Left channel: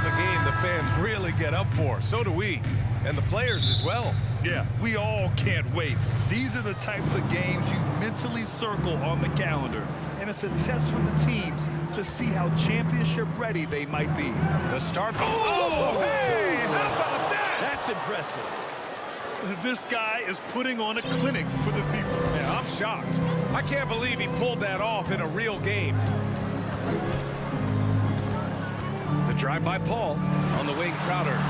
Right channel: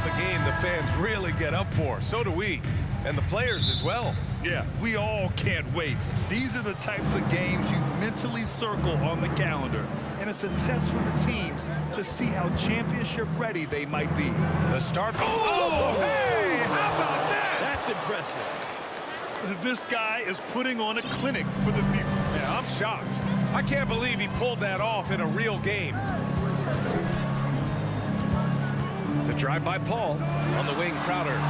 in the game the fans really get up for. So do we, and the players as well. Yeah, we all can't wait. These are the types of games you mentally circle on the calendar, and it's a test for the teams to see how championship ready they might be. The start. Oh, hey, how about that? That's impressive. This guy is putting on a clinic for the people. Yeah, I'm shocked. I can't believe he pulled that off in a real game. The drive by Paul. On the wing, Crowder.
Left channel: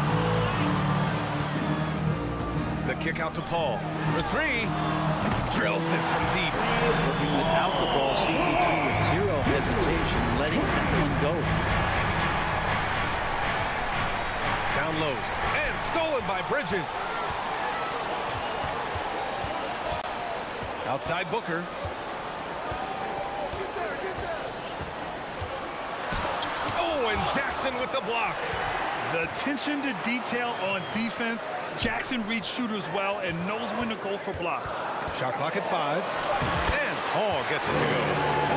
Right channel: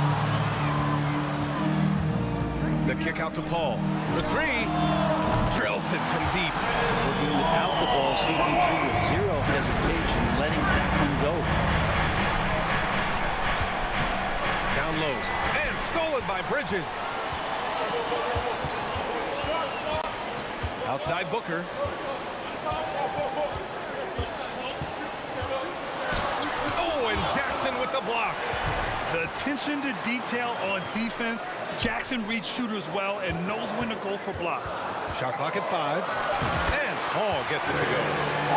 The kick out to Paul. For three. Drills it from deep. Working without the ball, CP3 with zero hesitation, letting that one go. Down low. And stolen by Bridges. Outside Booker. Oh, and Jackson with the block. The attention to detail on defense. Jackson reads shooters well and knows when to go for blocks. Shot clock at 5. And Paul gets it to go.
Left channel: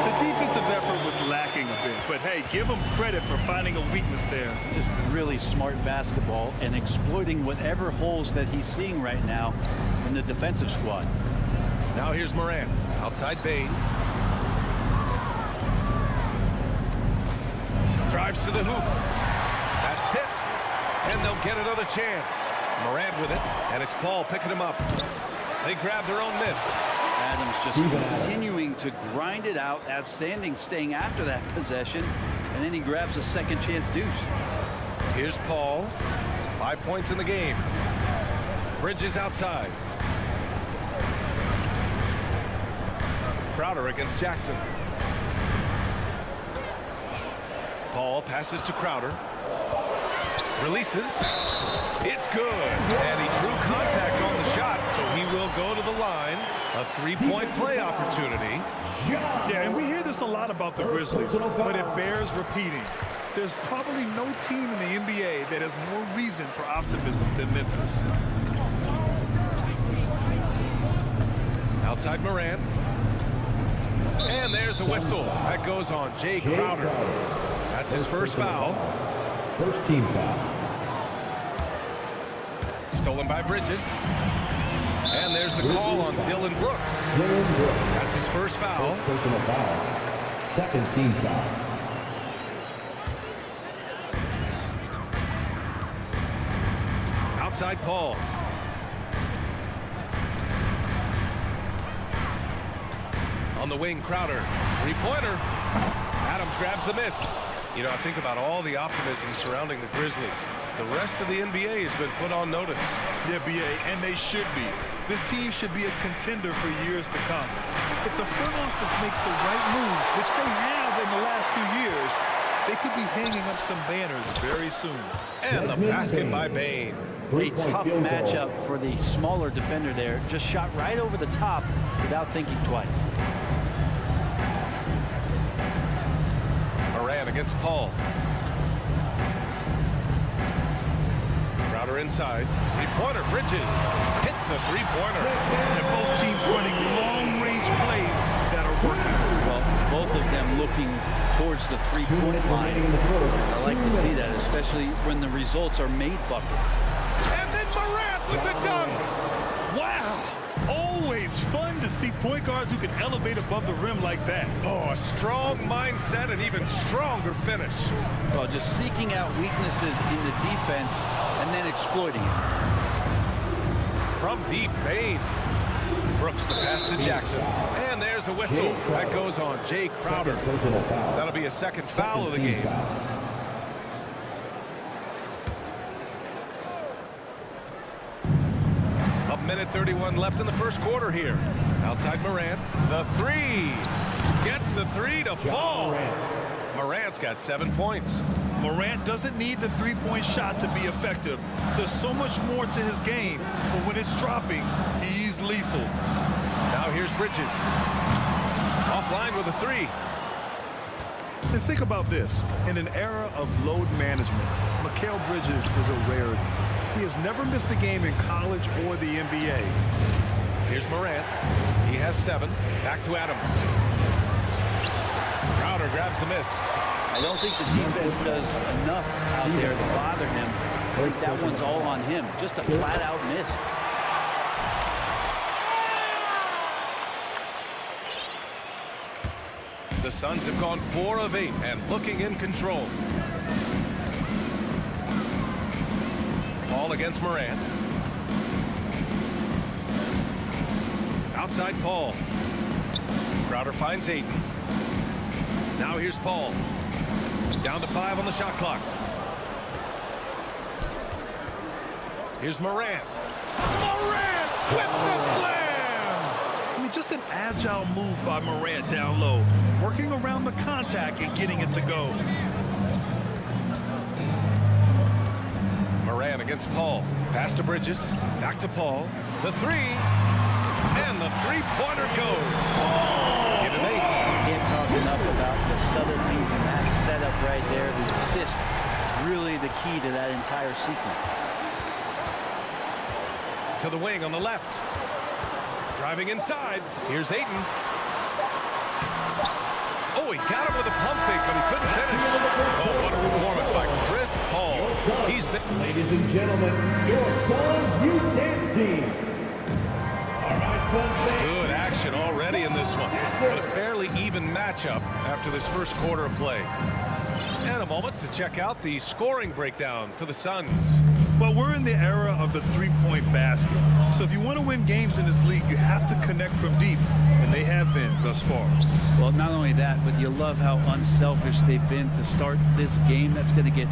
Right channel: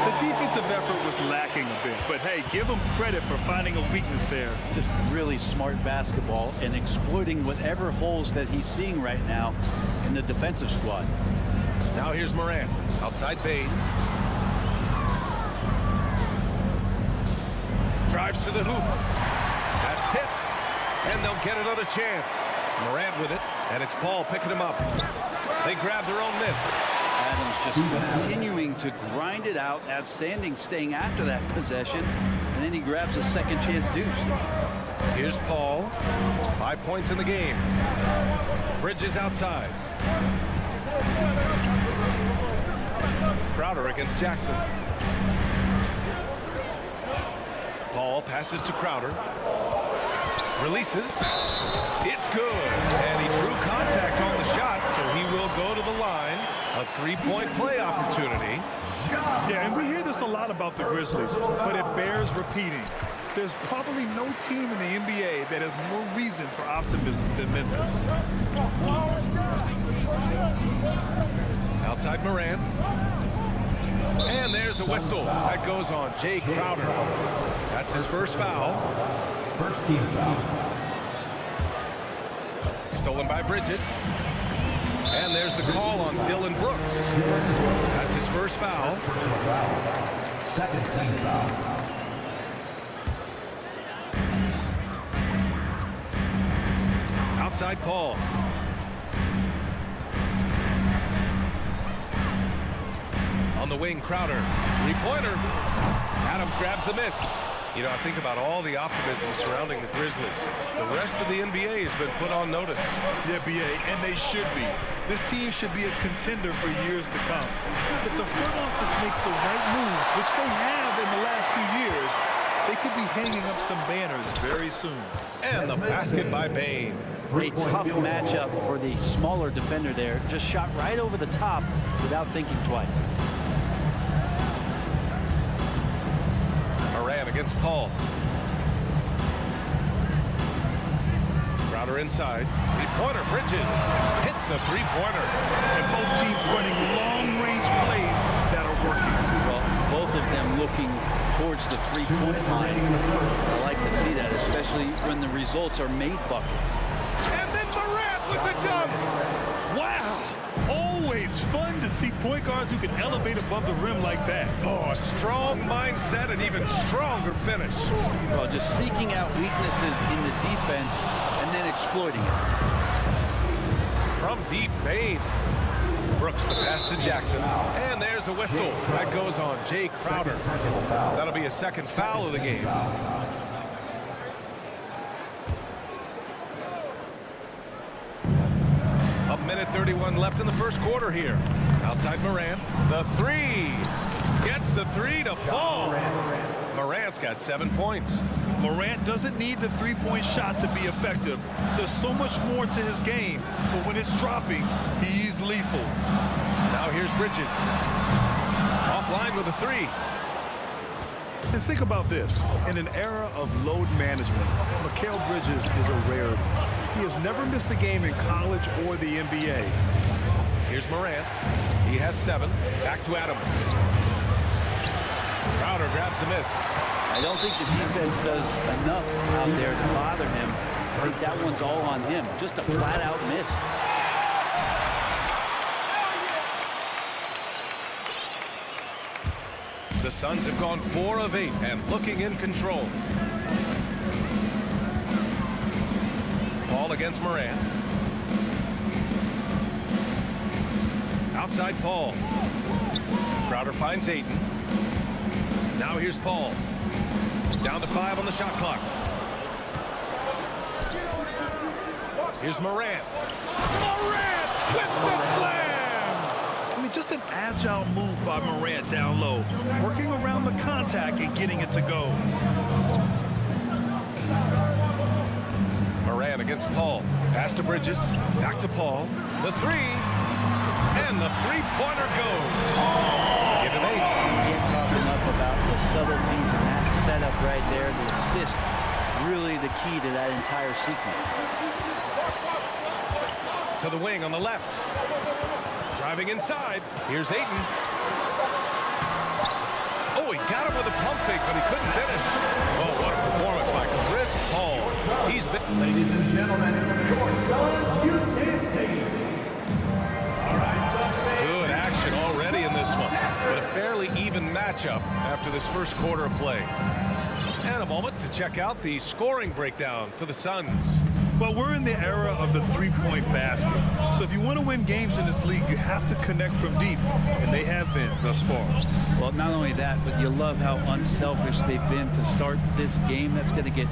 The defensive effort was lacking a bit, but hey, give him credit for finding a weakness there. Just really smart basketball and exploiting whatever holes that he's seeing right now in the defensive squad. Now here's Morant. Outside Bain. Drives to the hoop. That's tipped. And they'll get another chance. Morant with it. And it's Paul picking him up. They grab their own miss. Adams just continuing to grind it out. Outstanding staying after that possession. And then he grabs a second chance deuce. Here's Paul. 5 points in the game. Bridges outside. Crowder against Jackson. Paul passes to Crowder. Releases. It's good. And he drew contact on the shot, so he will go to the line. A three-point play opportunity. Yeah, and we hear this a lot about the Grizzlies, but it bears repeating. There's probably no team in the NBA that has more reason for optimism than Memphis. Outside Morant. And there's a whistle. That goes on Jay Crowder. That's his first foul. First team foul. Stolen by Bridges. And there's the call on Dylan Brooks. That's his first foul. Personal foul. Second team foul. Outside Paul. On the wing, Crowder. Three-pointer. Adams grabs the miss. You know, I think about all the optimism surrounding the Grizzlies. The rest of the NBA has been put on notice. Yeah, BA, and they should be. This team should be a contender for years to come. If the front office makes the right moves, which they have in the last few years, they could be hanging up some banners very soon. And the basket by Bain. A tough matchup for the smaller defender there. Just shot right over the top without thinking twice. Morant against Paul. Crowder inside. Three-pointer. Bridges hits the three-pointer. And both teams running long-range plays that are working. Well, both of them looking towards the three-point line. I like to see that, especially when the results are made buckets. And then Morant with the dunk. Wow. Always fun to see point guards who can elevate above the rim like that. Oh, a strong mindset and even stronger finish. Well, just seeking out weaknesses in the defense and then exploiting it. From deep, Bain. Brooks the pass to Jackson. And there's a whistle. That goes on Jay Crowder. That'll be a second foul of the game. A minute 31 left in the first quarter here. Outside Morant. The three. Gets the three to fall. Morant's got 7 points. Morant doesn't need the three-point shot to be effective. There's so much more to his game, but when it's dropping, he's lethal. Now here's Bridges. Offline with a three. And think about this. In an era of load management, Mikal Bridges is a rarity. He has never missed a game in college or the NBA. Here's Morant. He has 7. Back to Adams. Crowder grabs the miss. I don't think the defense does enough out there to bother him. I think that one's all on him. Just a flat-out miss. The Suns have gone 4 of 8 and looking in control. Ball against Morant. Outside Paul. Crowder finds Ayton. Now here's Paul. Down to 5 on the shot clock. Here's Morant. Morant with the slam! I mean, just an agile move by Morant down low, working around the contact and getting it to go. Morant against Paul. Pass to Bridges. Back to Paul. The 3. And the three-pointer goes. Give him 8. Can't talk enough about the subtleties in that setup right there. The assist, really the key to that entire sequence. To the wing on the left. Driving inside. Here's Ayton. Oh, he got him with a pump fake, but he couldn't finish. Oh, what a performance by Chris Paul. He's been... Ladies and gentlemen, your Suns Youth Dance Team. All right, folks. Good action already in this one, but a fairly even matchup after this first quarter of play. And a moment to check out the scoring breakdown for the Suns. Well, we're in the era of the three-point basket. So if you want to win games in this league, you have to connect from deep, and they have been thus far. Well, not only that, but you love how unselfish they've been to start this game. That's going to get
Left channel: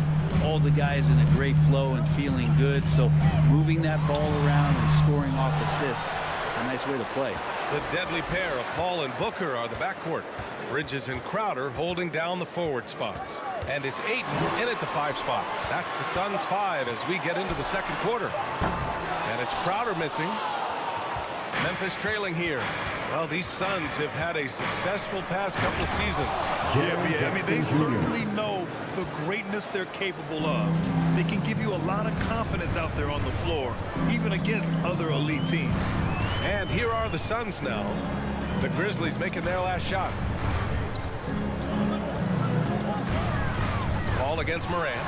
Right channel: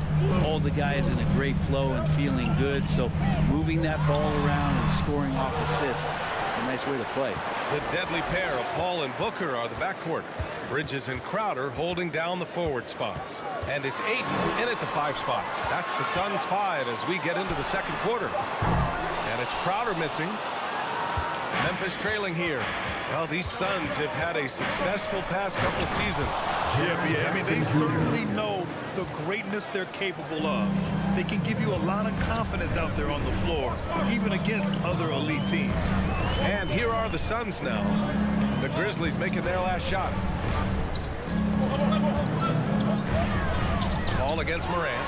all the guys in a great flow and feeling good. So moving that ball around and scoring off assists, it's a nice way to play. The deadly pair of Paul and Booker are the backcourt. Bridges and Crowder holding down the forward spots. And it's Ayton in at the 5 spot. That's the Suns' 5 as we get into the second quarter. And it's Crowder missing. Memphis trailing here. Well, these Suns have had a successful past couple of seasons. Yeah, I mean, they certainly know the greatness they're capable of. They can give you a lot of confidence out there on the floor, even against other elite teams. And here are the Suns now. The Grizzlies making their last shot. Ball against Morant.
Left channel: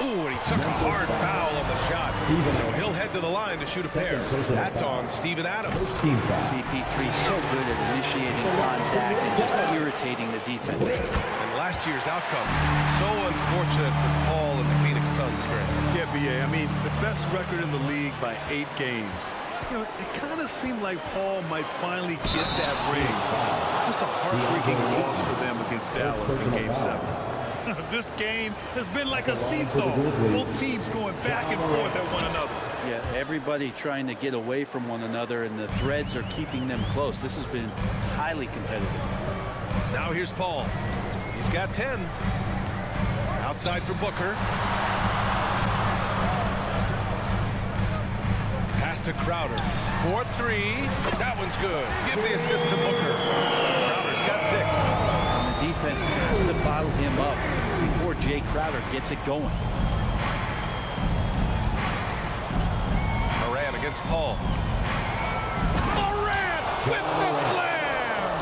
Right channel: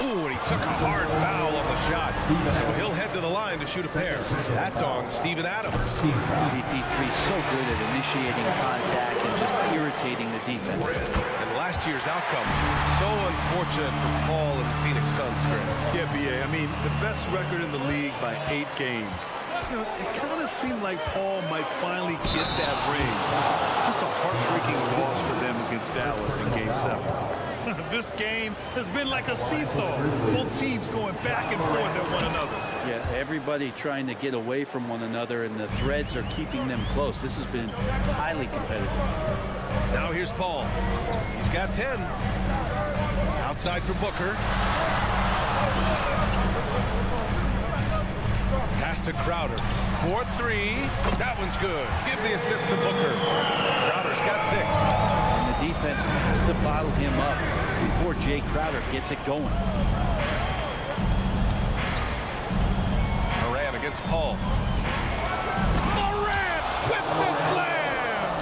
Ooh, and he took a hard foul on the shot. So he'll head to the line to shoot a pair. That's on Steven Adams. CP3 so good at initiating contact and just irritating the defense. And last year's outcome, so unfortunate for Paul and the Phoenix Suns, Grant. Yeah, B.A., I mean, the best record in the league by 8 games. You know, it kind of seemed like Paul might finally get that ring. Just a heartbreaking loss for them against Dallas in Game 7. This game has been like a seesaw. Both teams going back and forth at one another. Yeah, everybody trying to get away from one another, and the threads are keeping them close. This has been highly competitive. Now here's Paul. He's got 10. Outside for Booker. Pass to Crowder. 4-3. That one's good. Give the assist to Booker. Crowder's got 6. And the defense has to bottle him up before Jay Crowder gets it going. Morant against Paul. Morant with the slam!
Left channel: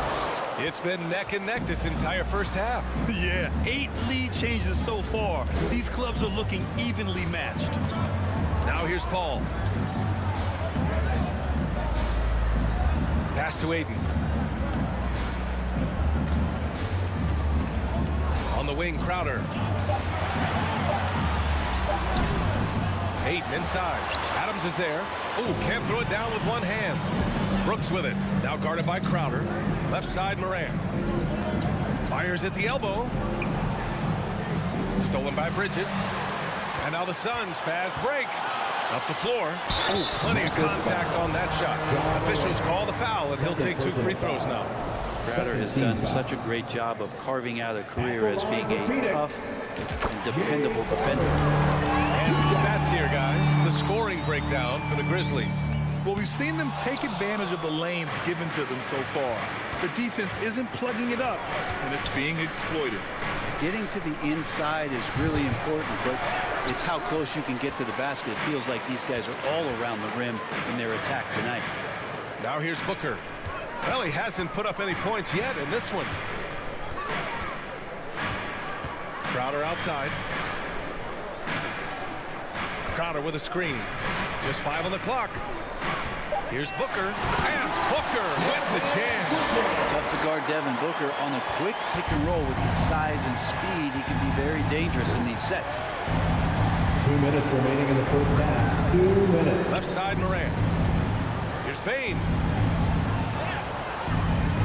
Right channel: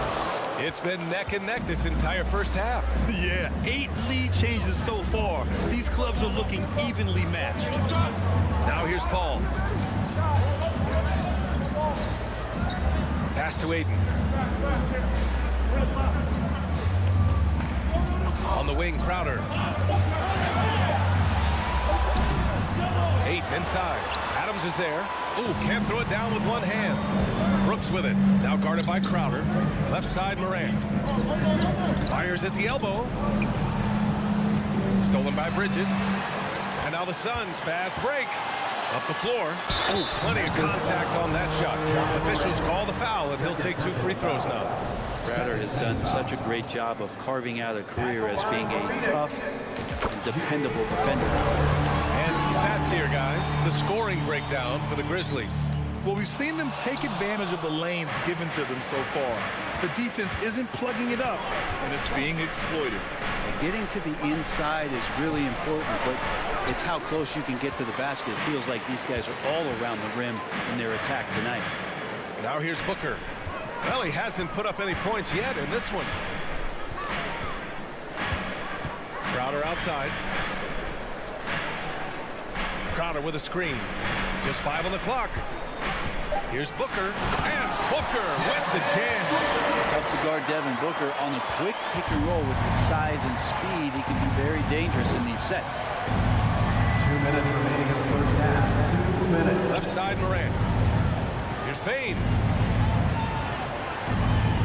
It's been neck and neck this entire first half. Yeah, 8 lead changes so far. These clubs are looking evenly matched. Now here's Paul. Pass to Ayton. On the wing, Crowder. Ayton inside. Adams is there. Oh, can't throw it down with one hand. Brooks with it. Now guarded by Crowder. Left side, Morant. Fires at the elbow. Stolen by Bridges. And now the Suns fast break. Up the floor. Oh, plenty of contact on that shot. Officials call the foul, and he'll take 2 free throws now. Crowder has done such a great job of carving out a career as being a tough and dependable defender. And some stats here, guys. The scoring breakdown for the Grizzlies. Well, we've seen them take advantage of the lanes given to them so far. The defense isn't plugging it up, and it's being exploited. Getting to the inside is really important, but it's how close you can get to the basket. It feels like these guys are all around the rim in their attack tonight. Now here's Booker. Well, he hasn't put up any points yet in this one. Crowder outside. Crowder with a screen. Just 5 on the clock. Here's Booker, and Booker with the jam. Tough to guard Devin Booker on a quick pick and roll with his size and speed. He can be very dangerous in these sets. 2 minutes remaining in the first half. 2 minutes. Left side, Morant. Here's Bain.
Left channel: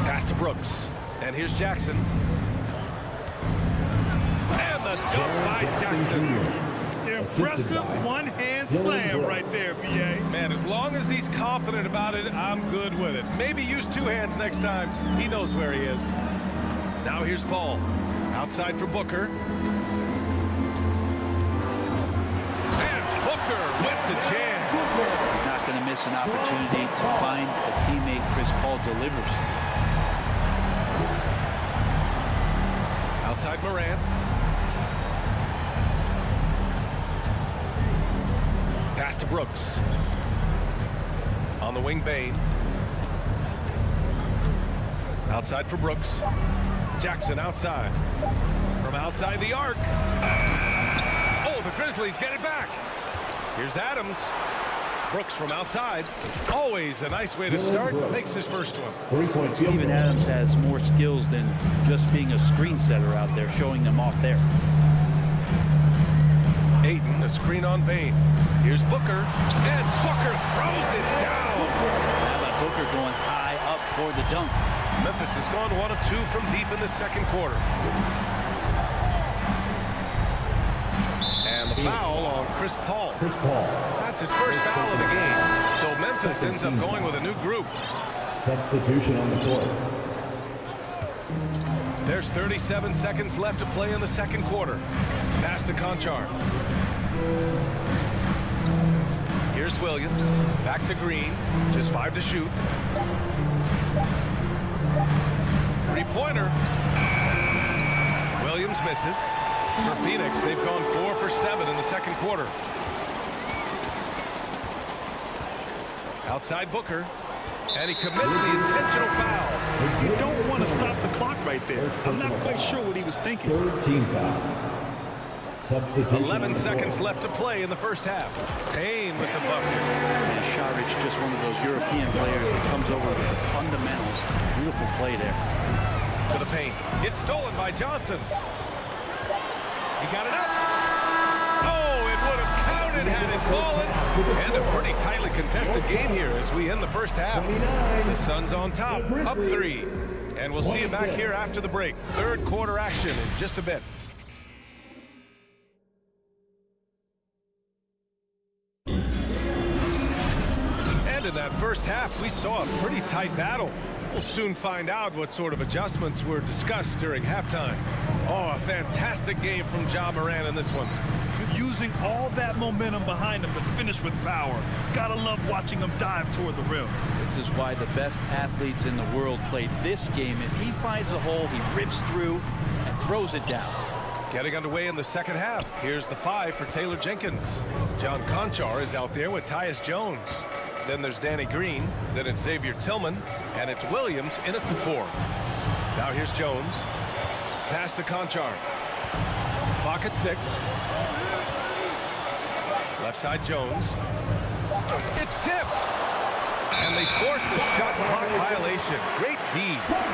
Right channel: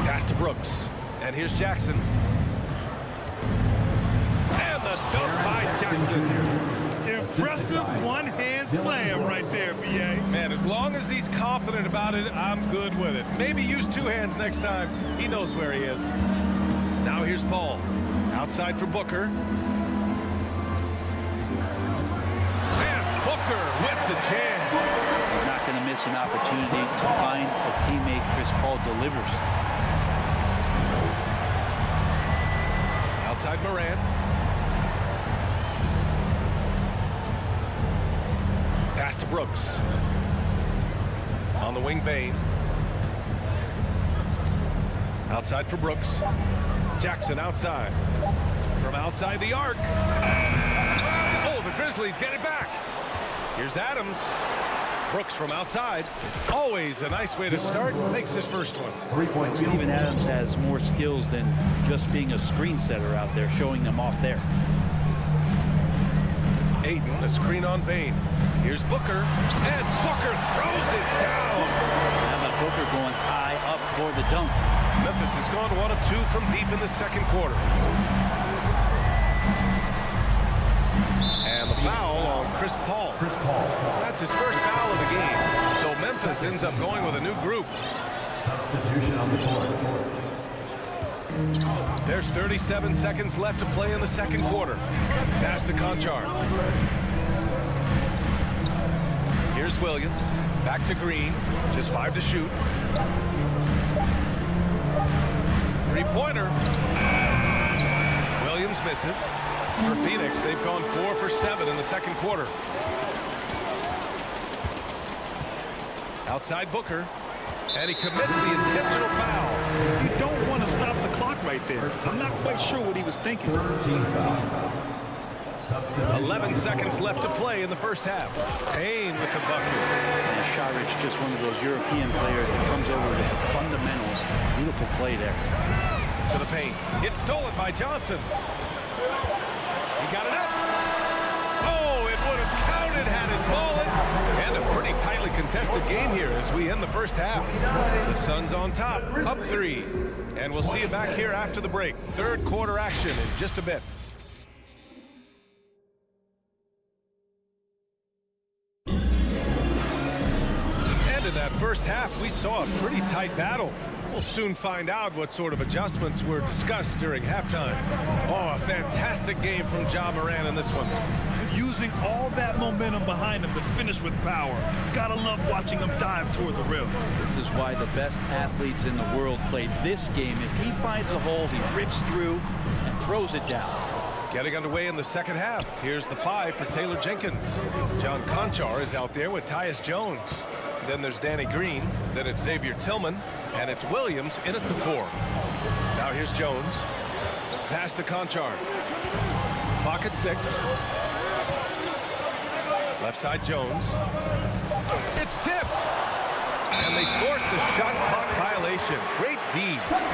Pass to Brooks. And here's Jackson. And the dunk by Jackson. Impressive one-hand slam right there, B.A. Man, as long as he's confident about it, I'm good with it. Maybe use 2 hands next time. He knows where he is. Now here's Paul. Outside for Booker. And Booker with the jam. He's not going to miss an opportunity to find a teammate. Chris Paul delivers. Outside Morant. Pass to Brooks. On the wing, Bain. Outside for Brooks. Jackson outside. From outside the arc. Oh, the Grizzlies get it back. Here's Adams. Brooks from outside. Always a nice way to start. Makes his first one. 3-point Steven Adams has more skills than just being a screen setter out there, showing them off there. Ayton, a screen on Bain. Here's Booker, and Booker throws it down. How about Booker going high up for the dunk? Memphis has gone 1 of 2 from deep in the second quarter. And the foul on Chris Paul. That's his first foul of the game. So Memphis ends up going with a new group. Substitution on the court. There's 37 seconds left to play in the second quarter. Pass to Conchar. Here's Williams. Back to Green. Just 5 to shoot. Three-pointer. Williams misses. For Phoenix, they've gone 4 for 7 in the second quarter. Outside Booker. And he commits the intentional foul. You don't want to stop the clock right there. I'm not quite sure what he was thinking. 13 foul. 11 seconds left to play in the first half. Payne with the bucket. And Šarić, just one of those European players that comes over with the fundamentals. Beautiful play there. To the paint. It's stolen by Johnson. He got it up. Oh, it would have counted had it fallen. And a pretty tightly contested game here as we end the first half. The Suns on top, up 3. And we'll see you back here after the break. Third quarter action in just a bit. And in that first half, we saw a pretty tight battle. We'll soon find out what sort of adjustments were discussed during halftime. Oh, a fantastic game from Ja Morant in this one. Using all that momentum behind him to finish with power. Gotta love watching him dive toward the rim. This is why the best athletes in the world play this game. If he finds a hole, he rips through and throws it down. Getting underway in the second half. Here's the 5 for Taylor Jenkins. John Conchar is out there with Tyus Jones. Then there's Danny Green. Then it's Xavier Tillman. And it's Williams in at the 4. Now here's Jones. Pass to Conchar. Clock at 6. Left side Jones. It's tipped. And they forced the shot clock violation. Great D.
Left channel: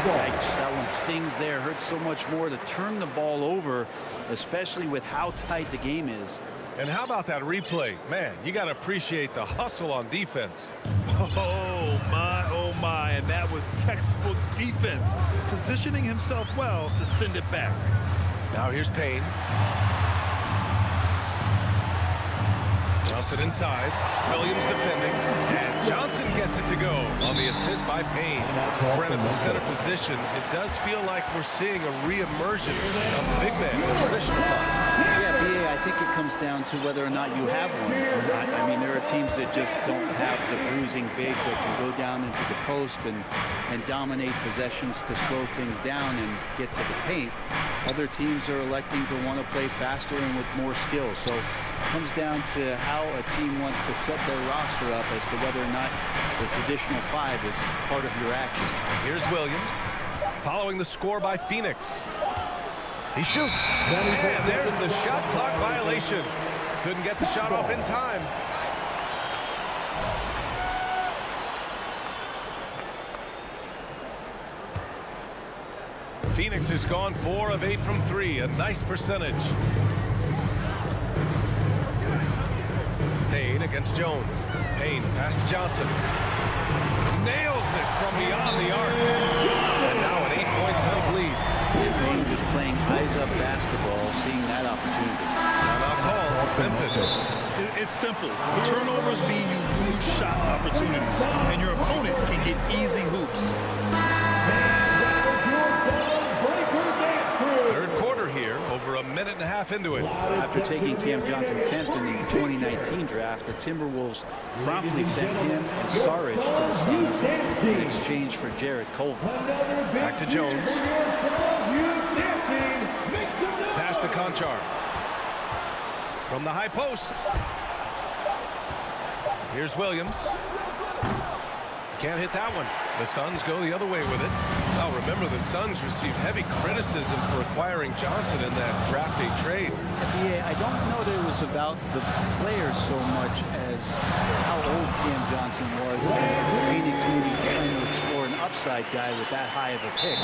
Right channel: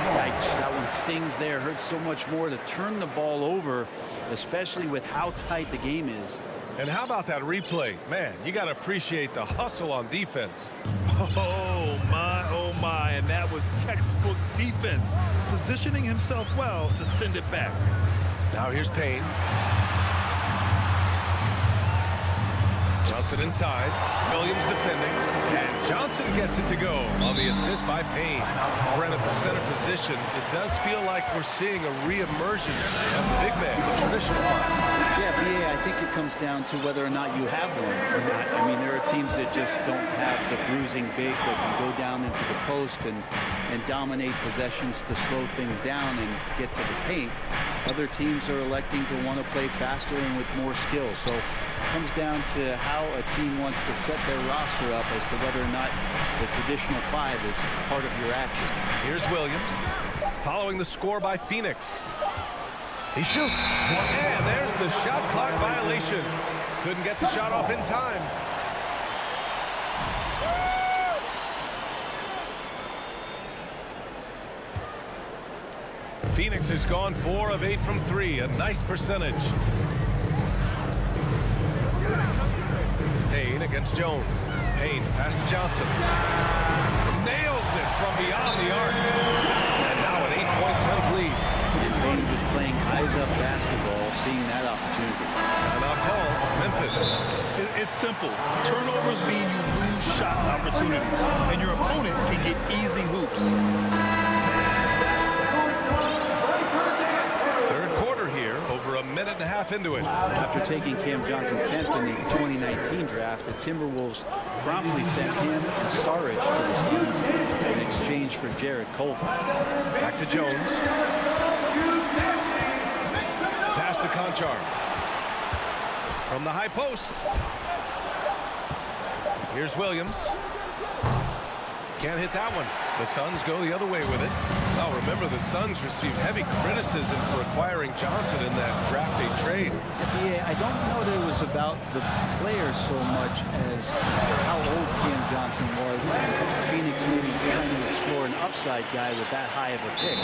Yikes, that one stings there. Hurts so much more to turn the ball over, especially with how tight the game is. And how about that replay? Man, you got to appreciate the hustle on defense. Oh, my. And that was textbook defense. Positioning himself well to send it back. Now here's Payne. Johnson inside. Williams defending. And Johnson gets it to go on the assist by Payne. Brent at the center position. It does feel like we're seeing a re-emergence of the big man, the traditional 5. Yeah, BA, I think it comes down to whether or not you have one or not. I mean, there are teams that just don't have the bruising big that can go down into the post and dominate possessions to slow things down and get to the paint. Other teams are electing to want to play faster and with more skill. So it comes down to how a team wants to set their roster up as to whether or not the traditional 5 is part of your action. Here's Williams following the score by Phoenix. He shoots. And there's the shot clock violation. Couldn't get the shot off in time. Phoenix has gone 4 of 8 from 3. A nice percentage. Payne against Jones. Payne pass to Johnson. Nails it from beyond the arc. And now an 8-point Suns lead. And Payne just playing eyes-up basketball, seeing that opportunity. Timeout call, Memphis. It's simple. Turnovers mean you lose shot opportunities, and your opponent can get easy hoops. Third quarter here, over a minute and a half into it. After taking Cam Johnson 10th in the 2019 draft, the Timberwolves promptly sent him and Saric to the Suns in exchange for Jarrett Culver. Back to Jones. Pass to Conchar. From the high post. Here's Williams. Can't hit that one. The Suns go the other way with it. Well, remember, the Suns received heavy criticism for acquiring Johnson in that draft day trade. Yeah, I don't know that it was about the players so much as how old Cam Johnson was, and Phoenix maybe trying to explore an upside guy with that high of a pick.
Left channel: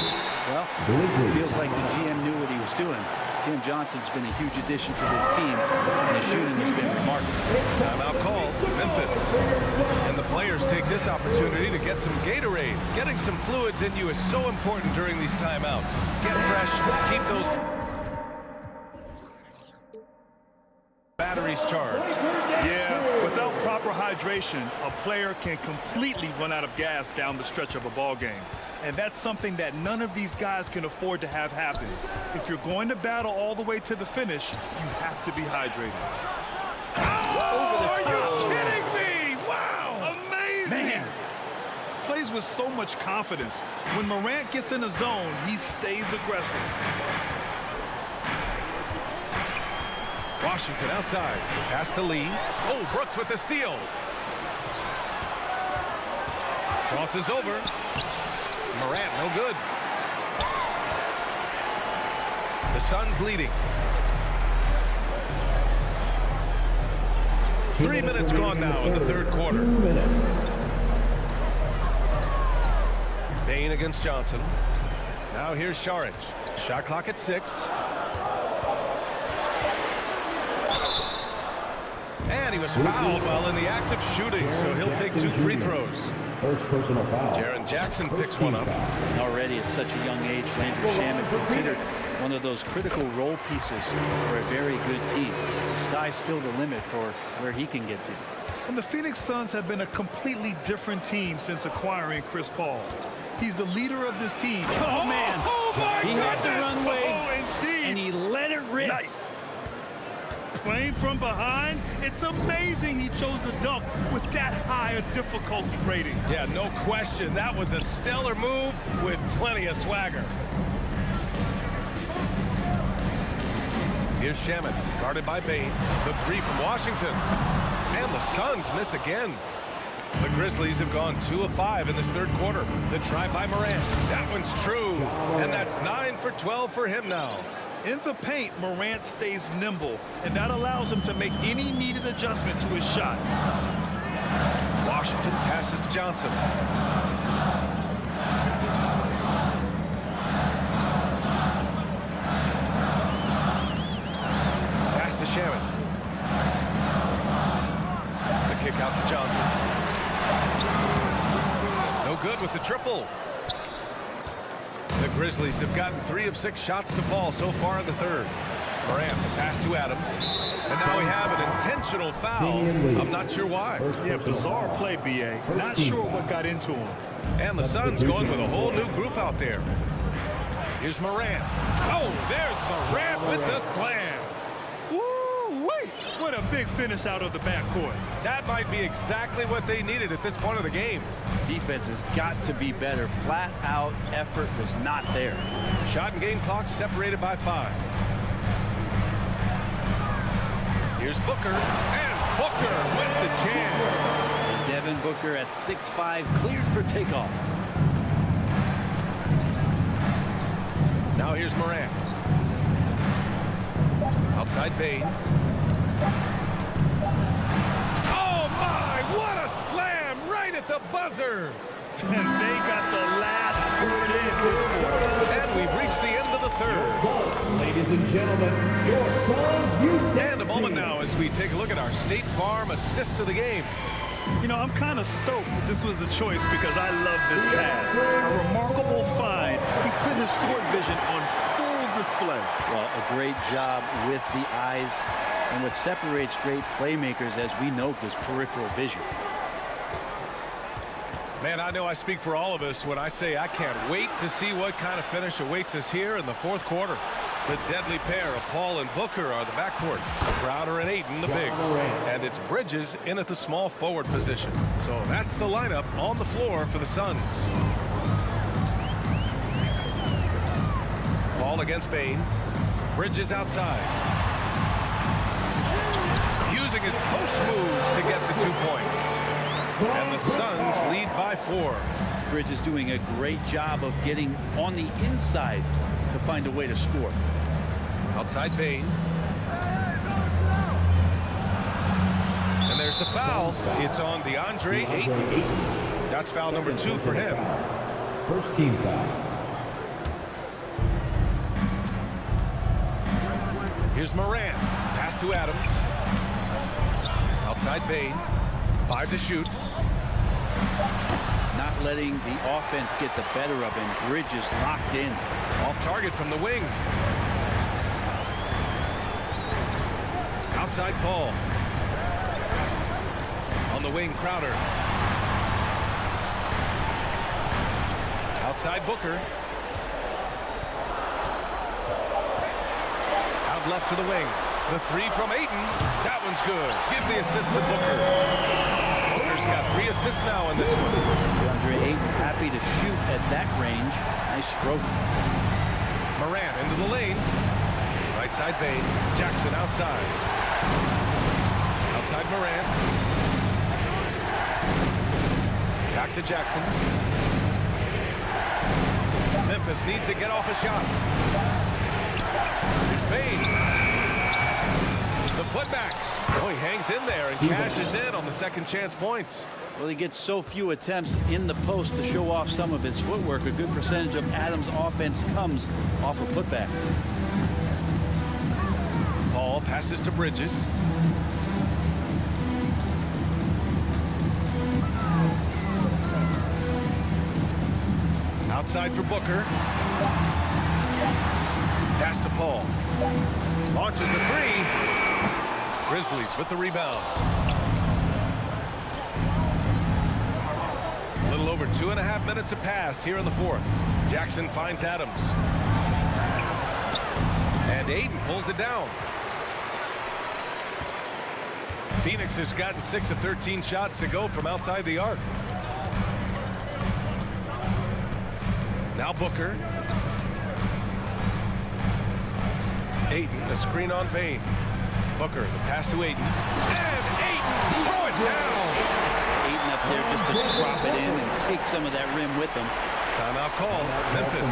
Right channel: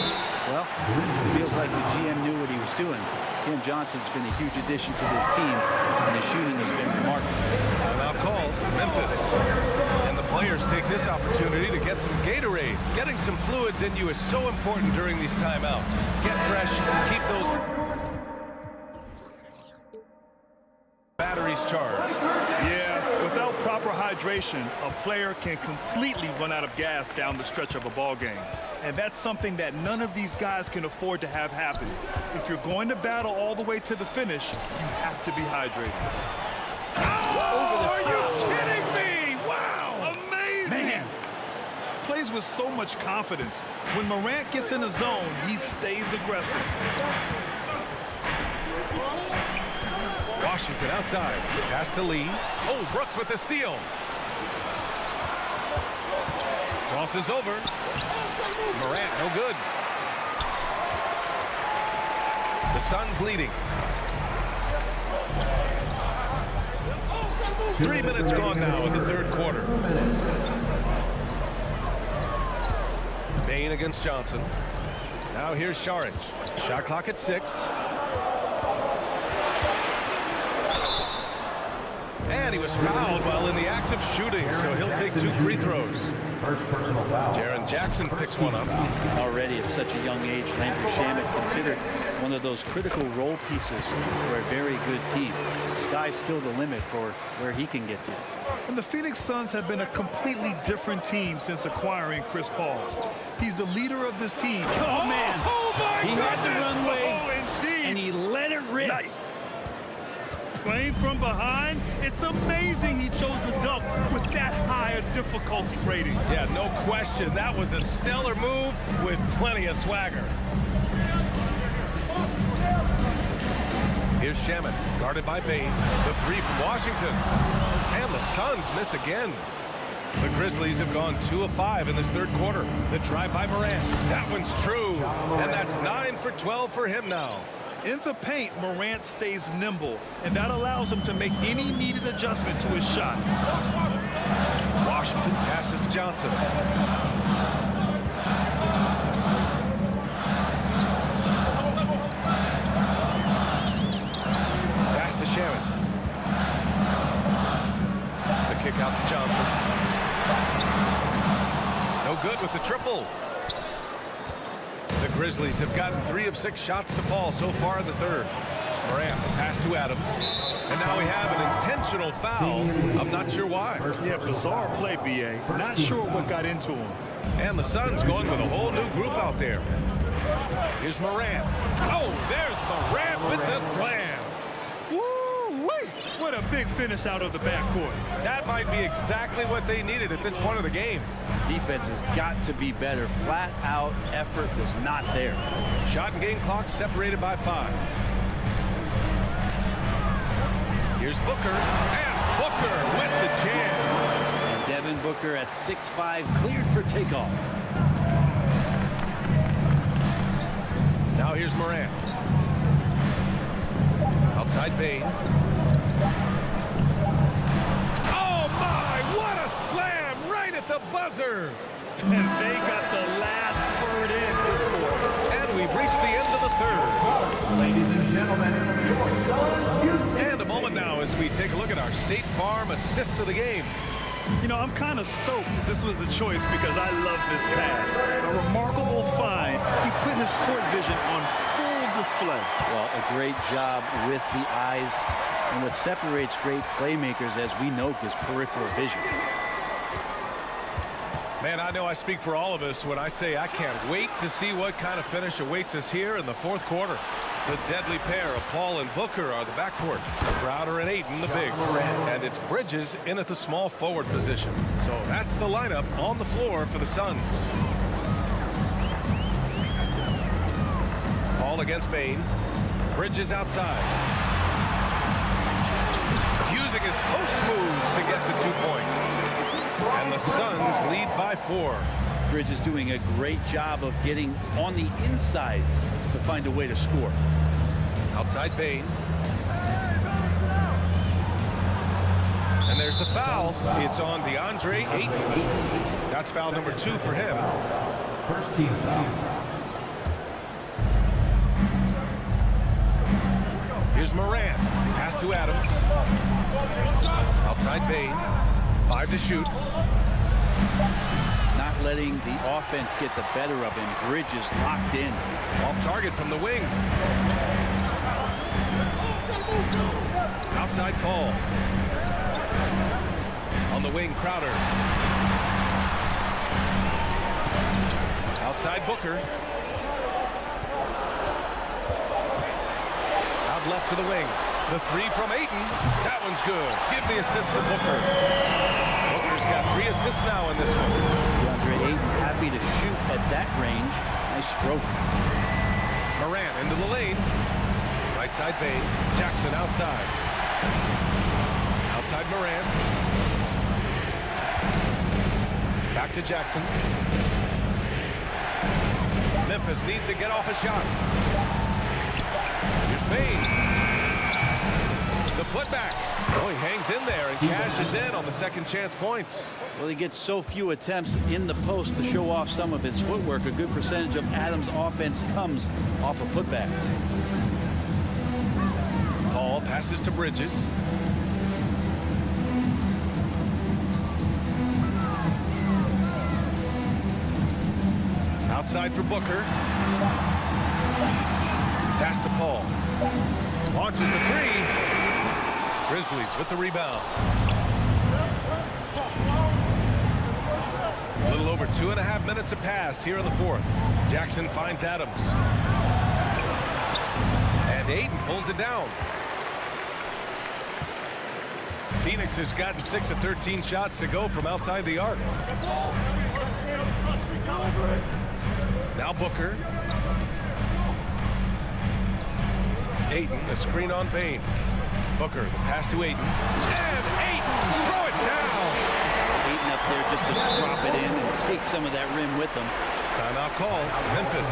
Well, it feels like the GM knew what he was doing. Cam Johnson's been a huge addition to this team, and his shooting has been remarkable. Timeout called, Memphis. And the players take this opportunity to get some Gatorade. Getting some fluids in you is so important during these timeouts. Get fresh, keep those batteries charged. Yeah, without proper hydration, a player can completely run out of gas down the stretch of a ball game. And that's something that none of these guys can afford to have happen. If you're going to battle all the way to the finish, you have to be hydrated. Oh, are you kidding me? Wow! Amazing! Man. Plays with so much confidence. When Morant gets in a zone, he stays aggressive. Washington outside. Pass to Lee. Oh, Brooks with the steal. Crosses over. Morant, no good. The Suns leading. 3 minutes gone now in the third quarter. Payne against Johnson. Now here's Saric. Shot clock at 6. And he was fouled while in the act of shooting, so he'll take 2 free throws. First personal foul. Jaren Jackson picks one up. Already at such a young age, Landry Shamet considered one of those critical role pieces for a very good team. Sky's still the limit for where he can get to. And the Phoenix Suns have been a completely different team since acquiring Chris Paul. He's the leader of this team. Oh, man. Oh, my He goodness. had the runway, Oh, indeed. and he let it rip. Nice. Playing from behind, it's amazing he chose to dunk with that high a difficulty rating. Yeah, no question. That was a stellar move with plenty of swagger. Here's Shamet, guarded by Payne. The 3 from Washington. And the Suns miss again. The Grizzlies have gone 2 of 5 in this third quarter. The drive by Morant. That one's true. And that's 9 for 12 for him now. In the paint, Morant stays nimble, and that allows him to make any needed adjustment to his shot. Washington passes to Johnson. Pass to Shamet. The kick out to Johnson. No good with the triple. The Grizzlies have gotten 3 of 6 shots to fall so far in the third. Morant, the pass to Adams. And now we have an intentional foul. I'm not sure why. Yeah, bizarre play, B.A. Not sure what got into him. And the Suns going with a whole new group out there. Here's Morant. Oh, there's Morant with the slam. Woo-wee! What a big finish out of the backcourt. That might be exactly what they needed at this point of the game. Defense has got to be better. Flat out effort was not there. Shot and game clock separated by 5. Here's Booker. And Booker with the jam. And Devin Booker at 6'5", cleared for takeoff. Now here's Morant. Outside Bain. Oh my, what a slam right at the buzzer. And they got the last word in this quarter. And we've reached the end of the third. Ladies and gentlemen, your Suns youth And a moment now as we take a look at our State Farm assist of the game. You know, I'm kind of stoked that this was a choice because I love this pass. A remarkable find. He put his court vision on full display. Well, a great job with the eyes. And what separates great playmakers, as we know, is peripheral vision. Man, I know I speak for all of us when I say I can't wait to see what kind of finish awaits us here in the fourth quarter. The deadly pair of Paul and Booker are the backcourt. Crowder and Ayton the bigs. And it's Bridges in at the small forward position. So that's the lineup on the floor for the Suns. Paul against Bain. Bridges outside. Using his post moves to get the 2 points. And the Suns lead by 4. Bridges doing a great job of getting on the inside to find a way to score. Outside Bain. And there's the foul. It's on DeAndre Ayton. That's foul number 2 for him. First team foul. Here's Morant. Pass to Adams. Outside Bain. 5 to shoot. Not letting the offense get the better of him. Bridges locked in. Off target from the wing. Outside Paul. On the wing, Crowder. Outside Booker. Out left to the wing. The 3 from Ayton. That one's good. Give the assist to Booker. Booker's got 3 assists now in this one. DeAndre Ayton happy to shoot at that range. Nice stroke. Morant into the lane. Right side Bain. Jackson outside. Outside Morant. Back to Jackson. Memphis needs to get off a shot. Here's Bain. The putback. Oh, he hangs in there and cashes in on the second chance points. Well, he gets so few attempts in the post to show off some of his footwork. A good percentage of Adams' offense comes off of putbacks. Paul passes to Bridges. Outside for Booker. Pass to Paul. Launches the 3. Grizzlies with the rebound. A little over 2.5 minutes have passed here in the fourth. Jackson finds Adams. And Ayton pulls it down. Phoenix has gotten 6 of 13 shots to go from outside the arc. Now Booker. Ayton, a screen on Bain. Booker, the pass to Ayton. And Ayton, throw it down. Ayton up there just to drop it in and take some of that rim with him. Timeout call, Memphis.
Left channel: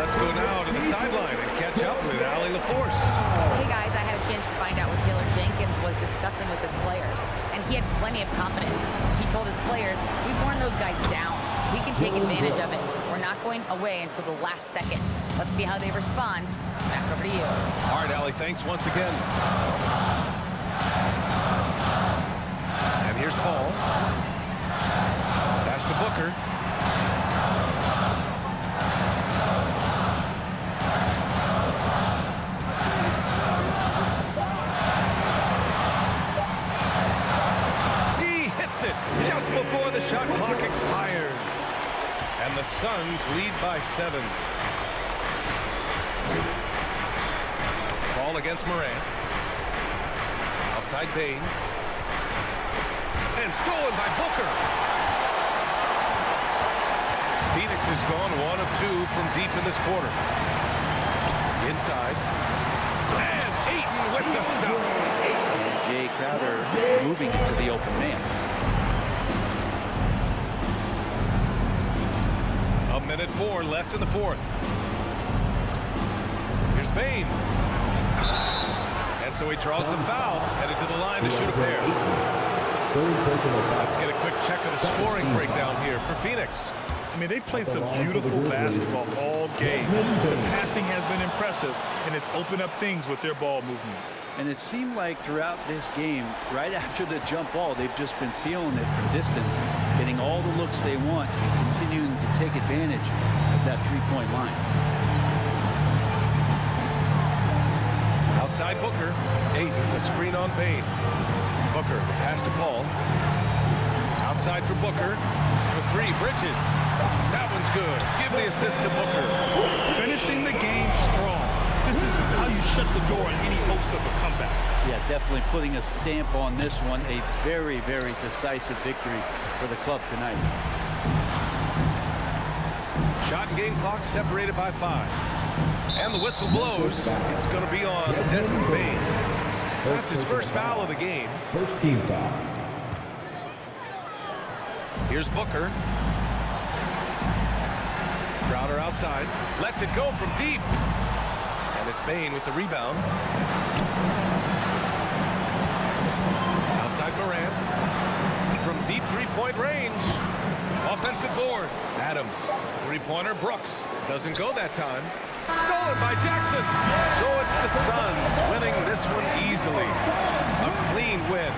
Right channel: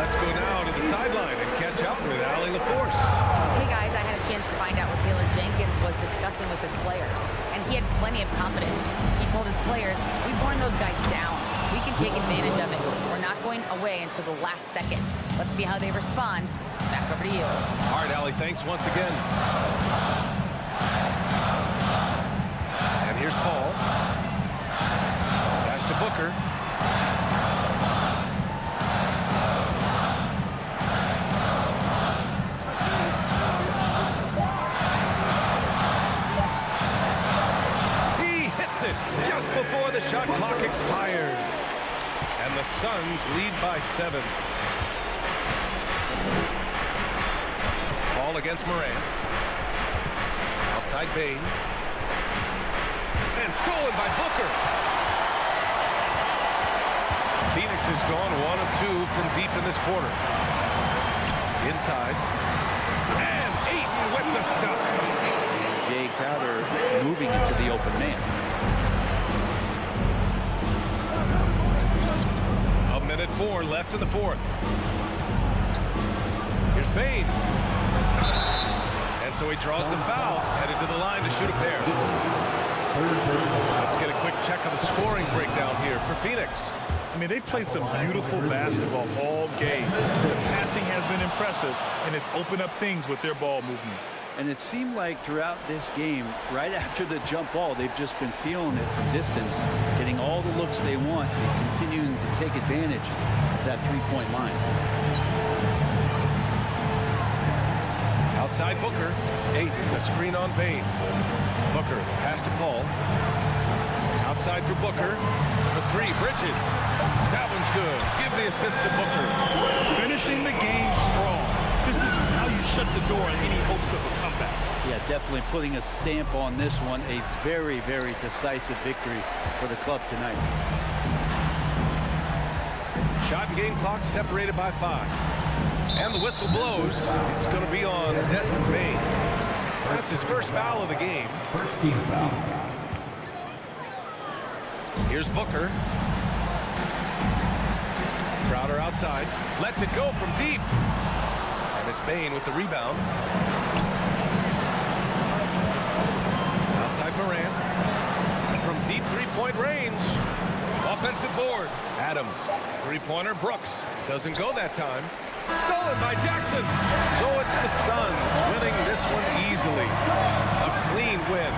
Let's go now to the sideline and catch up with Allie LaForce. Hey guys, I had a chance to find out what Taylor Jenkins was discussing with his players, and he had plenty of confidence. He told his players, we've worn those guys down. We can take advantage of it. We're not going away until the last second. Let's see how they respond. Back over to you. All right, Allie, thanks once again. And here's Paul. Pass to Booker. He hits it just before the shot clock expires. And the Suns lead by 7. Ball against Morant. Outside Bain. And stolen by Booker. Phoenix has gone 1 of 2 from deep in this quarter. Inside. And Ayton with the stuff. And Jay Crowder moving into the open man. A minute 4 left in the fourth. Here's Bain. And so he draws the foul, headed to the line to shoot a pair. Let's get a quick check of the scoring breakdown here for Phoenix. I mean, they've played some beautiful basketball all game. The passing has been impressive, and it's opened up things with their ball movement. And it seemed like throughout this game, right after the jump ball, they've just been feeling it from distance, getting all the looks they want and continuing to take advantage of that three-point line. Outside Booker. Ayton, the screen on Bain. Booker, the pass to Paul. Outside for Booker. For three, Bridges. That one's good. Give the assist to Booker. Finishing the game strong. This is how you shut the door on any hopes of a comeback. Yeah, definitely putting a stamp on this one. A very, very decisive victory for the club tonight. Shot and game clock separated by 5. And the whistle blows. It's going to be on Desmond Bain. That's his first foul of the game. First team foul. Here's Booker. Crowder outside. Lets it go from deep. And it's Bain with the rebound. Outside Morant. From deep three-point range. Offensive board. Adams. Three-pointer Brooks. Doesn't go that time. Stolen by Jackson. So it's the Suns winning this one easily. A clean win.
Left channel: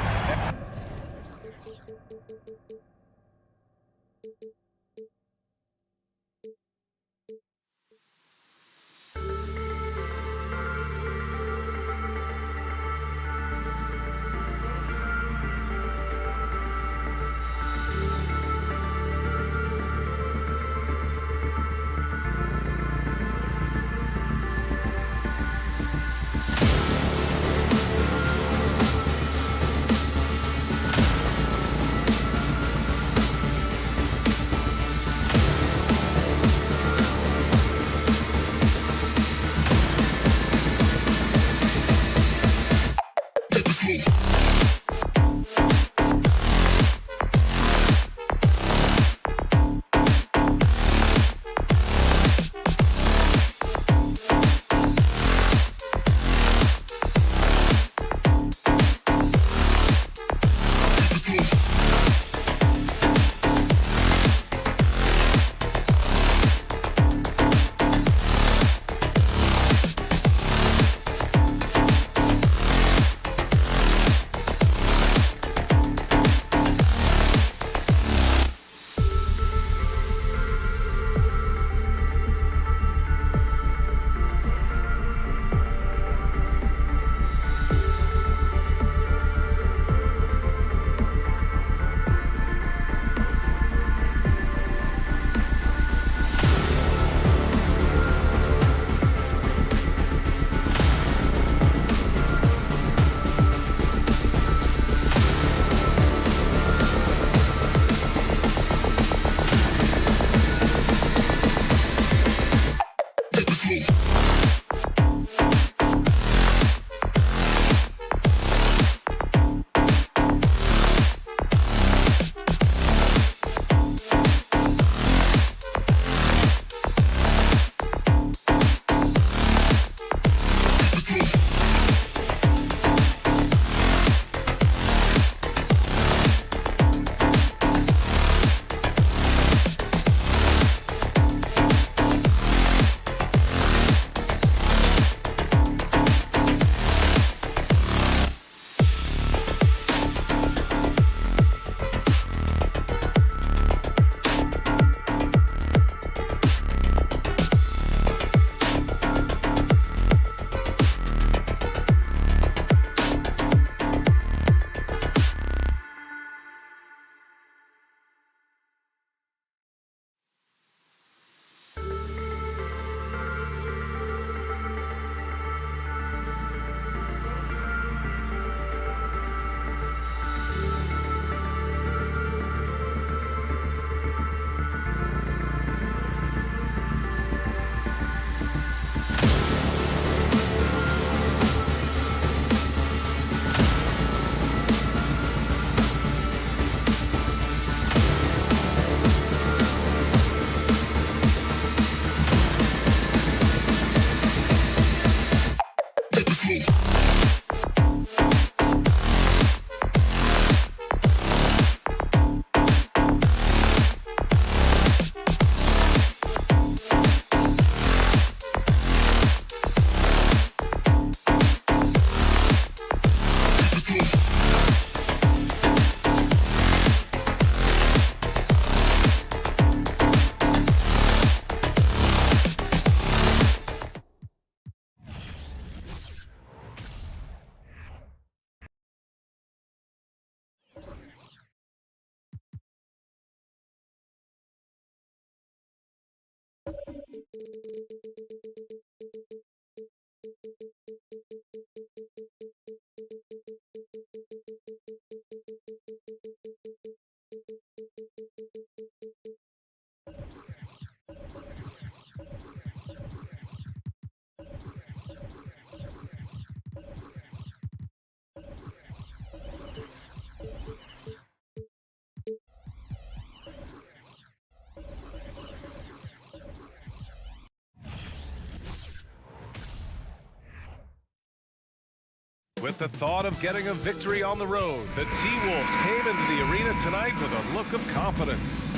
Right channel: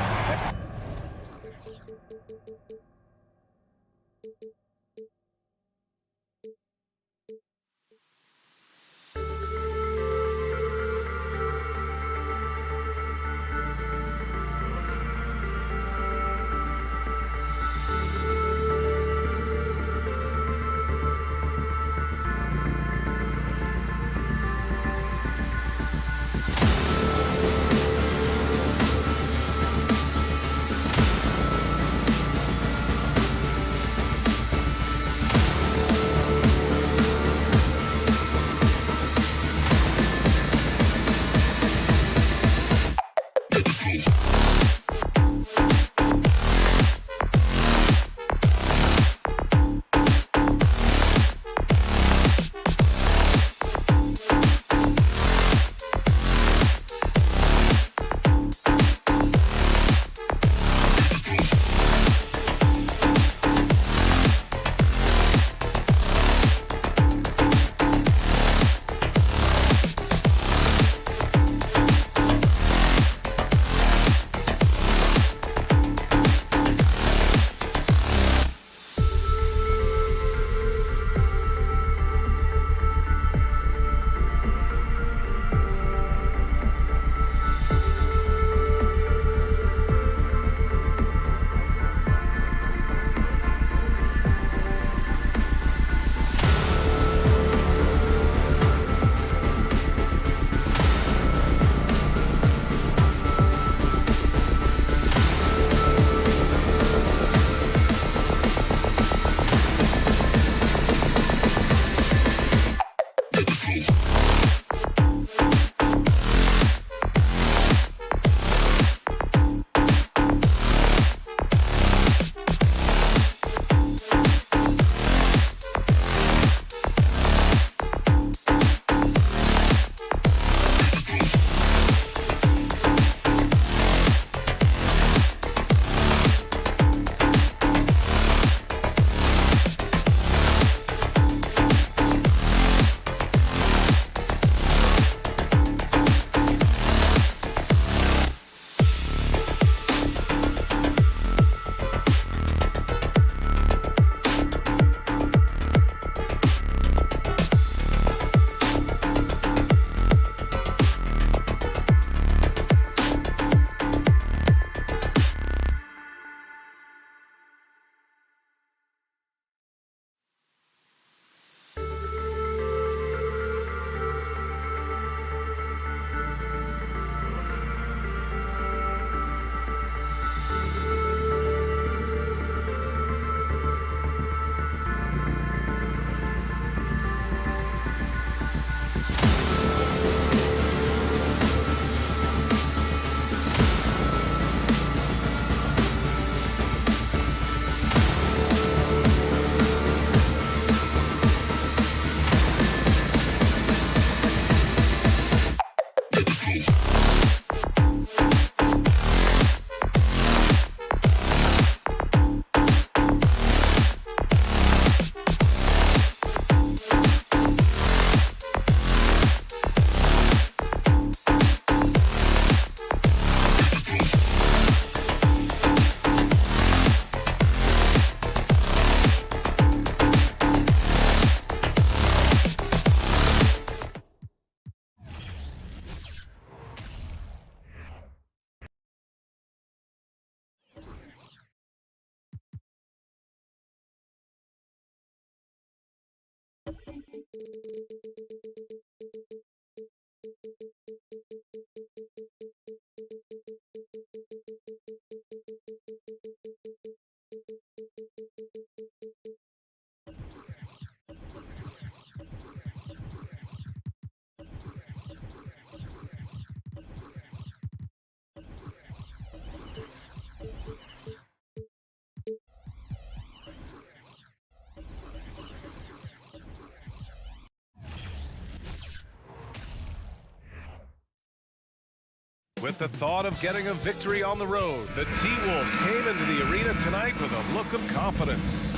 With the thought of getting a victory on the road, the T-Wolves came into the arena tonight with a look of confidence.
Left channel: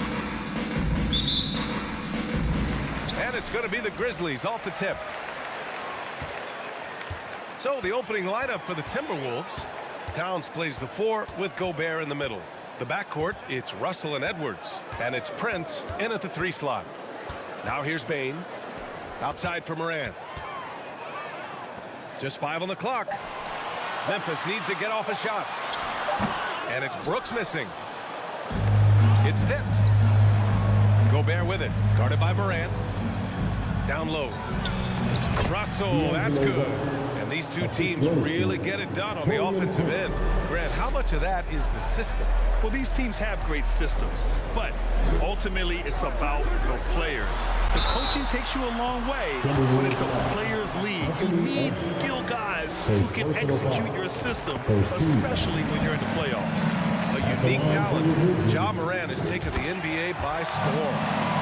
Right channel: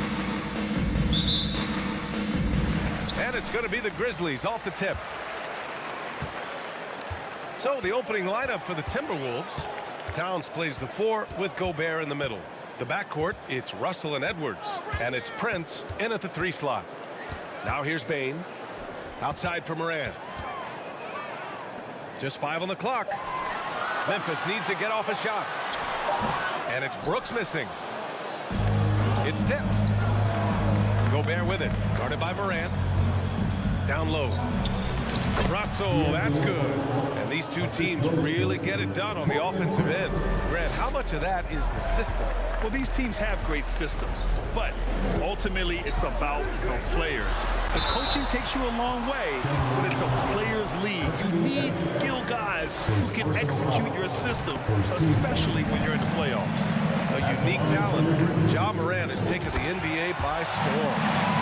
And it's going to be the Grizzlies off the tip. So the opening lineup for the Timberwolves. Towns plays the 4 with Gobert in the middle. The backcourt, it's Russell and Edwards. And it's Prince in at the 3 slot. Now here's Bane. Outside for Moran. Just 5 on the clock. Memphis needs to get off a shot. And it's Brooks missing. It's tipped. Gobert with it. Guarded by Moran. Down low. Russell, that's good. And these two teams really get it done on the offensive end. Grant, how much of that is the system? Well, these teams have great systems, but ultimately it's about the players. The coaching takes you a long way, but it's a players' league. You need skilled guys who can execute your system, especially when you're in the playoffs. A unique talent. Ja Morant has taken the NBA by storm.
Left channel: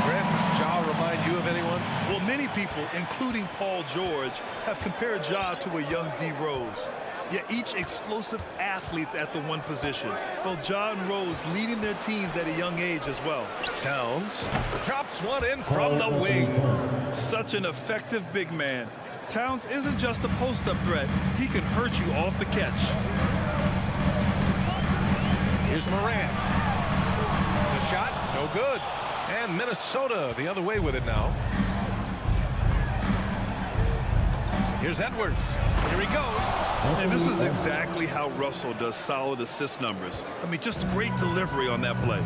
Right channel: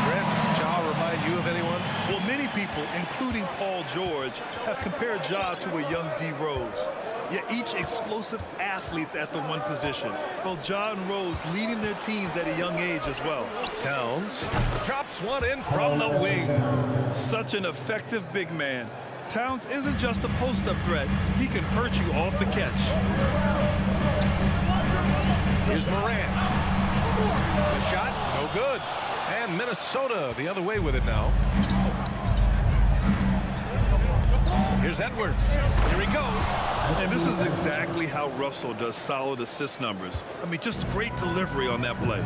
Grant, does Ja remind you of anyone? Well, many people, including Paul George, have compared Ja to a young D. Rose. Yet each explosive athletes at the one position. Both Ja and Rose leading their teams at a young age as well. Towns drops one in from the wing. Such an effective big man. Towns isn't just a post-up threat. He can hurt you off the catch. Here's Moran. The shot, no good. And Minnesota the other way with it now. Here's Edwards. Here he goes. And this is exactly how Russell does solid assist numbers. I mean, just great delivery on that play.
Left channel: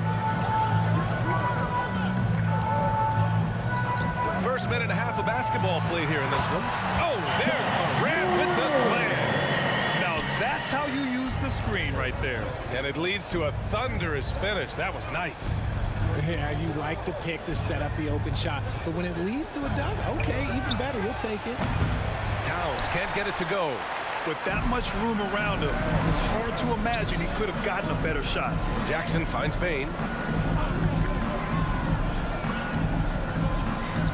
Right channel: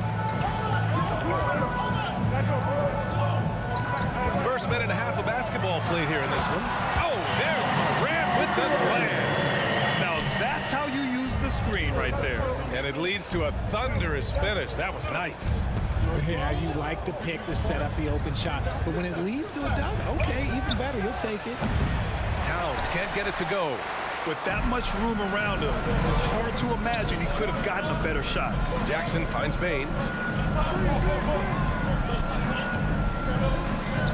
First minute and a half of basketball played here in this one. Oh, there's Morant with the slam. Now that's how you use the screen right there. And it leads to a thunderous finish. That was nice. Yeah, you like the pick to set up the open shot. But when it leads to a dunk, okay, even better, you'll take it. Towns can't get it to go. With that much room around him, it's hard to imagine he could have gotten a better shot. Jackson finds Bane.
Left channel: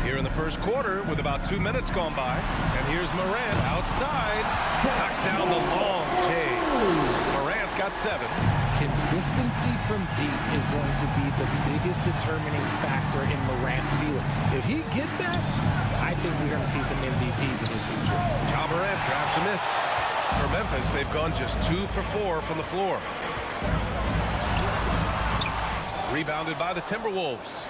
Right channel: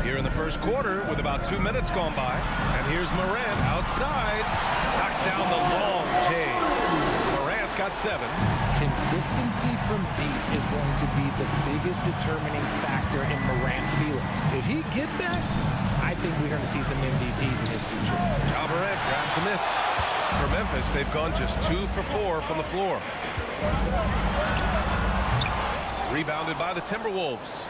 Here in the first quarter with about 2 minutes gone by. And here's Morant outside. Knocks down the long J. Morant's got 7. Consistency from deep is going to be the biggest determining factor in Morant's ceiling. If he gets that, I think we're going to see some MVPs in his future. Ja Morant grabs a miss. For Memphis, they've gone just 2 for 4 from the floor. Rebounded by the Timberwolves.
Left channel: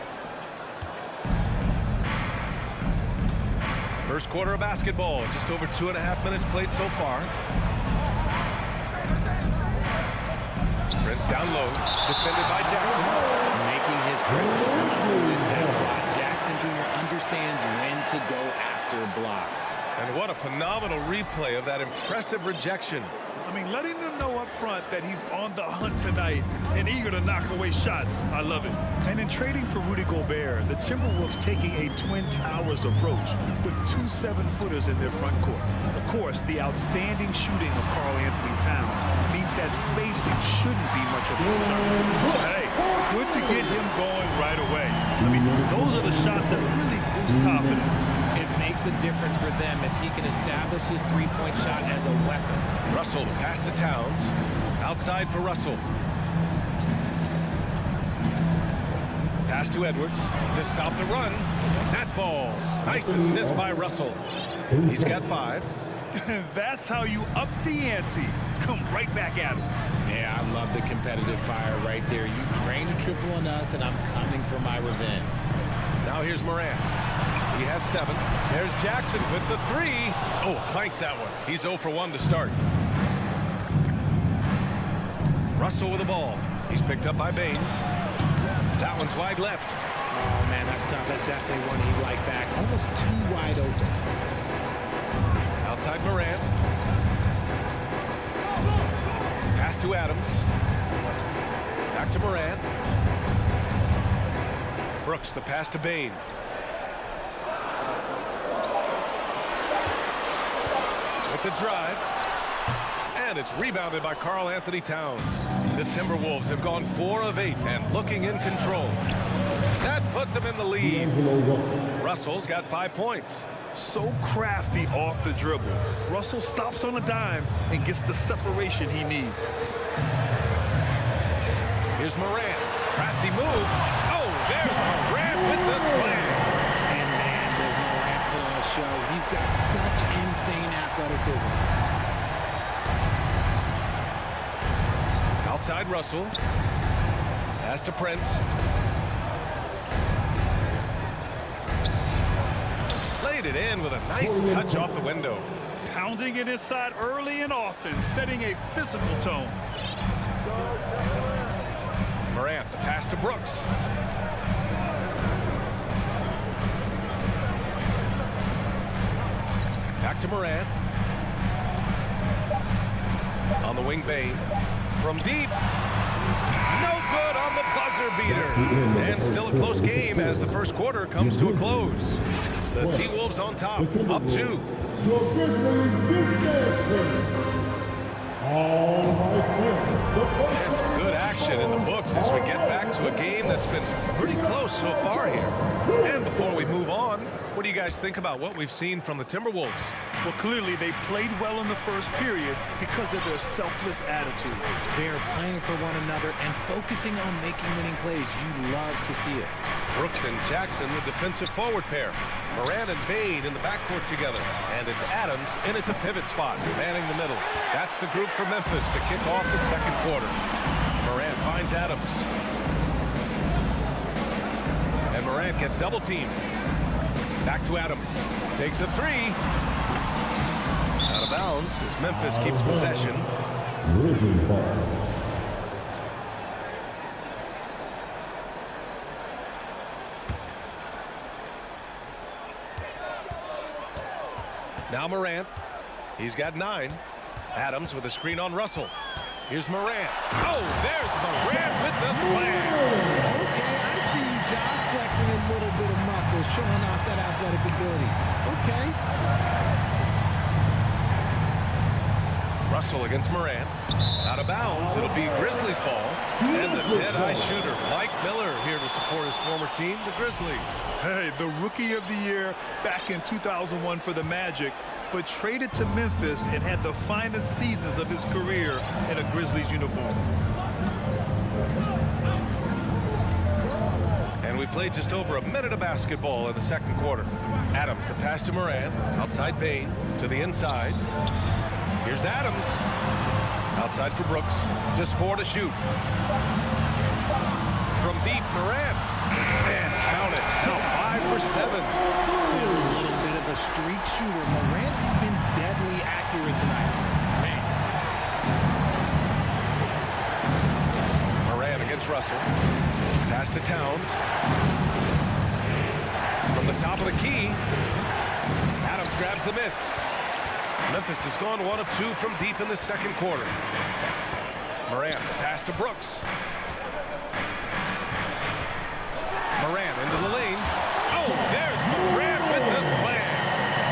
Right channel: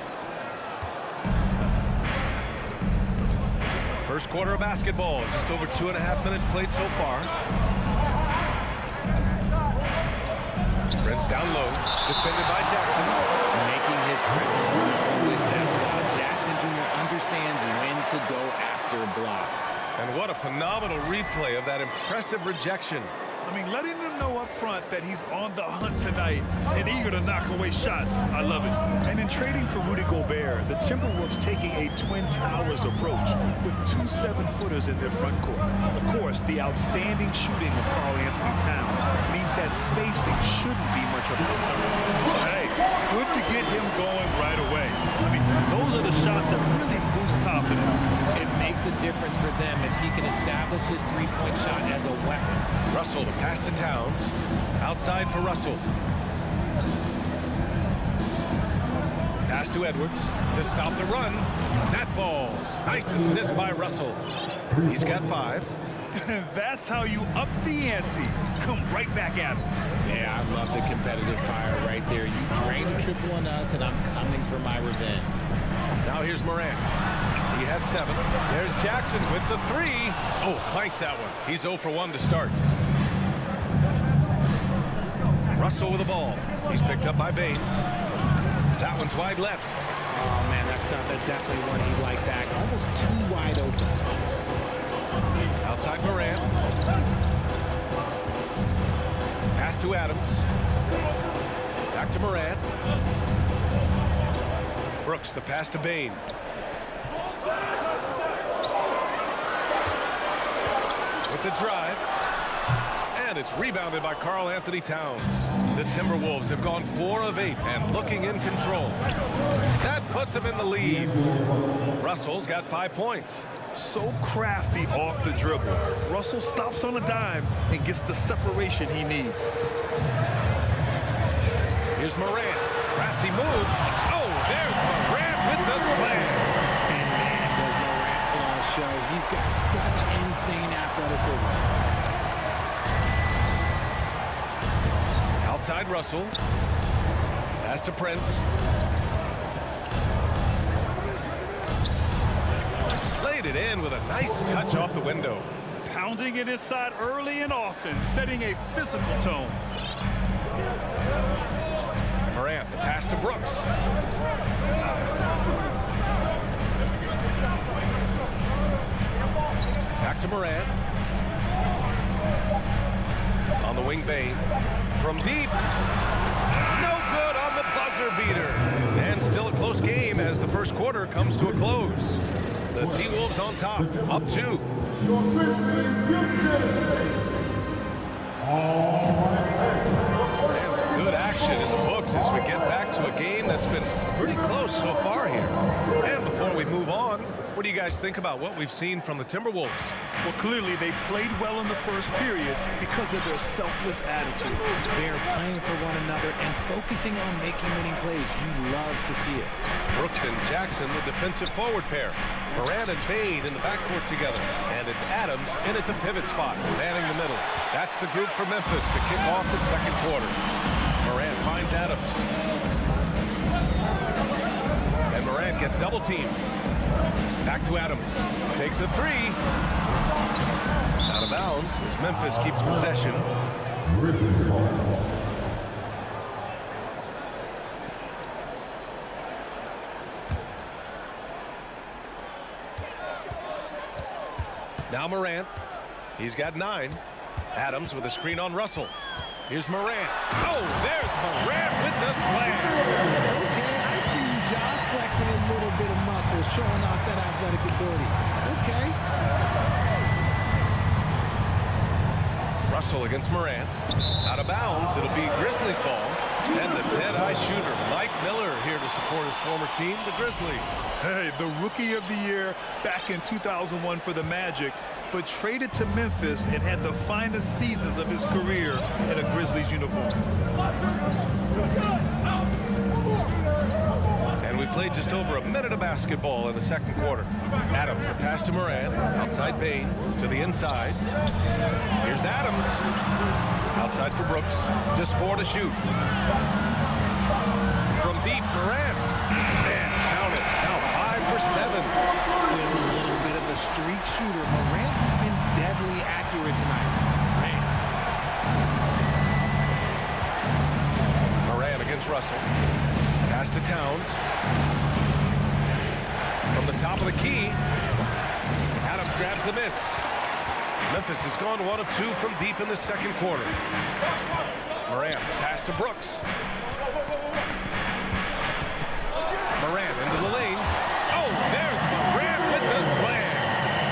First quarter of basketball, just over 2.5 minutes played so far. Prince down low, defended by Jackson. Making his presence known, that's why Jackson Jr. understands when to go after blocks. And what a phenomenal replay of that impressive rejection. I mean, letting them know up front that he's on the hunt tonight and eager to knock away shots. I love it. And in trading for Rudy Gobert, the Timberwolves taking a Twin Towers approach with 2 7-footers in their front court. Of course, the outstanding shooting of Karl-Anthony Towns means that spacing shouldn't be much of a concern. Hey, good to get him going right away. I mean, those are the shots that really boost confidence. It makes a difference for them if he can establish his three-point shot as a weapon. Russell to pass to Towns. Outside for Russell. Pass to Edwards to stop the run. That falls. Nice assist by Russell. He's got 5. That's how you up the ante. Come right back at him. Yeah, I love the competitive fire right there. You drain a triple on us, and I'm coming for my revenge. Now here's Moran. He has 7. There's Jackson with the 3. Oh, clanks that one. He's 0 for 1 to start. Russell with the ball. He's picked up by Bane. That one's wide left. Oh, man, that's tough. That's definitely one he'd like back. Almost too wide open. Outside Morant. Pass to Adams. Back to Morant. Brooks, the pass to Bane. With the drive. And it's rebounded by Karl Anthony Towns. The Timberwolves have gone 4 of 8 and looking in control. That puts them in the lead. Russell's got 5 points. So crafty off the dribble. Russell stops on a dime and gets the separation he needs. Here's Morant. Crafty move. Oh, there's Morant with the slam. And man, does Morant put on a show. He's got such insane athleticism. Outside Russell. Pass to Prince. Laid it in with a nice touch off the window. Pounding it inside early and often, setting a physical tone. Morant, the pass to Brooks. Back to Morant. On the wing, Bane. From deep. No good on the buzzer beater. And still a close game as the first quarter comes to a close. The T-Wolves on top, up 2. And some good action in the books as we get back to a game that's been pretty close so far here. And before we move on, what do you guys think about what we've seen from the Timberwolves? Well, clearly they played well in the first period because of their selfless attitude. They're playing for one another and focusing on making winning plays. You love to see it. Brooks and Jackson, the defensive forward pair. Morant and Bane in the backcourt together. And it's Adams in at the pivot spot, manning the middle. That's the group for Memphis to kick off the second quarter. Morant finds Adams. And Morant gets double teamed. Back to Adams. Takes a 3. Out of bounds as Memphis keeps possession. Grizzlies ball. Now Morant. He's got 9. Adams with a screen on Russell. Here's Morant. Oh, there's Morant with the slam. Okay, I see you, Josh, flexing a little bit of muscle, showing off that athletic ability. Okay. Russell against Morant. Out of bounds. It'll be Grizzlies ball. And the dead-eye shooter, Mike Miller, here to support his former team, the Grizzlies. Hey, the Rookie of the Year back in 2001 for the Magic, but traded to Memphis and had the finest seasons of his career in a Grizzlies uniform. And we played just over a minute of basketball in the second quarter. Adams, the pass to Morant. Outside Bane to the inside. Here's Adams. Outside for Brooks. Just 4 to shoot. From deep, Morant. And count it. Now 5 for 7. Still a little bit of a streak shooter. Morant has been deadly accurate tonight. Man. Morant against Russell. Pass to Towns. From the top of the key. Adams grabs the miss. Memphis has gone 1 of 2 from deep in the second quarter. Morant, the pass to Brooks. Morant into the lane. Oh, there's Morant with the slam.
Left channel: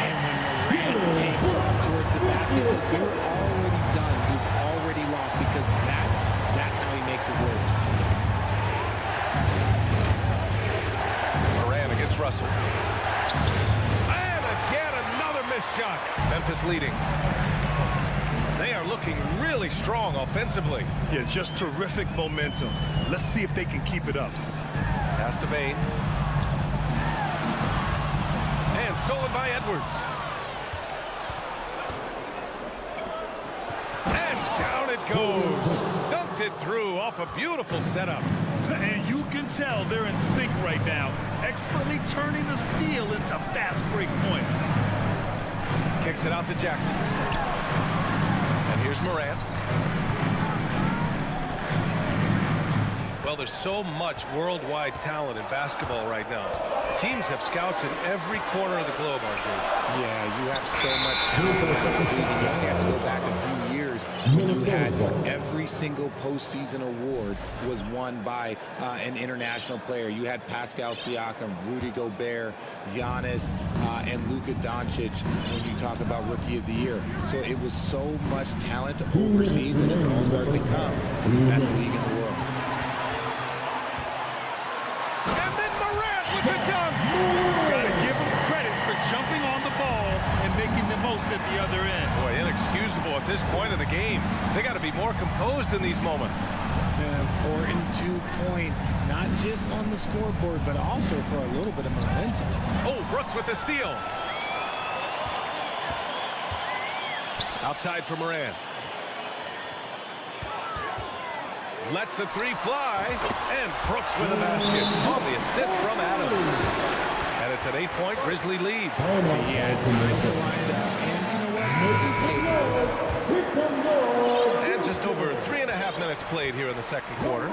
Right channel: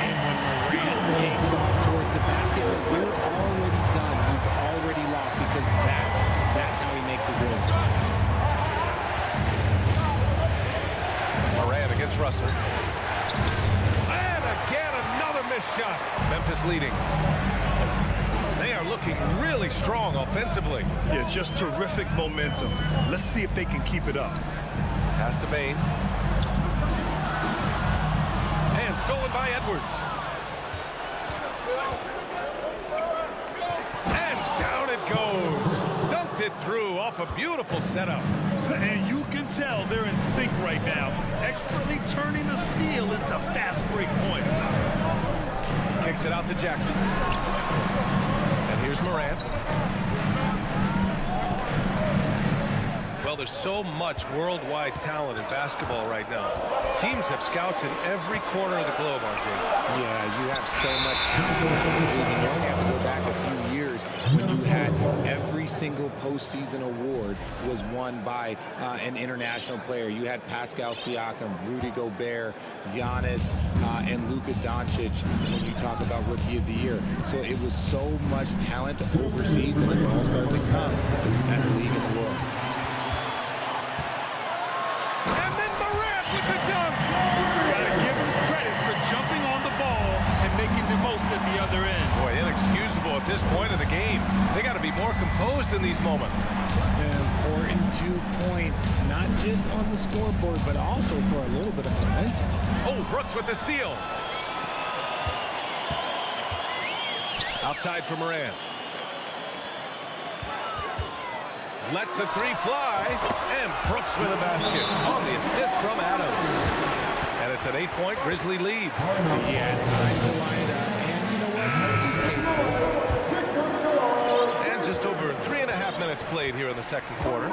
And when Morant takes off towards the basket, look, you're already done. You've already lost because that's how he makes his living. Morant against Russell. And again, another missed shot. Memphis leading. They are looking really strong offensively. Yeah, just terrific momentum. Let's see if they can keep it up. Pass to Bane. And stolen by Edwards. And down it goes. Dunked it through off a beautiful setup. And you can tell they're in sync right now, expertly turning the steal into fast break points. Kicks it out to Jackson. And here's Morant. Well, there's so much worldwide talent in basketball right now. Teams have scouts in every corner of the globe, RJ. Yeah, you have so much talent around this league, and you only have to go back a few years when you had every single postseason award was won by an international player. You had Pascal Siakam, Rudy Gobert, Giannis, and Luka Doncic when you talk about Rookie of the Year. So it was so much talent overseas, and it's all starting to come to the best league in the world. And then Morant with the dunk. Got to give him credit for jumping on the ball and making the most at the other end. Boy, inexcusable at this point in the game. They got to be more composed in these moments. An important 2 points, not just on the scoreboard, but also for a little bit of momentum. Oh, Brooks with the steal. Outside for Morant. Lets the three fly, and Brooks with a basket on the assist from Adams. And it's an 8-point Grizzly lead. So he had time to line it up, and you know what? He's capable. And just over 3.5 minutes played here in the second quarter.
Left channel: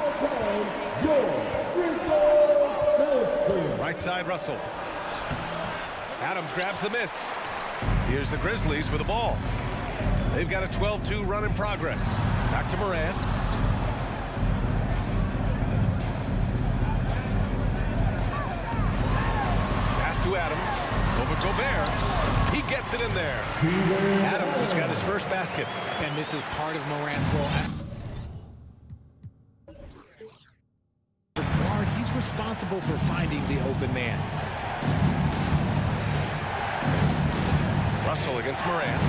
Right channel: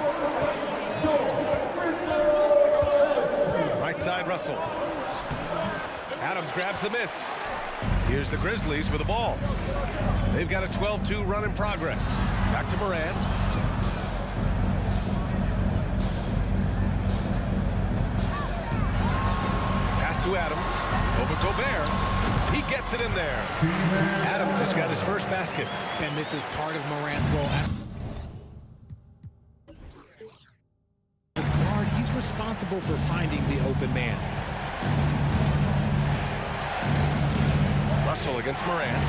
Right side, Russell. Adams grabs the miss. Here's the Grizzlies with the ball. They've got a 12-2 run in progress. Back to Morant. To Adams, over Gobert. He gets it in there. Adams has got his first basket. And this is part of Morant's role as the guard. He's responsible for finding the open man. Russell against Morant.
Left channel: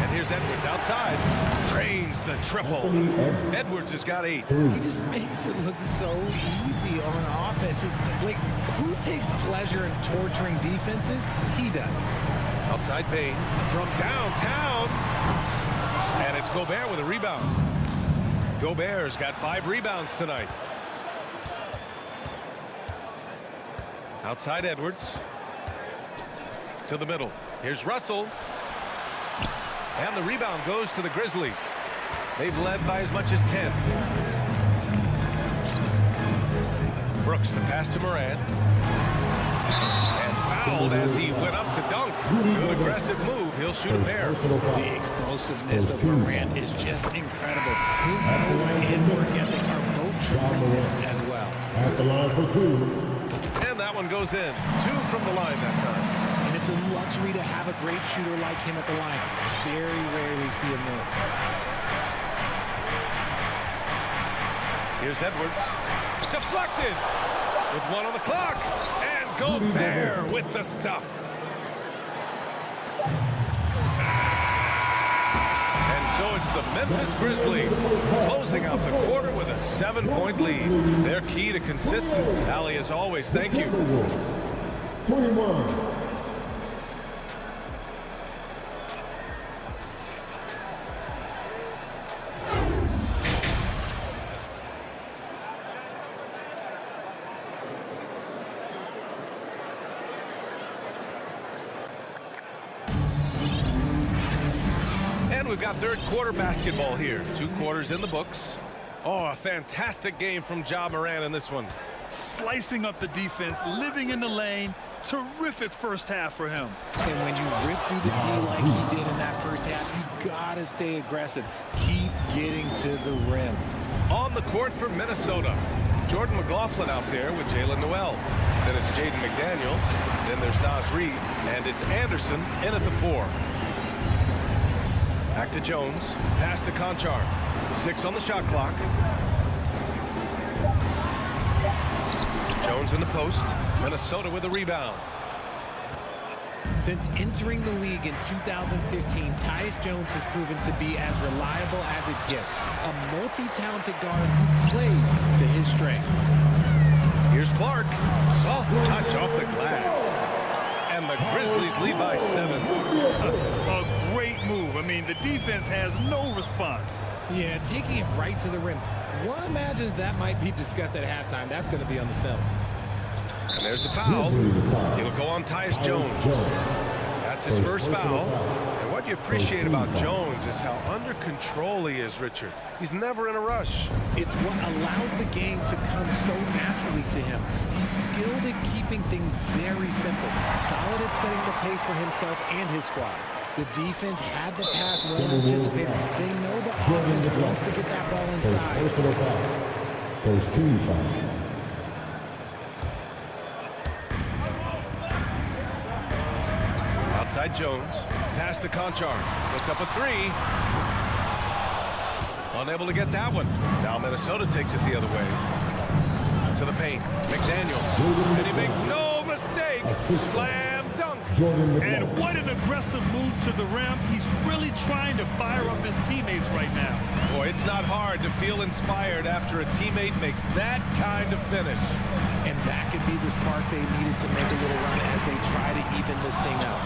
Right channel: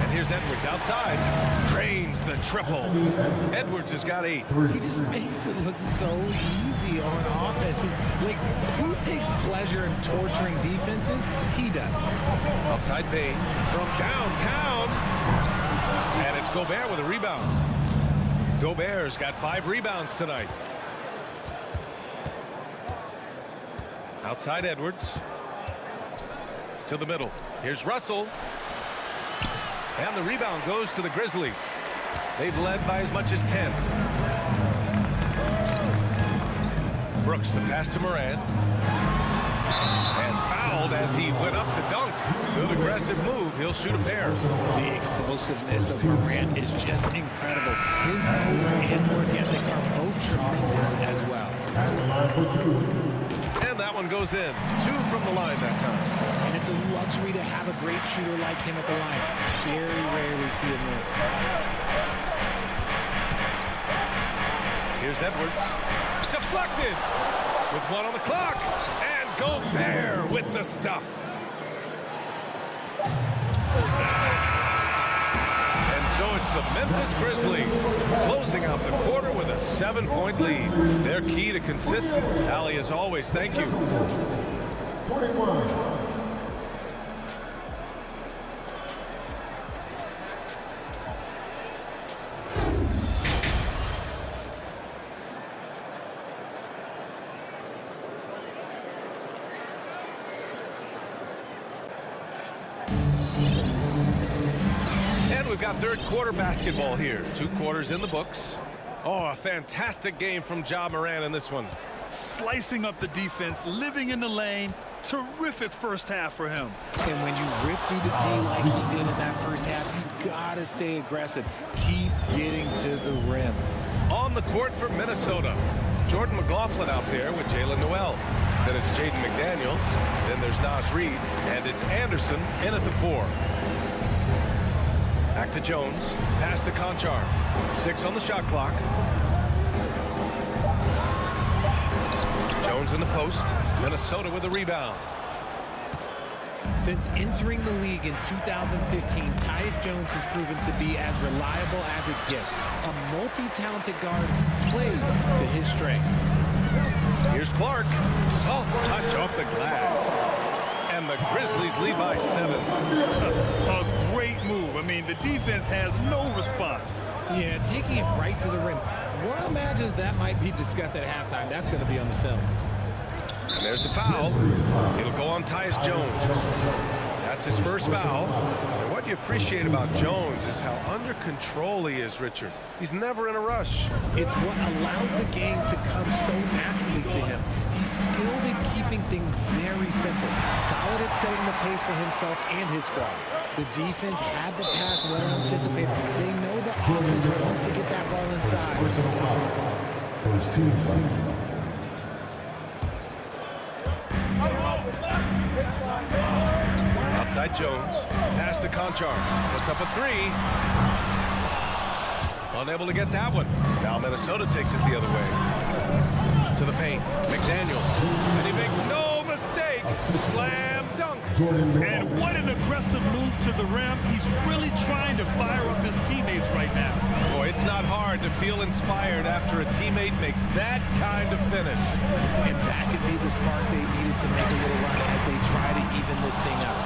And here's Edwards outside. Drains the triple. Edwards has got 8. He just makes it look so easy on offense. Like, who takes pleasure in torturing defenses? He does. Outside Bain from downtown. And it's Gobert with a rebound. Gobert's got 5 rebounds tonight. Outside Edwards. To the middle. Here's Russell. And the rebound goes to the Grizzlies. They've led by as much as 10. Brooks, the pass to Morant. And fouled as he went up to dunk. Good aggressive move. He'll shoot a pair. The explosiveness of Morant is just incredible. His motor and work ethic are both tremendous as well. At the line for 2. And that one goes in. 2 from the line that time. And it's a luxury to have a great shooter like him at the line. Very rarely see him miss. Here's Edwards. Deflected. With 1 on the clock. And Gobert with the stuff. And so it's the Memphis Grizzlies closing out the quarter with a 7-point lead. Their key to consistency. Allie, as always, thank you. 21. And we've got third quarter basketball here. 2 quarters in the books. Oh, a fantastic game from Ja Morant in this one. Slicing up the defense, living in the lane. Terrific first half for him. And when you rip through the D like he did in that first half, you gotta stay aggressive. Keep getting to the rim. On the court for Minnesota. Jordan McLaughlin out there with Jalen Noel. Then it's Jaden McDaniels. Then there's Nas Reed. And it's Anderson in at the 4. Back to Jones. Pass to Conchar. 6 on the shot clock. Jones in the post. Minnesota with a rebound. Since entering the league in 2015, Tyus Jones has proven to be as reliable as it gets. A multi-talented guard who plays to his strengths. Here's Clark. Soft touch off the glass. And the Grizzlies lead by 7. A great move. I mean, the defense has no response. Yeah, taking it right to the rim. One imagines that might be discussed at halftime. That's going to be on the film. And there's the foul. It'll go on Tyus Jones. That's his first foul. And And what you appreciate about Jones is how under control he is, Richard. He's never in a rush. It's what allows the game to come so naturally to him. He's skilled at keeping things very simple. Solid at setting the pace for himself and his squad. The defense had the pass well anticipated. They know the offense wants to get that ball inside. First team foul. Outside Jones. Pass to Conchar. Puts up a three. Unable to get that one. Now Minnesota takes it the other way. To the paint. McDaniels. And he makes no mistake. Slam dunk. And what an aggressive move to the rim. He's really trying to fire up his teammates right now. Boy, it's not hard to feel inspired after a teammate makes that kind of finish. And that could be the spark they needed to make a little run as they try to even this thing up.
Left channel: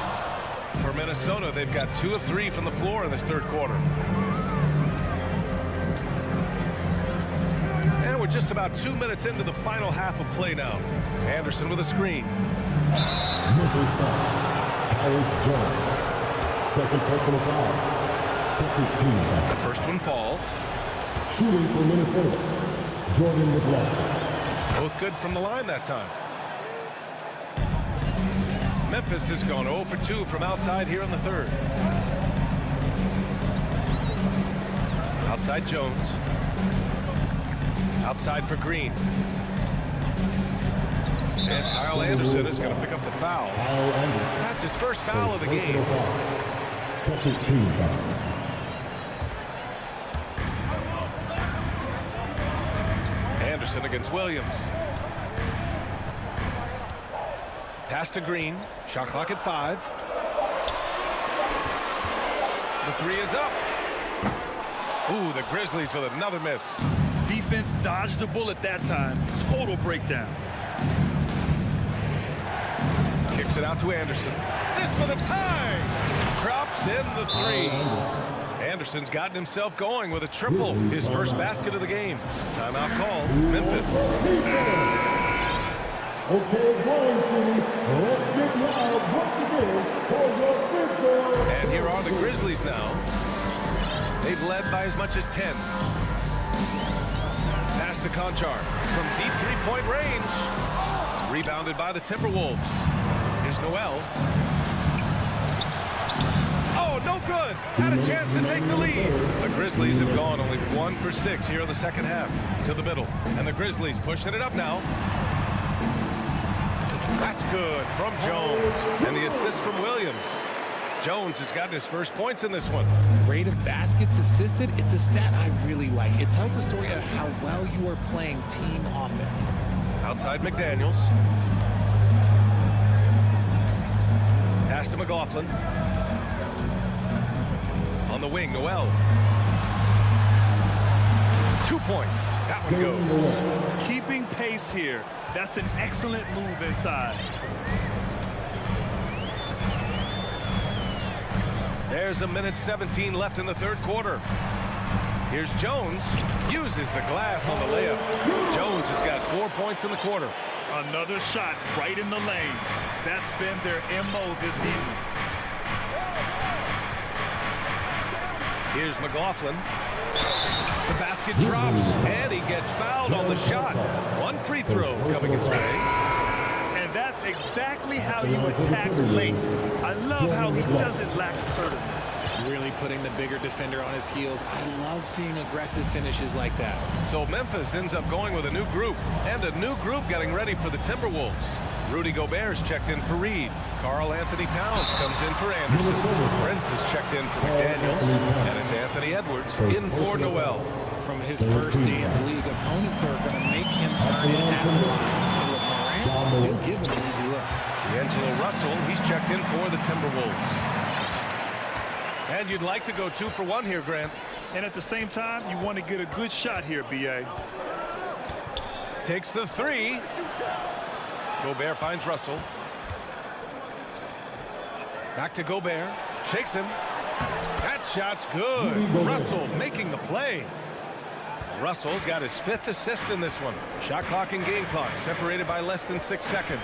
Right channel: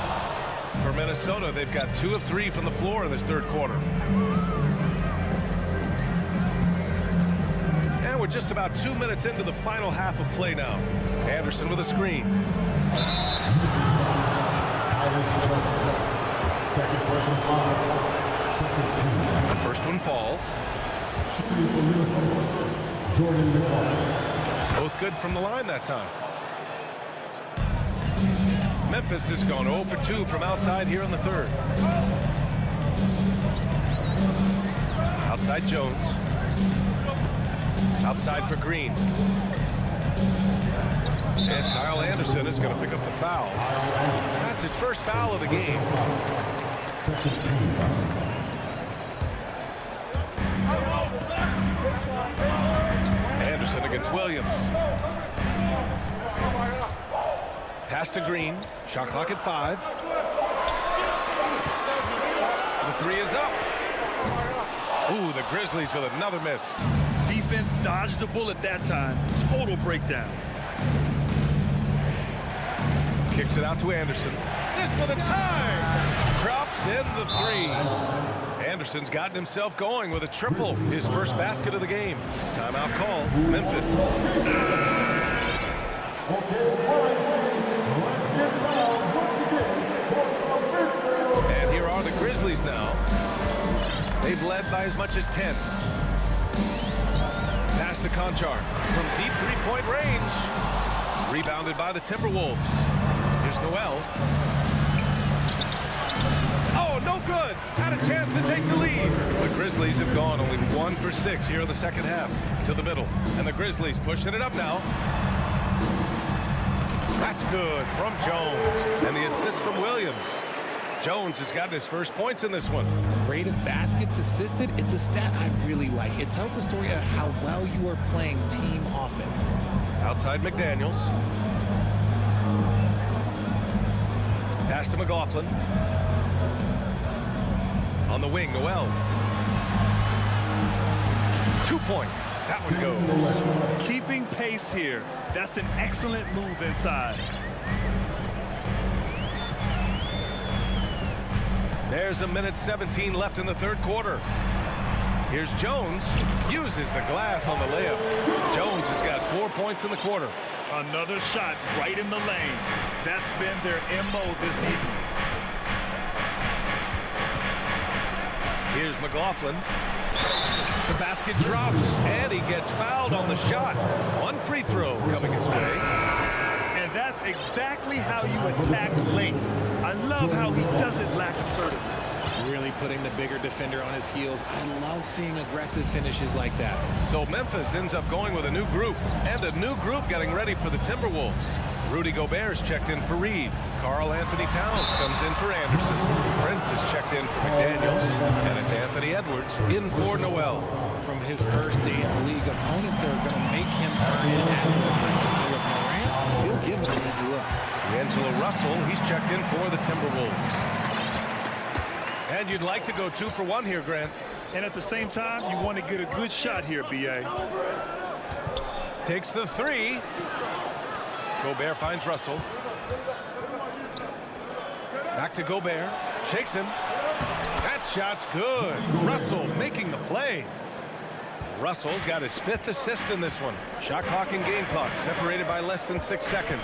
For Minnesota, they've got 2 of 3 from the floor in this third quarter. And we're just about 2 minutes into the final half of play now. Anderson with a screen. Memphis foul. Tyus Jones. Second personal foul. Second team foul. The first one falls. Shooting for Minnesota. Jordan McLaughlin. Both good from the line that time. Memphis has gone 0 for 2 from outside here in the third. Outside Jones. Outside for Green. And Kyle Anderson is going to pick up the foul. That's his first foul of the game. Second team foul. Anderson against Williams. Pass to Green. Shot clock at 5. The three is up. Ooh, the Grizzlies with another miss. Defense dodged a bullet that time. Total breakdown. Kicks it out to Anderson. This for the tie. Drops in the 3. Anderson's gotten himself going with a triple. His first basket of the game. Timeout call. Memphis. And here are the Grizzlies now. They've led by as much as 10. Pass to Conchar from deep three-point range. Rebounded by the Timberwolves. Here's Noel. Oh, no good. Had a chance to take the lead. The Grizzlies have gone only 1 for 6 here in the second half. To the middle. And the Grizzlies pushing it up now. That's good from Jones. And the assist from Williams. Jones has gotten his first points in this one. Rate of baskets assisted, it's a stat I really like. It tells the story of how well you are playing team offense. Outside McDaniels. Pass to McLaughlin. On the wing, Noel. 2 points. That one goes. Keeping pace here. That's an excellent move inside. There's a minute 17 left in the third quarter. Here's Jones. Uses the glass on the layup. Jones has got 4 points in the quarter. Another shot right in the lane. That's been their MO this evening. Here's McLaughlin. The basket drops, and he gets fouled on the shot. One free throw coming his way. And that's exactly how you attack length. I love how he doesn't lack assertiveness. Really putting the bigger defender on his heels. I love seeing aggressive finishes like that. So Memphis ends up going with a new group, and a new group getting ready for the Timberwolves. Rudy Gobert's checked in for Reed. Karl Anthony Towns comes in for Anderson. Brent is checked in for McDaniels. And it's Anthony Edwards in for Noel. From his first day in the league, opponents are going to make him earn it at the line. And look, Morant, he'll give him an easy look. D'Angelo Russell, he's checked in for the Timberwolves. And you'd like to go 2 for 1 here, Grant. And at the same time, you want to get a good shot here, B.A. Takes the 3. Gobert finds Russell. Back to Gobert. Shakes him. That shot's good. Russell making the play. Russell's got his 5th assist in this one. Shot clock and game clock separated by less than 6 seconds.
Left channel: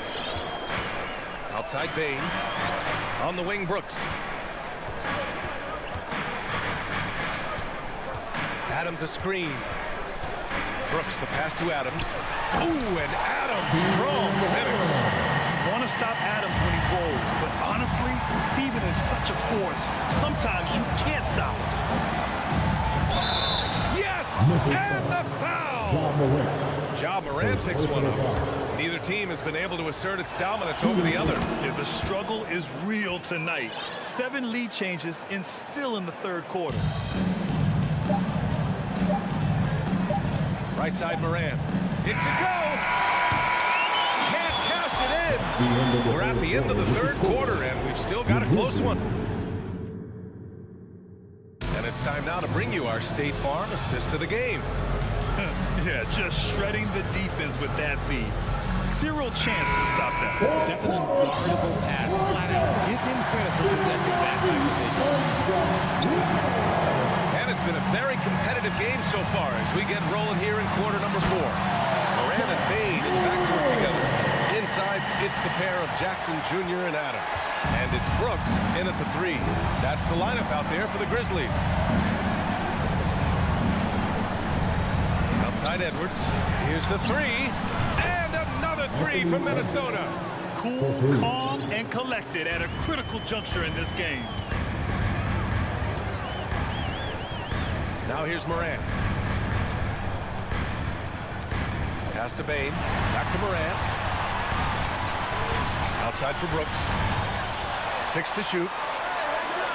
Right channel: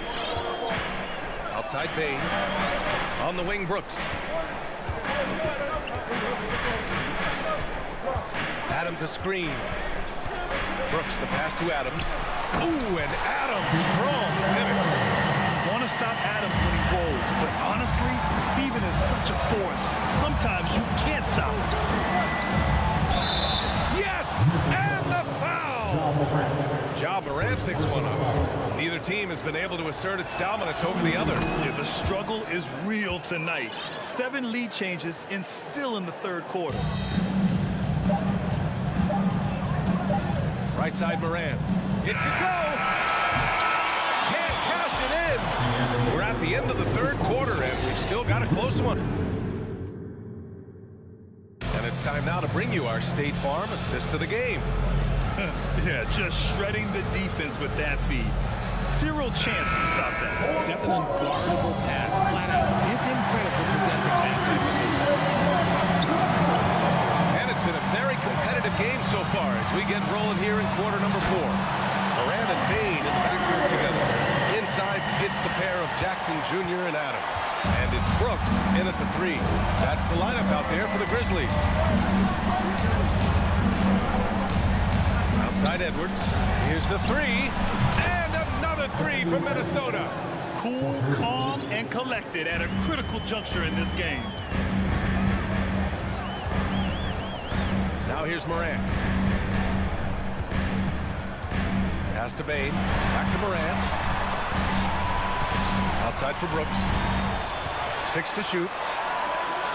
Outside Bain. On the wing, Brooks. Adams a screen. Brooks the pass to Adams. Ooh, and Adams, strong finish. Want to stop Adams when he rolls, but honestly, Steven is such a force. Sometimes you can't stop him. Yes, and the foul. Ja Morant picks one up. Neither team has been able to assert its dominance over the other. Yeah, the struggle is real tonight. 7 lead changes and still in the third quarter. Right side Morant. It could go. Can't cash it in. We're at the end of the third quarter, and we've still got a close one. And it's time now to bring you our State Farm assist of the game. Yeah, just shredding the defense with that feed. Zero chance to stop that. That's an unguardable pass. Flat out, give him credit for possessing that type of vision. And it's been a very competitive game so far as we get rolling here in quarter number 4. Moran and Bain in the backcourt together. Inside, it's the pair of Jackson Jr. and Adams. And it's Brooks in at the 3. That's the lineup out there for the Grizzlies. Outside Edwards. Here's the 3. And another 3 from Minnesota. Cool, calm, and collected at a critical juncture in this game. Now here's Moran. Pass to Bain. Back to Moran. Outside for Brooks. 6 to shoot.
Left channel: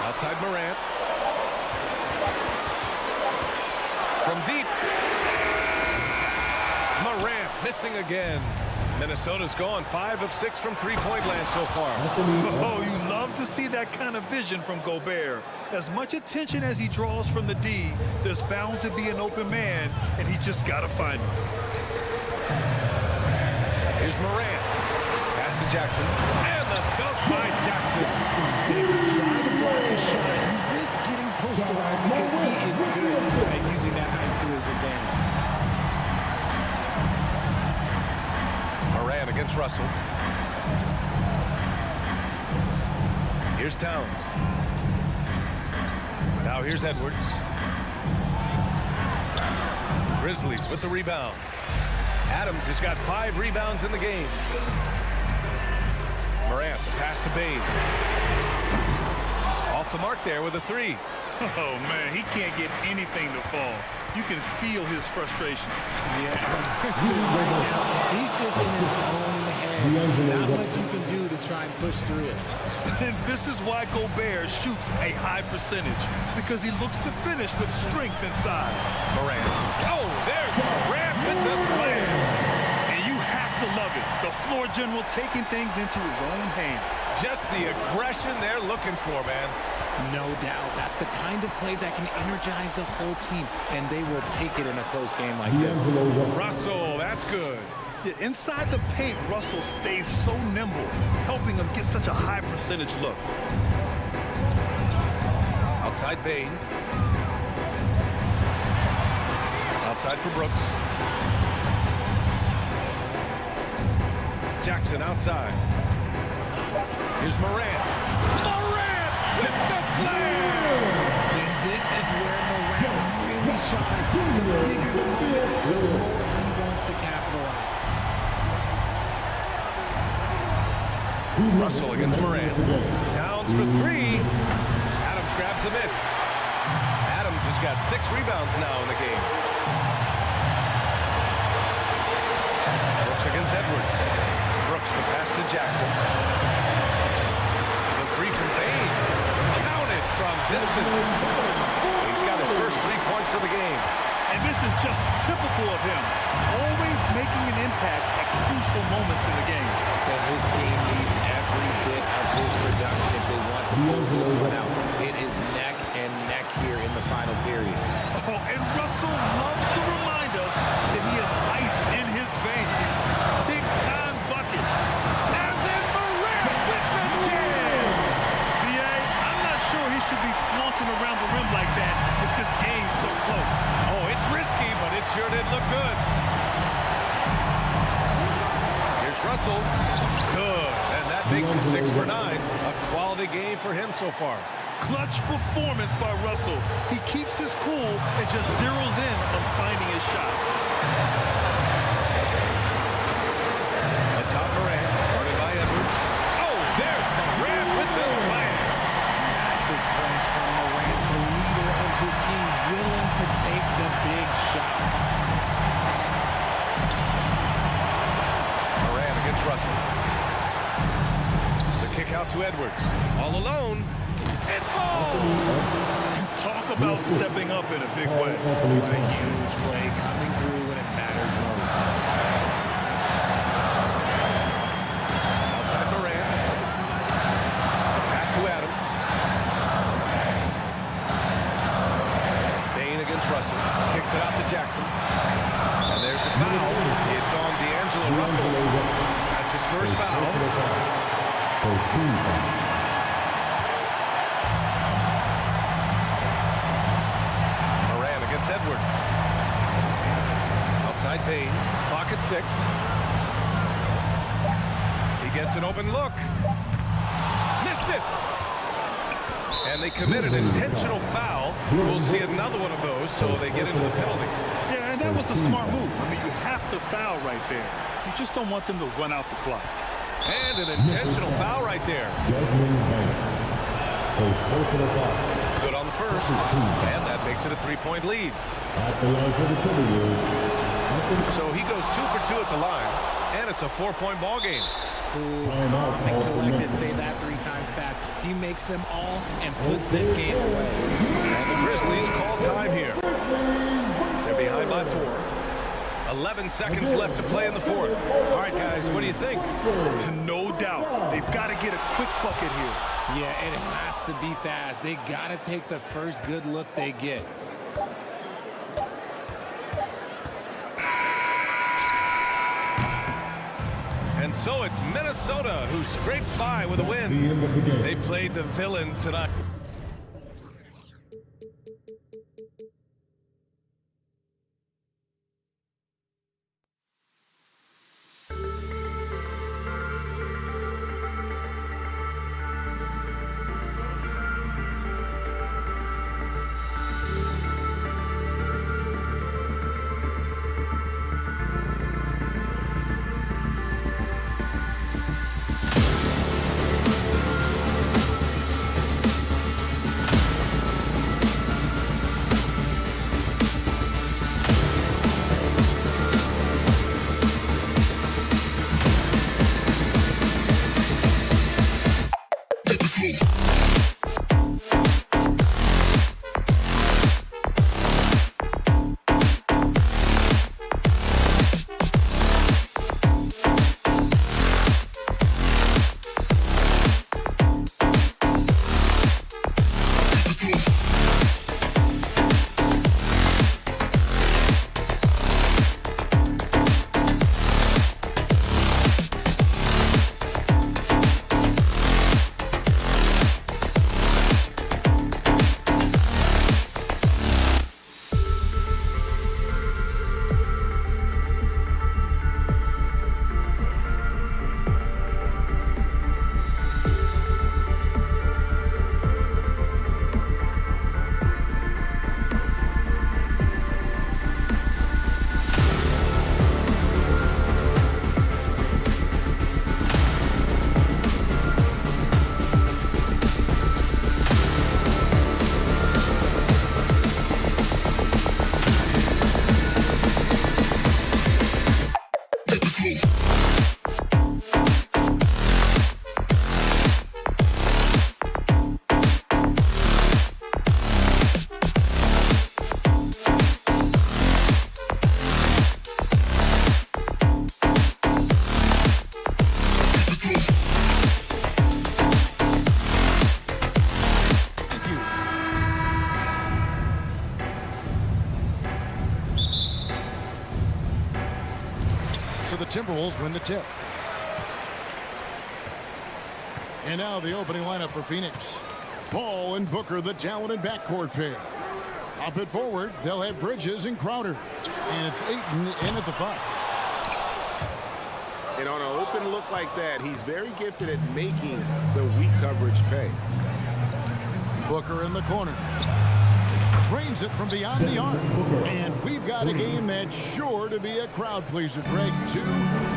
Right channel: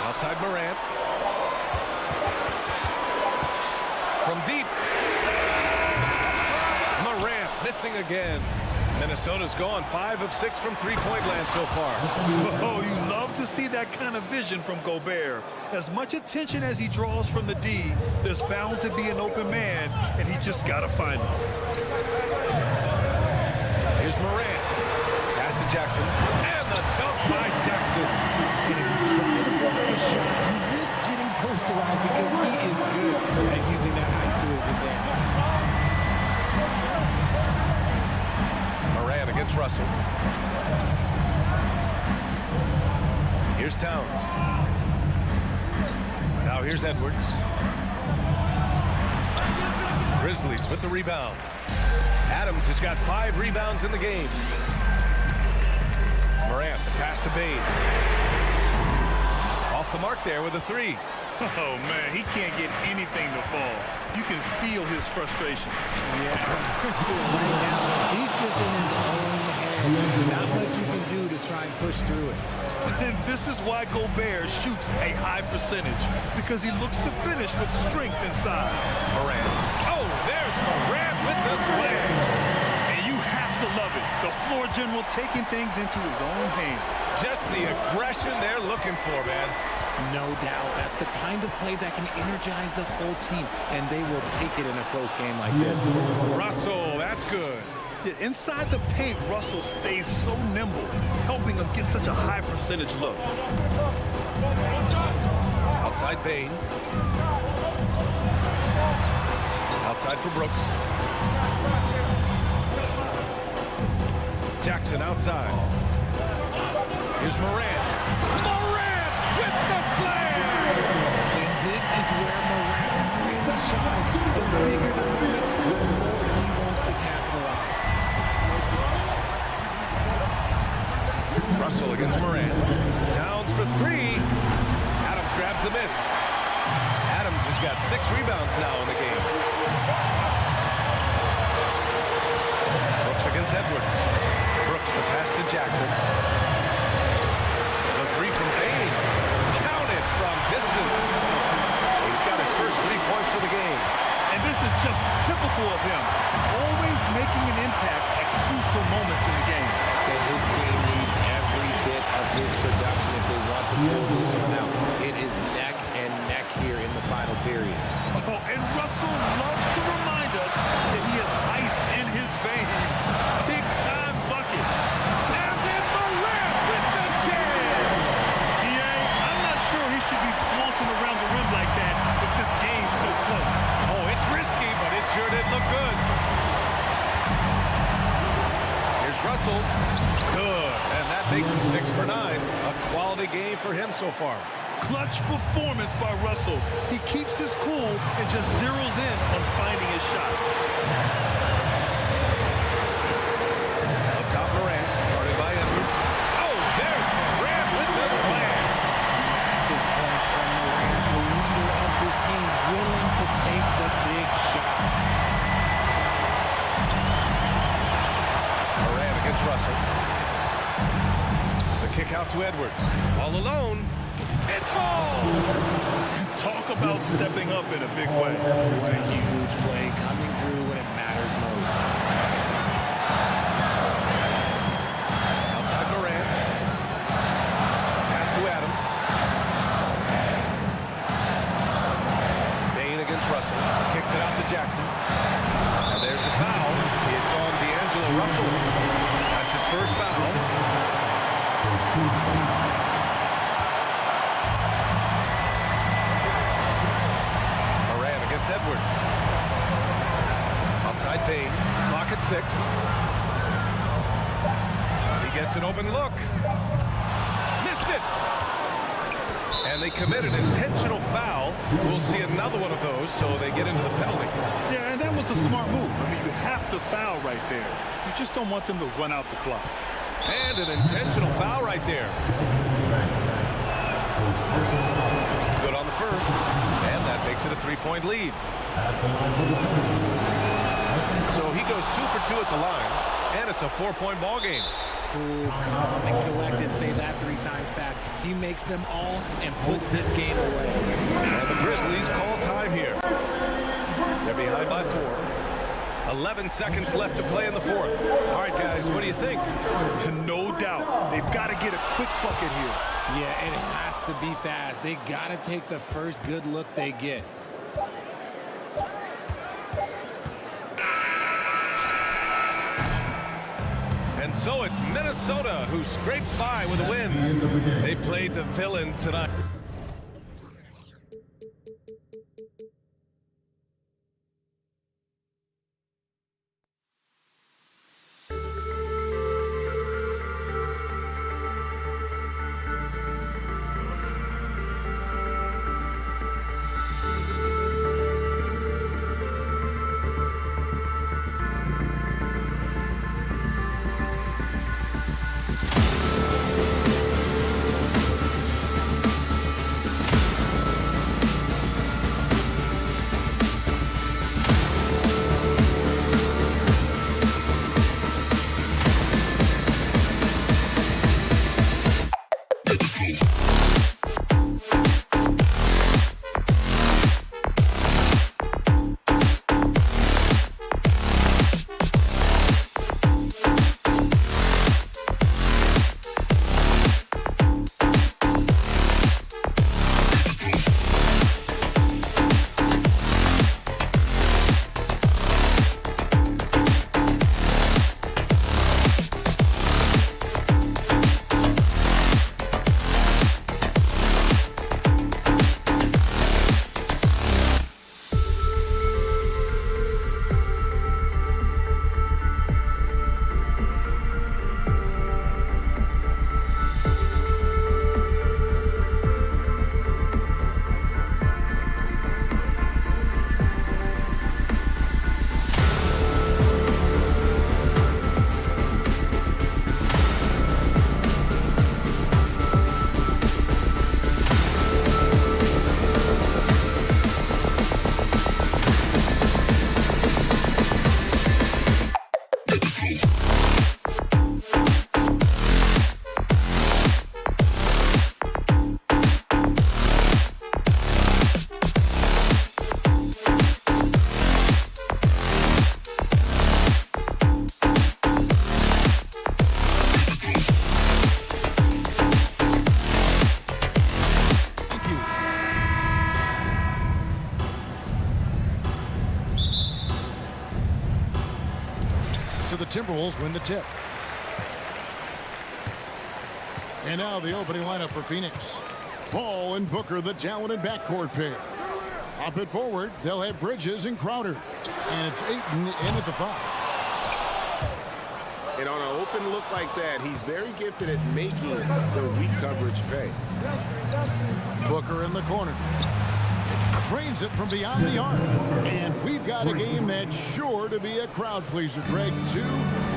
Outside Moran. From deep. Moran missing again. Minnesota's gone 5 of 6 from three-point land so far. Oh, you love to see that kind of vision from Gobert. As much attention as he draws from the D, there's bound to be an open man, and he just got to find him. Here's Moran. Pass to Jackson. And the dunk by Jackson. And if you try to block his shot, you risk getting posterized because he is good at using that height to his advantage. Moran against Russell. Here's Towns. Now here's Edwards. Grizzlies with the rebound. Adams has got 5 rebounds in the game. Morant, the pass to Bain. Off the mark there with a 3. Oh, man, he can't get anything to fall. You can feel his frustration. Yeah, right now, he's just in his own head. Not much you can do to try and push through it. And this is why Gobert shoots a high percentage, because he looks to finish with strength inside. Morant. Oh, there's Morant with the slam. And you have to love it. The floor general taking things into his own hands. Just the aggression they're looking for, man. No doubt. That's the kind of play that can energize the whole team, and they will take it in a close game like this. Russell, that's good. Yeah, inside the paint, Russell stays so nimble, helping him get such a high percentage look. Outside Bain. Outside for Brooks. Jackson outside. Here's Morant. Morant with the slam! And this is where Morant really shines. The bigger the moment, the more he wants to capitalize. Russell against Morant. Towns for 3. Adams grabs the miss. Adams has got 6 rebounds now in the game. Brooks against Edwards. Brooks the pass to Jackson. The 3 from Bain. Counted from distance. He's got his first 3 points of the game. And this is just typical of him, always making an impact at crucial moments in the game. And his team needs every bit of his production if they want to pull this one out. It is neck and neck here in the final period. Oh, and Russell loves to remind us that he has ice in his veins. Big-time bucket. And then Morant with the jam! I'm not sure he should be flaunting around the rim like that with this game so close. Oh, it's risky, but it sure did look good. Here's Russell. Good. And that makes him 6 for 9. A quality game for him so far. Clutch performance by Russell. He keeps his cool and just zeroes in on finding his shot. Up top, Morant, guarded by Edwards. Oh, there's Morant with the slam. Massive points from Morant, the leader of this team, willing to take the big shots. Morant against Russell. The kick out to Edwards. All alone. It falls! Talk about stepping up in a big way. What a huge play coming through when it matters most. Outside Morant. Pass to Adams. Bain against Russell. Kicks it out to Jackson. And there's the foul. It's on D'Angelo Russell. That's his first foul. First team. Morant against Edwards. Outside Bain. Clock at 6. He gets an open look. Missed it. And they commit an intentional foul. We'll see another one of those, so they get into the penalty. Yeah, and that was a smart move. I mean, you have to foul right there. You just don't want them to run out the clock. And an intentional foul right there. First personal foul. Good on the first. And that makes it a 3-point lead. At the line for the Timberwolves. So he goes 2 for 2 at the line. And it's a 4-point ball game. Cool, calm, and collected. Say that 3 times fast. He makes them all and puts this game away. And the Grizzlies call time here. They're behind by 4. 11 seconds left to play in the fourth. All right, guys, what do you think? No doubt. They've got to get a quick bucket here. Yeah, it has to be fast. They got to take the first good look they get. And so it's Minnesota who scrapes by with a win. They played the villain tonight. So the Timberwolves win the tip. And now the opening lineup for Phoenix. Paul and Booker, the talented backcourt pair. Up it forward, they'll have Bridges and Crowder. And it's Ayton in at the 5. And on an open look like that, he's very gifted at making the weak coverage pay. Booker in the corner. Drains it from beyond the arc. And we've got a game that's sure to be a crowd pleaser, Greg. Two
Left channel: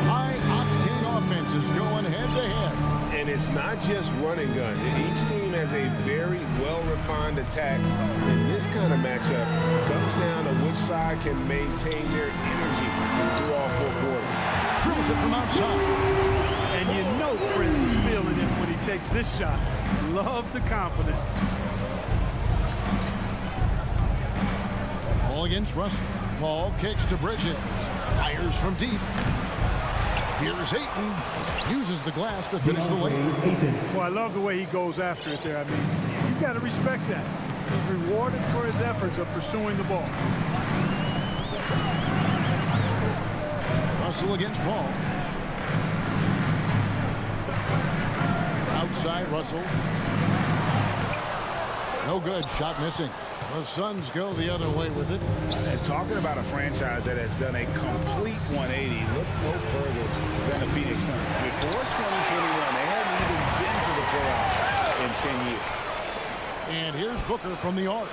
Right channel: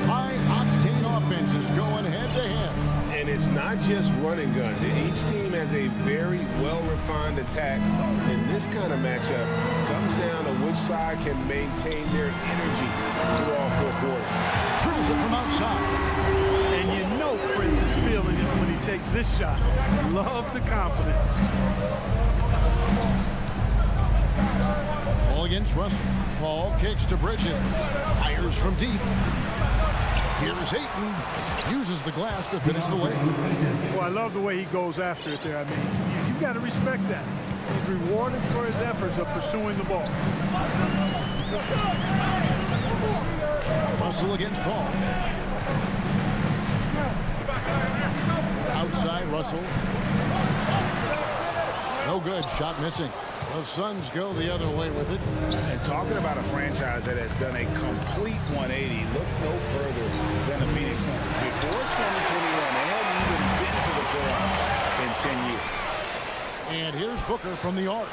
high-octane offenses going head-to-head. And it's not just run and gun. Each team has a very well-refined attack. And this kind of matchup comes down to which side can maintain their energy through all 4 quarters. Drills it from outside. And you know Prince is feeling it when he takes this shot. Love the confidence. Ball against Russell. Paul kicks to Bridges. Fires from deep. Here's Ayton. Uses the glass to finish the lane. Well, I love the way he goes after it there. I mean, you've got to respect that. He's rewarded for his efforts of pursuing the ball. Russell against Paul. Outside Russell. No good. Shot missing. The Suns go the other way with it. And talking about a franchise that has done a complete 180, look no further than the Phoenix Suns. Before 2021, they hadn't even been to the playoffs in 10 years. And here's Booker from the arc.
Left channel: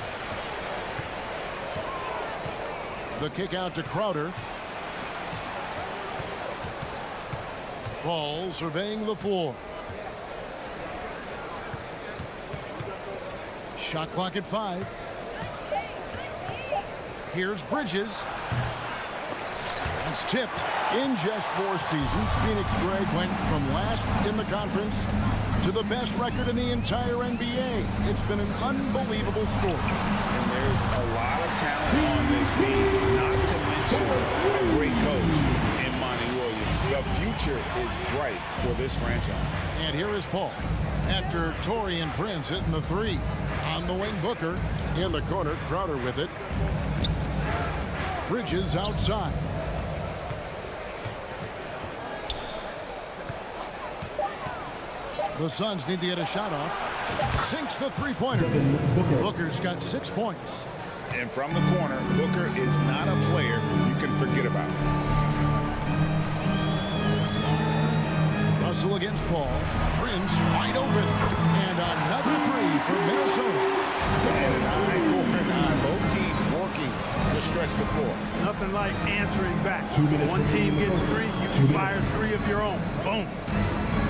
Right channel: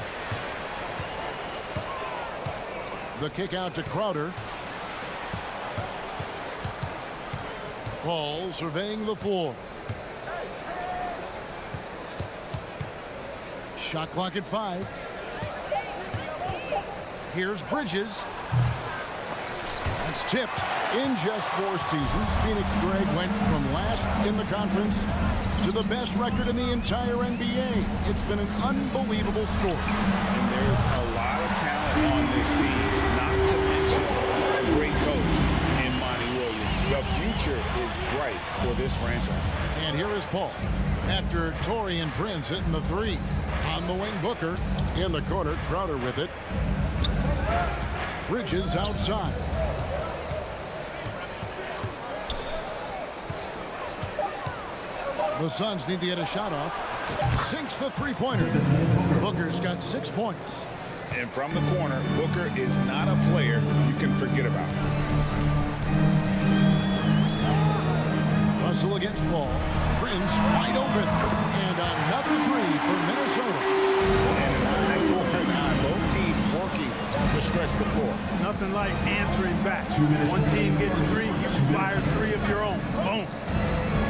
The kick out to Crowder. Ball surveying the floor. Shot clock at 5. Here's Bridges. That's tipped. In just 4 seasons, Phoenix, Greg, went from last in the conference to the best record in the entire NBA. It's been an unbelievable story. And there's a lot of talent on this team, not to mention a great coach in Monty Williams. The future is bright for this franchise. And here is Paul. After Torian Prince hitting the 3. On the wing, Booker. In the corner, Crowder with it. Bridges outside. The Suns need to get a shot off. Sinks the three-pointer. Booker's got 6 points. And from the corner, Booker is not a player you can forget about. Russell against Paul. Prince wide open. And another 3 for Minnesota. And an eye for an eye. Both teams working to stretch the floor. Nothing like answering back. One team gets 3, you fire 3 of your own. Boom.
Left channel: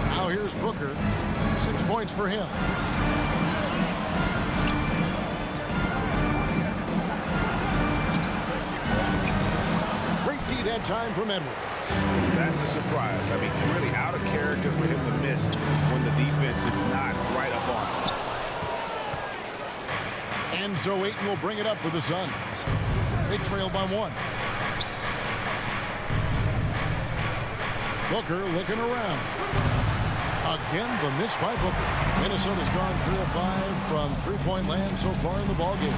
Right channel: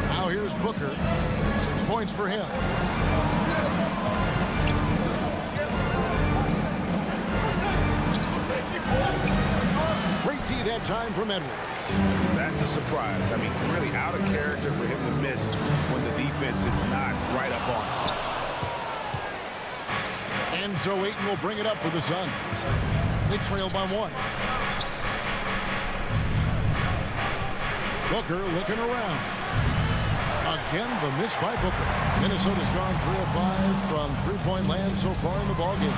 Now here's Booker. 6 points for him. Great D that time from Edwards. That's a surprise. I mean, really out of character for him to miss when the defense is not right up on him. And so Ayton will bring it up for the Suns. They trail by 1. Booker looking around. Again, the miss by Booker. Minnesota's gone 3 of 5 from three-point land so far in the ballgame.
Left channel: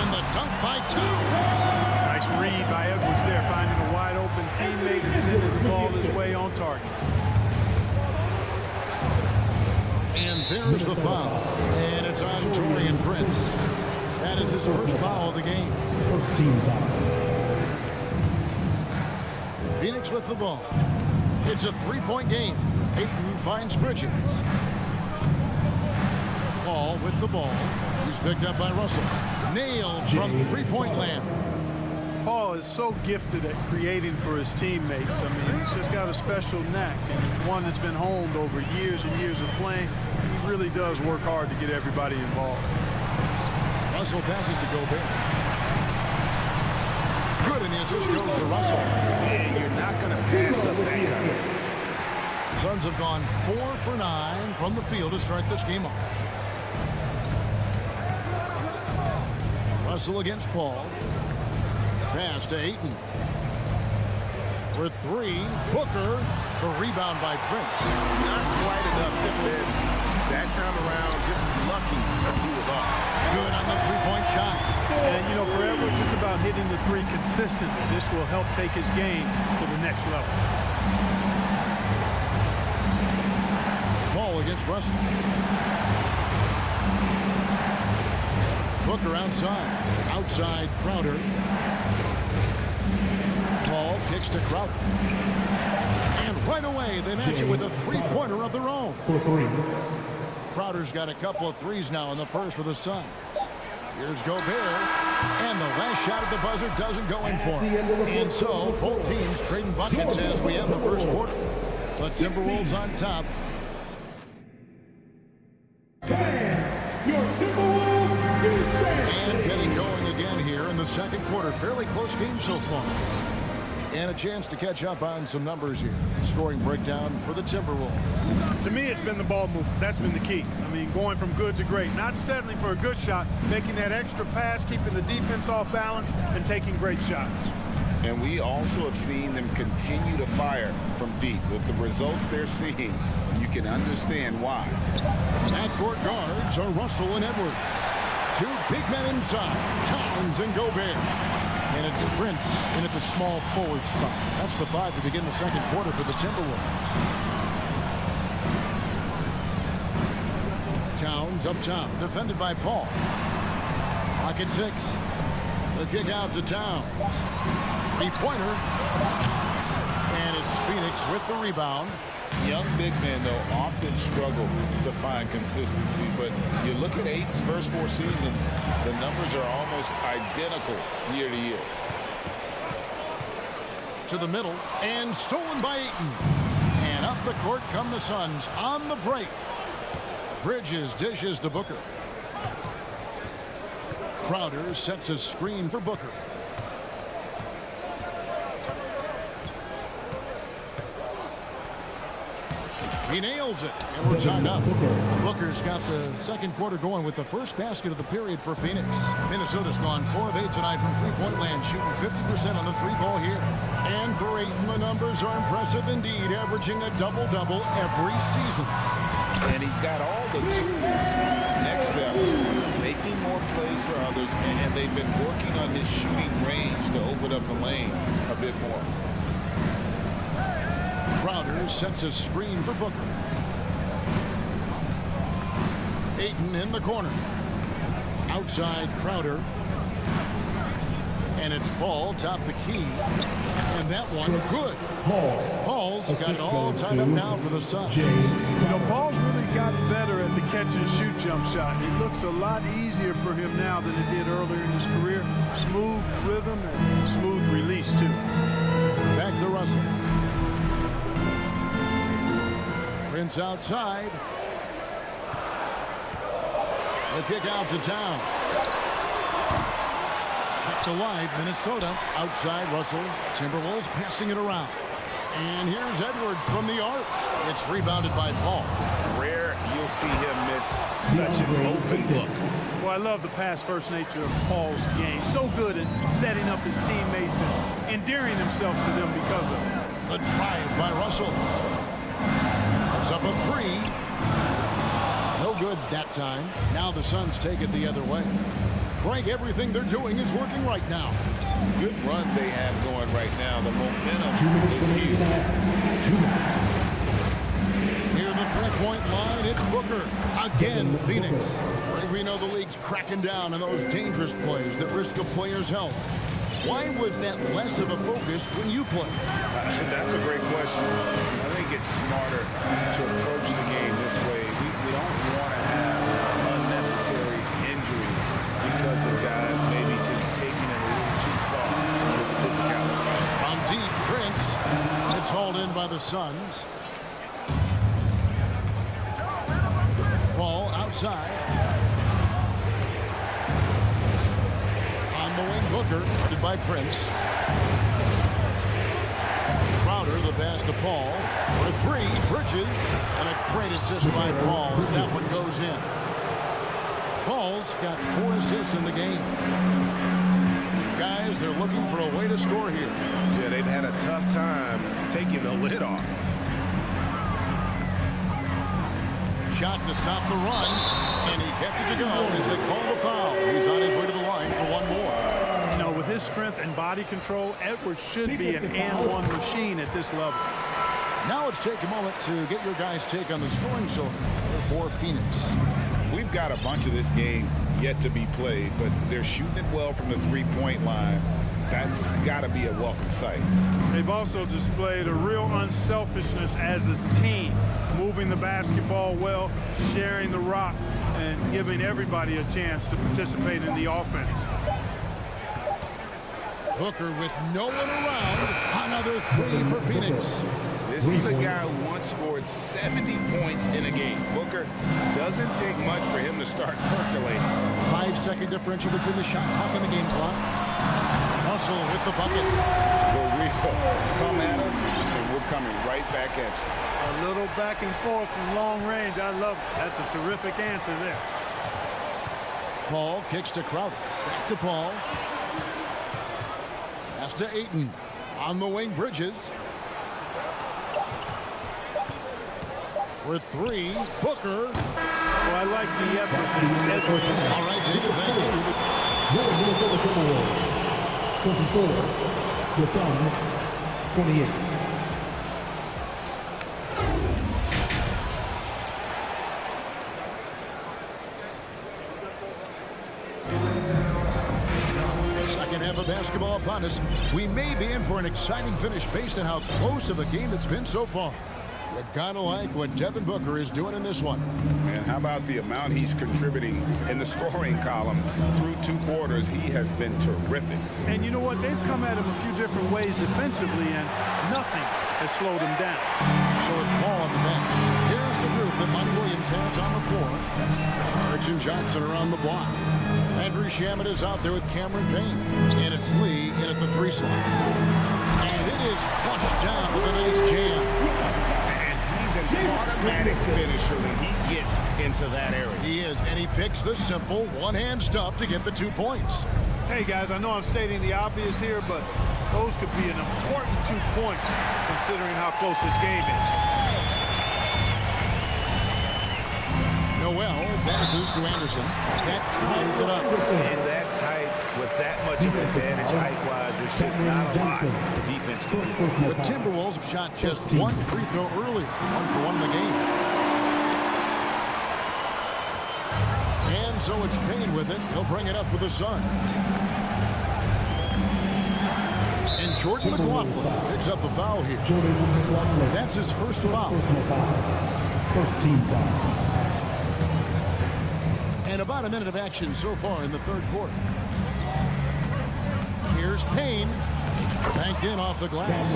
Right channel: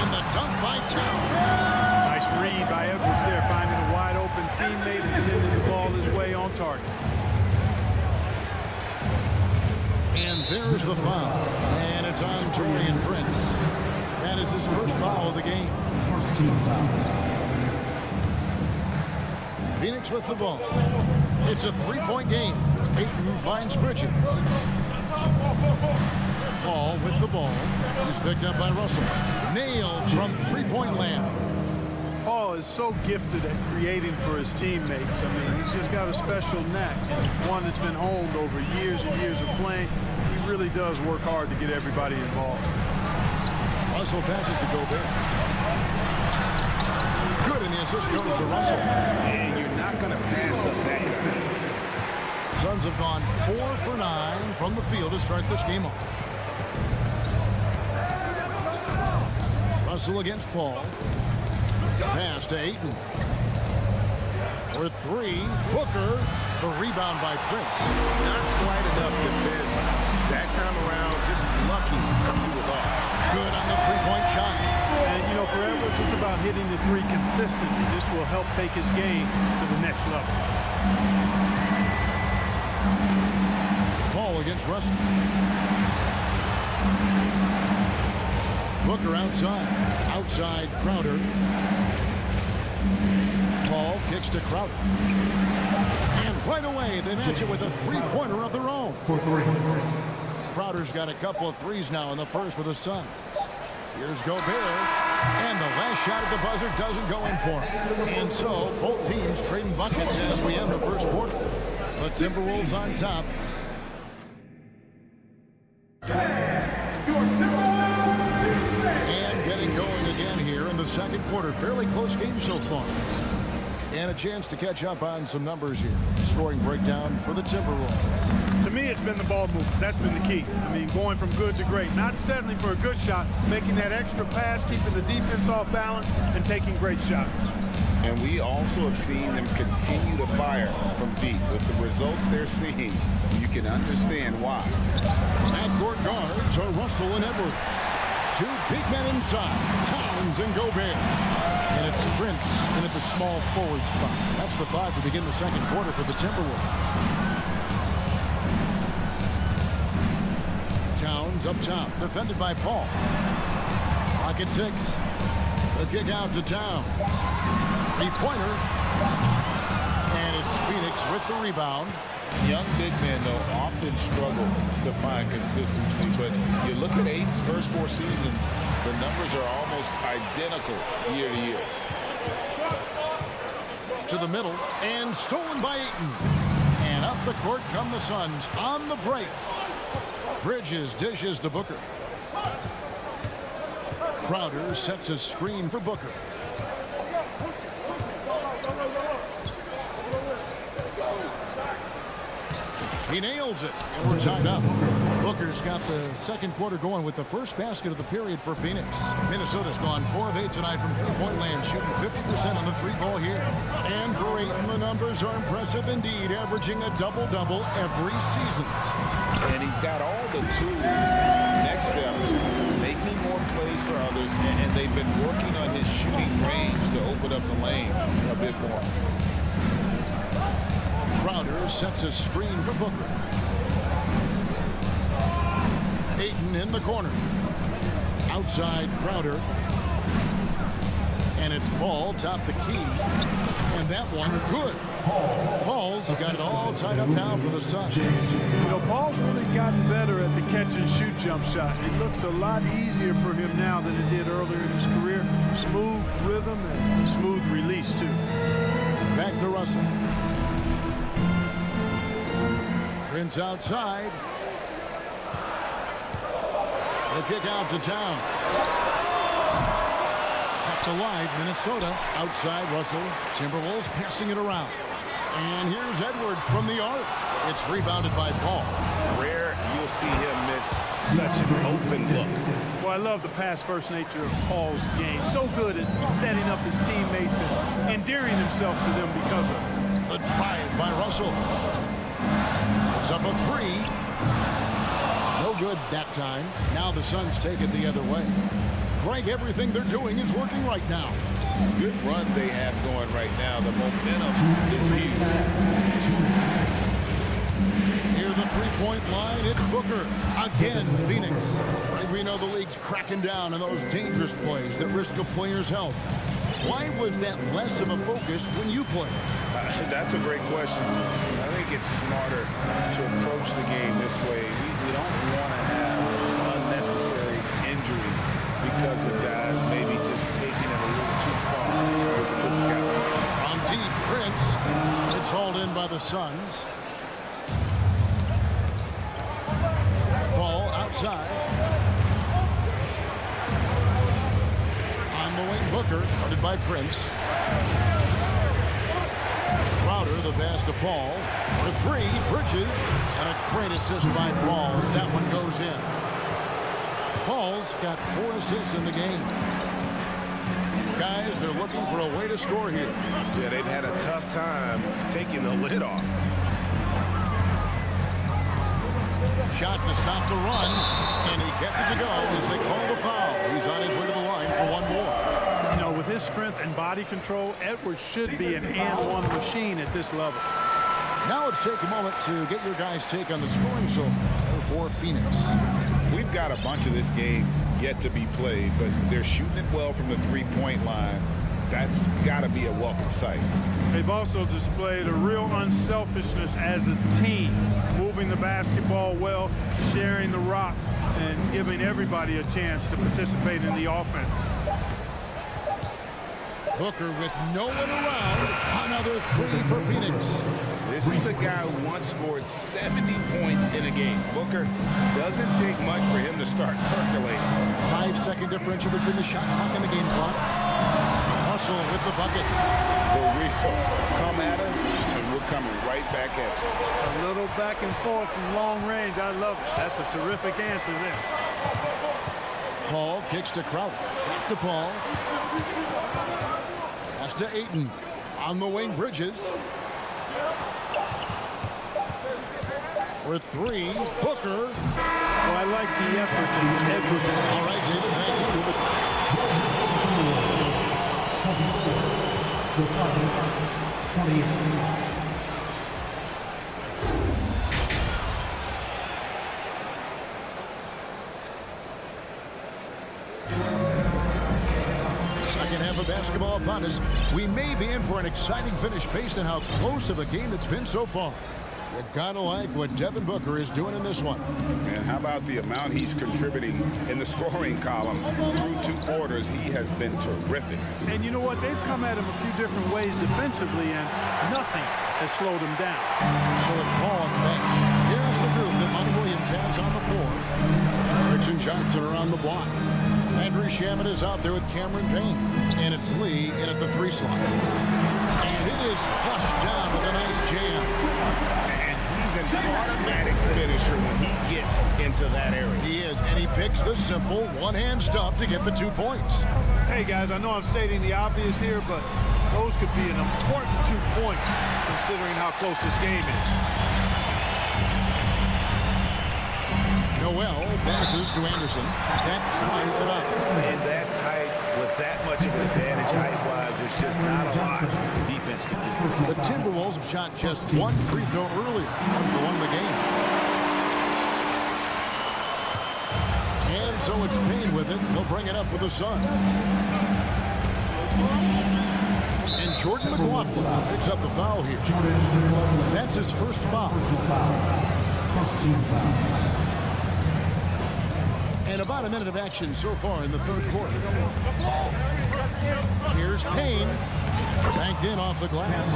And the dunk by Towns. Nice read by Edwards there, finding a wide open teammate and sending the ball his way on target. And there's the foul. And it's on Torian Prince. That is his first foul of the game. First team foul. Phoenix with the ball. It's a 3-point game. Ayton finds Bridges. Paul with the ball. He's picked up by Russell. Nailed from three-point land. Paul is so gifted at creating for his teammates. I mean, he's just got a special knack, and it's one that's been honed over years and years of playing. He really does work hard to get everybody involved. Russell passes to Gobert. Good, and the assist goes to Russell. And you're not going to pass up that kind of. Suns have gone 4 for 9 from the field to start this game off. Russell against Paul. Pass to Ayton. For 3, Booker. The rebound by Prince. Not quite enough defense. That time around, just lucky he was off. Good on the three-point shot. And, you know, for Edwards, it's about hitting the 3 consistently. This will help take his game to the next level. Paul against Russell. Booker outside. Outside Crowder. Paul kicks to Crowder. And right away, they match it with a three-pointer of their own. For three. Crowder's got a couple of threes now in the first for the Suns. Here's Gobert. And the last shot at the buzzer doesn't go in for him. And so, both teams trading buckets as we end the first quarter. The Timberwolves on top. Your Timberwolves. And getting going again here in the second quarter. Fairly close game so far. And a chance to catch up on some numbers here. Scoring breakdown for the Timberwolves. To me, it's been the ball movement. That's been the key. I mean, going from good to great. Not settling for a good shot, making that extra pass, keeping the defense off balance, and taking great shots. And we also have seen them continue to fire from deep. With the results they're seeing, you can understand why. Backcourt guards are Russell and Edwards. Two big men inside, Towns and Gobert. And it's Prince in at the small forward spot. That's the 5 to begin the second quarter for the Timberwolves. Towns up top, defended by Paul. Clock at 6. The kick out to Towns. Three-pointer. And it's Phoenix with the rebound. Young big men, though, often struggle to find consistency. But you look at Aiton's first 4 seasons, the numbers are almost identical year to year. To the middle, and stolen by Ayton. And up the court come the Suns on the break. Bridges dishes to Booker. Crowder sets a screen for Booker. He nails it, and we're tied up. Booker's got the second quarter going with the first basket of the period for Phoenix. Minnesota's gone 4 of 8 tonight from three-point land, shooting 50% on the three-ball here. And for Ayton, the numbers are impressive indeed, averaging a double-double every season. And he's got all the tools, next steps, making more plays for others, and they've been working on his shooting range to open up the lane a bit more. Crowder sets a screen for Booker. Ayton in the corner. Outside Crowder. And it's Paul, top the key. And that one, good. Paul's got it all tied up now for the Suns. You know, Paul's really gotten better at the catch-and-shoot jump shot. It looks a lot easier for him now than it did earlier in his career. Smooth rhythm and smooth release, too. Back to Russell. Prince outside. The kick out to Towns. Kept alive, Minnesota. Outside Russell. Timberwolves passing it around. And here's Edwards from the arc. It's rebounded by Paul. Rare you'll see him miss such an open look. Well, I love the pass-first nature of Paul's game. So good at setting up his teammates and endearing himself to them because of it. The drive by Russell. It's up a 3. No good that time. Now the Suns take it the other way. Greg, everything they're doing is working right now. Good run they have going right now. The momentum is huge. Near the three-point line, it's Booker. Again, Phoenix. Greg, we know the league's cracking down on those dangerous plays that risk a player's health. Why was that less of a focus when you played? That's a great question. I think it's smarter to approach the game this way. We don't want to have unnecessary injury because of guys maybe just taking it a little too far with the physicality. From deep, Prince. It's hauled in by the Suns. Paul outside. On the wing, Booker, guarded by Prince. Crowder, the pass to Paul. For 3, Bridges. And a great assist by Paul as that one goes in. Paul's got 4 assists in the game. Guys, they're looking for a way to score here. Yeah, they've had a tough time taking the lid off. Shot to stop the run, and he gets it to go as they call the foul. He's on his way to the line for one more. You know, with his strength and body control, Edwards should be an and-one machine at this level. Now let's take a moment to get your guys' take on the scoring so far for Phoenix. We've got a bunch of this game yet to be played, but they're shooting it well from the three-point line. That's got to be a welcome sight. They've also displayed a real unselfishness as a team, moving the basketball well, sharing the rock, and giving everybody a chance to participate in the offense. Booker with no one around. Another three for Phoenix. This is a guy who once scored 70 points in a game. Booker, doesn't take much for him to start percolating. 5-second differential between the shot clock and the game clock. Russell with the bucket. The real come at us, and we're coming right back at you. A little back and forth from long range. I love it. That's a terrific answer there. Paul kicks to Crowder. Back to Paul. Pass to Ayton. On the wing, Bridges. With three, Booker. Well, I like the effort that Edwards is. All right, David, thank you. 24, the Suns, 28. Second half of basketball upon us. We may be in for an exciting finish based on how close of a game it's been so far. You gotta like what Devin Booker is doing in this one. And how about the amount he's contributing in the scoring column? Through 2 quarters, he has been terrific. And you know what? They've come at him a few different ways defensively, and nothing has slowed him down. So with Paul on the bench, here's the group that Monty Williams has on the floor. Saric and Johnson are on the block. Andrew Shamet is out there with Cameron Payne. And it's Lee in at the 3 slot. And it is flushed down with a nice jam. He's an automatic finisher when he gets into that area. He is, and he picks the simple one-hand stuff to get the 2 points. Hey, guys, I know I'm stating the obvious here, but those could be an important 2 points considering how close this game is. Noel passes to Anderson. That ties it up. And that's height with that much of an advantage height-wise. There's just not a lot the defense can do. The Timberwolves have shot just 1 free throw earlier. 1 for 1 in the game. And so it's Payne with it. He'll bring it up with the Suns. And Jordan McLaughlin picks up the foul here. That's his first foul. First team foul. And about a minute of action so far in the 3rd quarter. Here's Payne. Banked in off the glass.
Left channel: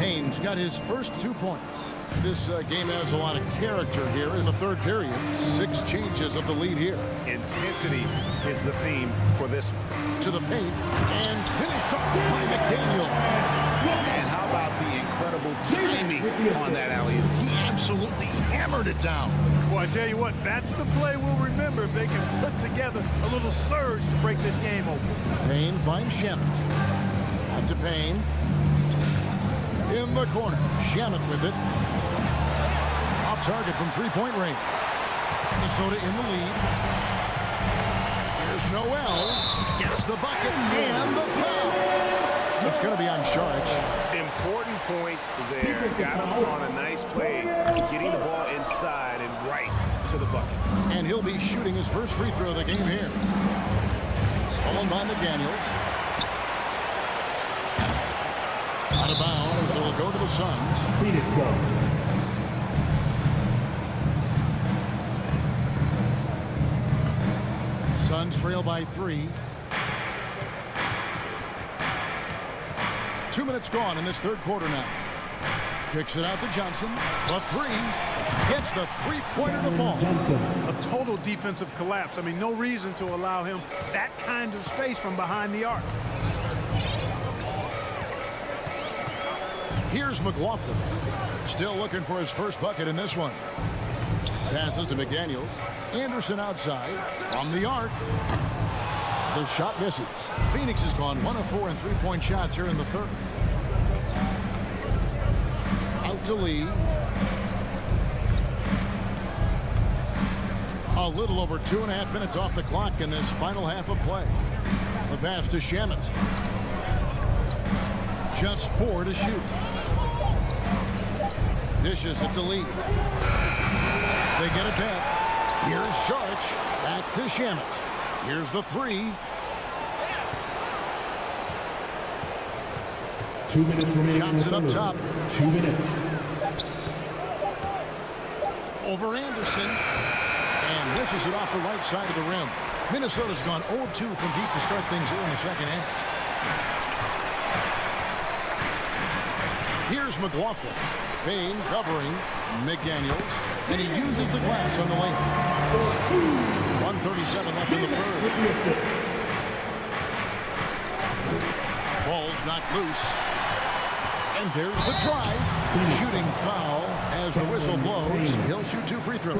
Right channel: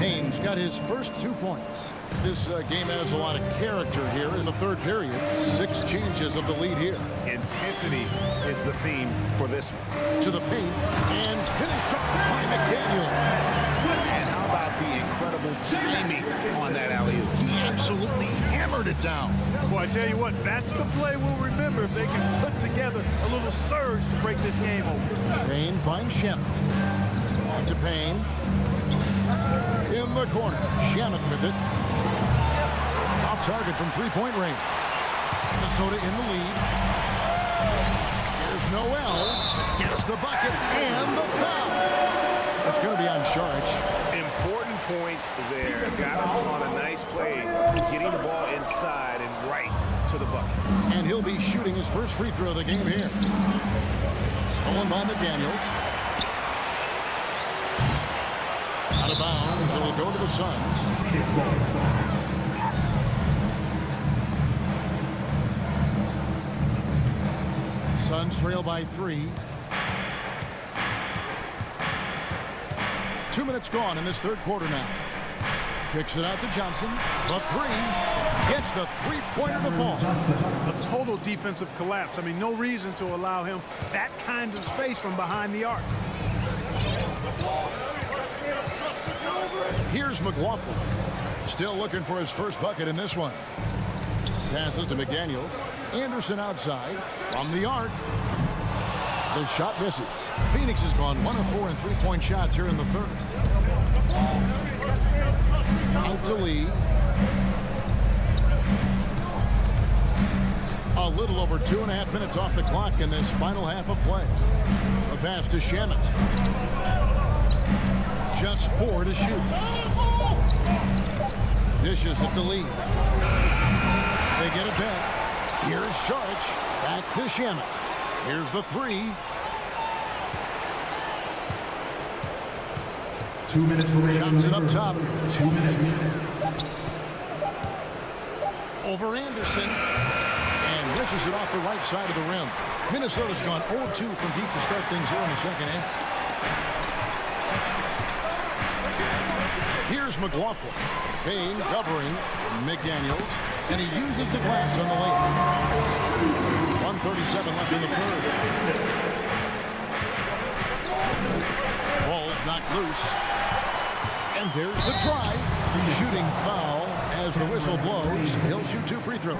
Payne's got his first 2 points. This game has a lot of character here in the 3rd period. 6 changes of the lead here. Intensity is the theme for this one. To the paint and finished off by McDaniel. And how about the incredible timing on that alley-oop? He absolutely hammered it down. Well, I tell you what, that's the play we'll remember if they can put together a little surge to break this game open. Payne finds Shamet. Back to Payne. In the corner. Shamet with it. Off target from 3-point range. Minnesota in the lead. Here's Noel. Gets the bucket and the foul. That's going to be on Sharic. Important points there. Got him on a nice play, getting the ball inside and right to the bucket. And he'll be shooting his first free throw of the game here. Stolen by McDaniels. Out of bounds. It'll go to the Suns. Phoenix ball. Suns trail by 3. 2 minutes gone in this 3rd quarter now. Kicks it out to Johnson. The 3. Gets the 3-pointer to fall. Johnson. A total defensive collapse. I mean, no reason to allow him that kind of space from behind the arc. Here's McLaughlin. Still looking for his first bucket in this one. Passes to McDaniels. Anderson outside. From the arc. The shot misses. Phoenix has gone 1 of 4 in 3-point shots here in the 3rd. Out to Lee. A little over 2.5 minutes off the clock in this final half of play. The pass to Shamet. Just 4 to shoot. Dishes it to Lee. They get it back. Here's Sharic. Back to Shamet. Here's the 3. 2 minutes remaining. Johnson up top. 2 minutes. Over Anderson. And misses it off the right side of the rim. Minnesota's gone 0-2 from deep to start things here in the second half. Here's McLaughlin. Payne covering McDaniels. And he uses the glass on the layup. 1:37 left in the third. Ball's knocked loose. And there's the drive. Shooting foul as the whistle blows. He'll shoot 2 free throws.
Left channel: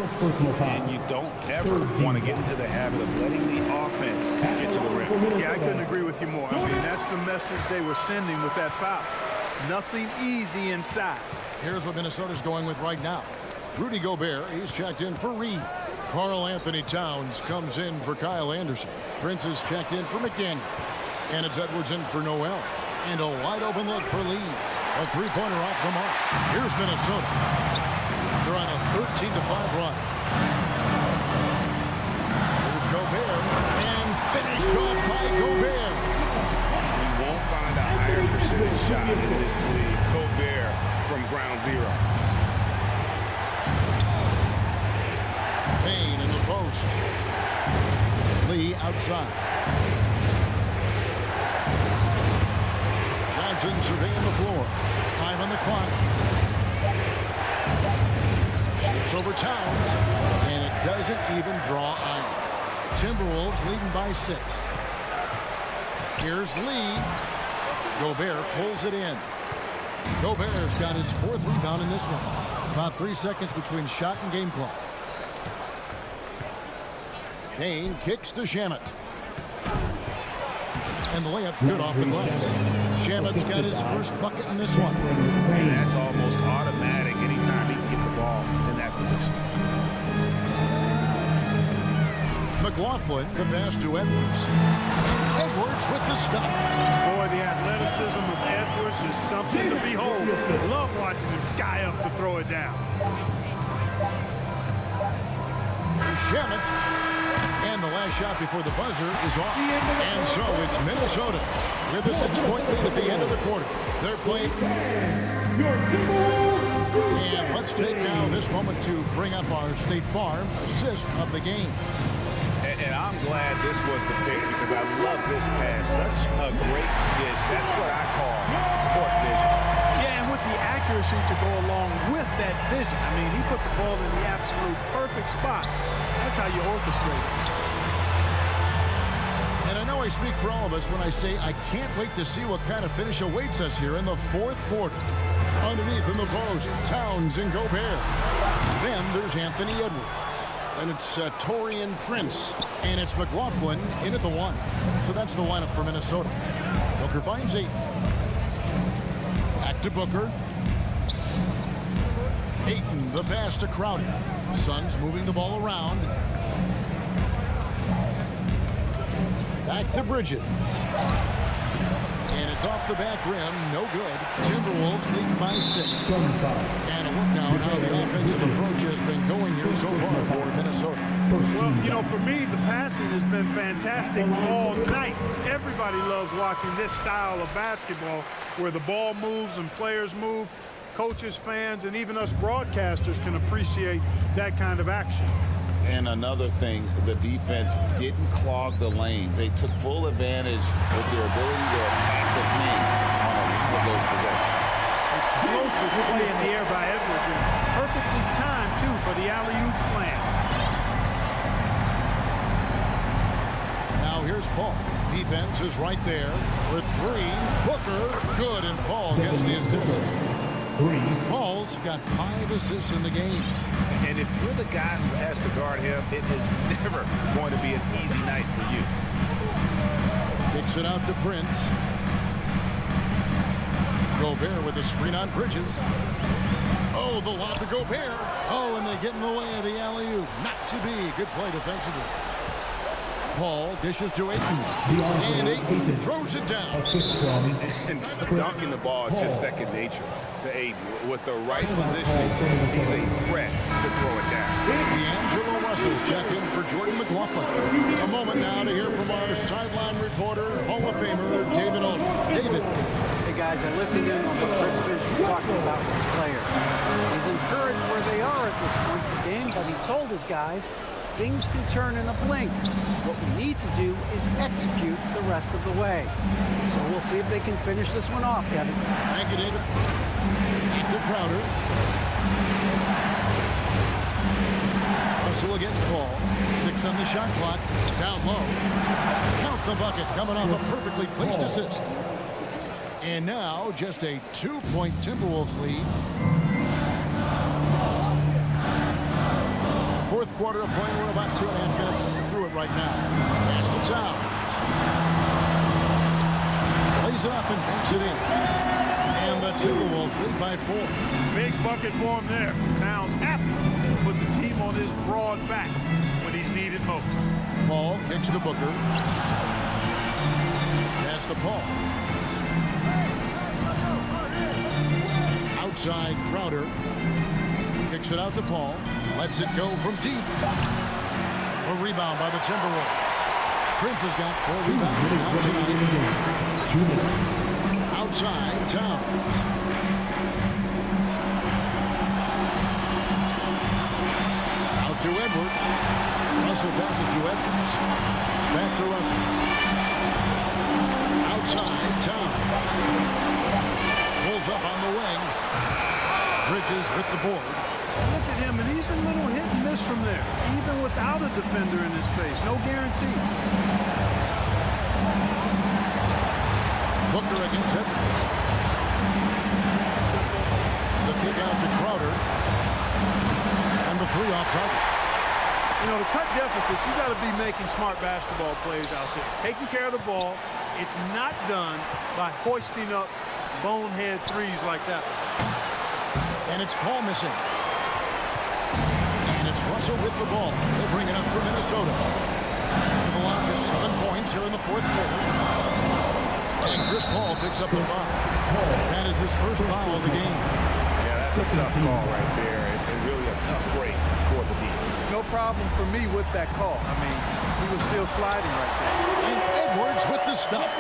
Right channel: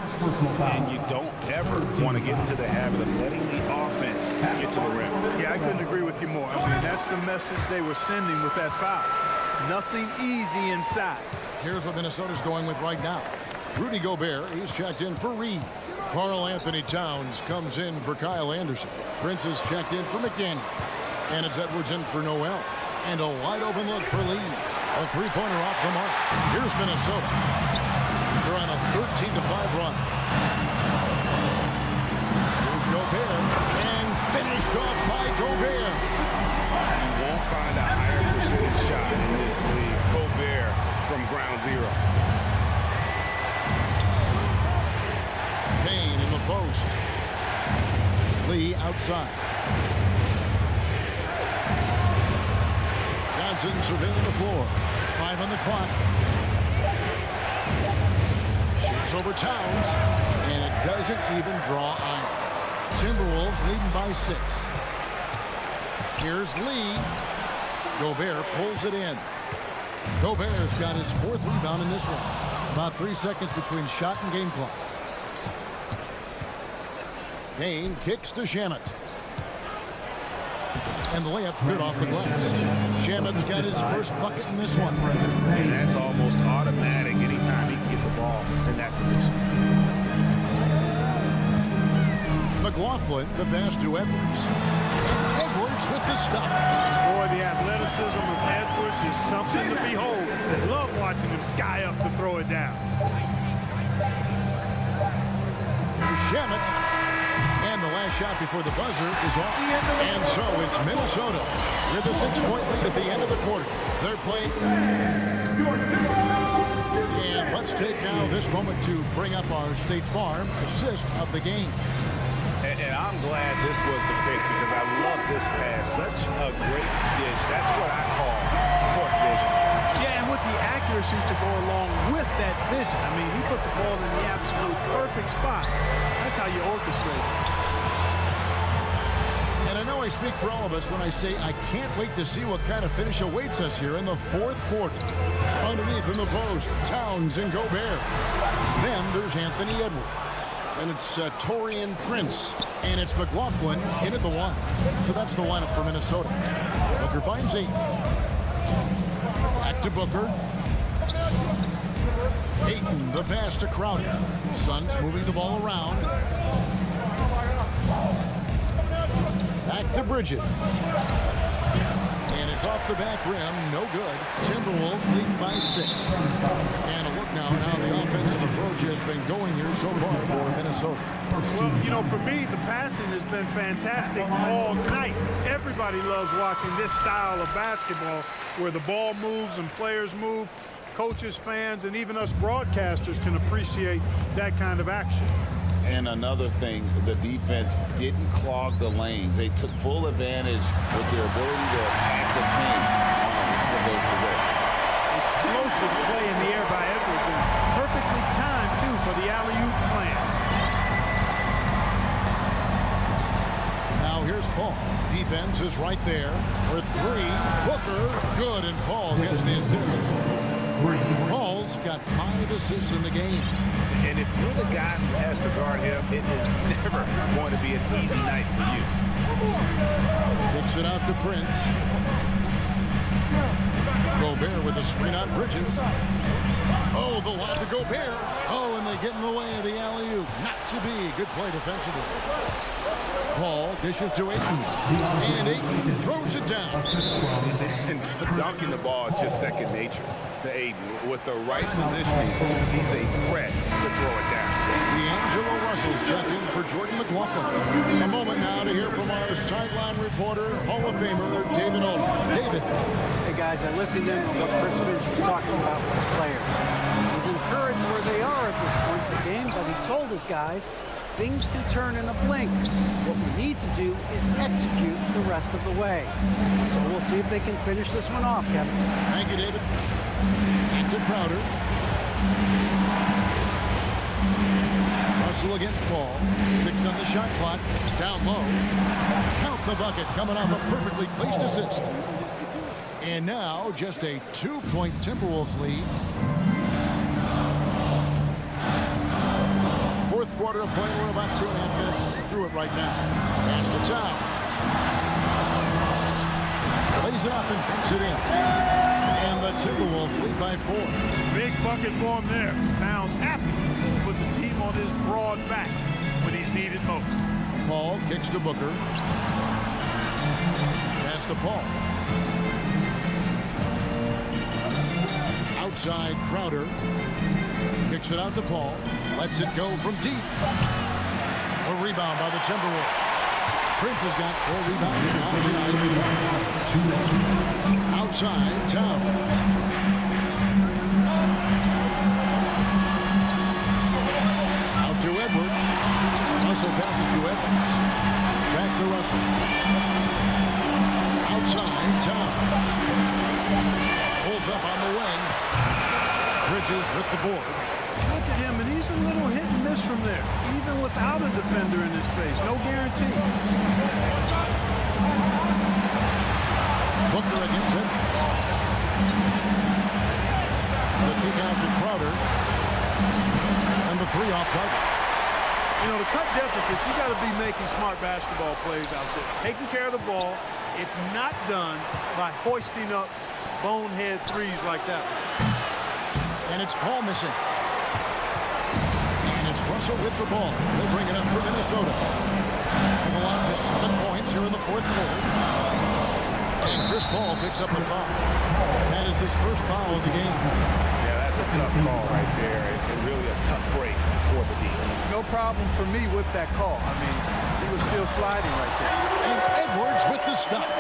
And you don't ever want to get into the habit of letting the offense get to the rim. Yeah, I couldn't agree with you more. I mean, that's the message they were sending with that foul. Nothing easy inside. Here's what Minnesota's going with right now. Rudy Gobert, he's checked in for Reed. Karl Anthony Towns comes in for Kyle Anderson. Prince is checked in for McDaniels. And it's Edwards in for Noel. And a wide open look for Lee. A three-pointer off the mark. Here's Minnesota. They're on a 13-5 run. Here's Gobert. And finished off by Gobert. You won't find a higher percentage shot in this league. Gobert from ground zero. Payne in the post. Lee outside. Johnson surveying the floor. 5 on the clock. Shoots over Towns. And it doesn't even draw iron. Timberwolves leading by 6. Here's Lee. Gobert pulls it in. Gobert's got his 4th rebound in this one. About 3 seconds between shot and game clock. Payne kicks to Shamet. And the layup's good off the glass. Shamet's got his first bucket in this one. And that's almost automatic anytime he can get the ball in that position. McLaughlin, the pass to Edwards. And Edwards with the stop. Boy, the athleticism of Edwards is something to behold. I love watching him sky up to throw it down. Shamet. And the last shot before the buzzer is off. And so it's Minnesota with a 6-point lead at the end of the quarter. They're playing. And let's take now this moment to bring up our State Farm assist of the game. And I'm glad this was the pick because I love this pass. Such a great dish. That's what I call court vision. Yeah, and with the accuracy to go along with that vision. I mean, he put the ball in the absolute perfect spot. That's how you orchestrate it. And I know I speak for all of us when I say I can't wait to see what kind of finish awaits us here in the 4th quarter. Underneath in the post, Towns and Gobert. Then there's Anthony Edwards. And it's Taurean Prince. And it's McLaughlin in at the 1. So that's the lineup for Minnesota. Booker finds 8. Back to Booker. Ayton, the pass to Crowder. Suns moving the ball around. Back to Bridget. And it's off the back rim. No good. Timberwolves leading by 6. And a look now at how the offensive approach has been going here so far for Minnesota. Well, you know, for me, the passing has been fantastic all night. Everybody loves watching this style of basketball where the ball moves and players move. Coaches, fans, and even us broadcasters can appreciate that kind of action. And another thing, the defense didn't clog the lanes. They took full advantage with their ability to attack the paint on a lot of those possessions. Explosive play in the air by Edwards, and perfectly timed, too, for the alley-oop slam. Now here's Paul. Defense is right there for 3. Booker, good, and Paul gets the assist. Paul's got 5 assists in the game. And if you're the guy who has to guard him, it is never going to be an easy night for you. Kicks it out to Prince. Gobert with a screen on Bridges. Oh, the lob to Gobert. Oh, and they get in the way of the alley-oop. Not to be. Good play defensively. Paul dishes to Ayton. And Ayton throws it down. And dunking the ball is just second nature to Ayton. With the right positioning, he's a threat to throw it down. D'Angelo Russell's checked in for Jordan McLaughlin. A moment now to hear from our sideline reporter, Hall of Famer David Aldridge. David. Hey guys, I listened in on what Chris Finch was talking about with his players. He's encouraged where they are at this point in the game, but he told his guys things can turn in a blink. What we need to do is execute the rest of the way. So we'll see if they can finish this one off, Kevin. Thank you, David. Back to Crowder. Russell against Paul. 6 on the shot clock. Down low. Count the bucket coming off a perfectly placed assist. And now just a 2-point Timberwolves lead. Fourth quarter of play. We're about 2.5 minutes through it right now. Pass to Towns. Plays it up and banks it in. And the Timberwolves lead by 4. Big bucket for him there. Towns happy to put the team on his broad back when he's needed most. Paul kicks to Booker. Pass to Paul. Outside Crowder. Kicks it out to Paul. Lets it go from deep. A rebound by the Timberwolves. Prince has got 4 rebounds now tonight. 2 minutes. Outside Towns. Out to Edwards. Russell passes to Edwards. Back to Russell. Outside Towns. Pulls up on the wing. Bridges with the board. Look at him, and he's a little hit and miss from there, even without a defender in his face. No guarantee. Booker against Edwards. The kick out to Crowder. And the 3 off target. You know, to cut deficits, you got to be making smart basketball plays out there. Taking care of the ball. It's not done by hoisting up bonehead threes like that one. And it's Paul missing. And it's Russell with the ball. They'll bring it up for Minnesota. They've allowed just 7 points here in the fourth quarter. And Chris Paul picks up the foul. That is his first foul of the game. Yeah, that's a tough call right there, and really a tough break for the D. No problem for me with that call. I mean, he was still sliding right there. And Edwards with the stuff.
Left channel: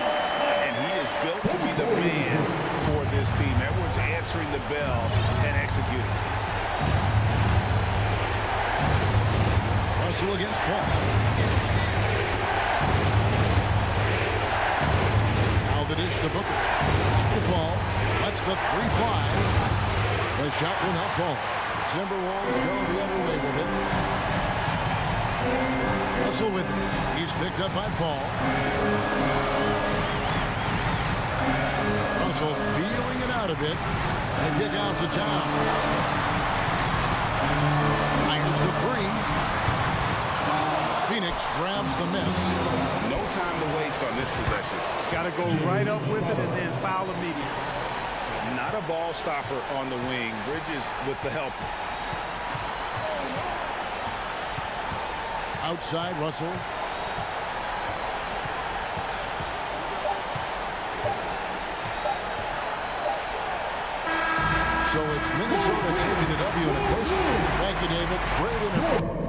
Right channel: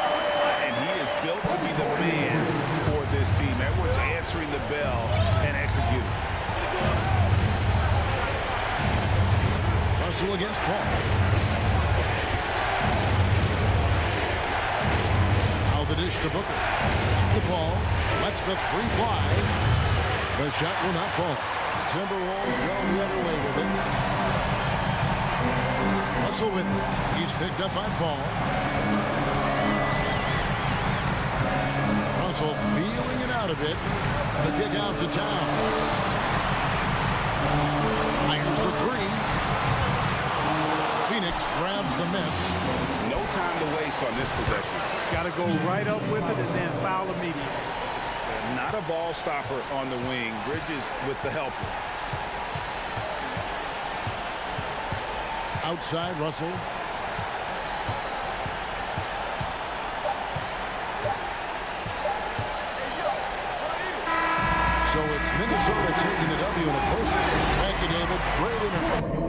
And he is built to be the man for this team. Edwards answering the bell and executing. Russell against Paul. Now the dish to Booker. Back to Paul. Lets the 3 fly. The shot will not fall. The Timberwolves go the other way with it. Russell with it. He's picked up by Paul. Russell feeling it out a bit. The kick out to Towns. Fires the 3. Phoenix grabs the miss. No time to waste on this possession. Got to go right up with it and then foul immediately. Not a ball stopper on the wing. Bridges with the helper. Outside Russell. So it's Minnesota taking the W in a close game. Thank you, David. Great interview.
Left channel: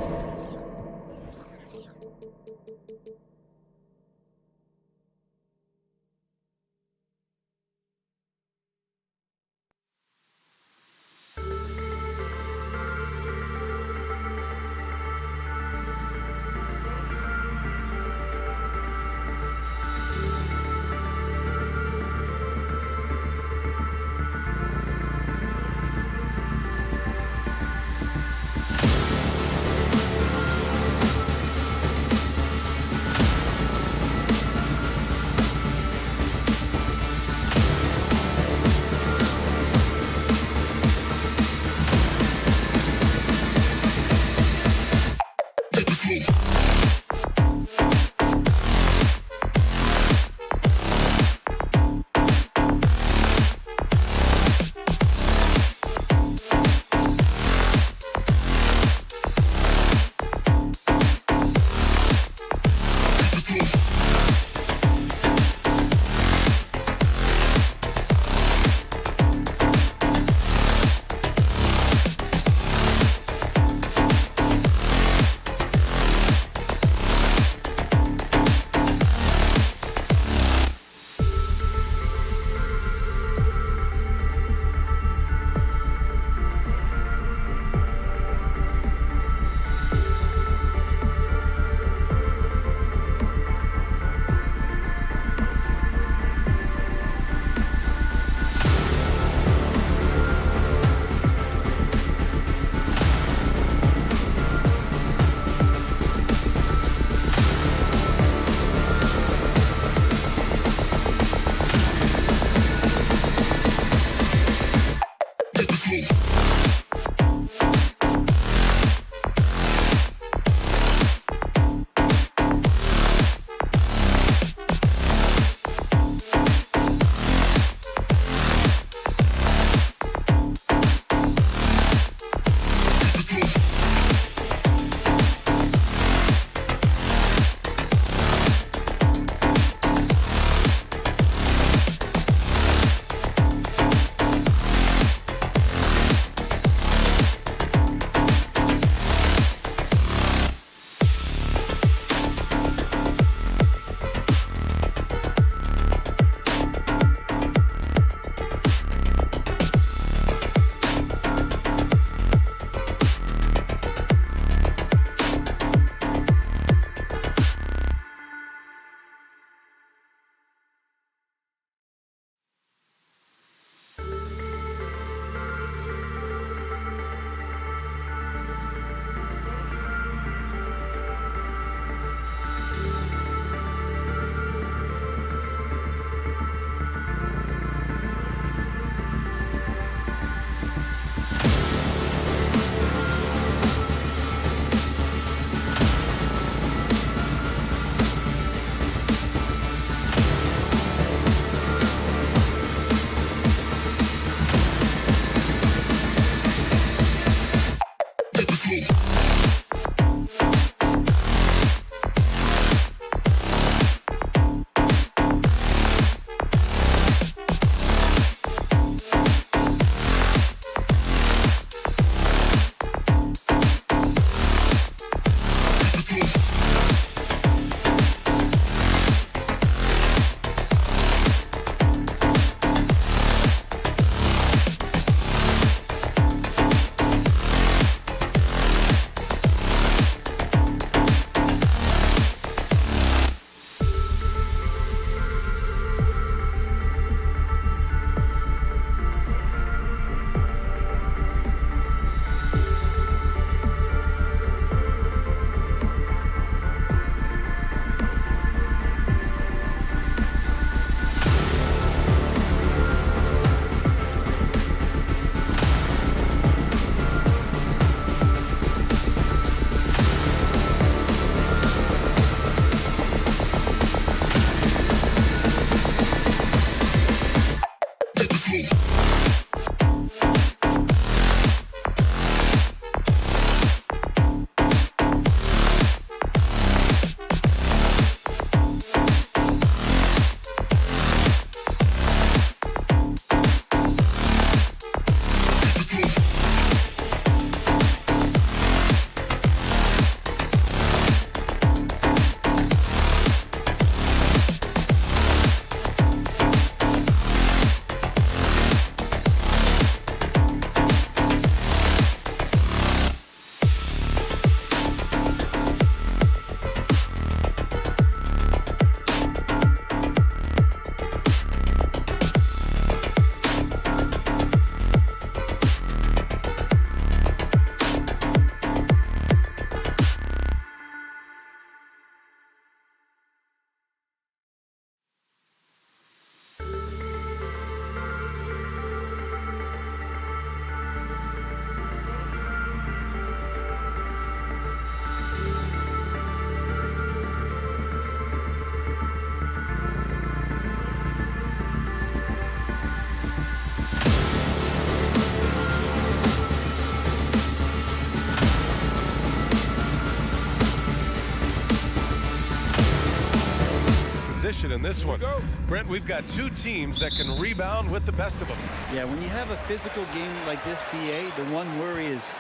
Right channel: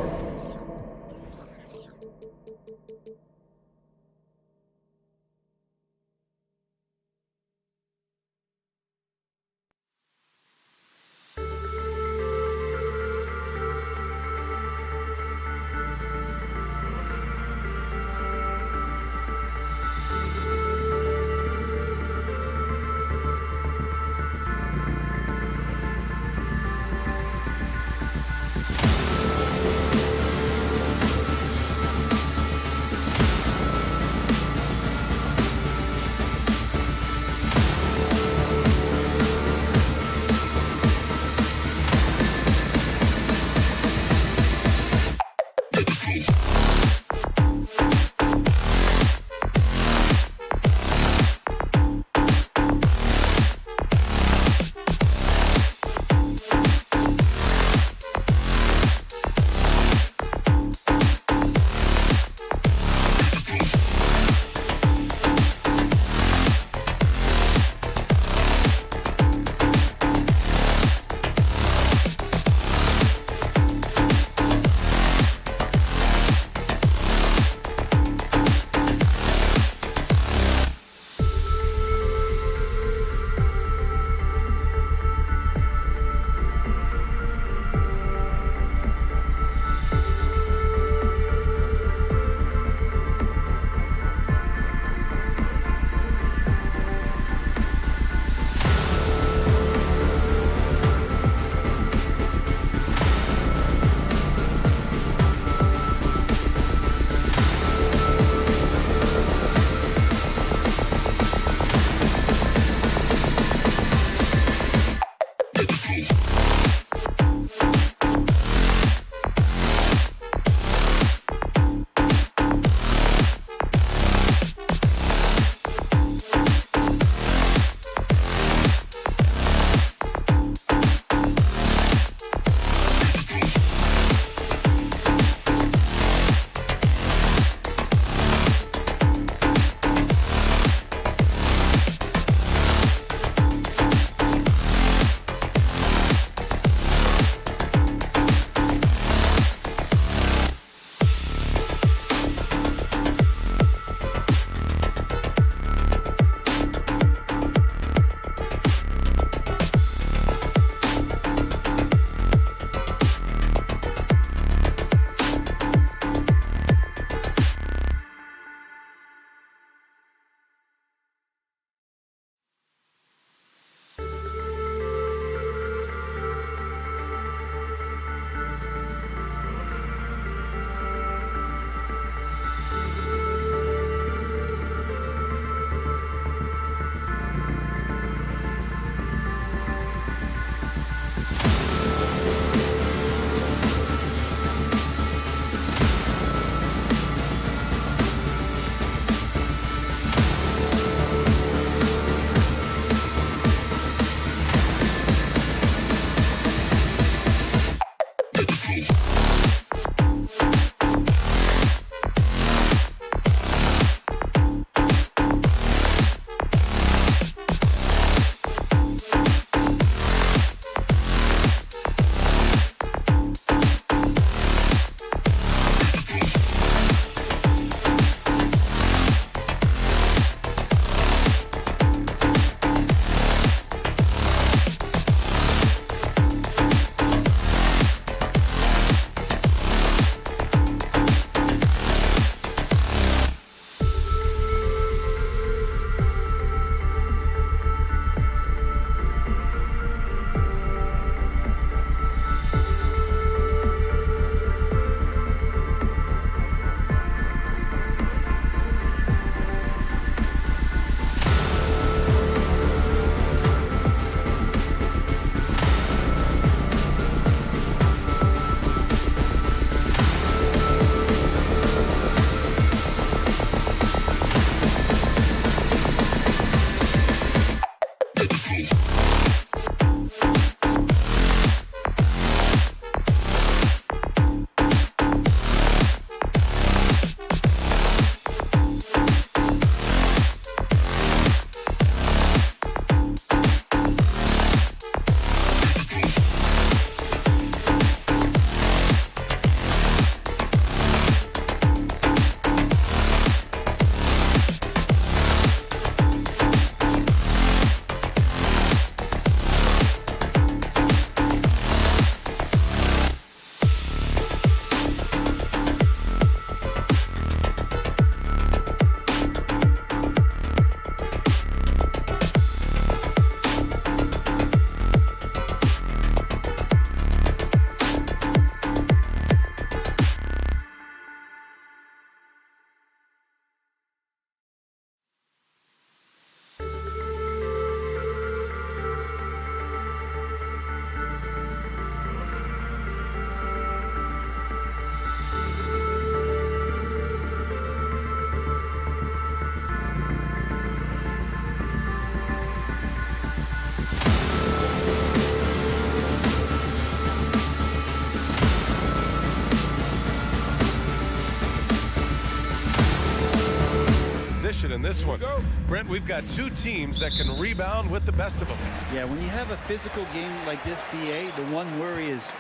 possession in this one. Brent, we've got two teams that can rebound with the best of them. Yeah, when you have a physical game like this, BA, the one worry is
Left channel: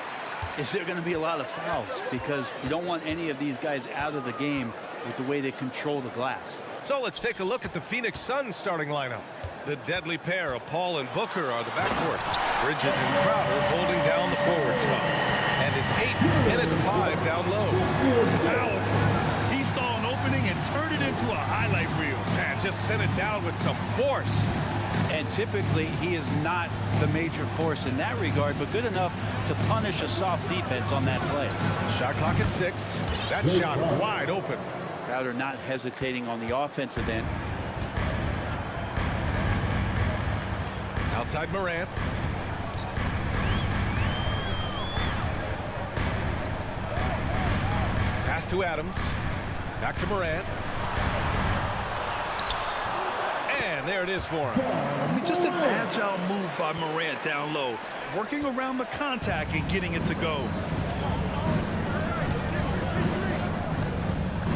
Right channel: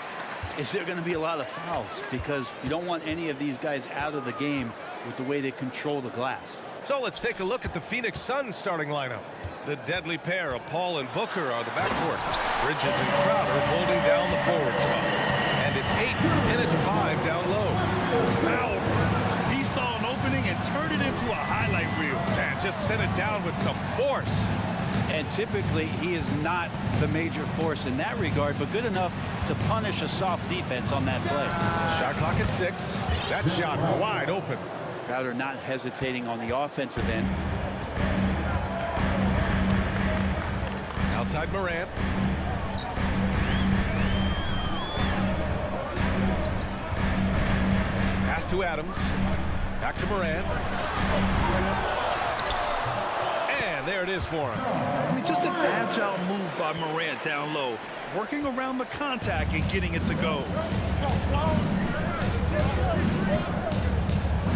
there going to be a lot of fouls, because you don't want any of these guys out of the game with the way they control the glass. So let's take a look at the Phoenix Suns starting lineup. The deadly pair of Paul and Booker are the backcourt. Bridges and Crowder holding down the forward spots. And it's 8 and it's 5 down low. Powerful. He saw an opening and turned it into a highlight reel. Man, just sent it down with some force. And typically he is not the major force in that regard, but good enough to punish a soft defense on that play. Shot clock at 6. That shot wide open. Crowder not hesitating on the offensive end. Outside Morant. Pass to Adams. Back to Morant. And there it is for him. I mean, just an agile move by Morant down low, working around the contact and getting it to go.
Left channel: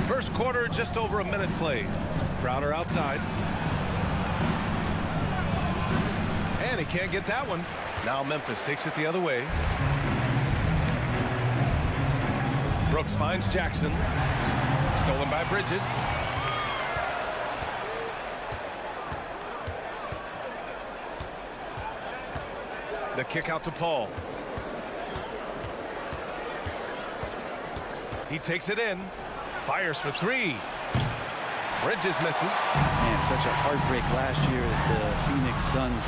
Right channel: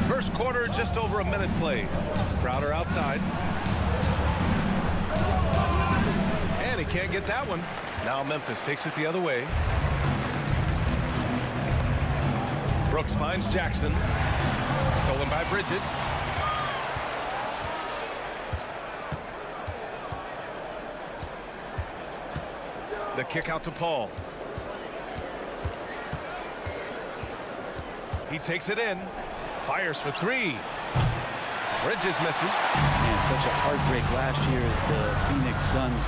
First quarter, just over a minute played. Crowder outside. And he can't get that one. Now Memphis takes it the other way. Brooks finds Jackson. Stolen by Bridges. The kick out to Paul. He takes it in. Fires for 3. Bridges misses. Man, such a heartbreak last year as the Phoenix Suns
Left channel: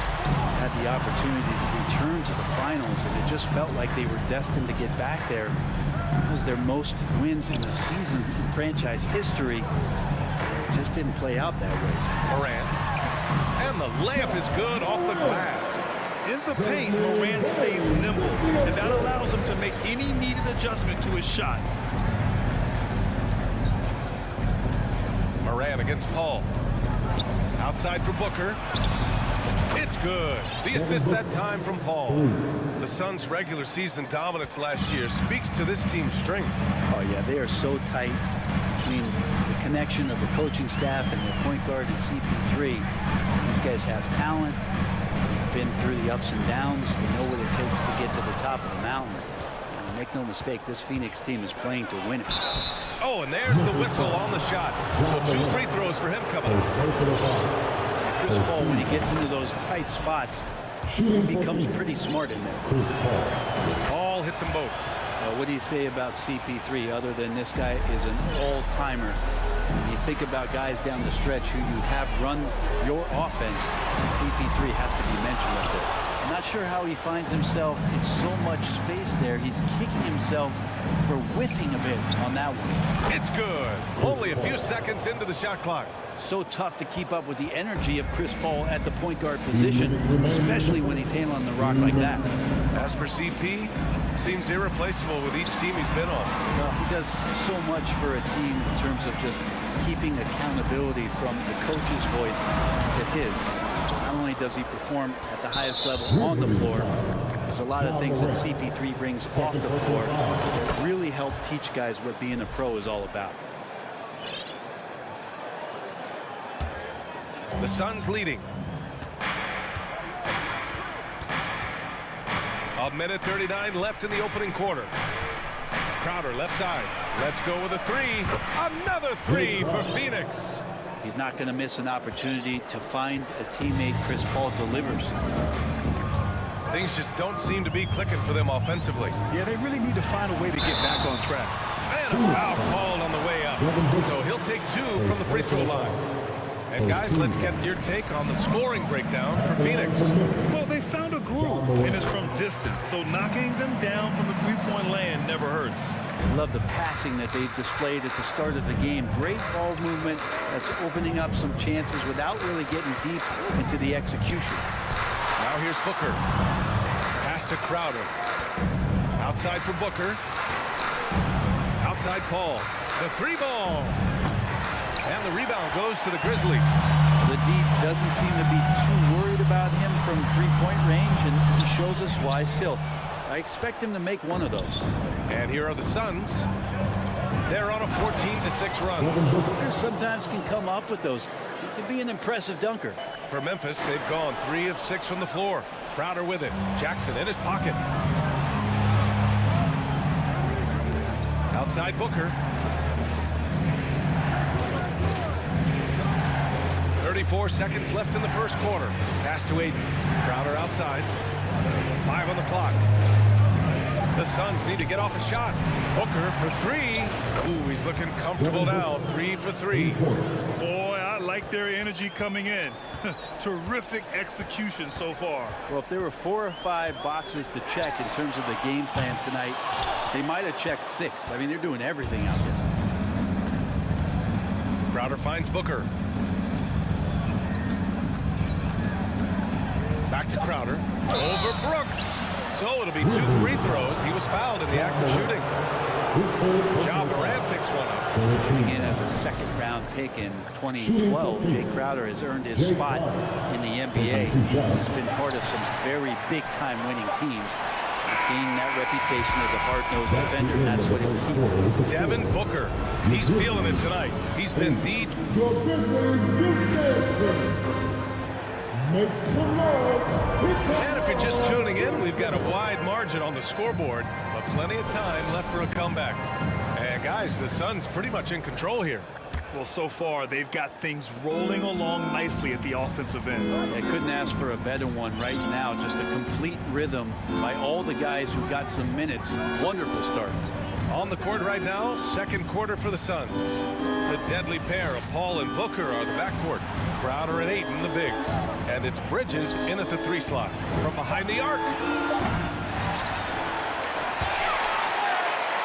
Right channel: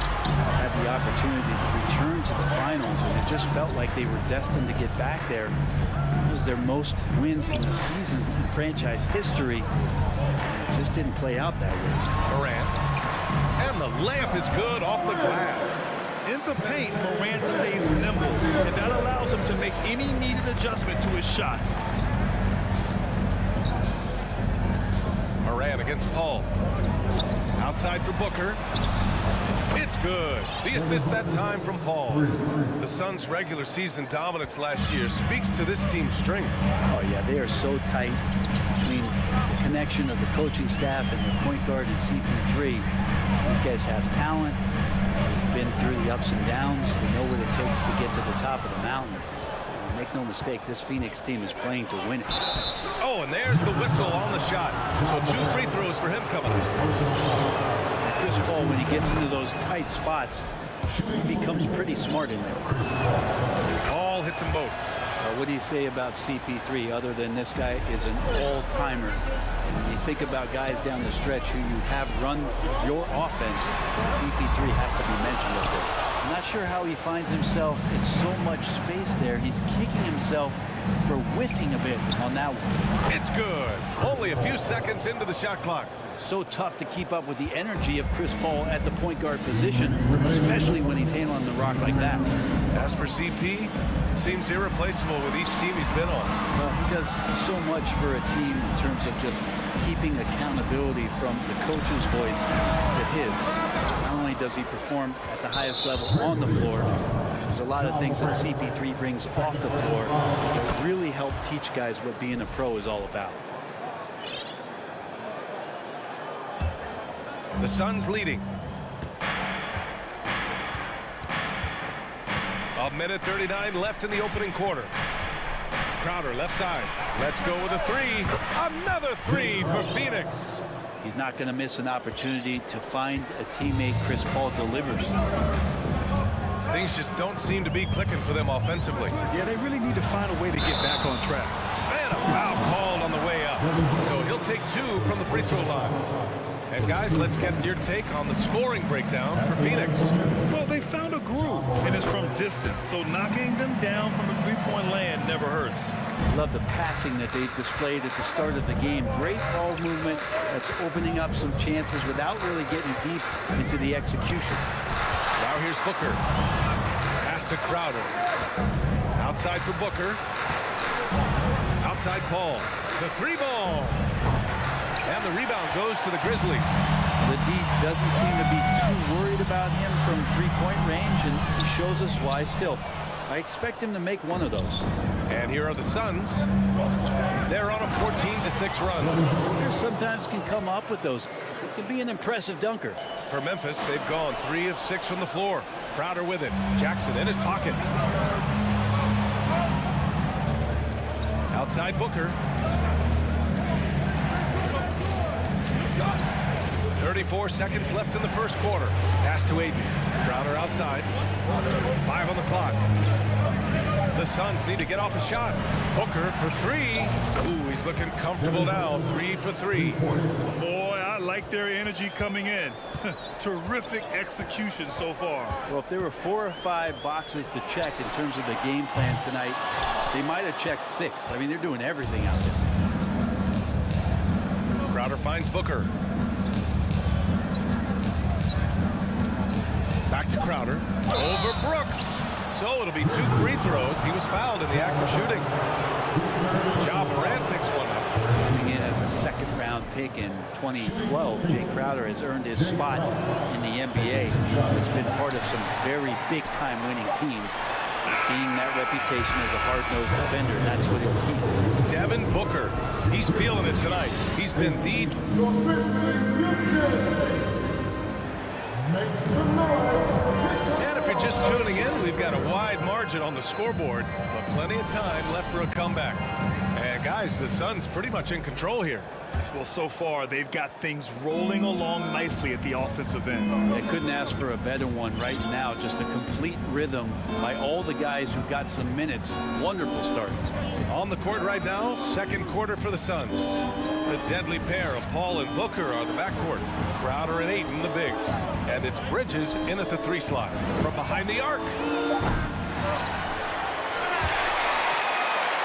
had the opportunity to return to the finals, and it just felt like they were destined to get back there. It was their most wins in the season in franchise history. It just didn't play out that way. Morant. And the layup is good off the glass. In the paint, Morant stays nimble, and that allows him to make any needed adjustment to his shot. Morant against Paul. Outside for Booker. It's good. The assist that time from Paul. The Suns' regular season dominance last year speaks to this team's strength. Oh, yeah, they are so tight between the connection of the coaching staff and their point guard and CP3. These guys have talent. They've been through the ups and downs. They know what it takes to get to the top of the mountain. Make no mistake, this Phoenix team is playing to win it. Oh, and there's the whistle on the shot. So 2 free throws for him coming up. And Chris Paul, when he gets into those tight spots, he becomes pretty smart in there. Paul hits them both. What do you say about CP3 other than this guy is an all-timer? When you think about guys down the stretch who you have run your offense, CP3 has to be mentioned up there. I'm not sure how he finds himself in so much space there. He's kicking himself for whiffing a bit on that one. It's good. Only a few seconds into the shot clock. So tough to keep up with the energy of Chris Paul at the point guard position, especially when he's handling the rock like that. As for CP, seems irreplaceable with each team he's been on. Well, he does so much for a team in terms of just keeping accountability from the coach's voice to his. Not only does he perform at the highest level on the floor, there's a lot of things that CP3 brings off the floor that really help teach guys what being a pro is all about. The Suns leading. A minute 39 left in the opening quarter. Crowder left side. Let's go with a 3. Another 3 for Phoenix. He's not going to miss an opportunity to find a teammate. Chris Paul delivers. Things just don't seem to be clicking for them offensively. Yeah, they really need to find a way to get back on track. And a foul called on the way up. So he'll take 2 from the free throw line. And guys, let's get your take on the scoring breakdown for Phoenix. Well, they found a groove, and it's from distance, so knocking them down from the three-point land never hurts. Love the passing that they displayed at the start of the game. Great ball movement that's opening up some chances without really getting deep into the execution. Now here's Booker. Pass to Crowder. Outside for Booker. Outside Paul. The 3 ball. And the rebound goes to the Grizzlies. The D doesn't seem to be too worried about him from three-point range, and he shows us why still. I expect him to make one of those. And here are the Suns. They're on a 14-6 run. Booker sometimes can come up with those. He can be an impressive dunker. For Memphis, they've gone 3 of 6 from the floor. Crowder with it. Jackson in his pocket. Outside Booker. 34 seconds left in the first quarter. Pass to Aiden. Crowder outside. 5 on the clock. The Suns need to get off a shot. Booker for 3. Ooh, he's looking comfortable now. 3 for 3. Boy, I like their energy coming in. Terrific execution so far. Well, if there were 4 or 5 boxes to check in terms of the game plan tonight, they might have checked 6. I mean, they're doing everything out there. Crowder finds Booker. Back to Crowder. Over Brooks. So it'll be 2 free throws. He was fouled in the act of shooting. Ja Morant picks one up. Coming in as a second-round pick in 2012, Jay Crowder has earned his spot in the NBA. He's been part of some very big-time winning teams. He's gaining that reputation as a hard-nosed defender, and that's what he'll keep. Devin Booker. He's feeling it tonight. He's been the... And if you're just tuning in, we've got a wide margin on the scoreboard, but plenty of time left for a comeback. And guys, the Suns pretty much in control here. Well, so far, they've got things rolling along nicely at the offensive end. They couldn't ask for a better one right now. Just a complete rhythm by all the guys who got some minutes. Wonderful start. On the court right now, second quarter for the Suns. The deadly pair of Paul and Booker are the backcourt. Crowder and Ayton, the bigs. And it's Bridges in at the 3 slot. From behind the arc.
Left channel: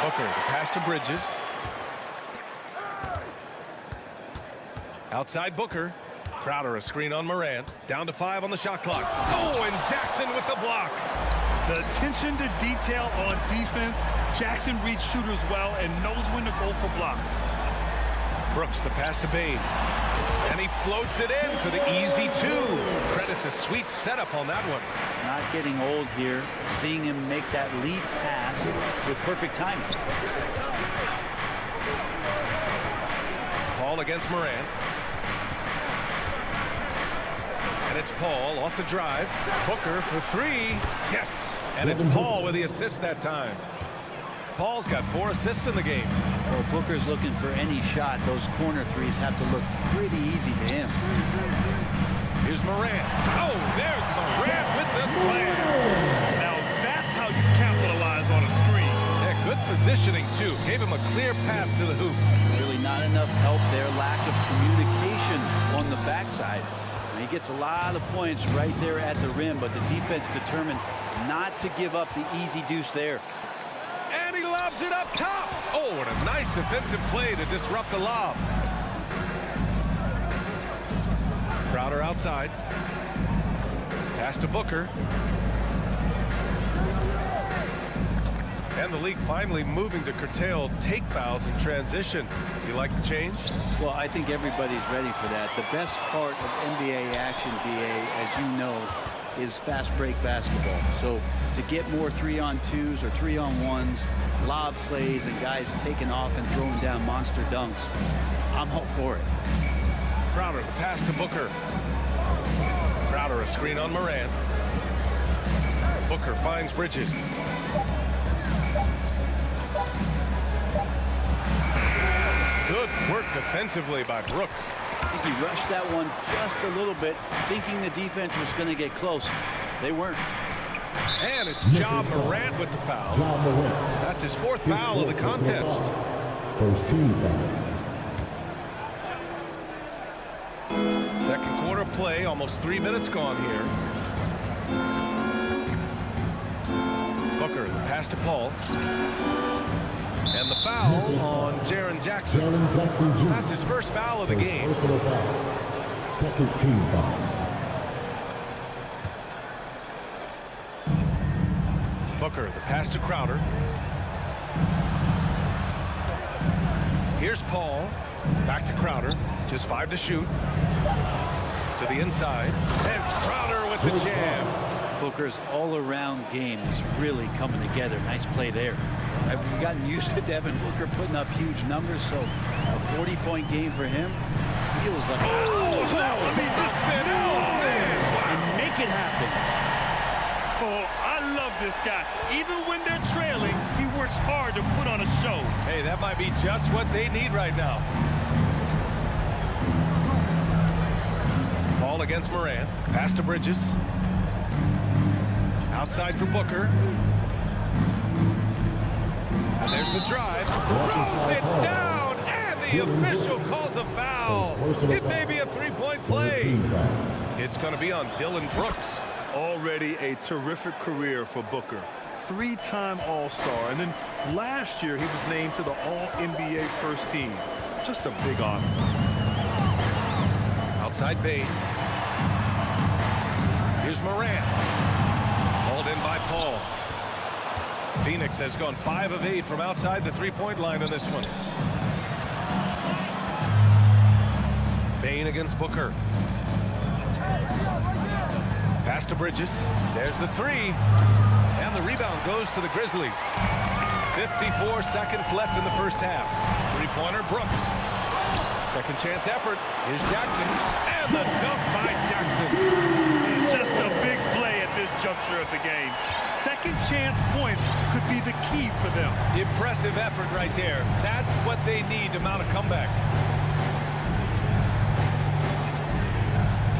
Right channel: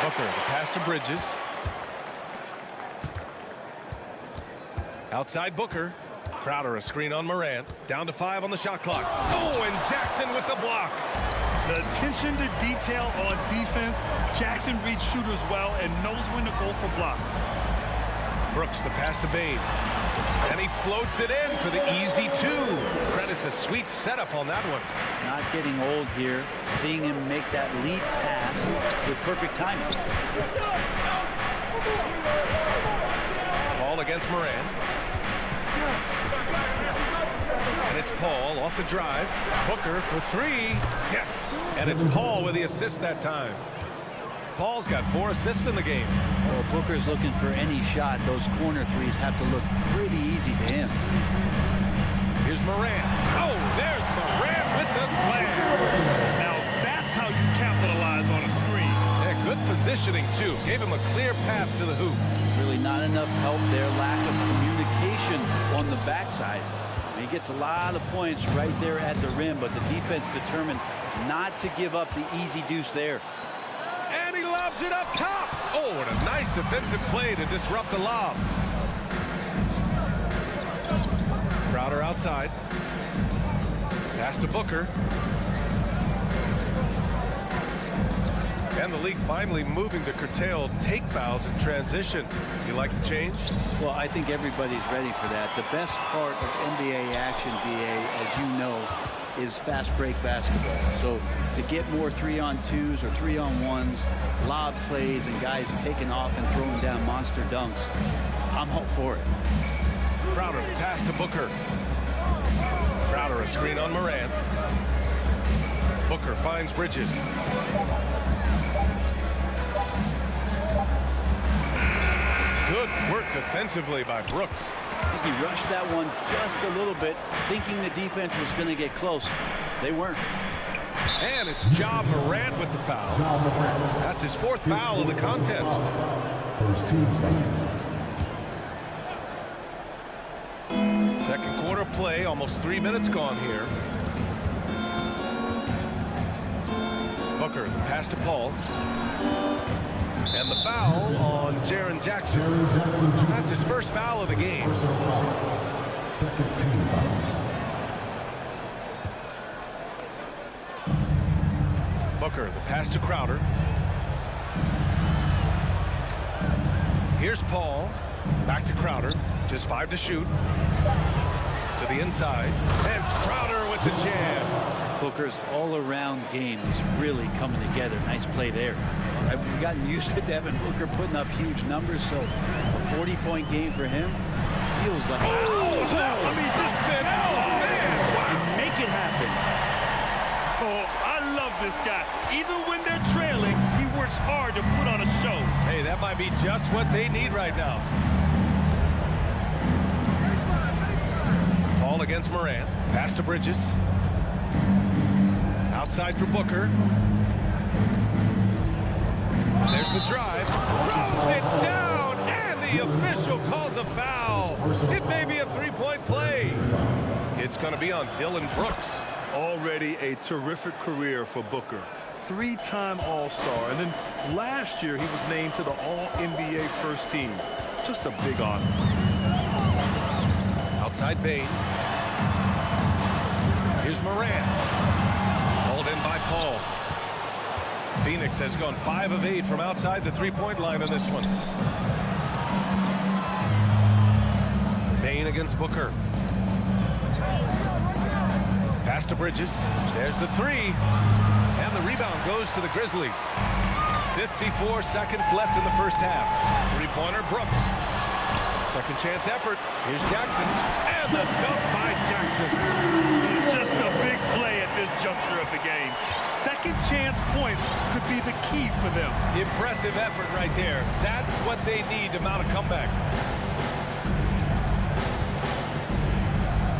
Booker, the pass to Bridges. Outside Booker. Crowder, a screen on Morant. Down to 5 on the shot clock. Oh, and Jackson with the block. The attention to detail on defense. Jackson reads shooters well and knows when to go for blocks. Brooks, the pass to Bane. And he floats it in for the easy 2. Credit the sweet setup on that one. Not getting old here. Seeing him make that lead pass with perfect timing. Paul against Morant. And it's Paul off the drive. Booker for 3. Yes. And it's Paul with the assist that time. Paul's got 4 assists in the game. Well, Booker's looking for any shot. Those corner threes have to look pretty easy to him. Here's Morant. Oh, there's Morant with the slam. Now that's how you capitalize on a screen. Yeah, good positioning, too. Gave him a clear path to the hoop. Really not enough help there. Lack of communication on the backside. And he gets a lot of points right there at the rim, but the defense determined not to give up the easy deuce there. And he lobs it up top. Oh, and a nice defensive play to disrupt the lob. Crowder outside. Pass to Booker. And the league finally moving to curtail take fouls in transition. You like the change? Well, I think everybody's ready for that. The best part of NBA action, BA, as you know, is fast break basketball. So to get more 3-on-2s or 3-on-1s, lob plays, and guys taking off and throwing down monster dunks, I'm all for it. Crowder, the pass to Booker. Crowder, a screen on Morant. Booker finds Bridges. Good work defensively by Brooks. I think he rushed that one just a little bit, thinking the defense was going to get close. They weren't. And it's Ja Morant with the foul. That's his 4th foul of the contest. First team foul. Second quarter play, almost 3 minutes gone here. Booker, the pass to Paul. And the foul on Jaren Jackson. That's his 1st foul of the game. Second team foul. Booker, the pass to Crowder. Here's Paul. Back to Crowder. Just 5 to shoot. To the inside. And Crowder with the jam. Booker's all-around game is really coming together. Nice play there. I've gotten used to Devin Booker putting up huge numbers, so a 40-point game for him feels like... Oh, that one he just spit out, man! Wow. And make it happen. Oh, I love this guy. Even when they're trailing, he works hard to put on a show. Hey, that might be just what they need right now. Paul against Morant. Pass to Bridges. Outside for Booker. And there's the drive. Throws it down, and the official calls a foul. It may be a three-point play. It's going to be on Dylan Brooks. Already a terrific career for Booker. 3-time All-Star, and then last year he was named to the All-NBA first team. Just a big honor. Outside Bain. Here's Morant. Hauled in by Paul. Phoenix has gone 5 of 8 from outside the three-point line in this one. Bain against Booker. Pass to Bridges. There's the three. And the rebound goes to the Grizzlies. 54 seconds left in the first half. Three-pointer, Brooks. Second chance effort. Here's Jackson. And the dunk by Jackson. Just a big play at this juncture of the game. Second chance points could be the key for them. Impressive effort right there. That's what they need to mount a comeback.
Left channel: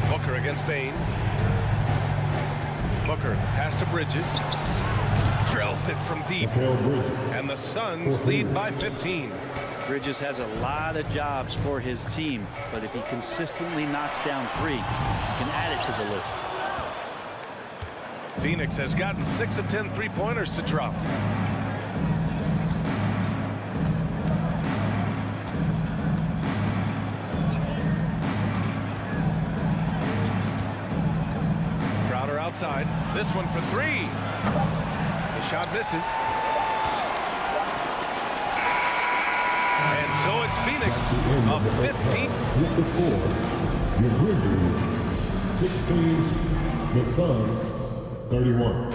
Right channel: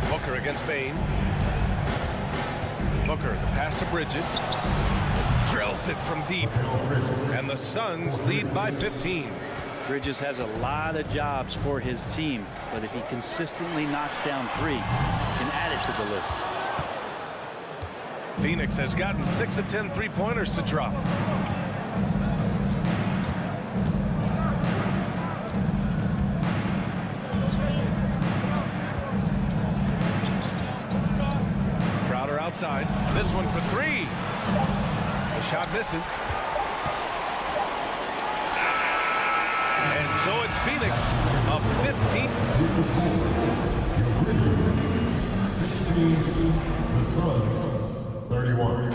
Booker against Bain. Booker, the pass to Bridges. Drills it from deep. And the Suns lead by 15. Bridges has a lot of jobs for his team, but if he consistently knocks down 3, he can add it to the list. Phoenix has gotten 6 of 10 three-pointers to drop. Crowder outside. This one for 3. The shot misses. And so it's Phoenix up 15. With the score, your Grizzlies 16, the Suns 31.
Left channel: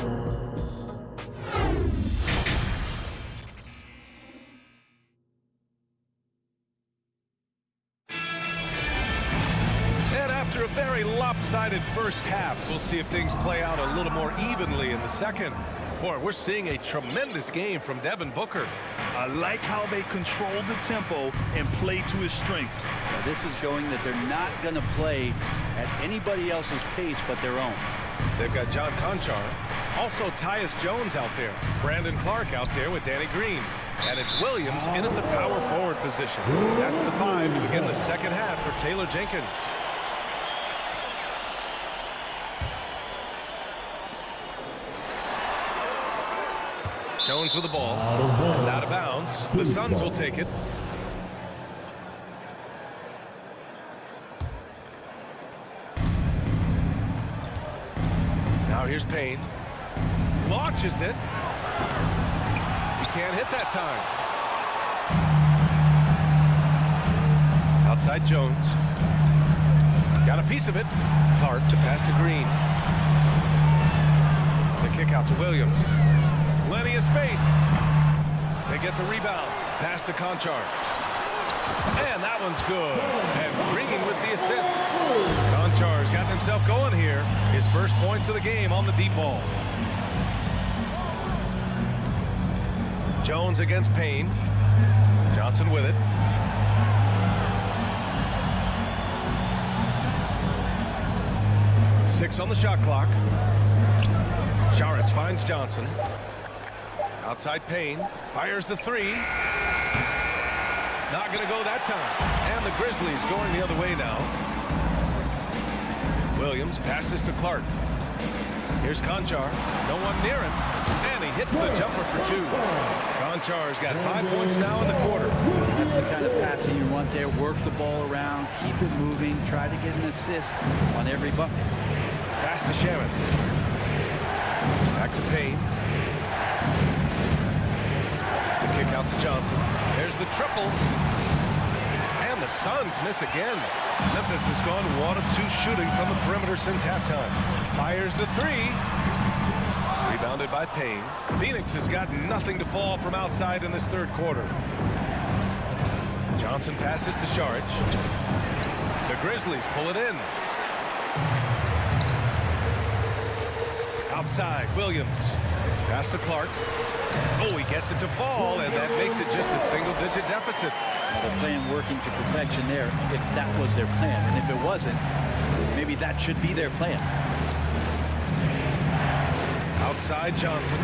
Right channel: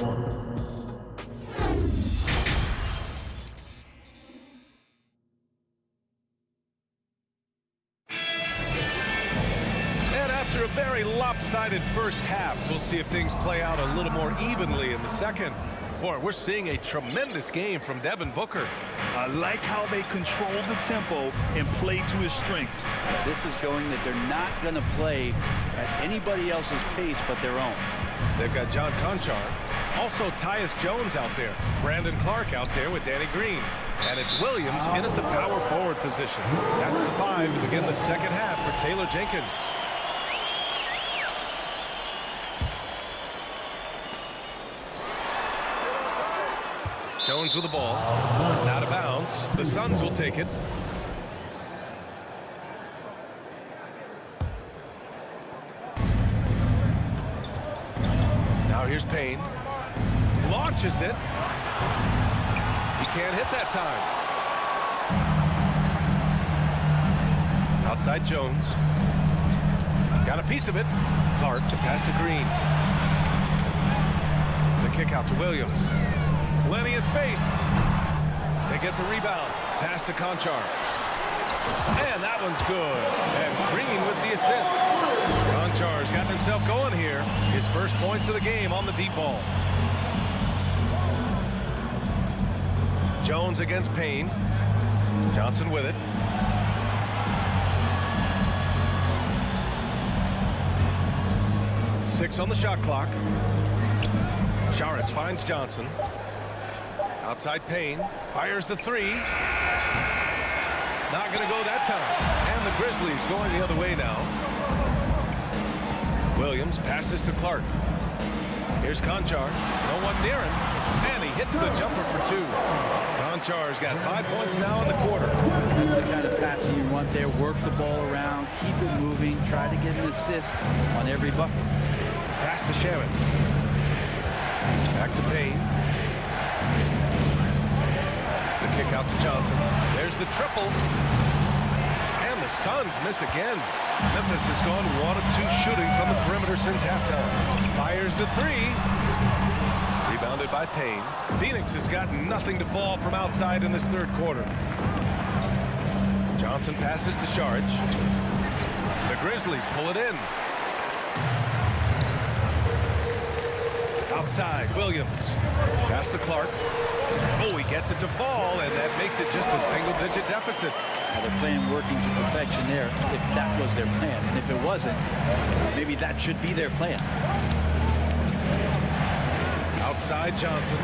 And after a very lopsided first half, we'll see if things play out a little more evenly in the second. Boy, we're seeing a tremendous game from Devin Booker. I like how they control the tempo and play to his strengths. Yeah, this is showing that they're not going to play at anybody else's pace but their own. They've got John Conchar. Also Tyus Jones out there. Brandon Clark out there with Danny Green. And it's Williams in at the power forward position. That's the 5 to begin the second half for Taylor Jenkins. Jones with the ball. And out of bounds. The Suns will take it. Now here's Payne. Launches it. He can't hit that time. Outside Jones. Got a piece of it. Clark to pass to Green. The kick out to Williams. Plenty of space. They get the rebound. Pass to Conchar. And that one's good. And Green with the assist. Conchar's gotten himself going here. His first points of the game on the deep ball. Jones against Payne. Johnson with it. Six on the shot clock. Saric finds Johnson. Outside Payne. Fires the 3. Not going to go that time. And the Grizzlies going the other way now. Williams passes to Clark. Here's Conchar. No one near him. And he hits the jumper for 2. Conchar's got 5 points now in the quarter. That's the kind of passing you want there. Work the ball around. Keep it moving. Try to get an assist on every bucket. Pass to Shaman. Back to Payne. The kick out to Johnson. There's the triple. And the Suns miss again. Memphis has gone 1 of 2 shooting from the perimeter since halftime. Fires the 3. Rebounded by Payne. Phoenix has got nothing to fall from outside in this third quarter. Johnson passes to Shag. The Grizzlies pull it in. Outside, Williams. Pass to Clark. Oh, he gets it to fall, and that makes it just a single-digit deficit. Now they're playing working to perfection there, if that was their plan. And if it wasn't, maybe that should be their plan. Outside, Johnson.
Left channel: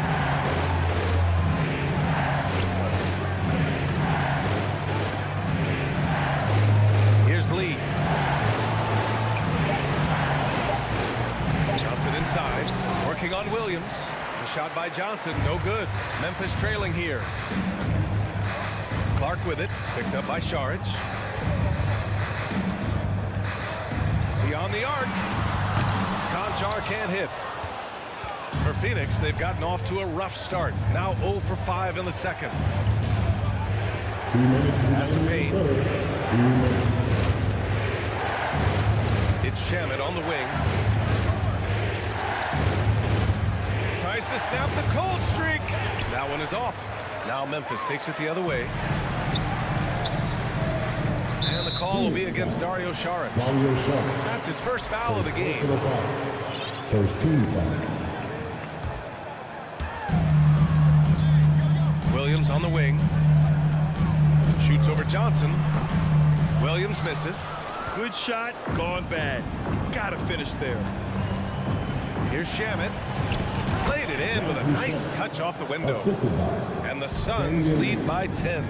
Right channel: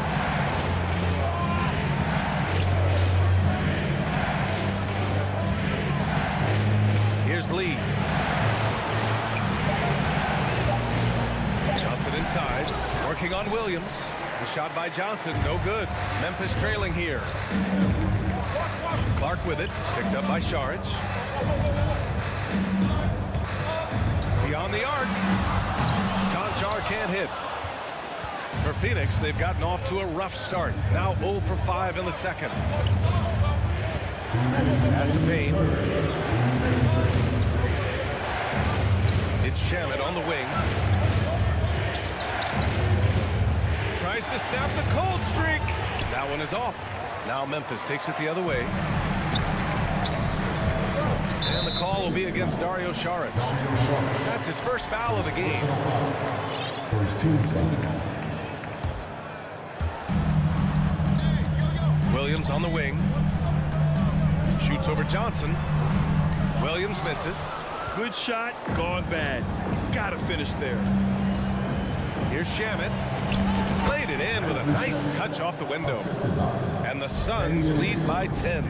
Here's Lee. Johnson inside, working on Williams. The shot by Johnson, no good. Memphis trailing here. Clark with it, picked up by Shag. Beyond the arc. Conchar can't hit. For Phoenix, they've gotten off to a rough start. Now 0 for 5 in the second. Pass to Payne. It's Shamet on the wing. Tries to snap the cold streak. That one is off. Now Memphis takes it the other way. And the call will be against Dario Saric. That's his first foul of the game. First team foul. Williams on the wing. Shoots over Johnson. Williams misses. Good shot, gone bad. Gotta finish there. Here's Shamet. Played it in with a nice touch off the window. And the Suns lead by 10.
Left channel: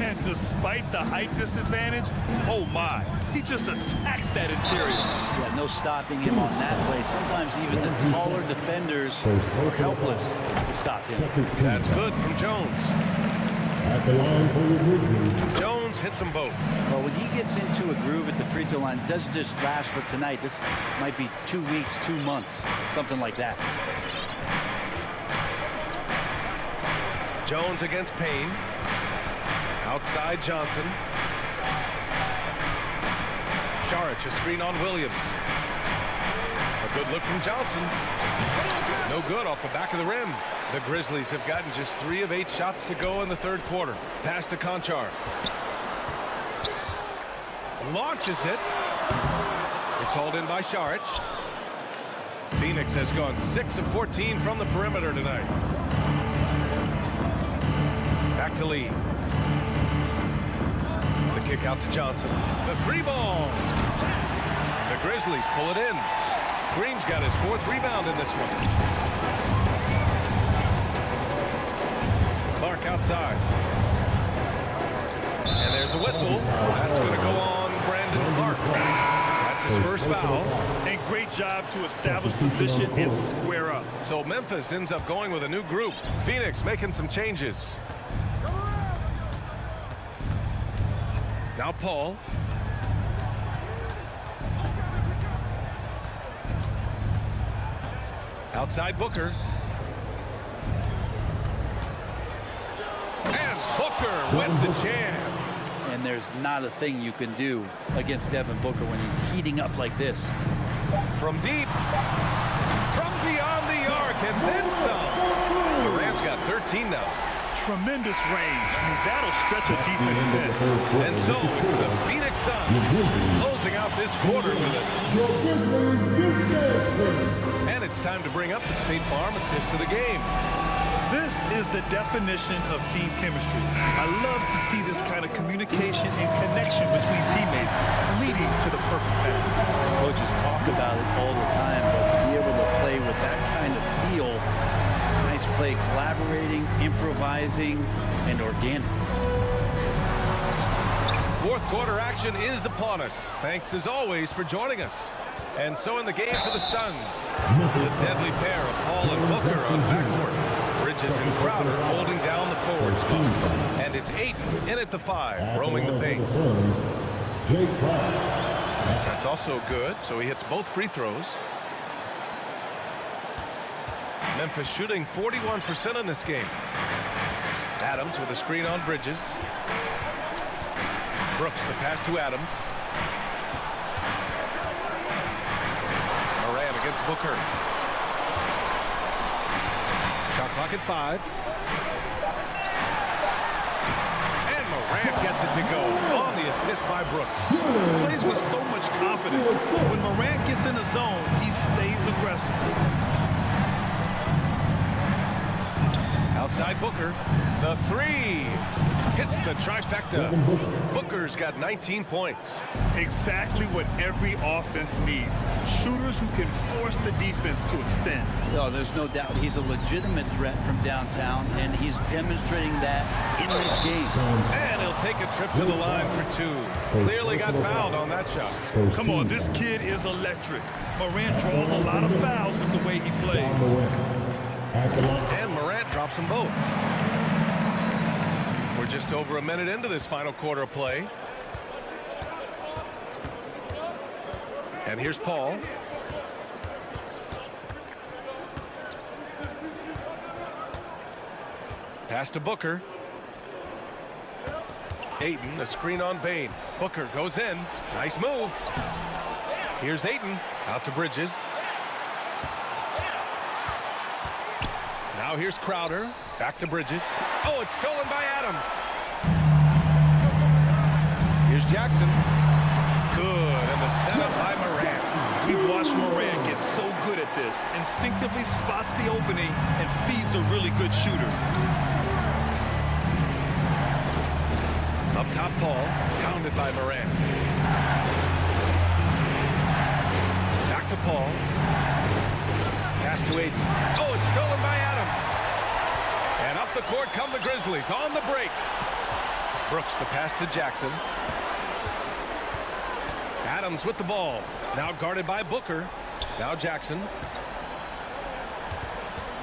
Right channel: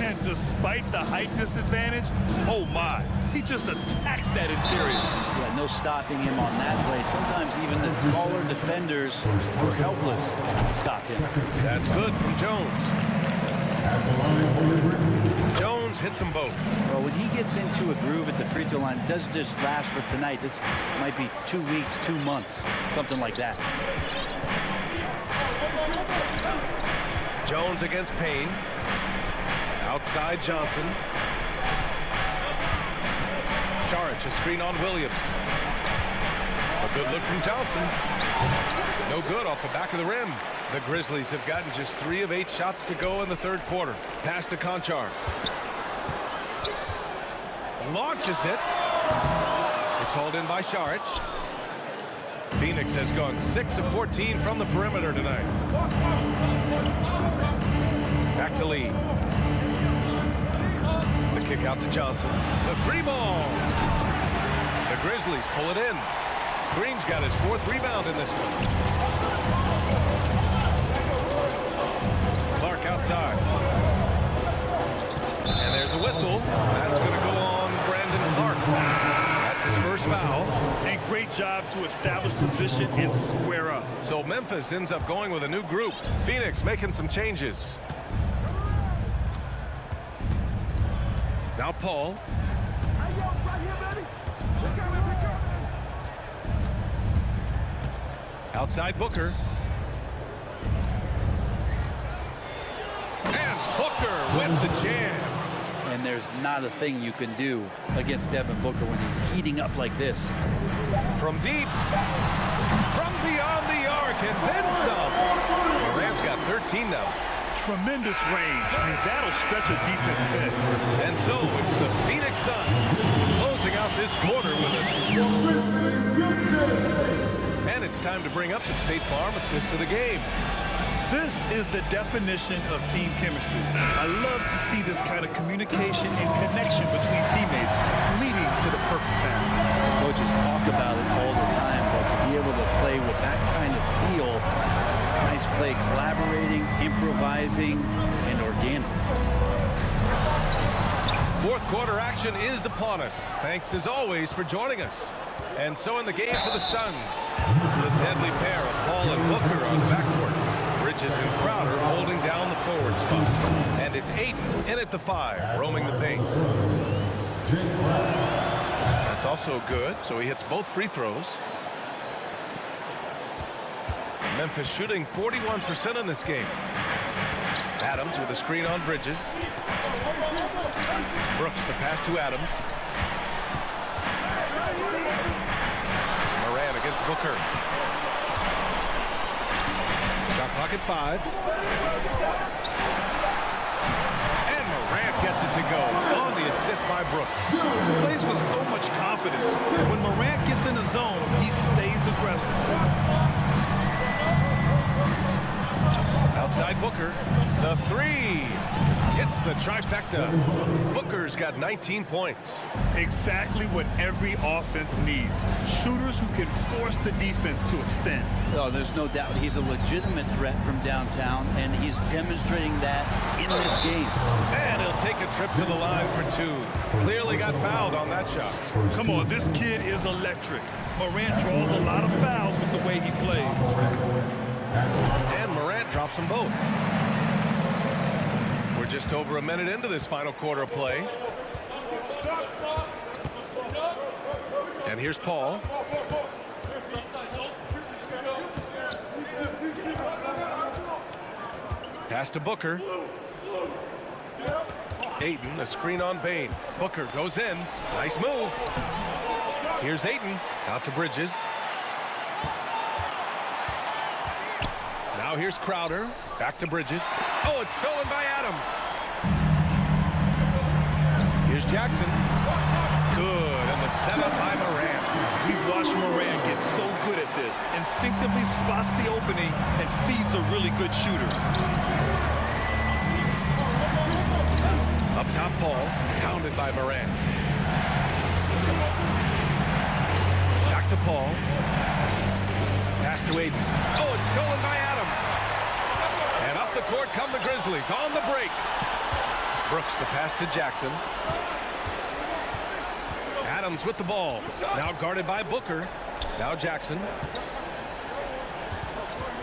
And despite the height disadvantage, oh my, he just attacks that interior. Yeah, no stopping him on that play. Sometimes even the taller defenders are helpless to stop him. That's good from Jones. At the line for the Grizzlies. Jones hits them both. Well, when he gets into a groove at the free throw line, it doesn't just last for tonight. This might be 2 weeks, 2 months, something like that. Jones against Payne. Outside Johnson. Saric, a screen on Williams. A good look from Johnson. No good off the back of the rim. The Grizzlies have gotten just 3 of 8 shots to go in the third quarter. Pass to Conchar. Launches it. It's hauled in by Saric. Phoenix has gone 6 of 14 from the perimeter tonight. Back to Lee. The kick out to Johnson. The 3-ball. The Grizzlies pull it in. Green's got his 4th rebound in this one. Clark outside. And there's a whistle. That's going to go on Brandon Clark. That's his first foul. And great job to establish position and square up. So Memphis ends up going with a new group. Phoenix making some changes. Now Paul. Outside Booker. And Booker with the jam. And there's not a thing you can do against Devin Booker when he's heating up like this. From deep. From beyond the arc and then some. Morant's got 13 now. Tremendous range. I mean, that'll stretch a defense thin. And so it's the Phoenix Suns closing out this quarter with it. And it's time to bring up the State Farm assist to the game. This is the definition of team chemistry. I love to see this kind of communication and connection between teammates leading to the perfect pass. Coaches talk about it all the time, but to be able to play with that kind of feel, nice play, collaborating, improvising, and organic. Fourth quarter action is upon us. Thanks as always for joining us. And so in the game for the Suns, the deadly pair of Paul and Booker on the backcourt. Bridges and Crowder holding down the forward spot. And it's Ayton in at the 5, roaming the paint. That's also good, so he hits both free throws. Memphis shooting 41% in this game. Adams with a screen on Bridges. Brooks the pass to Adams. Morant against Booker. Shot clock at 5. And Morant gets it to go on the assist by Brooks. Plays with so much confidence. When Morant gets in the zone, he stays aggressive. Outside Booker. The 3. Hits the trifecta. Booker's got 19 points. Exactly what every offense needs. Shooters who can force the defense to extend. Oh, there's no doubt he's a legitimate threat from downtown, and he's demonstrating that in this game. And he'll take a trip to the line for 2. Clearly got fouled on that shot. Come on, this kid is electric. Morant draws a lot of fouls with the way he plays. And Morant drops them both. We're just over a minute into this final quarter of play. And here's Paul. Pass to Booker. Ayton, a screen on Bane. Booker goes in. Nice move. Here's Ayton. Out to Bridges. Now here's Crowder. Back to Bridges. Oh, it's stolen by Adams. Here's Jackson. Good, and the setup by Morant. We've watched Morant get so good at this. Instinctively spots the opening and feeds a really good shooter. Up top, Paul. Pounded by Morant. Back to Paul. Pass to Ayton. Oh, it's stolen by Adams. And up the court come the Grizzlies on the break. Brooks, the pass to Jackson. Adams with the ball. Now guarded by Booker. Now Jackson.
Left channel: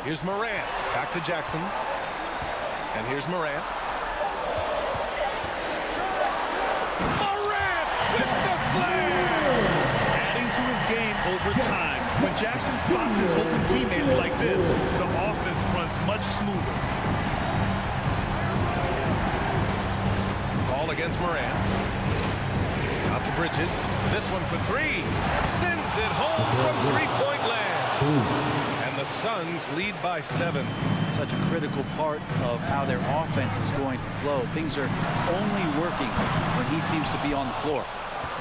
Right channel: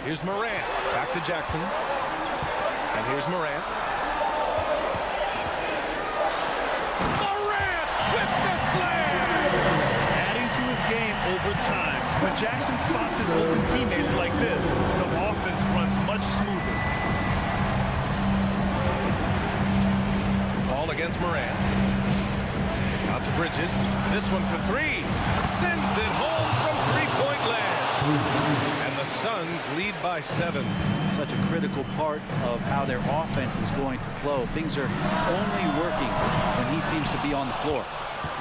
Here's Morant. Back to Jackson. And here's Morant. Morant with the slam! Adding to his game over time. When Jackson spots his open teammates like this, the offense runs much smoother. Ball against Morant. Out to Bridges. This one for 3. Sends it home from three-point land. And the Suns lead by 7. Such a critical part of how their offense is going to flow. Things are only working when he seems to be on the floor.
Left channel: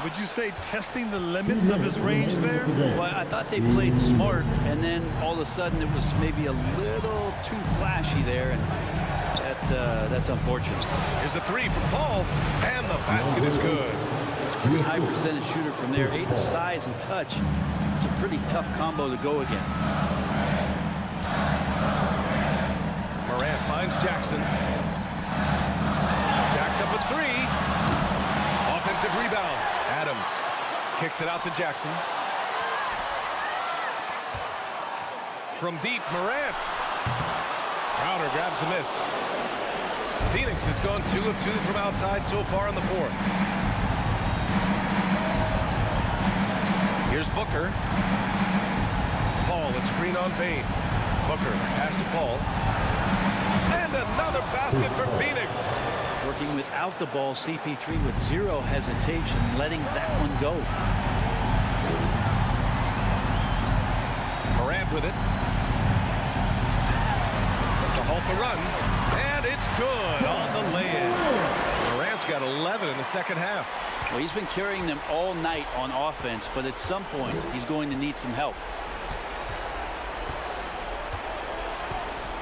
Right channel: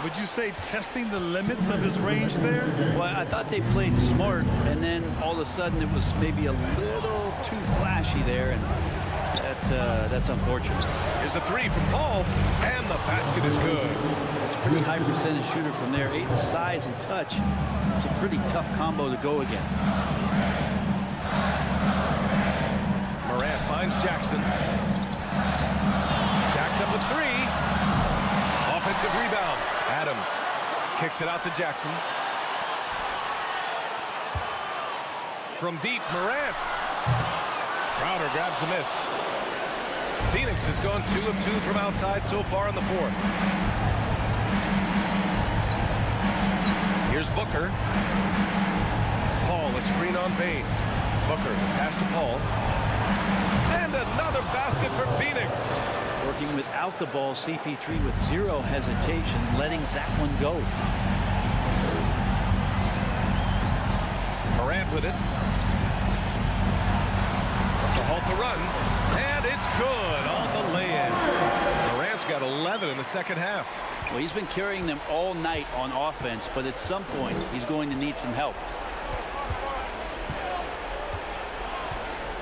Would you say testing the limits of his range there? Well, I thought they played smart, and then all of a sudden it was maybe a little too flashy there, and that's unfortunate. Here's a 3 from Paul, and the basket is good. It's a pretty high percentage shooter from there. Ayton's size and touch. It's a pretty tough combo to go against. Morant finds Jackson. Jack's up with 3. Offensive rebound. Adams kicks it out to Jackson. From deep, Morant. Crowder grabs the miss. Phoenix has gone 2 of 2 from outside so far in the 4th. Here's Booker. Paul, a screen on Bane. Booker, the pass to Paul. And another basket for Phoenix. Working without the ball, CP3 with 0 hesitation, letting that one go. Morant with it. To halt the run. And it's good on the lay-in. Morant's got 11 in the second half. Well, he's been carrying them all night on offense, but at some point, he's going to need some help.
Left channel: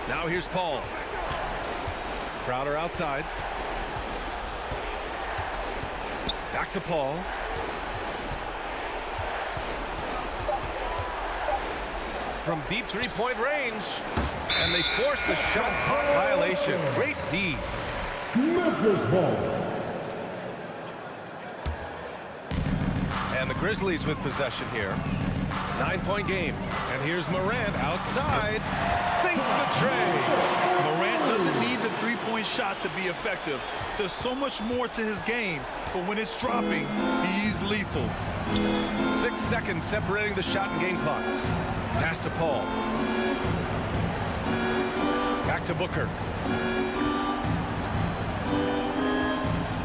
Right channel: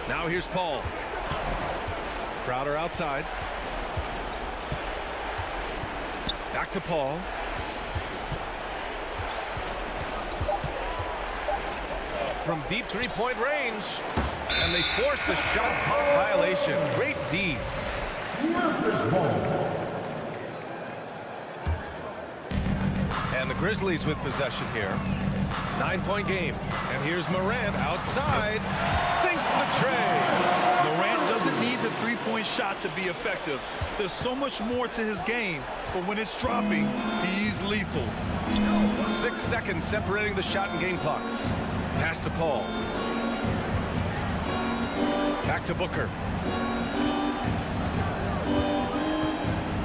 Now here's Paul. Crowder outside. Back to Paul. From deep three-point range. And they force the shot clock violation. Great D. Memphis ball. And the Grizzlies with possession here. 9-point game. And here's Morant outside. Sinks the tray. Morant doesn't need the three-point shot to be effective. There's so much more to his game, but when it's dropping, he's lethal. 6 seconds separating the shot and game clocks. Pass to Paul. Back to Booker.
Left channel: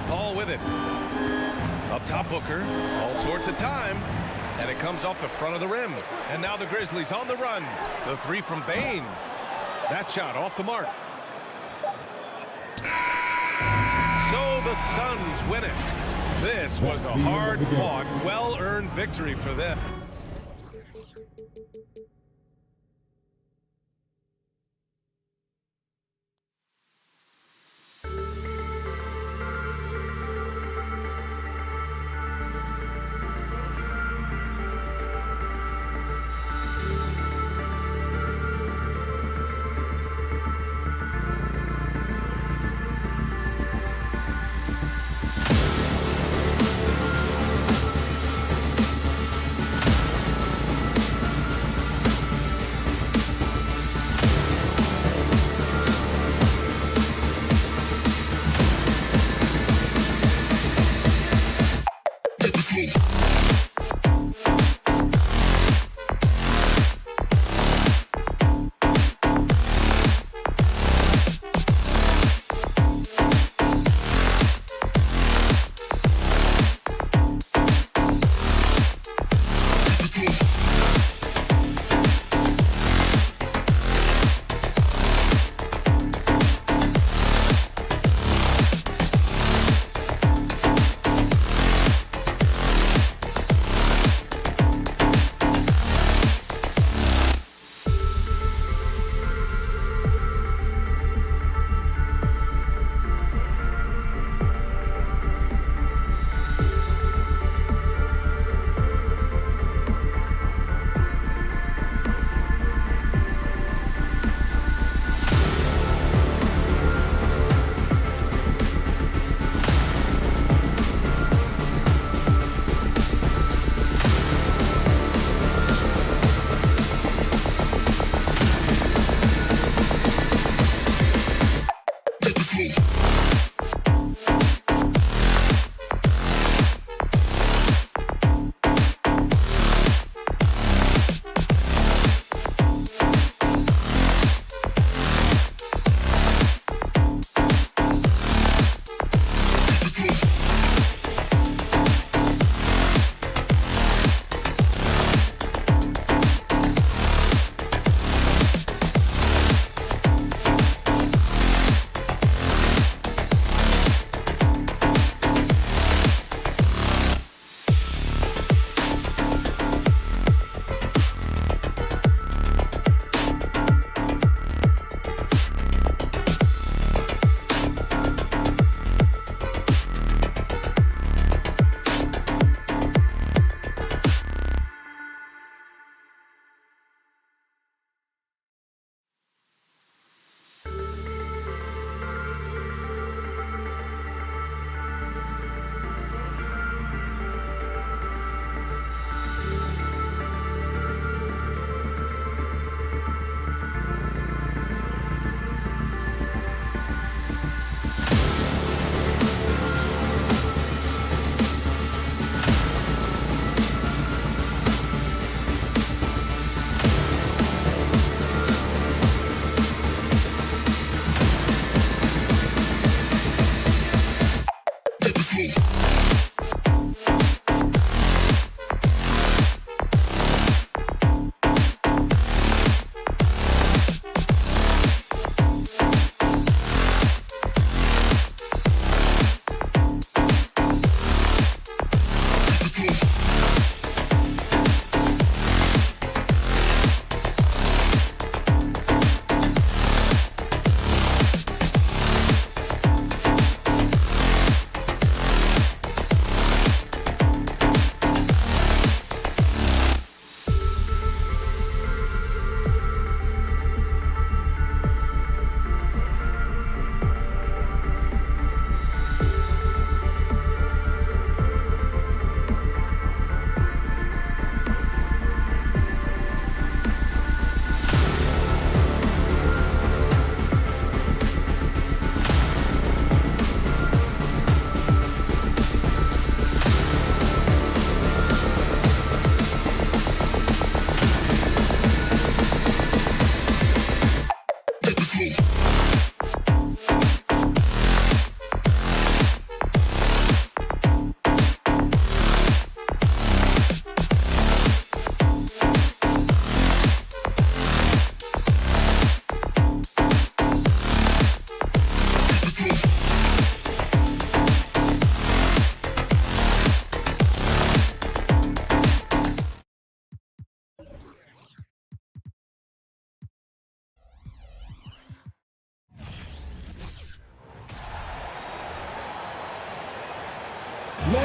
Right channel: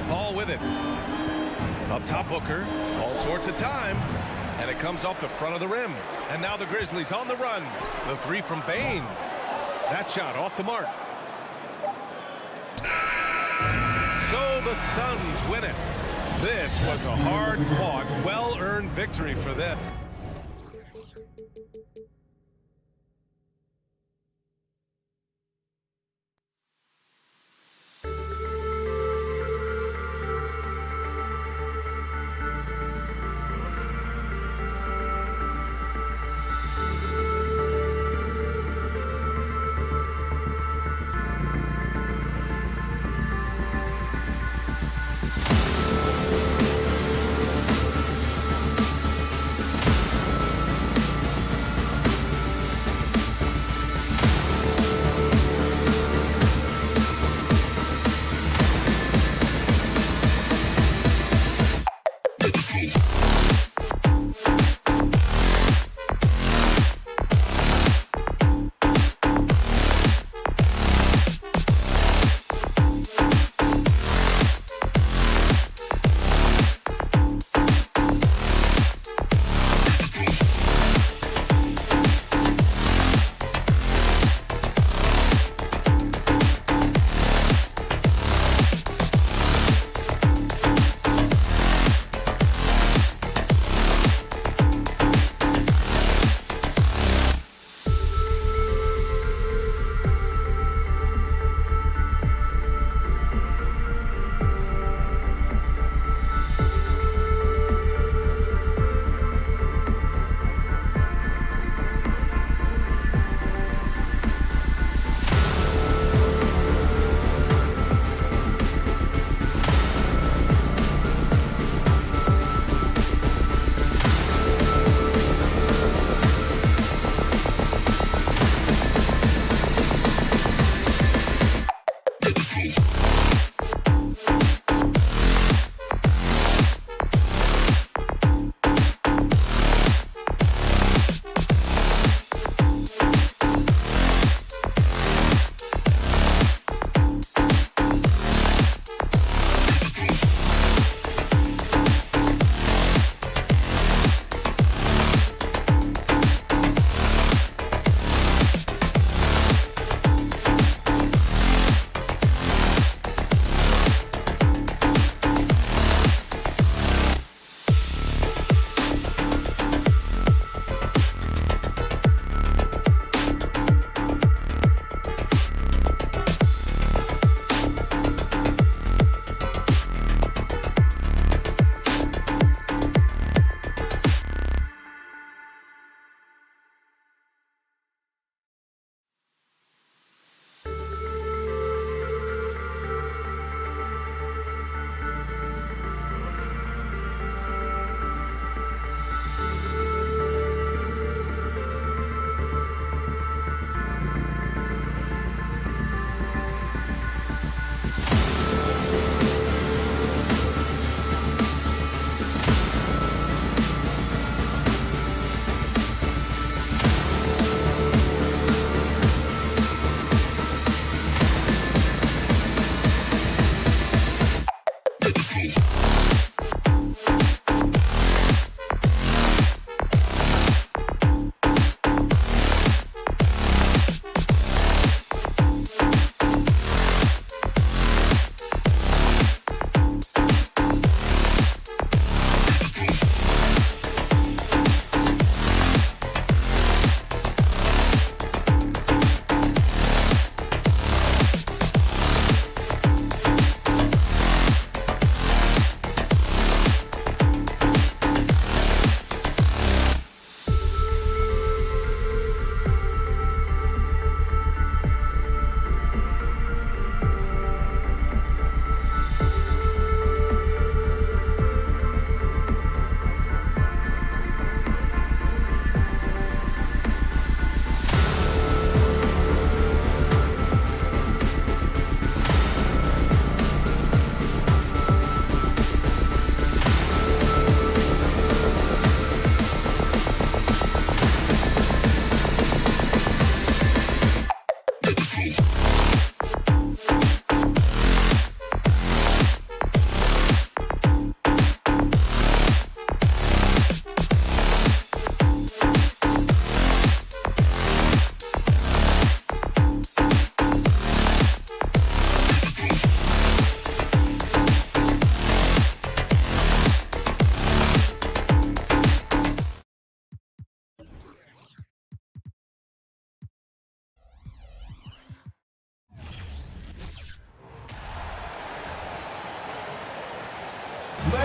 Paul with it. Up top, Booker. All sorts of time. And it comes off the front of the rim. And now the Grizzlies on the run. The 3 from Bane. That shot off the mark. So the Suns win it. This was a hard-fought, well-earned victory for them.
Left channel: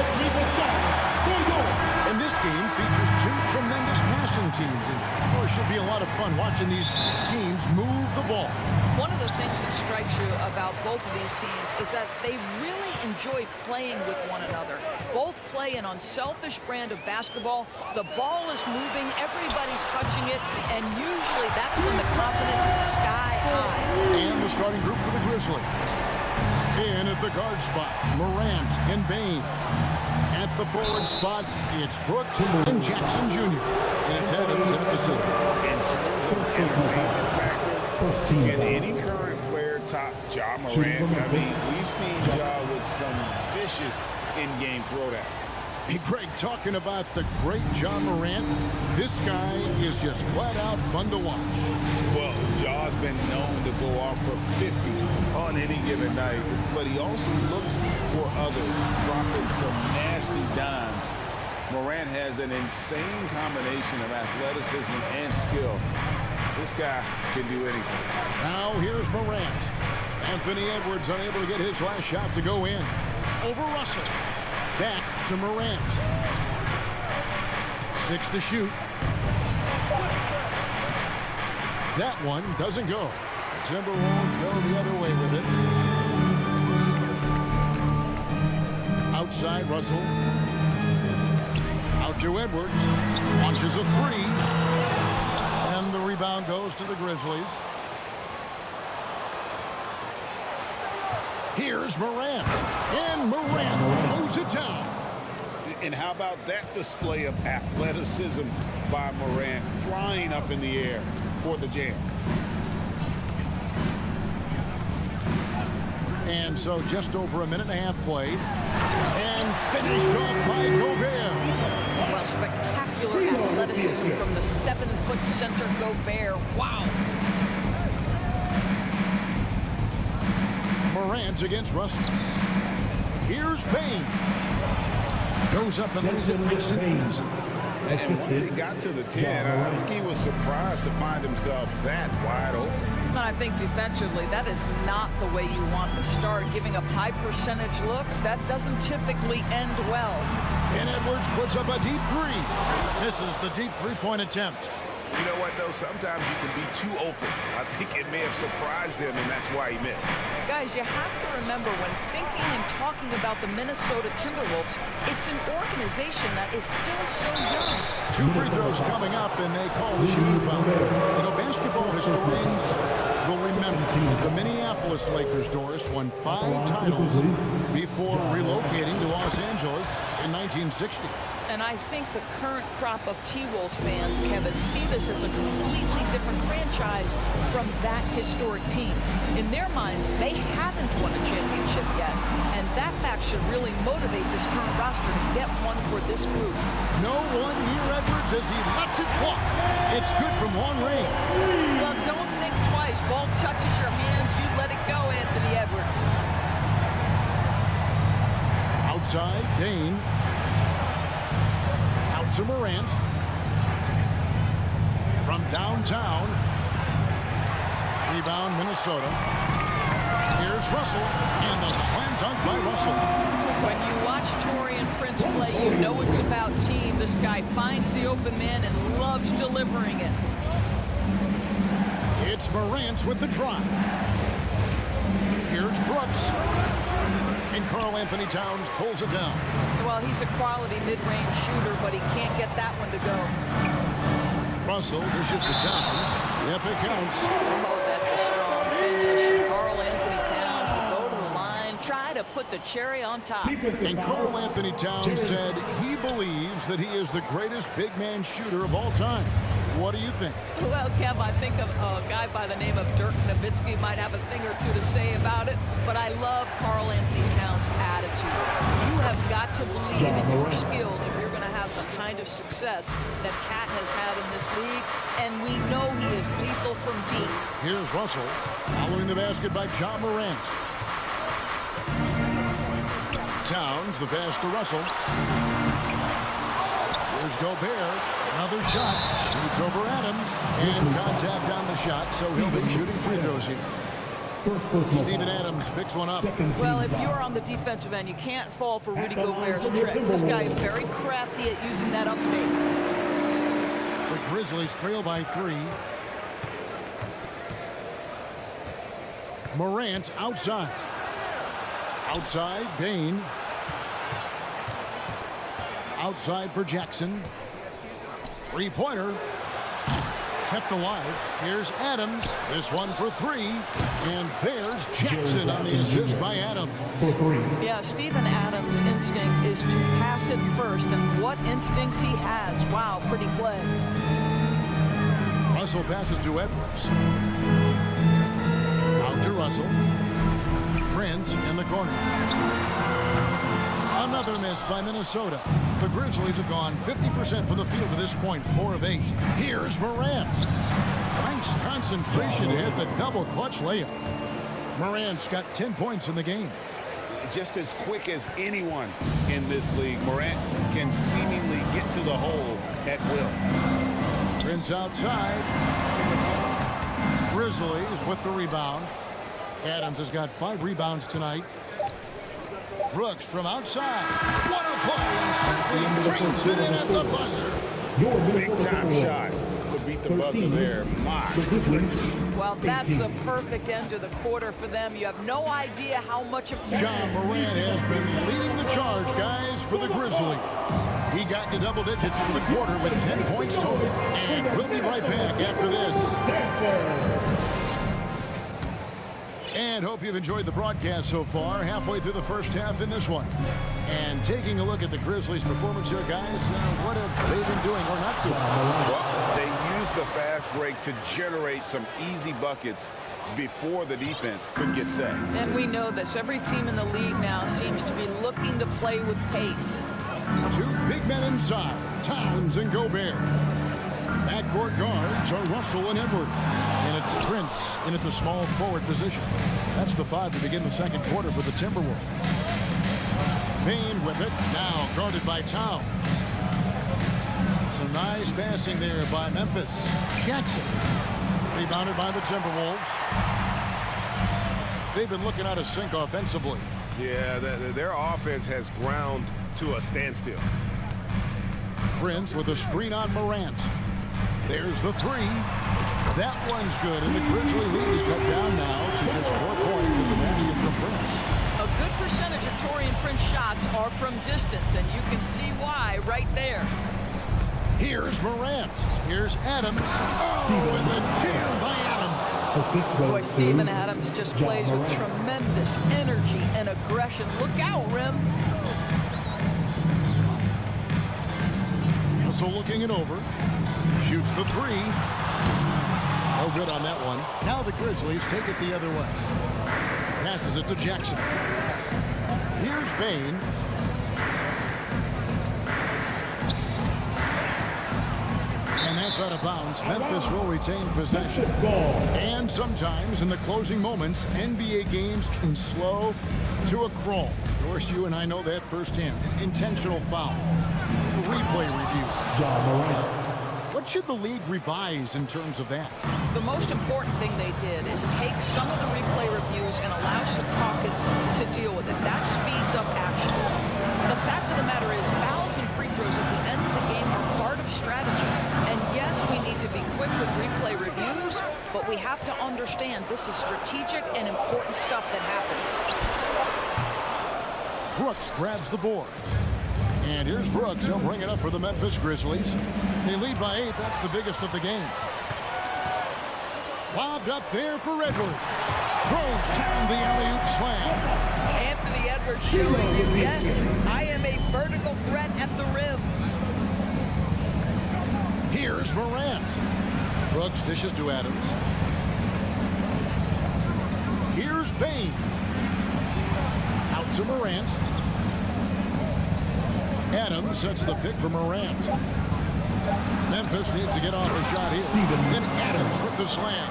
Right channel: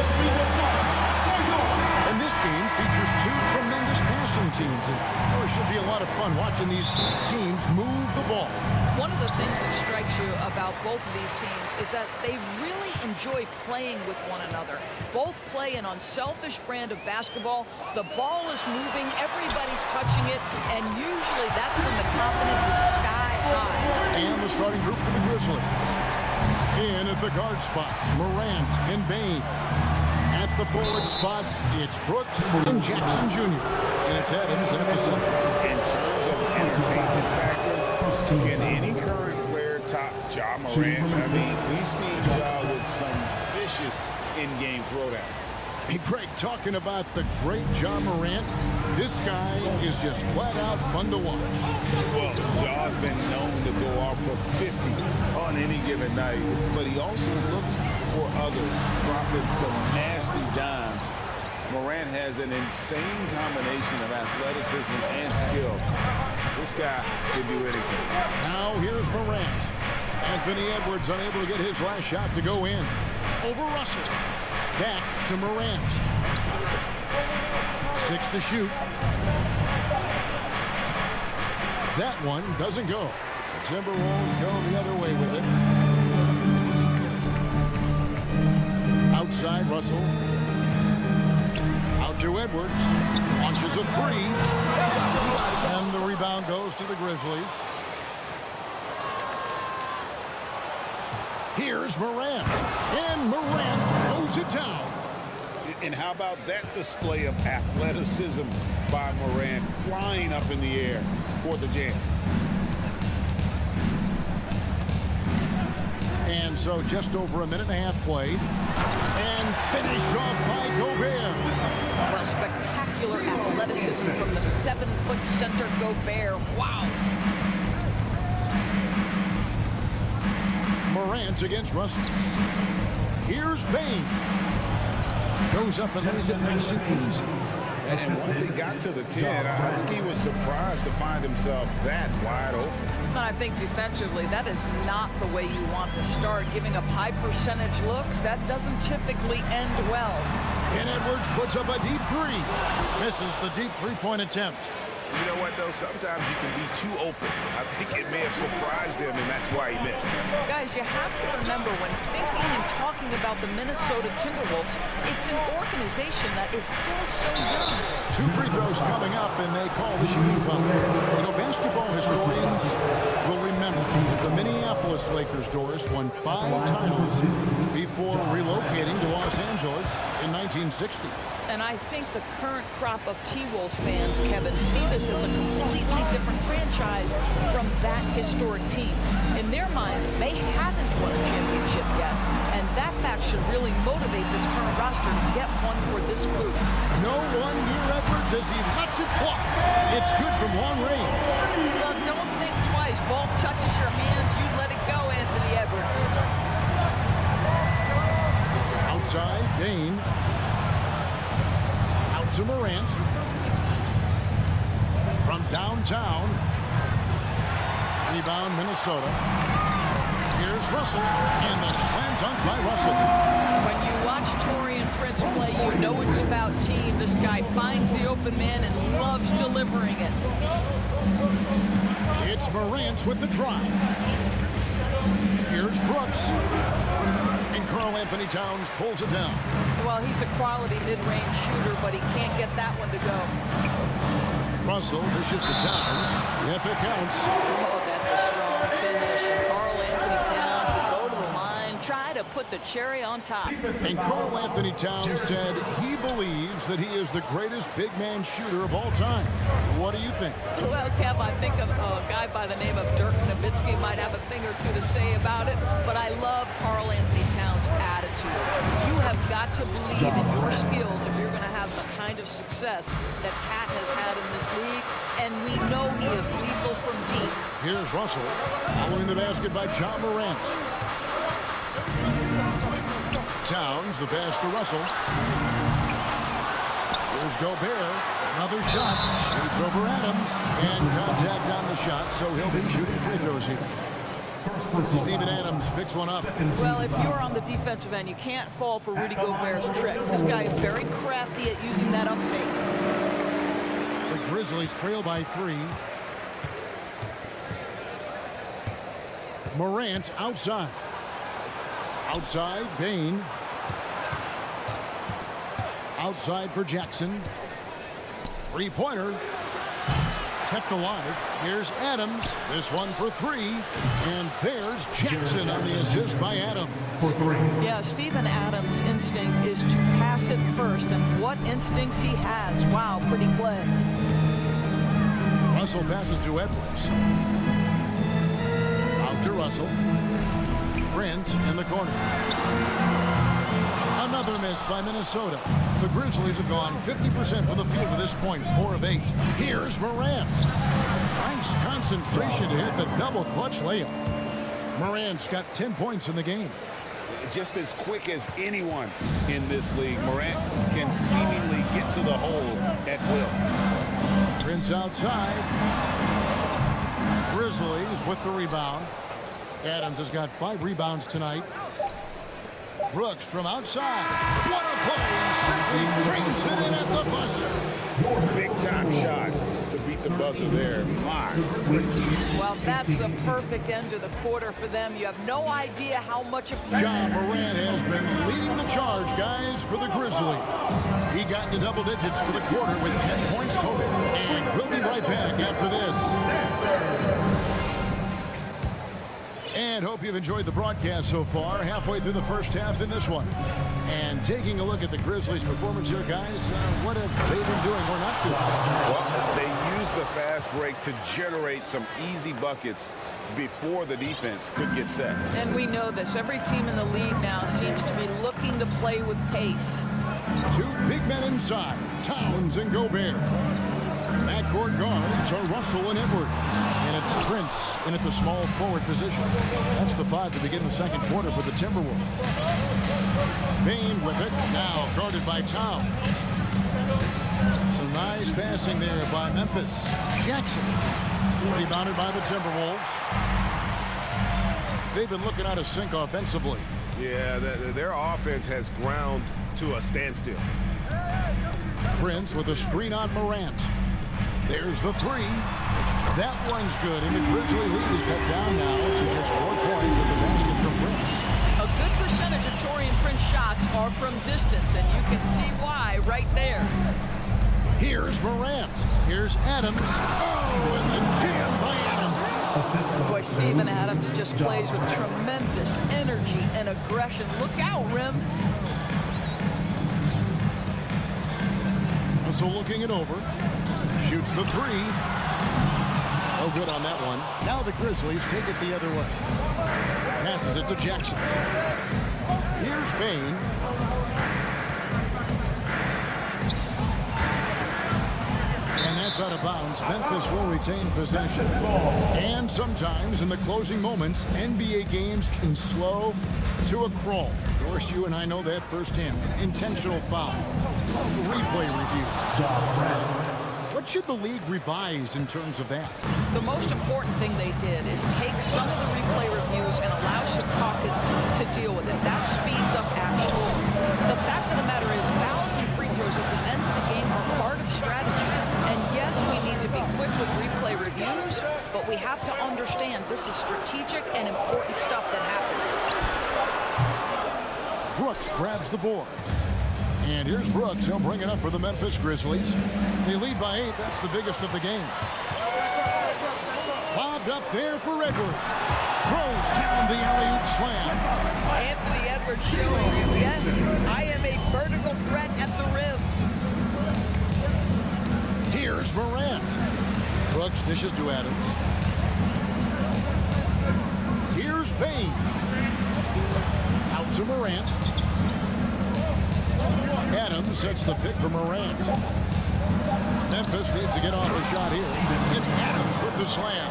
Let's meet the starters for your... And this game features two tremendous passing teams, and it should be a lot of fun watching these teams move the ball. One of the things that strikes you about both of these teams is that they really enjoy playing with one another. Both play an unselfish brand of basketball. The ball is moving, everybody's touching it, and usually that's when the confidence is sky high. And the starting group for the Grizzlies. In at the guard spots, Morant and Bain. At the forward spots, it's Brooks and Jackson Jr. And it's Adams at the center. In terms of entertainment factor, can any current player top Ja Morant? I mean, we've seen Ja with some vicious in-game throwdown. Hey, Greg, talking about the great Ja Morant, this guy is just flat out fun to watch. Well, Ja's been known to go off for 50 on any given night, but he also looks for others, dropping some nasty dimes. Morant has an insane combination of athleticism and skill. This guy can do anything. Now here's Morant. Anthony Edwards unable to get his last shot to go in. Over Russell. Back to Morant. 6 to shoot. That one doesn't go. The Timberwolves go the other way with it. Outside Russell. Out to Edwards. Launches a three. And the rebound goes to the Grizzlies. Here's Morant. And Morant throws it down. And how about that display of athleticism by Morant, flying up in the air for the jam. And so just over a minute and a half played. And finished off by Gobert. Well, spectacular athleticism from the 7-foot center Gobert. Wow. Morant against Russell. Here's Bain. Goes up and lays it nice and easy. And once he got to the 10, I think he was surprised to find himself that wide open. And I think defensively, that is not the way you want to start. Giving up high percentage looks, that doesn't typically end well. And Edwards puts up a deep three. Misses the deep three-point attempt. You know what, though? Sometimes you can be too open. I think it may have surprised him, and that's why he missed. Guys, you have to remember when thinking and talking about the Minnesota Timberwolves, it's an organization that is still so young. 2 free throws coming up, and they call the shooting foul. You know, basketball historians will remember that the Minneapolis Lakers, Doris, won 5 titles before relocating to Los Angeles in 1960. And I think the current crop of T-Wolves fans, Kevin, see this as a completely different franchise from that historic team. In their minds, they haven't won a championship yet. And that fact should really motivate this current roster to get one for this group. No one near Edwards as he lets it fly. It's good from long range. Well, don't think twice. Ball touches your hands, you let it go, Anthony Edwards. Outside, Bain. Out to Morant. From downtown. Rebound, Minnesota. Here's Russell. And the slam dunk by Russell. When you watch Taurean Prince play, you know it's about team. This guy finds the open man and loves delivering it. It's Morant with the drive. Here's Brooks. And Karl Anthony Towns pulls it down. Well, he's a quality mid-range shooter, but he can't get that one to go. Russell dishes to Towns. Yep, it counts. Oh, that's a strong finish. And Karl Anthony Towns will go to the line, try to put the cherry on top. And Karl Anthony Towns said he believes that he is the greatest big man shooter of all time. What do you think? Well, Kev, I think a guy by the name of Dirk Nowitzki might have a thing or two to say about it, but I love Karl Anthony Towns' attitude. You have got to believe in your skills if you're going to have the kind of success that Cat has had in this league, and we know he is lethal from deep. Here's Russell, following the basket by Ja Morant. Towns, the pass to Russell. Here's Gobert. Another shot. Shoots over Adams. And contact on the shot, so he'll be shooting free throws here. Steven Adams picks one up. Well, if you're on the defensive end, you can't fall for Rudy Gobert's tricks. This guy is very crafty at using that up fake. The Grizzlies trail by 3. Morant outside. Outside, Bain. Outside for Jackson. Three-pointer. Kept alive. Here's Adams. This one for 3. And there's Jackson on the assist by Adams. Yeah, Steven Adams' instinct is to pass it first. And what instincts he has. Wow, pretty play. Russell passes to Edwards. Out to Russell. Prince in the corner. Another miss by Minnesota. The Grizzlies have gone 50% from the field to this point, 4 of 8. Here's Morant. Nice concentration to hit the double clutch layup. Morant's got 10 points in the game. Just as quick as anyone in this league, Morant can seemingly get to the hole at will. Prince outside. Grizzlies with the rebound. Adams has got 5 rebounds tonight. Brooks from outside. What a play! Simply trains it in at the buzzer. Big time shot to beat the buzzer there. My goodness. Well, that's a perfect end to the quarter for them. You have no idea how much of John Morant has been leading the charge, guys, for the Grizzlies. He got to double digits for the quarter with 10 points total. And we'll be right back after this. And hope you've enjoyed the broadcast so far. Halfway through the first half in this one. And taking a look at the Grizzlies' performance here, guys, what have they been doing or not doing? Well, they used the fast break to generate some easy buckets before the defense could get set. And we know this. Every team in the league now seems to be looking to play with pace. 2 big men inside, Towns and Gobert. Backcourt guards are Russell and Edwards. And it's Prince in at the small forward position. That's the 5 to begin the second quarter for the Timberwolves. Bain with it, now guarded by Towns. Some nice passing there by Memphis. Jackson, rebounded by the Timberwolves. They've been looking out of sync offensively. Yeah, their offense has ground to a standstill. Prince with a screen on Morant. There's the 3. That one's good, and the Grizzly lead is cut down now to just 4 points with the basket from Prince. A good percentage of Taurean Prince shots are from distance, and you can see why right there. Here's Morant. Here's Adams. Oh, and the jam by Adams. Boy, Steven Adams just plays with tremendous energy and aggression. Look out, Rim. So looking it over. Shoots the 3. No good on that one. Now the Grizzlies take it the other way. Passes it to Jackson. Here's Bain. And that's out of bounds. Memphis will retain possession. And sometimes in the closing moments, NBA games can slow to a crawl. Of course, you and I know that firsthand. Intentional foul. Replay review. What should the league revise in terms of that? The most important thing they did is take some of the replay reviews and allow Secaucus to deal with it. That speeds up action. The fact of the matter is fouls and free throws at the end of the game are part of strategy. And yes, we need to be quick with replay reviews, but we have to understand this is strategic and important stuff that happens. Brooks grabs the board. And here's Brooks. He'll bring it up for the Memphis Grizzlies. They lead by 8. That's the biggest of the game. Lobbed up there for Edwards. Throws down the alley-oop slam. Anthony Edwards showing you, yes, I am a vertical threat at the rim. Here's Morant. Brooks dishes to Adams. Here's Bain. Out to Morant. Adams sets the pick for Morant. Memphis needs to get off a shot here. And Adams with the slam.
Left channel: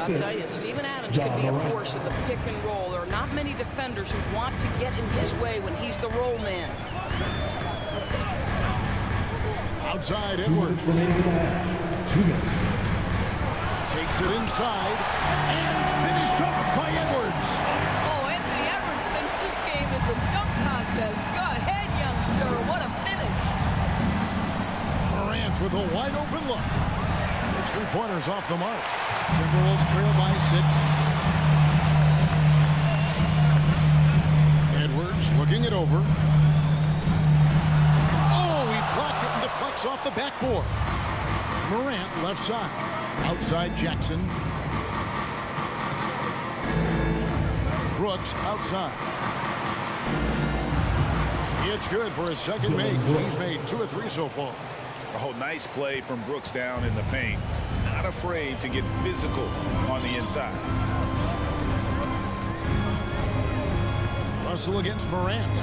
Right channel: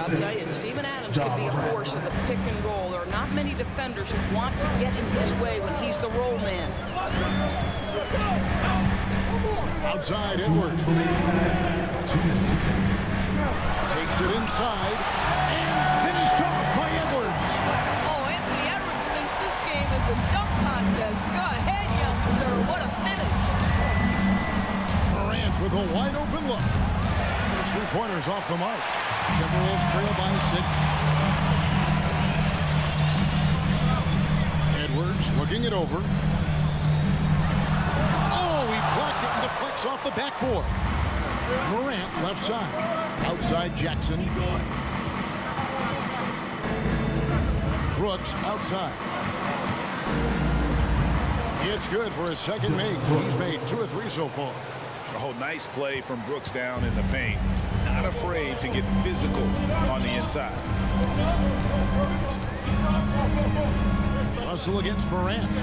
I'll tell you, Steven Adams could be a force in the pick and roll. There are not many defenders who want to get in his way when he's the roll man. Outside Edwards. Takes it inside and finished off by Edwards. Oh, Anthony Edwards thinks this game is a dunk contest. Go ahead, young sir. What a finish. Morant with a wide open look. His three-pointers off the mark. Timberwolves trail by 6. Edwards looking it over. Oh, he blocked it and deflects off the backboard. Morant left side. Outside Jackson. Brooks outside. It's good for his second make. He's made 2 of 3 so far. Oh, nice play from Brooks down in the paint. Not afraid to get physical on the inside. Russell against Morant.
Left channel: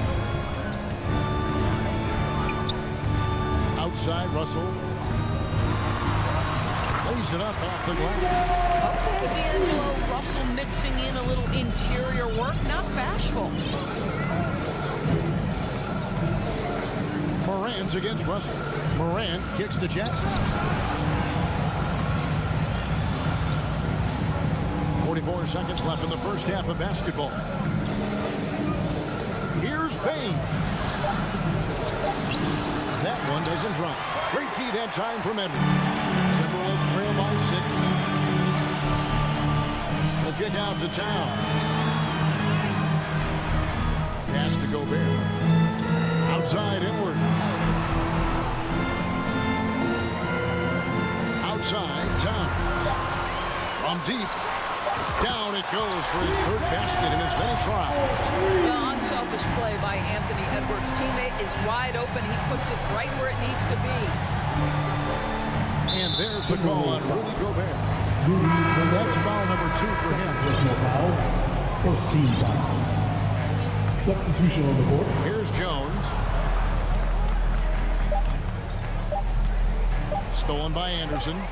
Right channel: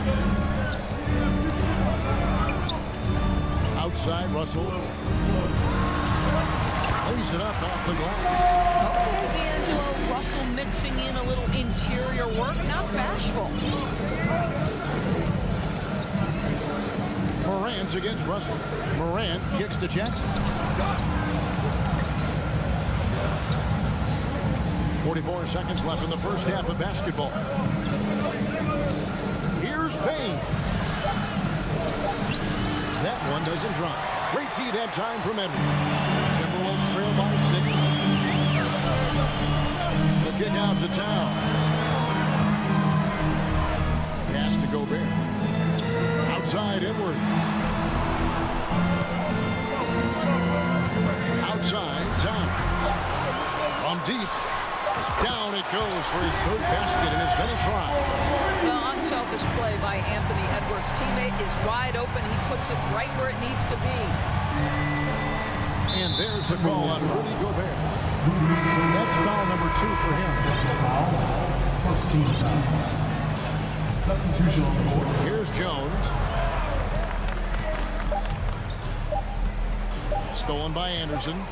Outside Russell. Lays it up off the glass. Okay, D'Angelo, Russell mixing in a little interior work, not bashful. Morant against Russell. Morant kicks to Jackson. 44 seconds left in the first half of basketball. Here's Payne. That one doesn't drop. Great D that time from Edwards. Timberwolves trail by 6. The kick out to Towns. Pass to Gobert. Outside Edwards. Outside Towns. From deep. Down it goes for his 3rd basket in as many tries. Well, unselfish play by Anthony Edwards. Teammate is wide open. He puts it right where it needs to be. And there's the call on Rudy Gobert. That's foul number 2 for him. First team foul. Substitution on the court. Here's Jones. Stolen by Anderson.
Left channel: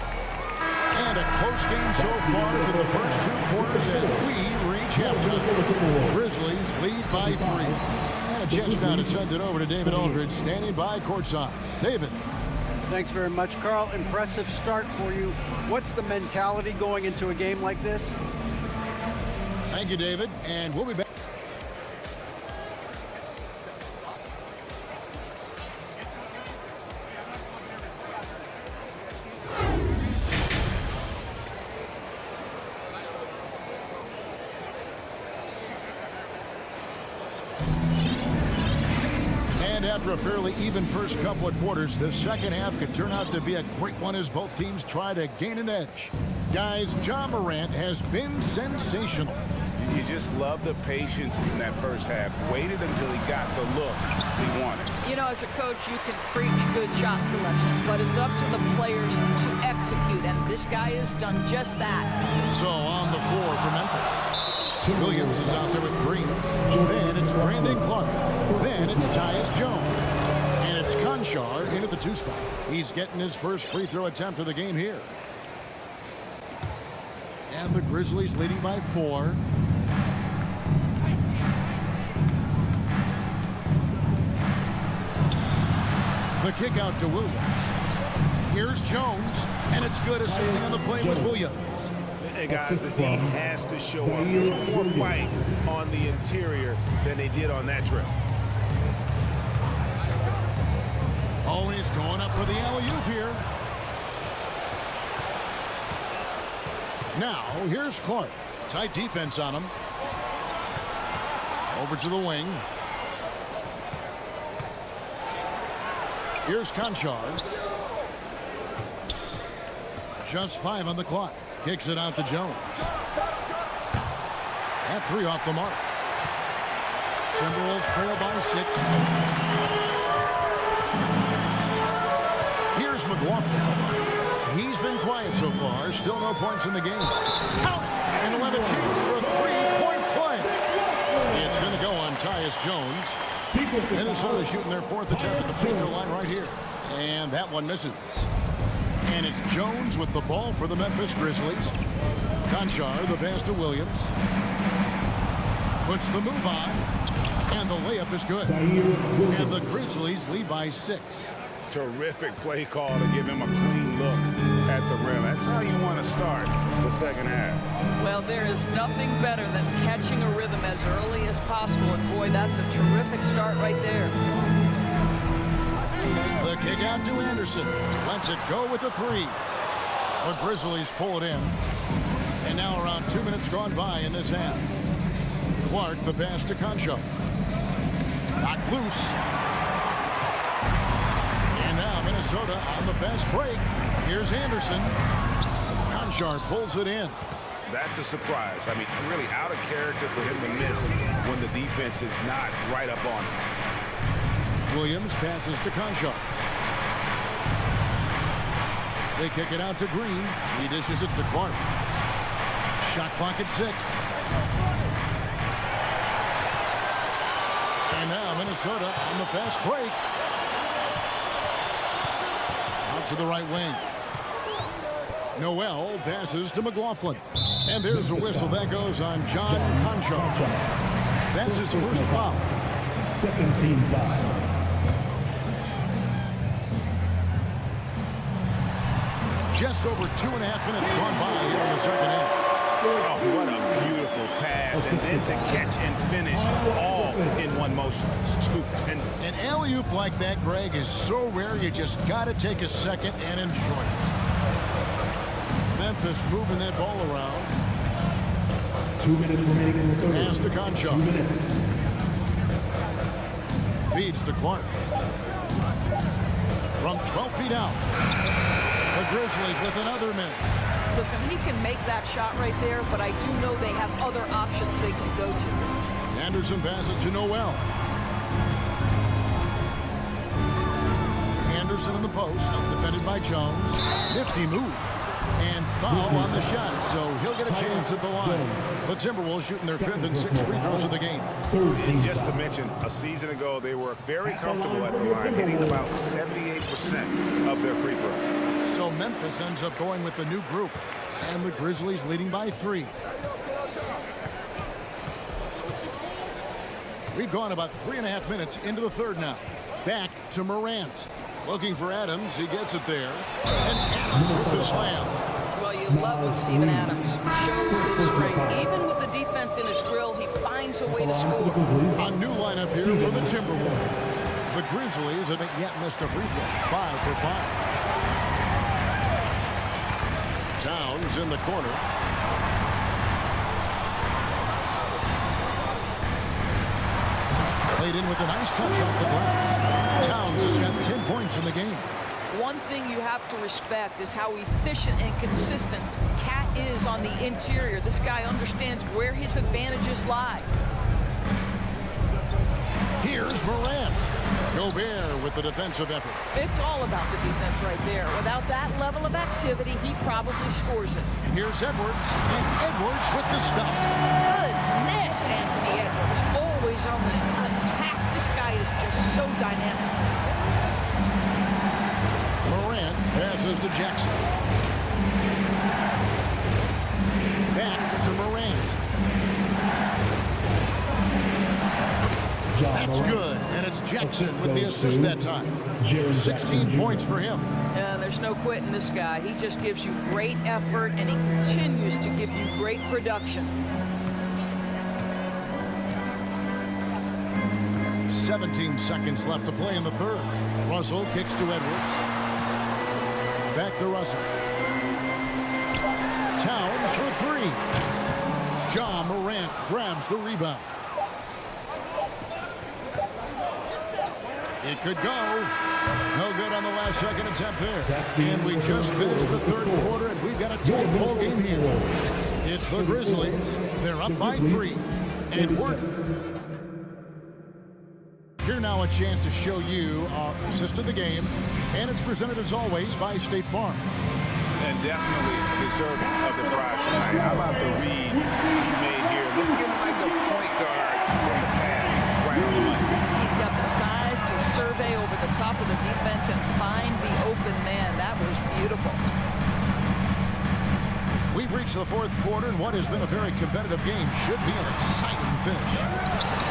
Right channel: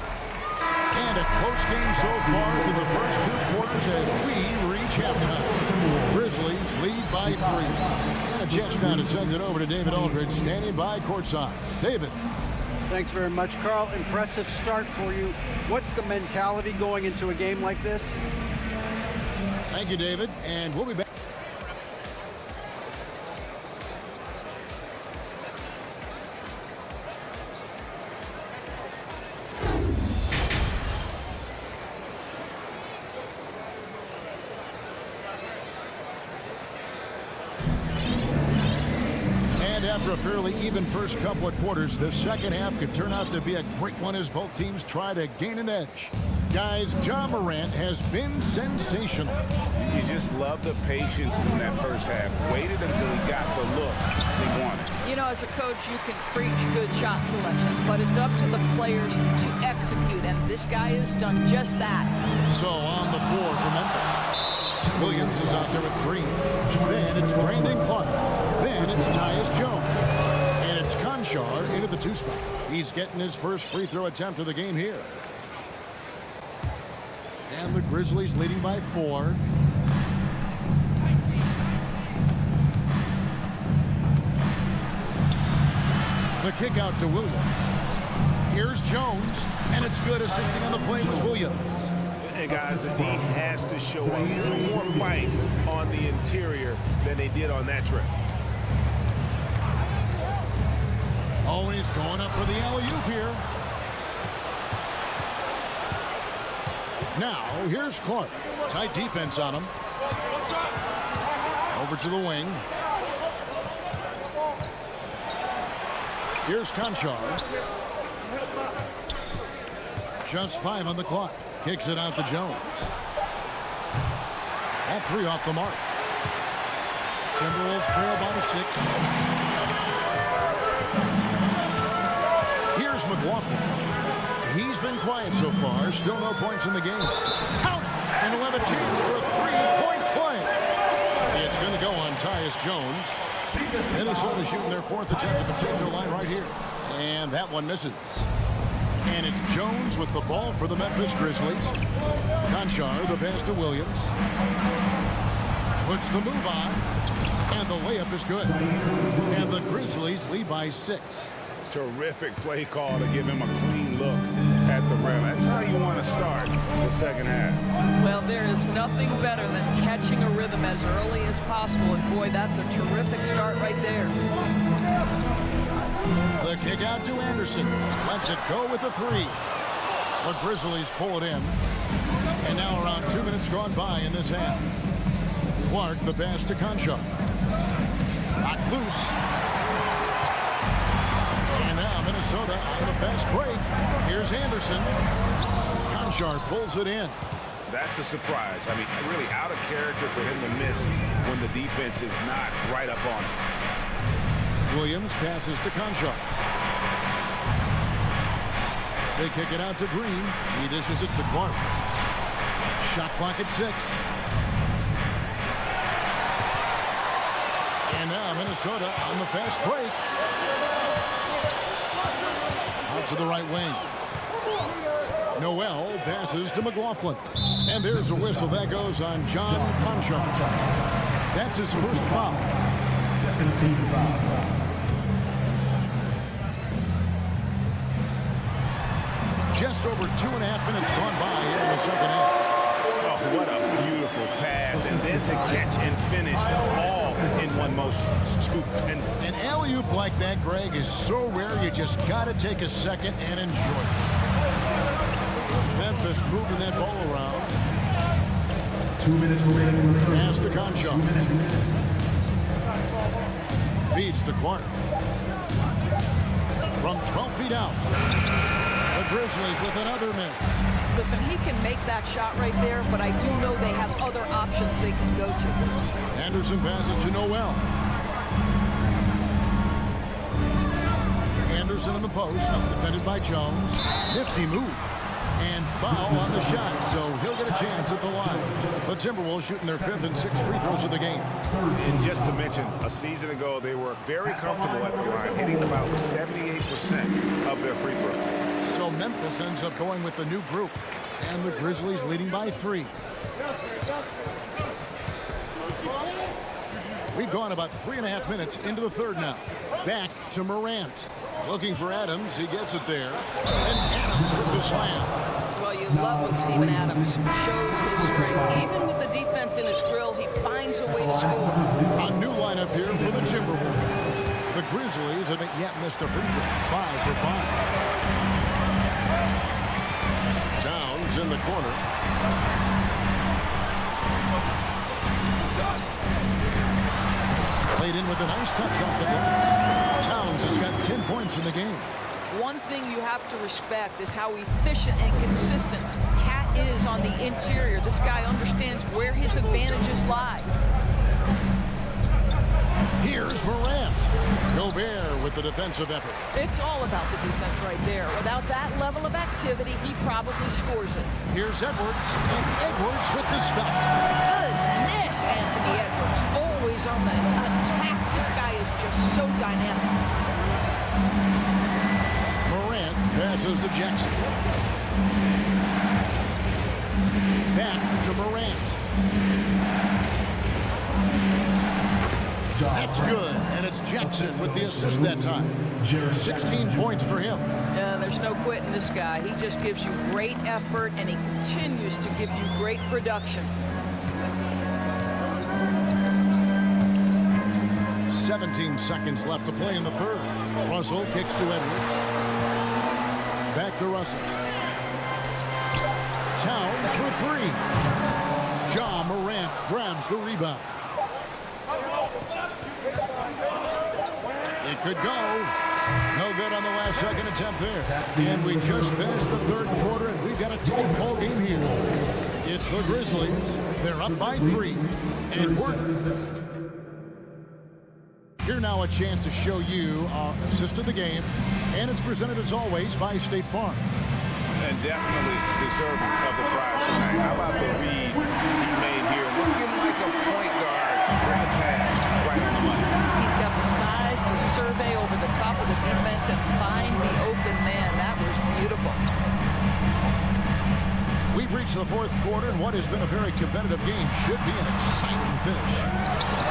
And a close game so far through the first 2 quarters as we reach halftime. Grizzlies lead by 3. And a chance now to send it over to David Aldridge, standing by courtside. David. Thanks very much, Carl. Impressive start for you. What's the mentality going into a game like this? Thank you, David. And we'll be back. And after a fairly even first couple of quarters, the second half could turn out to be a great one as both teams try to gain an edge. Guys, Ja Morant has been sensational. You just love the patience in that first half. Waited until he got the look he wanted. You know, as a coach, you can preach good shot selection, but it's up to the players to execute, and this guy has done just that. So on the floor for Memphis. Williams is out there with Green. Then it's Brandon Clark. Then it's Tyus Jones. And it's Conchar into the 2 spot. He's getting his first free throw attempt of the game here. And the Grizzlies leading by 4. The kick out to Williams. Here's Jones. And it's good. Assisting on the play was Williams. And guys, he has to show a little more fight on the interior than they did on that trip. Always going up for the alley-oop here. Now, here's Clark. Tight defense on him. Over to the wing. Here's Conchar. Just 5 on the clock. Kicks it out to Jones. At 3 off the mark. Timberwolves trail by 6. Here's McLaughlin. He's been quiet so far. Still no points in the game. Count it! And he'll have a chance for a 3-point play. It's going to go on Tyus Jones. Minnesota shooting their 4th attempt at the free throw line right here. And that one misses. And it's Jones with the ball for the Memphis Grizzlies. Conchar, the pass to Williams. Puts the move on. And the layup is good. And the Grizzlies lead by 6. Terrific play call to give him a clean look. at the rim. That's how you want to start the second half. Well, there is nothing better than catching a rhythm as early as possible. And, boy, that's a terrific start right there. The kick out to Anderson. Lets it go with a three. The Grizzlies pull it in. And now around 2 minutes gone by in this half. Clark, the pass to Concho. Knocked loose. And now Minnesota on the fast break. Here's Anderson. Conchar pulls it in. That's a surprise. I mean, really out of character for him to miss when the defense is not right up on him. Williams passes to Conchar. They kick it out to Green. He dishes it to Clark. Shot clock at 6. And now Minnesota on the fast break. Out to the right wing. Noel passes to McLaughlin. And there's a whistle that goes on John Conchar. That's his first foul. Second team foul. Just over 2.5 minutes gone by here in the second half. Oh, what a beautiful pass. And then to catch and finish all in one motion. Stupendous. An alley-oop like that, Greg, is so rare you just got to take a second and enjoy it. Memphis moving that ball around. 2 minutes remaining in the third. Pass to Concho. 2 minutes. Feeds to Clark. From 12 feet out. The Grizzlies with another miss. Listen, he can make that shot right there, but I do know they have other options they can go to. Anderson passes to Noel. Anderson in the post, defended by Jones. Nifty move. And foul on the shot, so he'll get a chance at the line. The Timberwolves shooting their 5th and 6th free throws of the game. And just to mention, a season ago, they were very comfortable at the line, hitting about 78% of their free throws. So Memphis ends up going with the new group, and the Grizzlies leading by 3. We've gone about 3.5 minutes into the third now. Back to Morant. Looking for Adams. He gets it there. And Adams with the slam. Well, you love when Steven Adams shows his strength. Even with the defense in his grill, he finds a way to score. A new lineup here for the Timberwolves. The Grizzlies haven't yet missed a free throw. 5 for 5. Towns in the corner. Played in with a nice touch off the glass. Towns has got 10 points in the game. One thing you have to respect is how efficient and consistent Cat is on the interior. This guy understands where his advantages lie. Here's Morant. Gobert with the defensive effort. It's all about the defense right there. Without that level of activity, he probably scores it. Here's Edwards. And Edwards with the stop. Goodness, Anthony Edwards. Always on the attack. This guy is just so dynamic. Morant passes to Jackson. Back to Morant. That's good, and it's Jackson with the assist that time. 16 points for him. There's no quitting this guy. He just gives you great effort, and he continues to give you great production. 17 seconds left to play in the third. Russell kicks to Edwards. Back to Russell. Towns for 3. Ja Morant grabs the rebound. It could go. No good on the last second attempt there. And we just finished the third quarter, and we've got a tight ball game here. It's the Grizzlies. They're up by 3. And we're here now, a chance to show you our assist of the game. And it's presented, as always, by State Farm. And definitely deserving of the prize tonight. How about the read he made here? Looking like a point guard with the pass right on the money. He's got the size to survey over the top of the defense and find the open man. That was beautiful. We've reached the fourth quarter, and what has been a very competitive game should be an exciting finish.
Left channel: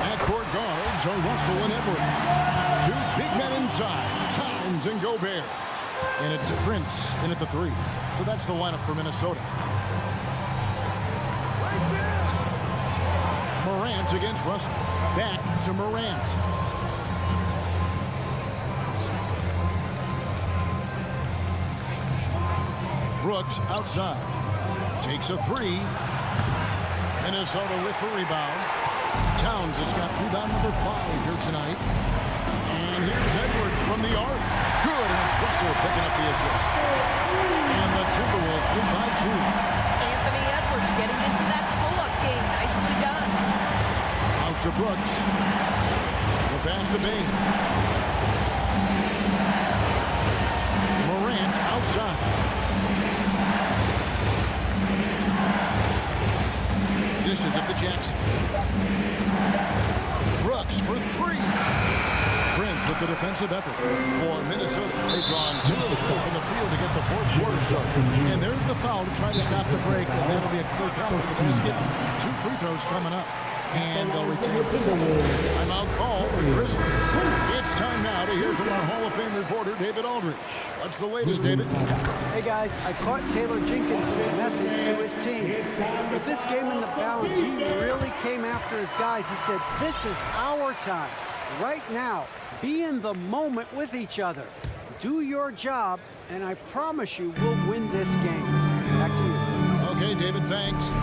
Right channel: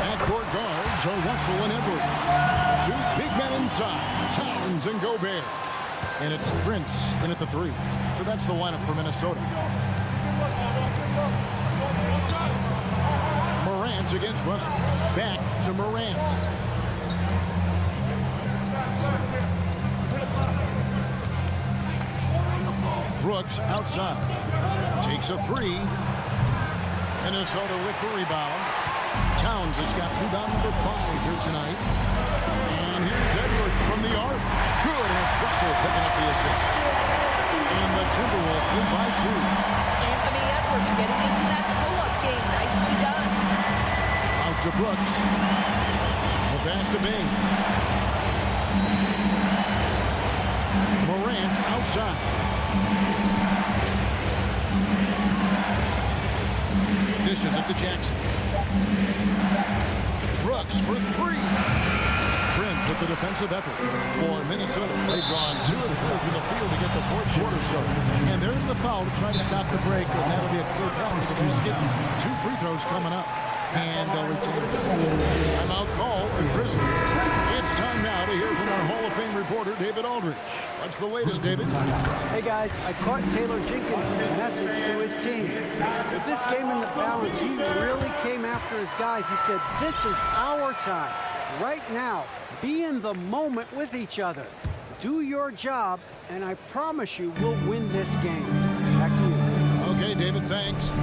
Backcourt guards are Russell and Edwards. 2 big men inside, Towns and Gobert. And it's Prince in at the 3. So that's the lineup for Minnesota. Morant against Russell. Back to Morant. Brooks outside. Takes a 3. Minnesota with the rebound. Towns has got rebound number 5 here tonight. And here's Edwards from the arc. Good, and it's Russell picking up the assist. And the Timberwolves lead by 2. Anthony Edwards getting into that pull-up game. Nicely done. Out to Brooks. The pass to Bain. Morant outside. Dishes it to Jackson. Brooks for 3. Prince with the defensive effort for Minnesota. They've gone 2 of 3 from the field to get the fourth quarter started. And there's the foul to try to stop the break, and that'll be a clear path to the basket. 2 free throws coming up. And they'll retain possession. Timeout call, the Grizzlies. It's time now to hear from our Hall of Fame reporter, David Aldridge. What's the latest, David? Hey, guys, I caught Taylor Jenkins' message to his team. With this game in the balance, he really came after his guys. He said, this is our time. Right now, be in the moment with each other. Do your job, and I promise you we'll win this game. Back to you. Okay, David, thanks.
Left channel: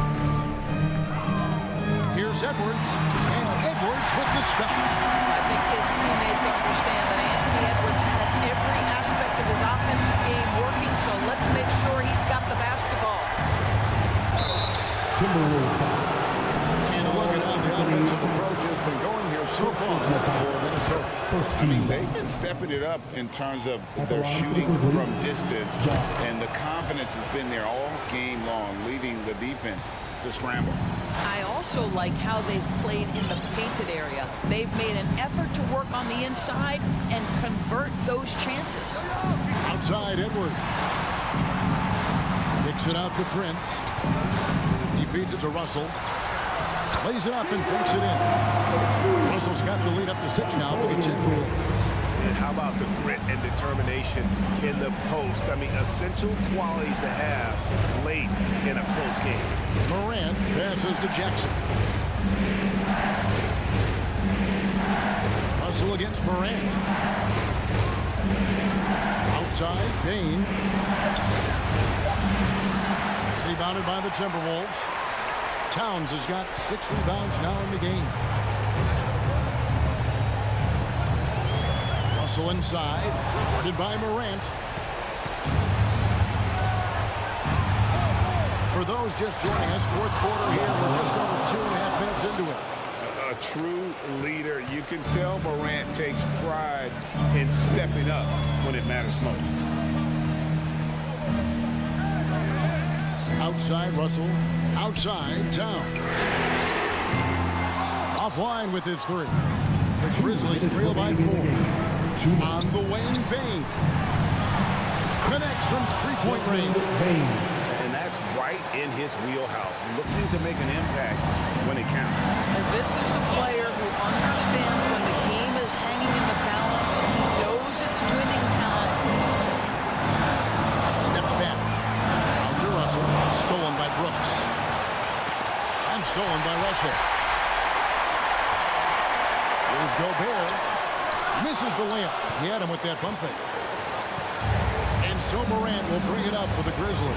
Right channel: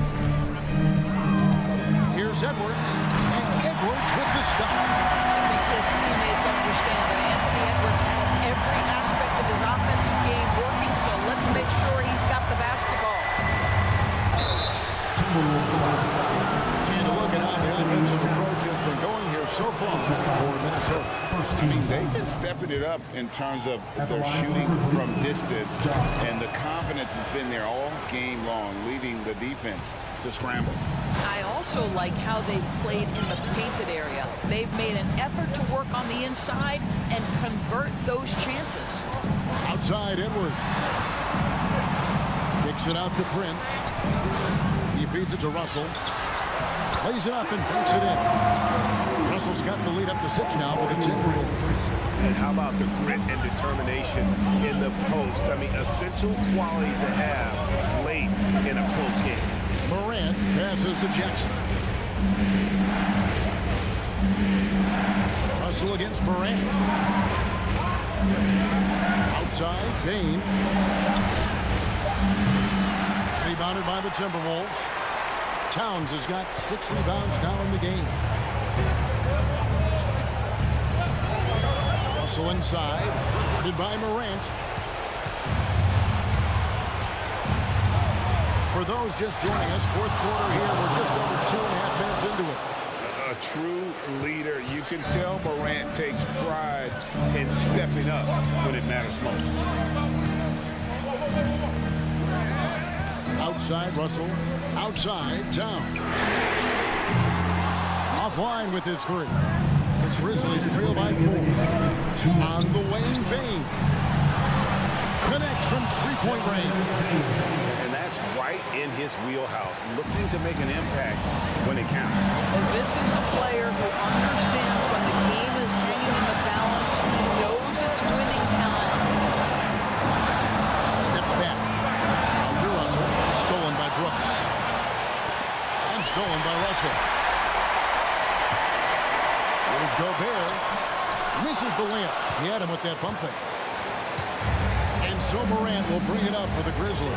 Here's Edwards, and Edwards with the stop. I think his teammates understand that Anthony Edwards has every aspect of his offensive game working, so let's make sure he's got the basketball. And a look at how the offensive approach has been going here so far for Minnesota. I mean, they've been stepping it up in terms of their shooting from distance, and the confidence has been there all game long, leaving the defense to scramble. I also like how they've played in the painted area. They've made an effort to work on the inside and convert those chances. Outside, Edwards. Kicks it out to Prince. He feeds it to Russell. Lays it up and banks it in. Russell's got the lead up to 6 now for the Timberwolves. And how about the grit and determination in the post? I mean, essential qualities to have late in a close game. Morant passes to Jackson. Russell against Morant. Outside, Bain. Rebounded by the Timberwolves. Towns has got 6 rebounds now in the game. Russell inside, guarded by Morant. For those just joining us, fourth quarter here. We're just over 2.5 minutes into it. A true leader. You can tell Morant takes pride in stepping up when it matters most. Outside, Russell. Outside, Towns. Offline with his 3. The Grizzlies trail by 4. On the wing, Bain. Connects from 3-point range. And that's right in his wheelhouse, looking to make an impact when it counts. And this is a player who understands when the game is hanging in the balance. He knows it's winning time. Steps back. Out to Russell. Stolen by Brooks. And stolen by Russell. Here's Gobert. Misses the layup. He had him with that pump fake. And so Morant will bring it up for the Grizzlies.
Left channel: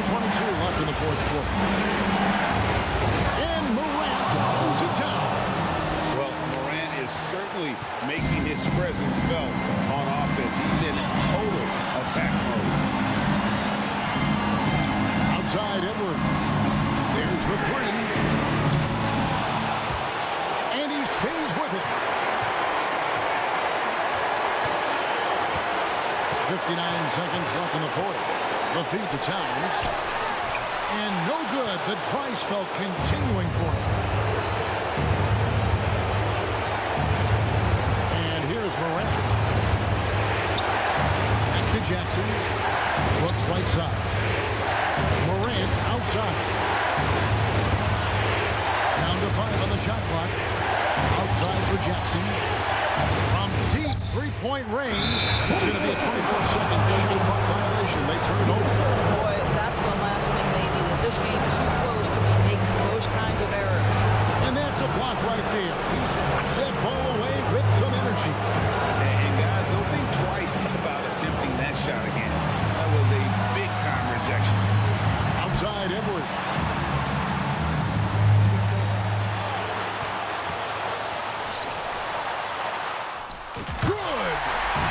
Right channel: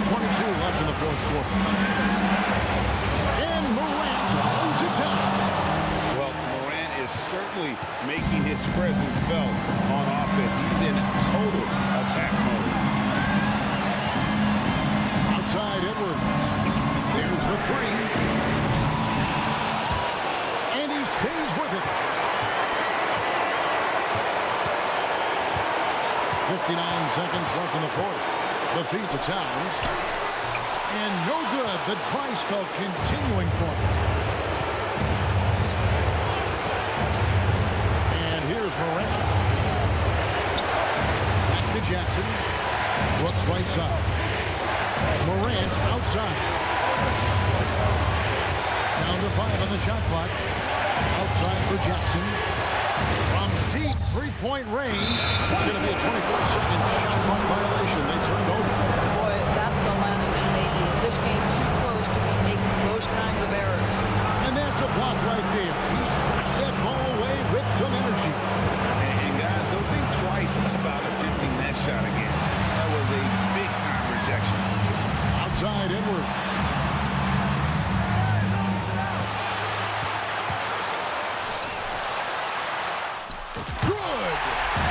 1:22 left in the fourth quarter. And Morant throws it down. Well, Morant is certainly making his presence felt on offense. He's in total attack mode. Outside, Edwards. There's the 3. And he stays with it. 59 seconds left in the fourth. The feed to Towns. And no good. The dry spell continuing for him. And here's Morant. Back to Jackson. Brooks right side. Morant outside. Down to 5 on the shot clock. Outside for Jackson. From deep three-point range, and it's going to be a 24-second shot clock violation. They turn it over. Boy, that's the last thing they needed. This game too close to be making those kinds of errors. And that's a block right there. He swats that ball away with some energy. And guys, don't think twice about attempting that shot again. That was a big-time rejection. Outside Edwards. Good!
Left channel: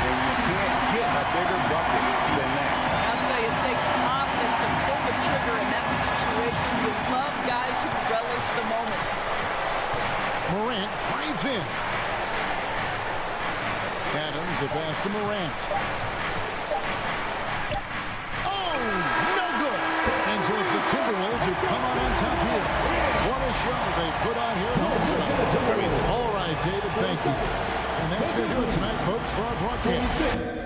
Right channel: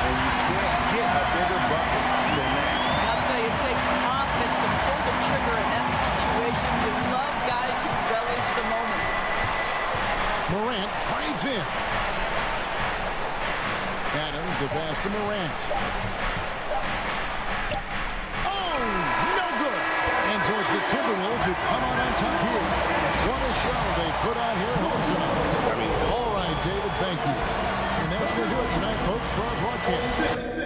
And you can't get a bigger bucket than that. I'll tell you, it takes confidence to pull the trigger in that situation. You love guys who relish the moment. Morant drives in. Adams, the pass to Morant. Oh, no good. And so it's the Timberwolves who come out on top here. What a show they put on here at home tonight. All right, David, thank you. And that's going to do it tonight, folks, for our broadcast.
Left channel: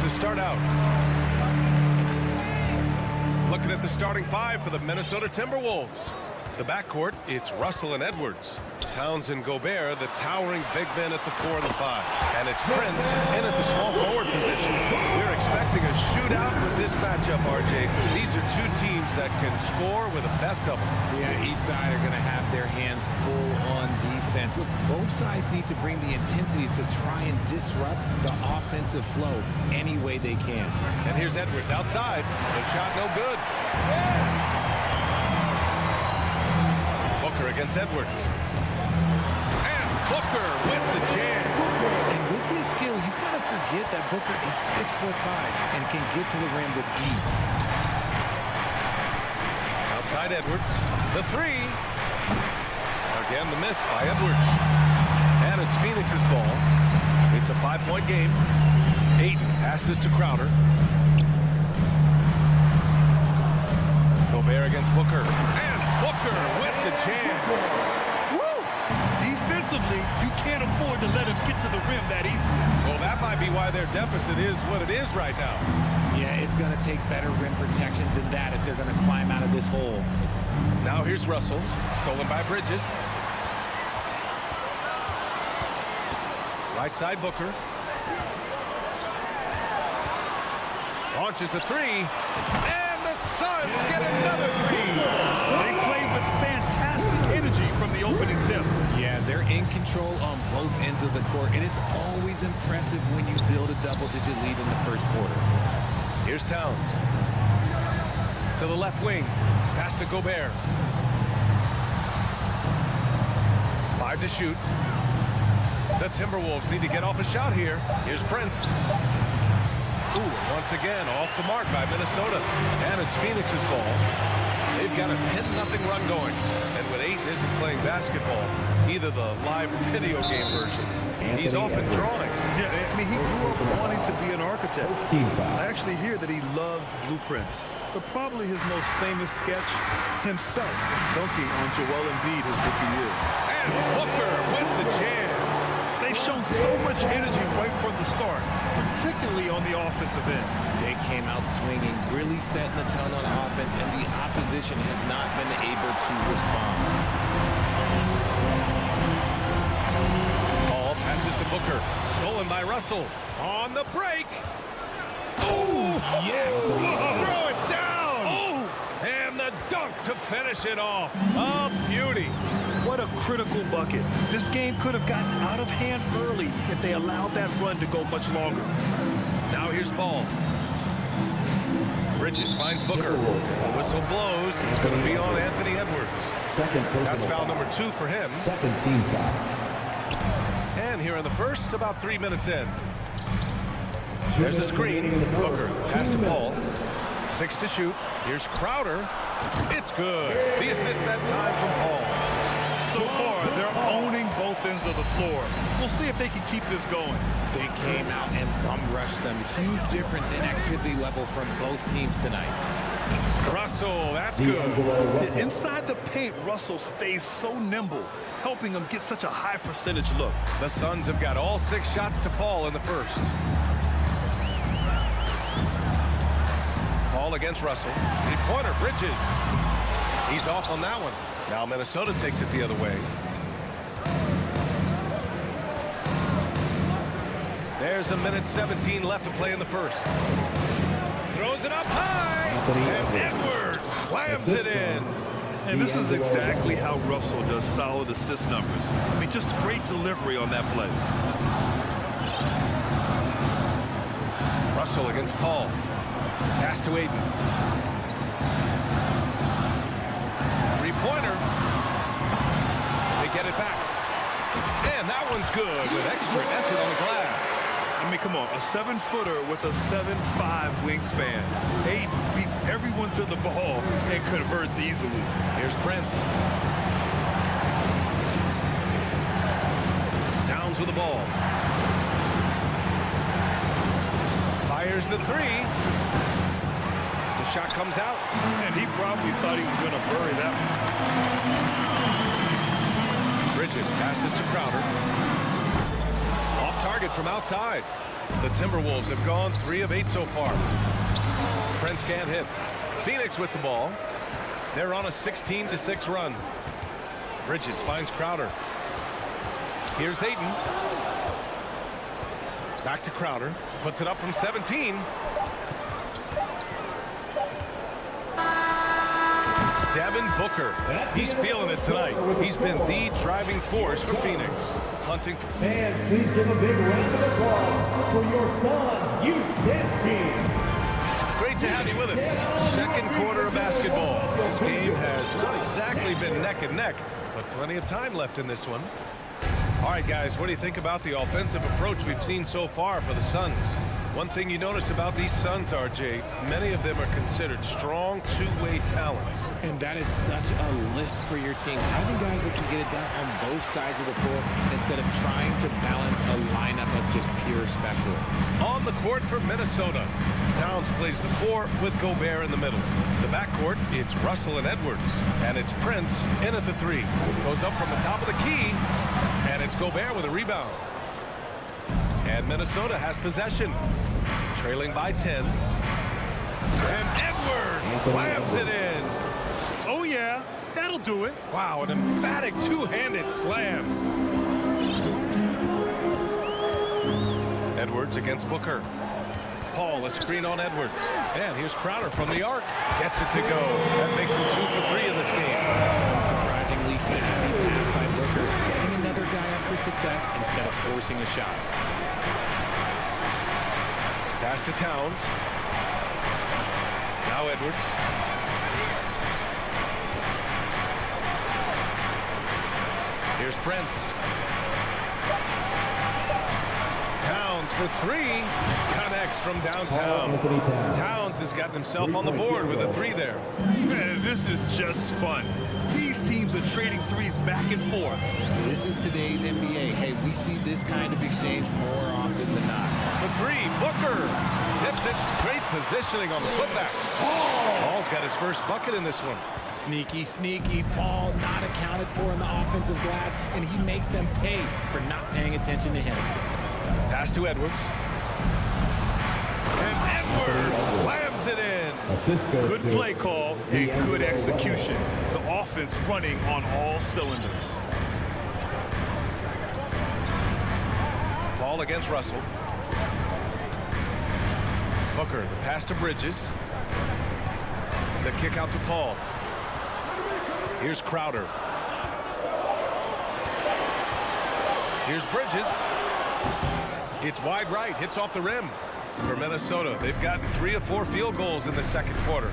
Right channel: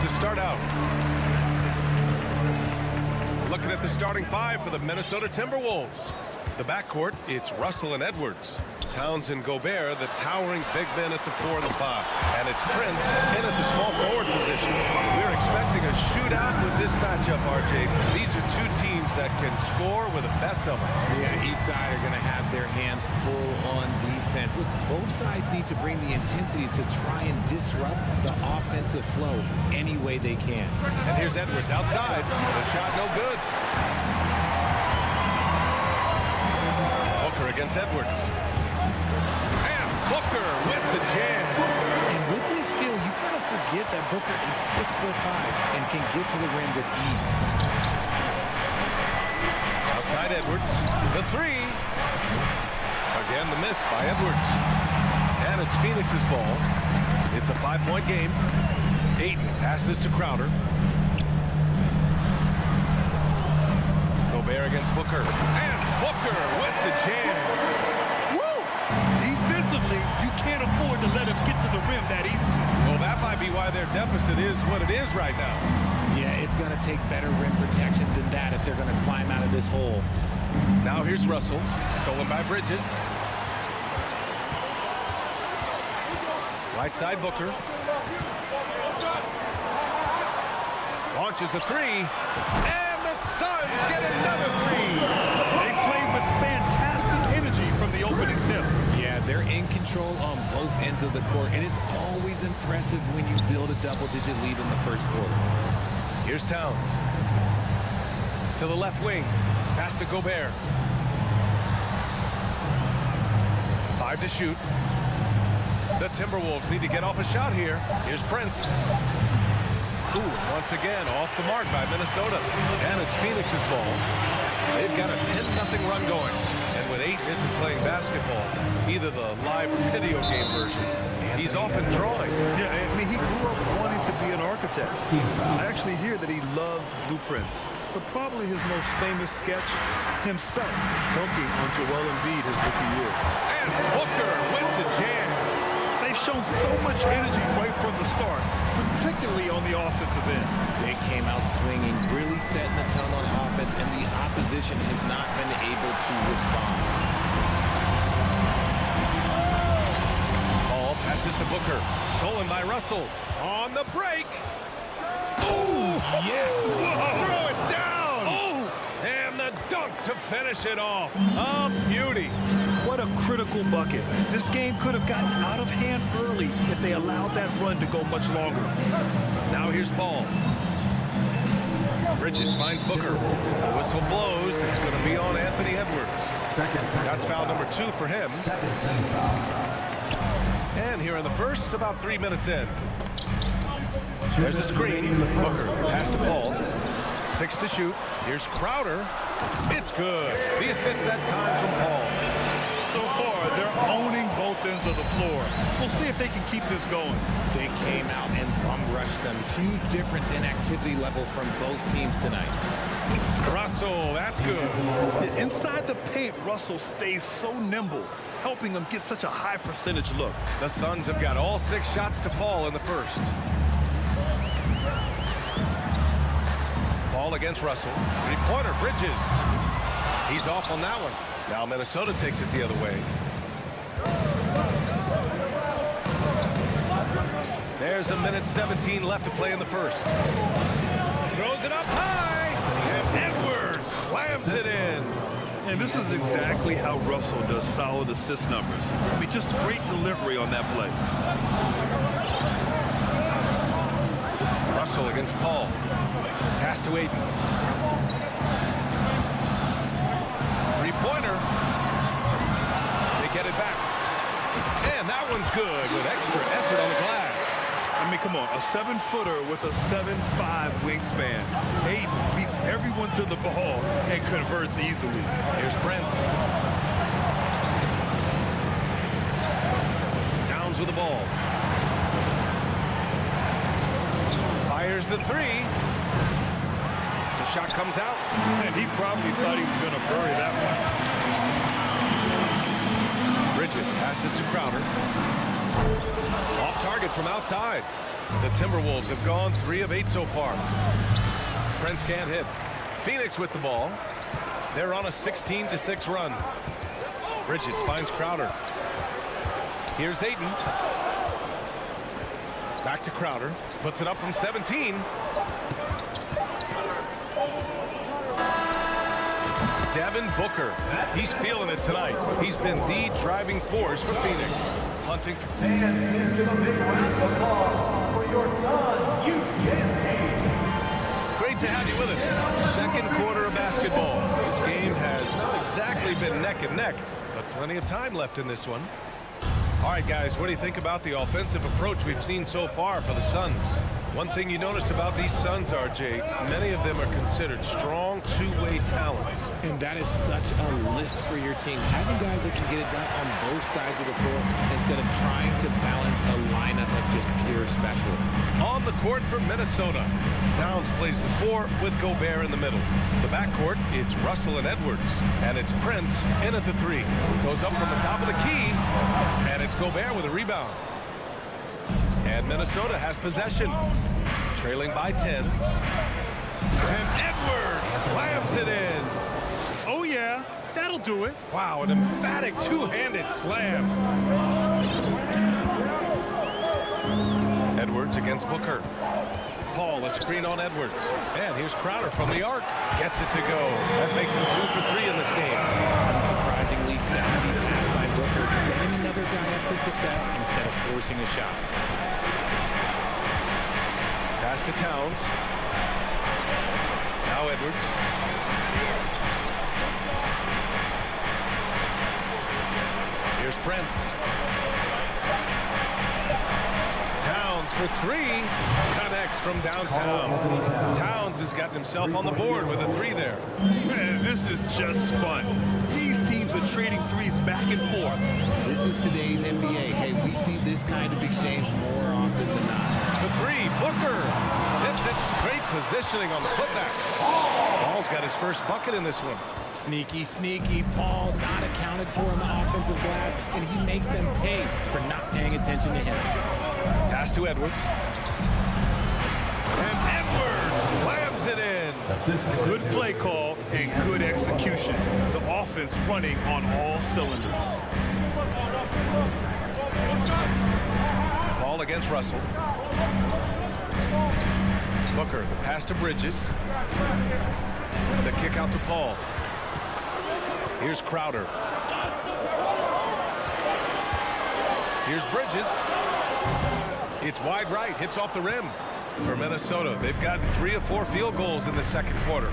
to start out. Looking at the starting five for the Minnesota Timberwolves. The backcourt, it's Russell and Edwards. Towns and Gobert, the towering big men at the 4 and the 5. And it's Prince in at the small forward position. We're expecting a shootout with this matchup, RJ. These are two teams that can score with the best of them. Yeah, each side are going to have their hands full on defense. Look, both sides need to bring the intensity to try and disrupt the offensive flow any way they can. And here's Edwards outside. The shot no good. Booker against Edwards. And Booker with the jam. And with his skill, you kind of forget that Booker is 6'5" and can get to the rim with ease. Outside Edwards. The three. Again, the miss by Edwards. And it's Phoenix's ball. It's a 5-point game. Ayton passes to Crowder. Gobert against Booker. And Booker with the jam. Woo! Defensively, you can't afford to let him get to the rim that easily. Well, that might be why their deficit is what it is right now. Yeah, it's going to take better rim protection than that if they're going to climb out of this hole. Now here's Russell. Stolen by Bridges. Right side Booker. Launches a three. And the Suns get another three. They play with fantastic energy from the opening tip. Yeah, they're in control on both ends of the court, and it's always impressive when you build a double-digit lead in the first quarter. Here's Towns. To the left wing. Pass to Gobert. 5 to shoot. The Timberwolves need to get off a shot here. Here's Prince. Ooh, once again, off the mark by Minnesota. And it's Phoenix's ball. They've got a 10-0 run going. And when Ayton isn't playing basketball, either the live or video game version, he's often drawing. Yeah, I mean, he grew up wanting to be an architect. I actually hear that he loves blueprints. But probably his most famous sketch, himself dunking on Joel Embiid his rookie year. And Booker with the jam. They've shown so much energy right from the start, particularly on the offensive end. They came out swinging, really setting the tone on offense, and the opposition has not been able to respond. Ball passes to Booker. Stolen by Russell. On the break. Oh, yes. Whoa. Throw it down. Oh. And the dunk to finish it off. A beauty. What a critical bucket. This game could have gotten out of hand early if they allowed that run to go much longer. Now here's Paul. Bridges finds Booker. The whistle blows. It's going to be on Anthony Edwards. That's foul number 2 for him. Second team foul. And here in the first, about 3 minutes in. There's a screen. Booker pass to Paul. 6 to shoot. Here's Crowder. It's good. The assist that time from Paul. So far, they're owning both ends of the floor. We'll see if they can keep this going. They came out and bum rushed them. Huge difference in activity level from both teams tonight. Russell, that's good. Inside the paint, Russell stays so nimble, helping them get such a high percentage look. The Suns have got all 6 shots to fall in the first. Ball against Russell. 3-pointer, Bridges. He's off on that one. Now Minnesota takes it the other way. There's 1:17 left to play in the first. Throws it up high. And Edwards slams it in. And this is exactly how Russell does solid assist numbers. I mean, just great delivery on that play. Russell against Paul. Pass to Ayton. 3-pointer. They get it back. And that one's good with extra effort on the glass. I mean, come on, a 7-footer with a 7'5" wingspan. Ayton beats everyone to the ball and converts easily. Here's Prince. Towns with the ball. Fires the 3. The shot comes out. And he probably thought he was going to bury that one. Bridges passes to Crowder. Off target from outside. The Timberwolves have gone 3 of 8 so far. Prince can't hit. Phoenix with the ball. They're on a 16-6 run. Bridges finds Crowder. Here's Ayton. Back to Crowder. Puts it up from 17. Devin Booker. He's feeling it tonight. He's been the driving force for Phoenix. Hunting. Fans, please give a big round of applause for your Suns Youth Dance Team. Great to have you with us. Second quarter of basketball. This game has not exactly been neck and neck, but plenty of time left in this one. All right, guys, what do you think about the offensive approach we've seen so far for the Suns? One thing you notice about these Suns, RJ, many of them are considered strong two-way talents. And that is such a list for your team. Having guys that can get it done on both sides of the floor instead of trying to balance a lineup of just pure specialists. On the court for Minnesota, Towns plays the 4 with Gobert in the middle. The backcourt, it's Russell and Edwards. And it's Prince in at the 3. Goes up from the top of the key, and it's Gobert with a rebound. And Minnesota has possession, trailing by 10. And Edwards slams it in. Oh, yeah, that'll do it. Wow, an emphatic two-handed slam. Edwards against Booker. Paul, a screen on Edwards. And here's Crowder from the arc. Gets it to go. That makes him 2 for 3 in this game. Unsurprisingly savvy pass by Booker, setting another guy up for success instead of forcing a shot. Pass to Towns. Now Edwards. Here's Prince. Towns for 3. Connects from downtown. Towns has gotten himself on the board with a 3 there. Man, this is just fun. These teams are trading threes back and forth. This is today's NBA. Hey, we see this kind of exchange more often than not. The 3, Booker tips it. Great positioning on the putback. Paul's got his first bucket in this one. Sneaky, sneaky. Paul not accounted for in the offensive glass, and he makes them pay for not paying attention to him. Pass to Edwards. And Edwards slams it in. Good play call and good execution. The offense running on all cylinders. Paul against Russell. Booker, the pass to Bridges. The kick out to Paul. Here's Crowder. Here's Bridges. It's wide right, hits off the rim for Minnesota. They've gotten 3 of 4 field goals in the second quarter.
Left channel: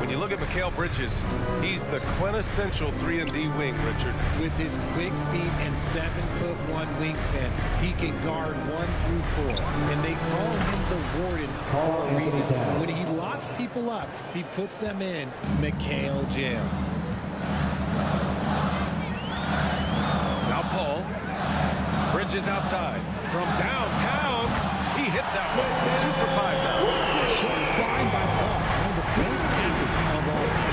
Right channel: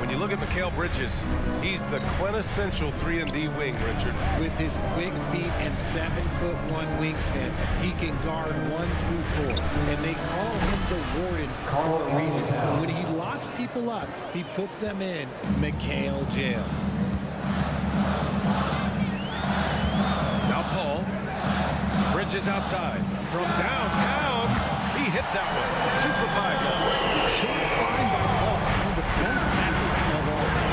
When you look at Mikal Bridges, he's the quintessential 3-and-D wing, Richard. With his quick feet and 7'1" wingspan, he can guard 1 through 4. And they call him the Warden for a reason. When he locks people up, he puts them in Mikal jail. Now Paul. Bridges outside. From downtown, he hits that one. 2 for 5 now. Short find by Paul. One of the best passes of all time.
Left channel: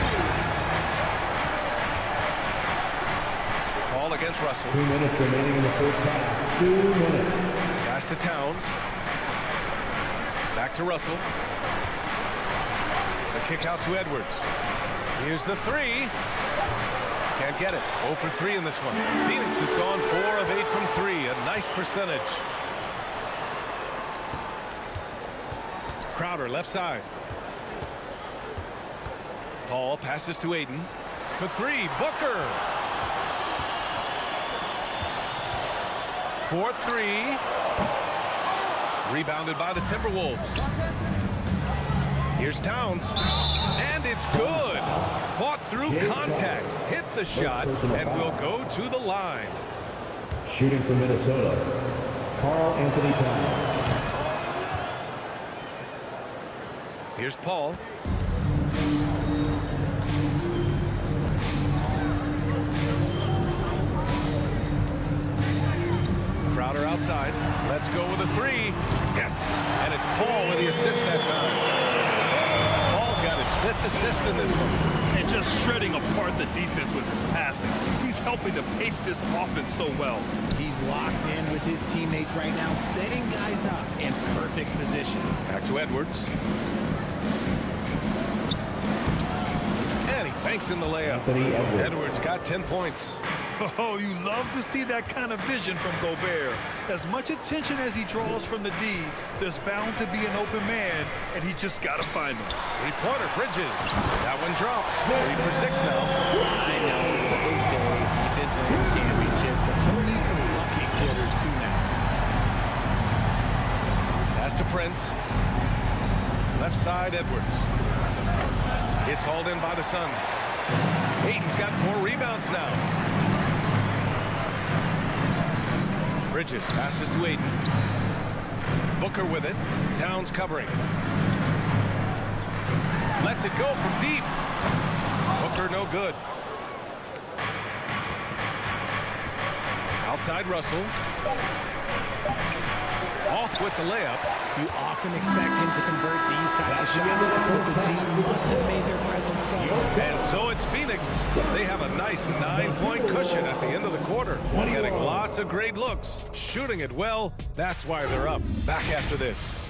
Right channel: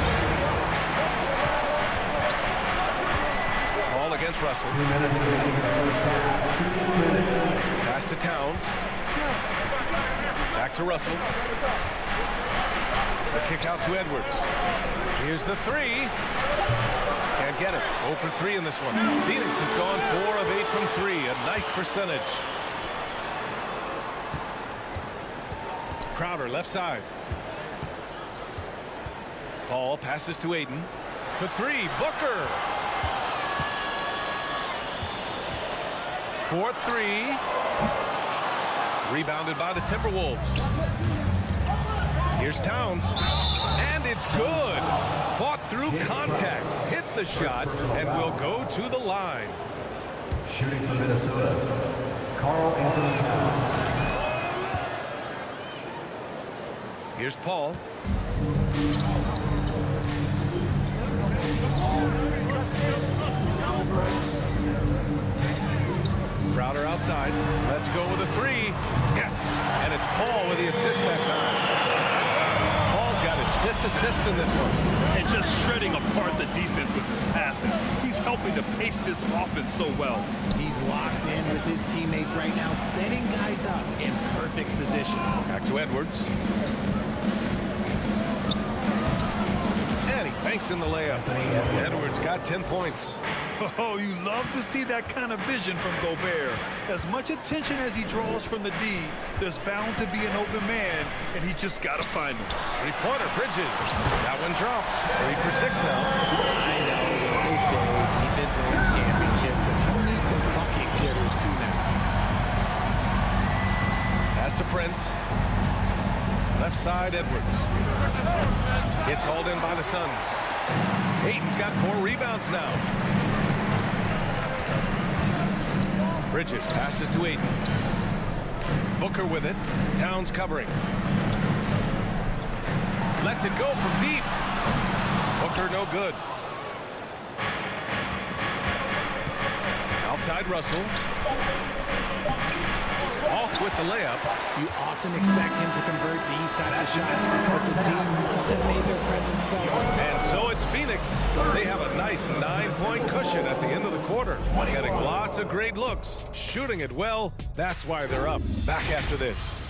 Paul against Russell. 2 minutes remaining in the first half. 2 minutes. Pass to Towns. Back to Russell. The kick out to Edwards. Here's the 3. Can't get it. 0 for 3 in this one. Phoenix has gone 4 of 8 from 3. A nice percentage. Crowder left side. Paul passes to Ayton. For 3, Booker. 4-3. Rebounded by the Timberwolves. Here's Towns. And it's good. Fought through contact. Hit the shot and will go to the line. Shooting for Minnesota, Karl Anthony Towns. Here's Paul. Crowder outside. Let's go with a 3. Yes. And it's Paul with the assist that time. Paul's got his 5th assist in this one. And just shredding apart the defense with his passing. He's helping to pace this offense so well. He's locked in with his teammates right now, setting guys up in perfect position. Back to Edwards. And he banks in the layup. Edwards got 10 points. Oh, you love to see that kind of vision from Gobert. As much attention as he draws from the D, there's bound to be an open man, and he just got to find him. Three-pointer, Bridges. That one drops. 3 for 6 now. I know what they say, defense wins championships, but you need some bucket getters too now. Pass to Prince. Left side, Edwards. It's hauled in by the Suns. Ayton's got 4 rebounds now. Bridges passes to Ayton. Booker with it. Towns covering. Lets it go from deep. Booker no good. Outside Russell. Off with the layup. You often expect him to convert these types of shots, but the D must have made their presence felt. And so it's Phoenix. They have a nice 9-point cushion at the end of the quarter. Getting lots of great looks. Shooting it well. That's why they're up. Back after this.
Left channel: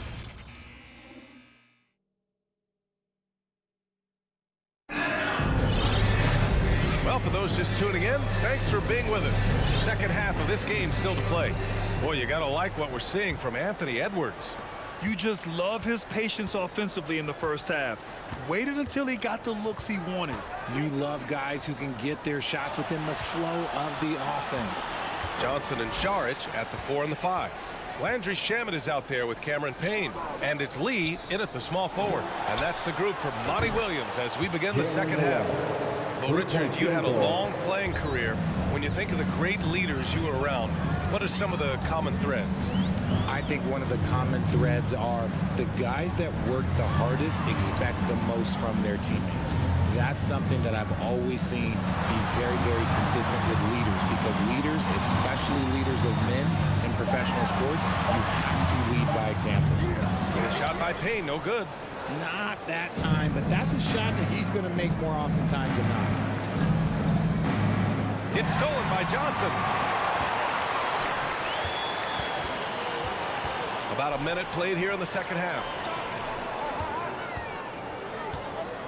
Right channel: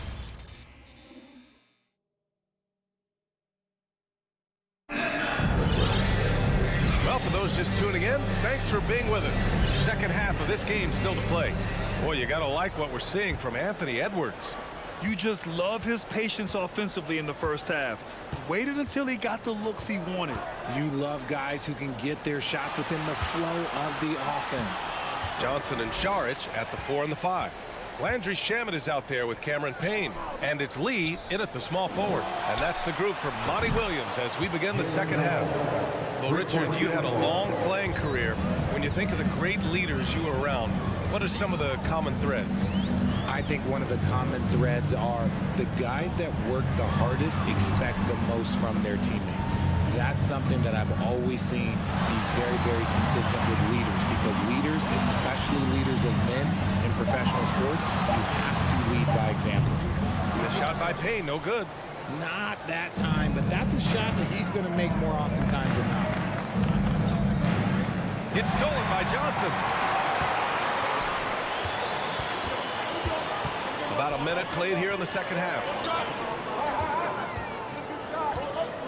Well, for those just tuning in, thanks for being with us. Second half of this game still to play. Boy, you got to like what we're seeing from Anthony Edwards. You just love his patience offensively in the first half. Waited until he got the looks he wanted. You love guys who can get their shots within the flow of the offense. Johnson and Šarić at the 4 and the 5. Landry Shamet is out there with Cameron Payne. And it's Lee in at the small forward. And that's the group for Monty Williams as we begin the second half. Well, Richard, you had a long playing career. When you think of the great leaders you were around, what are some of the common threads? I think one of the common threads are the guys that work the hardest expect the most from their teammates. That's something that I've always seen be very, very consistent with leaders, because leaders, especially leaders of men in professional sports, you have to lead by example. The shot by Payne, no good. Not that time, but that's a shot that he's going to make more oftentimes than not. It's stolen by Johnson. About a minute played here in the second half.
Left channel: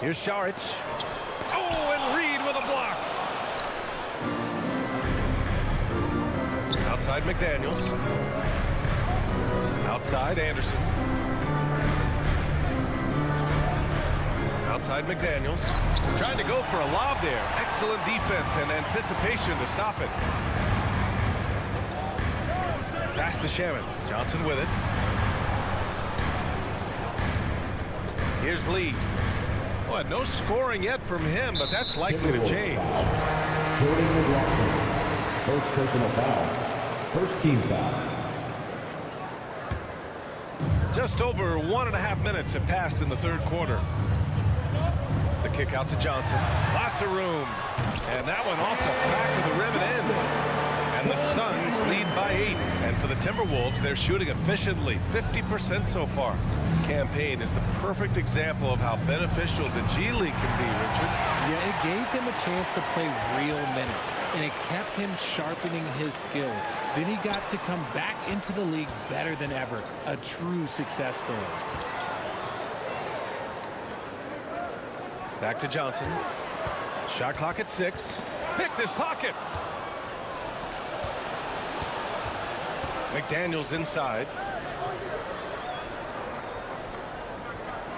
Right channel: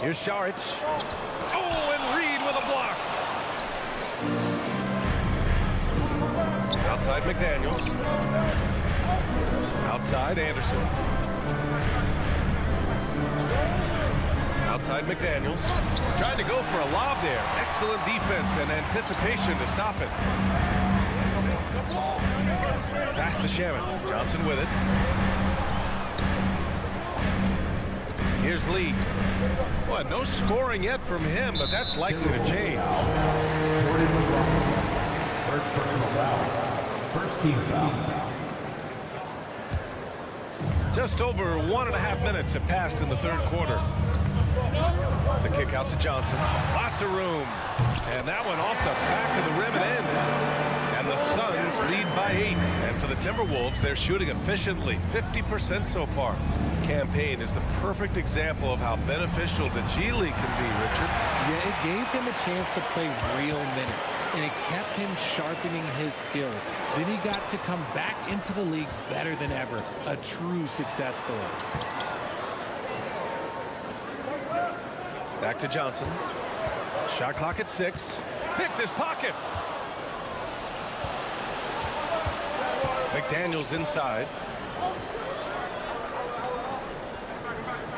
Here's Šarić. Oh, and Reed with a block. Outside McDaniels. Outside Anderson. Outside McDaniels. Trying to go for a lob there. Excellent defense and anticipation to stop it. Pass to Shamet. Johnson with it. Here's Lee. Well, no scoring yet from him, but that's likely to change. First personal foul. First team foul. Just over 1.5 minutes have passed in the third quarter. The kick out to Johnson. Lots of room. And that one off the back of the rim and in. And the Suns lead by 8. And for the Timberwolves, they're shooting efficiently. 50% so far. Campaign is the perfect example of how beneficial the G League can be, Richard. Yeah, it gave him a chance to play real minutes, and it kept him sharpening his skill. Then he got to come back into the league better than ever. A true success story. Back to Johnson. Shot clock at 6. Picked his pocket. McDaniels inside.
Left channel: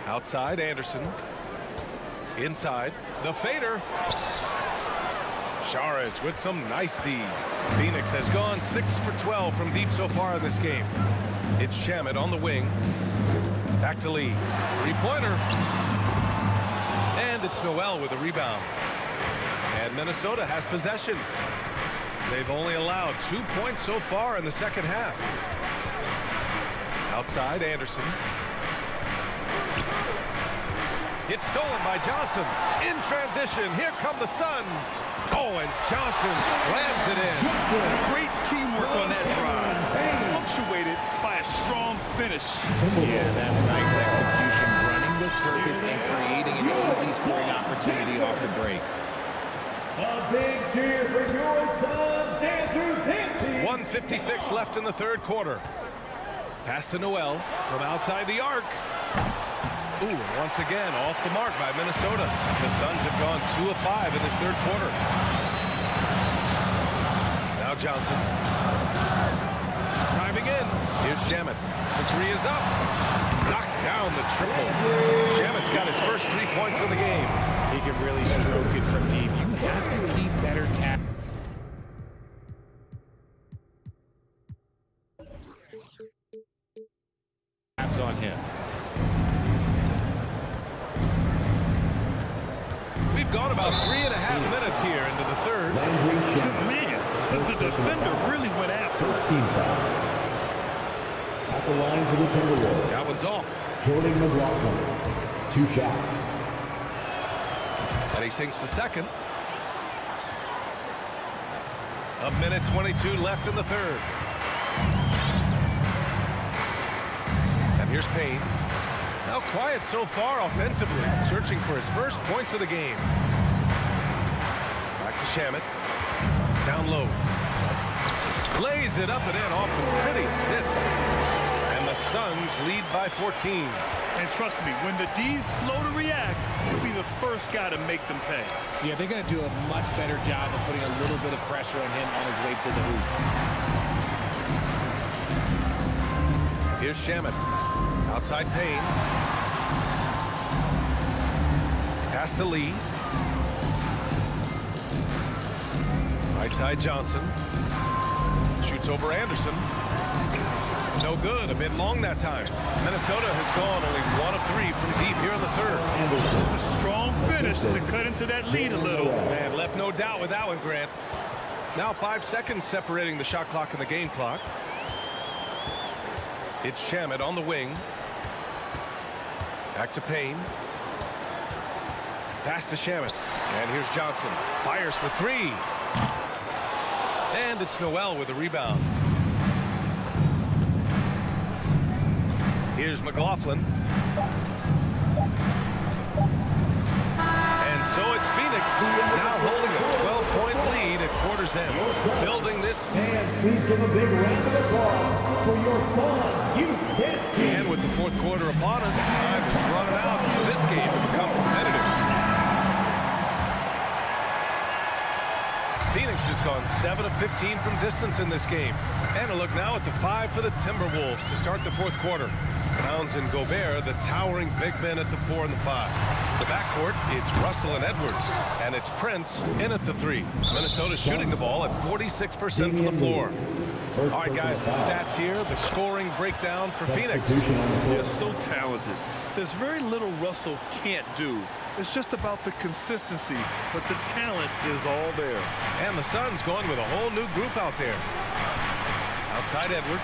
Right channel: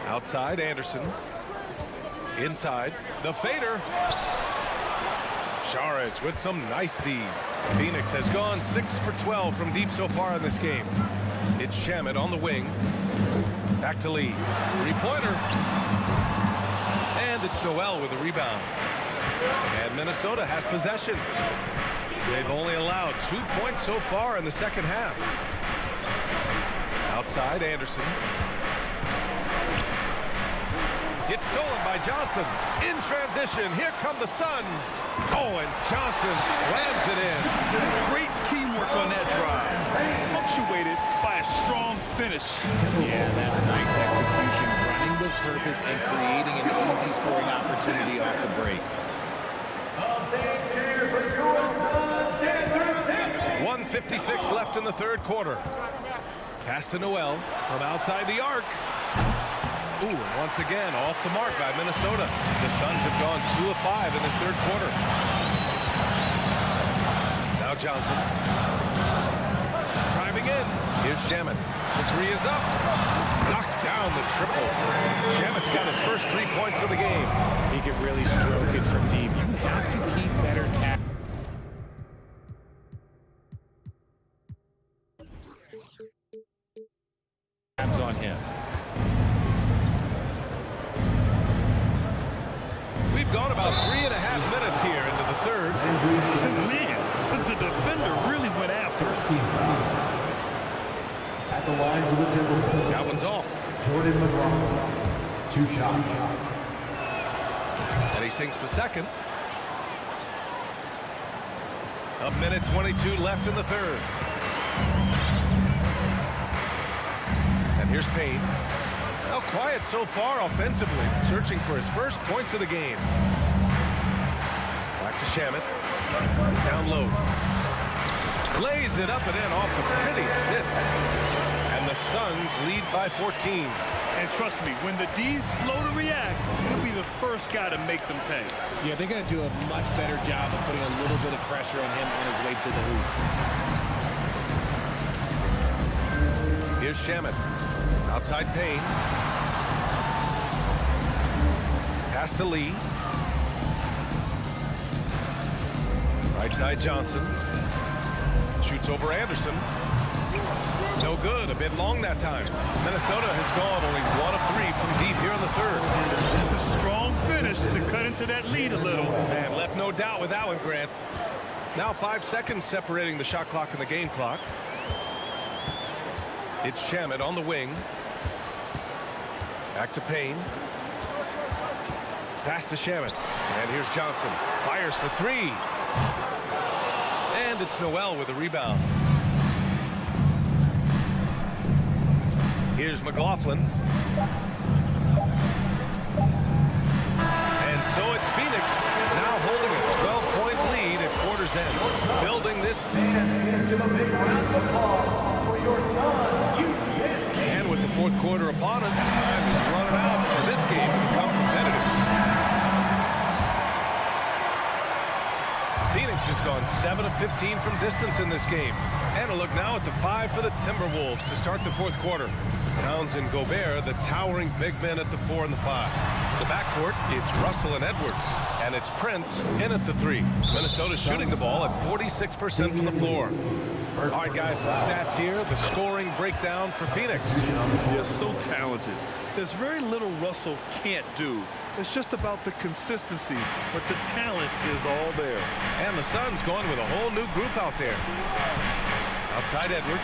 Outside, Anderson. Inside, the fader. Šarić with some nice D. Phoenix has gone 6 for 12 from deep so far in this game. It's Shamet on the wing. Back to Lee. Three-pointer. And it's Noel with a rebound. And Minnesota has possession. They've only allowed 2 points so far in the second half. Outside, Anderson. It's stolen by Johnson. In transition, here come the Suns. Oh, and Johnson slams it in. Great teamwork on that drive. Punctuated by a strong finish. Yeah, that's nice execution. Running with purpose. surface and creating an easy scoring opportunity off the break. A big cheer for your son, Dancer Hampton. 1:56 left in the third quarter. Pass to Noel from outside the arc. Ooh, and once again, off the mark by Minnesota. The Suns have gone 2 of 5 in this third quarter. Now Johnson. Driving in. Here's Shamet. The three is up. Knocks down the triple. Shamet's got his first 3 points of the game. He can really stroke it from deep. You have to keep better tabs on him. We've gone about 3.5 minutes here into the third. Man, the defender really went after him. At the line for the Timberwolves. That one's off. Jordan McLaughlin. 2 shots. And he sinks the second. A minute 22 left in the third. And here's Payne. Now quiet so far offensively, searching for his first points of the game. Back to Shamet. Down low. Lays it up and in off the pretty assist. And the Suns lead by 14. And trust me, when the D's slow to react, he'll be the first guy to make them pay. Yeah, they're going to do a much better job of putting a little bit of pressure on him on his way to the hoop. Here's Shamet. Outside Payne. Pass to Lee. Right side Johnson. Shoots over Anderson. No good. A bit long that time. Minnesota has gone only 1 of 3 from deep here in the third. A strong finish to cut into that lead a little. Man, left no doubt with that one, Grant. Now 5 seconds separating the shot clock and the game clock. It's Shamet on the wing. Back to Payne. Pass to Shamet. And here's Johnson. Fires for 3. And it's Noel with a rebound. Here's McLaughlin. And so it's Phoenix now holding a 12-point lead at quarter's end. Building this. And please give a big round of applause for your son, Youth Dance Team. And with the fourth quarter upon us, time is running out for this game to become competitive. Phoenix has gone 7 of 15 from distance in this game. And a look now at the 5 for the Timberwolves to start the fourth quarter. Towns and Gobert, the towering big men at the 4 and the 5. The backcourt, it's Russell and Edwards. And it's Prince in at the 3. Minnesota shooting the ball at 46% from the floor. All right, guys, some stats here. The scoring breakdown for Phoenix. Yeah, so talented. There's very little Russell can't do. It's just about the consistency, but the talent is all there. And the Suns going with a whole new group out there. Outside Edwards.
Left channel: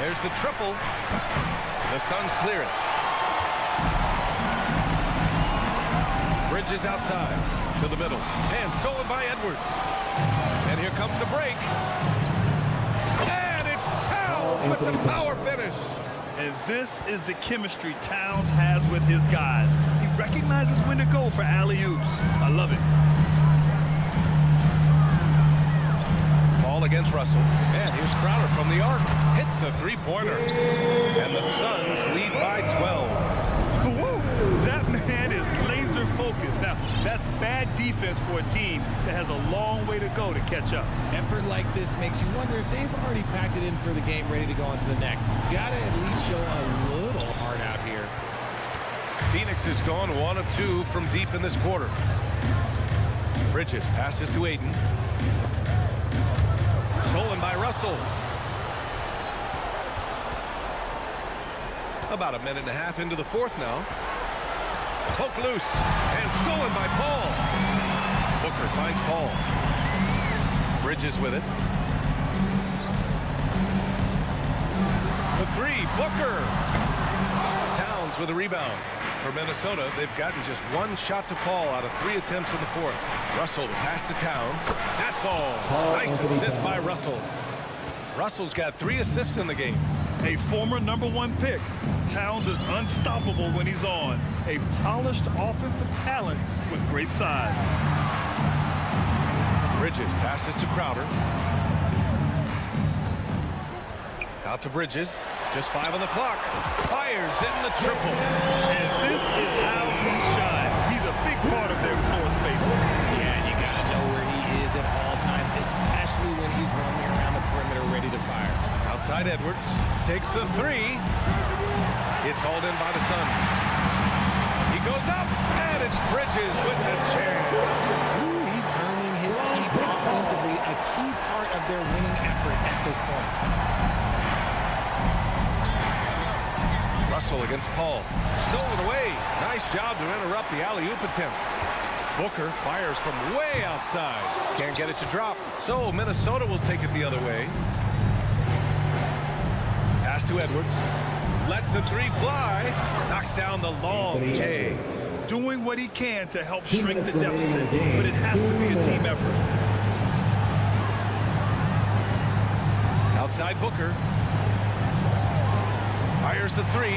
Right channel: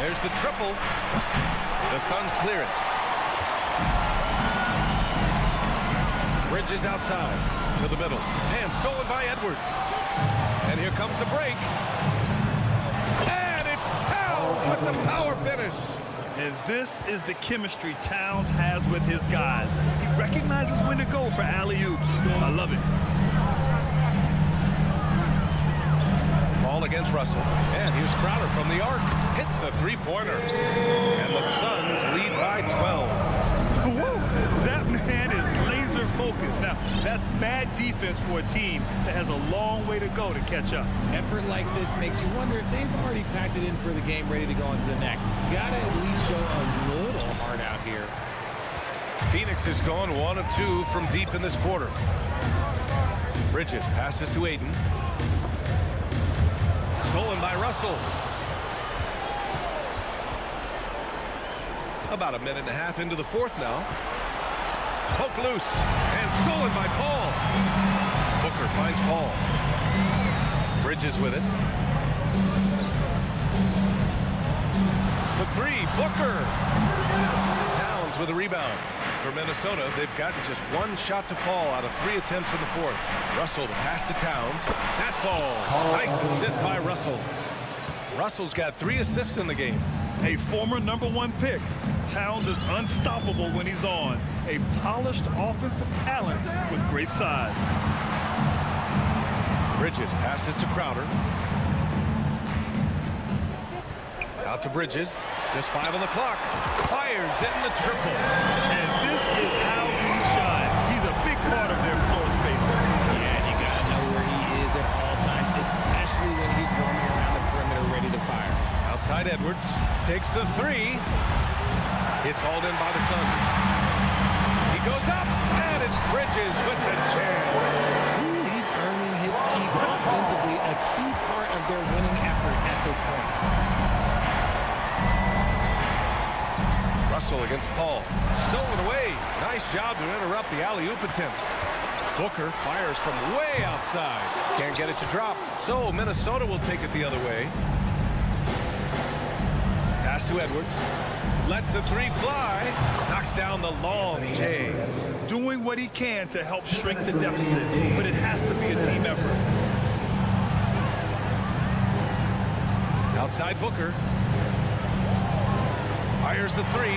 There's the triple. The Suns clear it. Bridges outside to the middle. And stolen by Edwards. And here comes the break. And it's Towns with the power finish. And this is the chemistry Towns has with his guys. He recognizes when to go for alley-oops. I love it. Ball against Russell. And here's Crowder from the arc. Hits a three-pointer. And the Suns lead by 12. Whoa, that man is laser focused. Now, that's bad defense for a team that has a long way to go to catch up. Effort like this makes you wonder if they've already packed it in for the game, ready to go on to the next. Gotta at least show a little heart out here. Phoenix has gone 1 of 2 from deep in this quarter. Bridges passes to Aiden. Stolen by Russell. About a minute and a half into the fourth now. Poke loose and stolen by Paul. Booker finds Paul. Bridges with it. The 3, Booker. Towns with a rebound. For Minnesota, they've gotten just 1 shot to fall out of 3 attempts in the fourth. Russell, the pass to Towns. That falls. Nice assist by Russell. Russell's got 3 assists in the game. A former #1 pick. Towns is unstoppable when he's on. A polished offensive talent with great size. Bridges passes to Crowder. Out to Bridges. Just 5 on the clock. Fires in the triple. And this is how he shines. He's a big part of their floor spacing. Yeah, and you got to know where he is at all times, especially when he's roaming around the perimeter ready to fire. Outside Edwards. Takes the 3. It's hauled in by the Suns. He goes up, and it's Bridges with the jam. He's earning his keep offensively, a key part of their winning effort at this point. Russell against Paul. Stolen away. Nice job to interrupt the alley-oop attempt. Booker fires from way outside. Can't get it to drop. So Minnesota will take it the other way. Pass to Edwards. Lets the 3 fly. Knocks down the long J. Doing what he can to help shrink the deficit, but it has to be a team effort. Outside Booker. Fires the 3.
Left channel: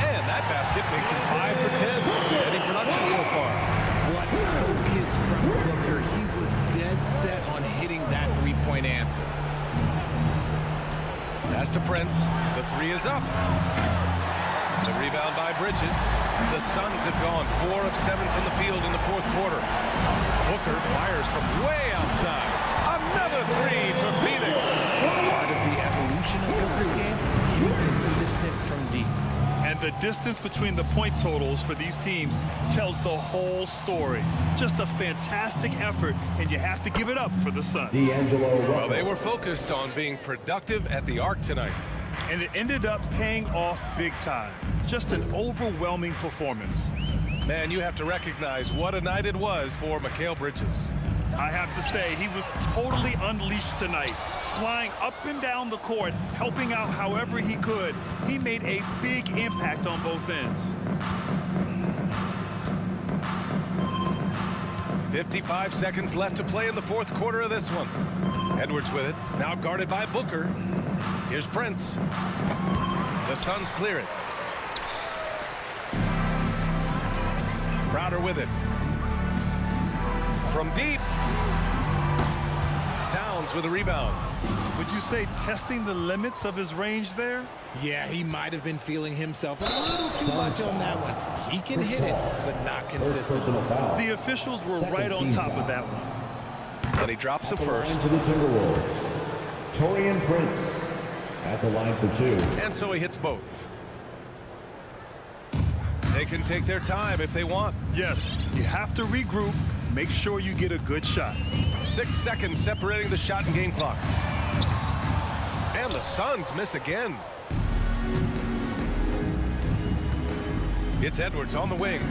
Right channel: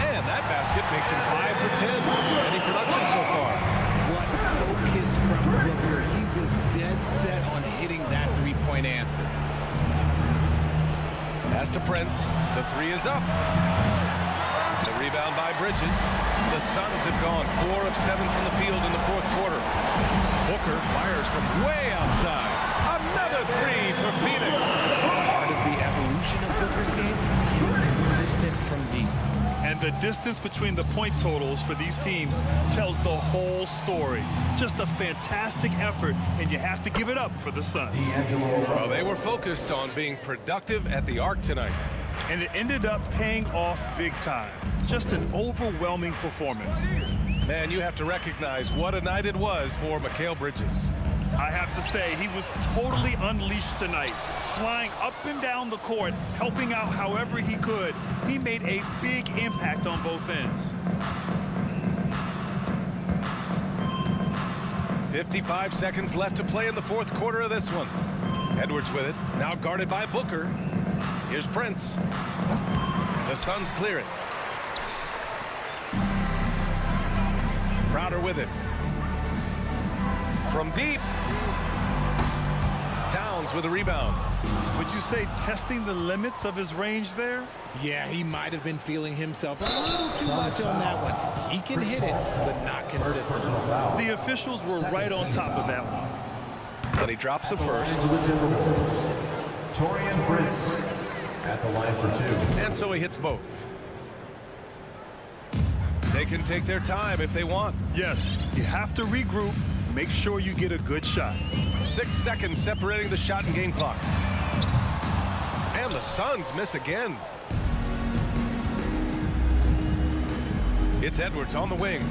And that basket makes him 5 for 10. Steady production so far. What focus from Booker. He was dead set on hitting that three-point answer. Pass to Prince. The 3 is up. The rebound by Bridges. The Suns have gone 4 of 7 from the field in the fourth quarter. Booker fires from way outside. Another 3 for Phoenix. Part of the evolution of Booker's game, getting consistent from deep. And the distance between the point totals for these teams tells the whole story. Just a fantastic effort, and you have to give it up for the Suns. Well, they were focused on being productive at the arc tonight. And it ended up paying off big time. Just an overwhelming performance. Man, you have to recognize what a night it was for Mikal Bridges. I have to say, he was totally unleashed tonight, flying up and down the court, helping out however he could. He made a big impact on both ends. 55 seconds left to play in the fourth quarter of this one. Edwards with it, now guarded by Booker. Here's Prince. The Suns clear it. Crowder with it. From deep. Towns with a rebound. Would you say testing the limits of his range there? Yeah, he might have been feeling himself a little too much on that one. He can hit it, but not consistently. The officials were right on top of that one. And he drops it first. To the Timberwolves. Taurean Prince at the line for 2. And so he hits both. They can take their time if they want. Yes, you have to regroup. Make sure you get a good shot. 6 seconds separating the shot and game clock. And the Suns miss again. It's Edwards on the wing.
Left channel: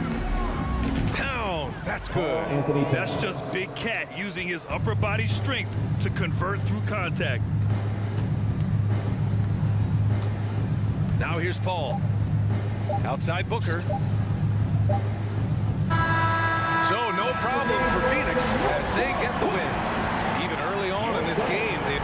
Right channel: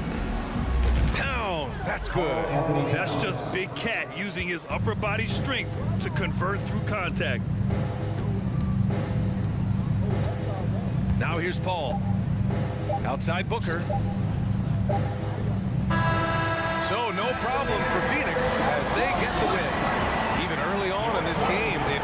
Towns, that's good. That's just Big Cat using his upper body strength to convert through contact. Now here's Paul. Outside Booker. So no problem for Phoenix as they get the win. Even early on in this game, they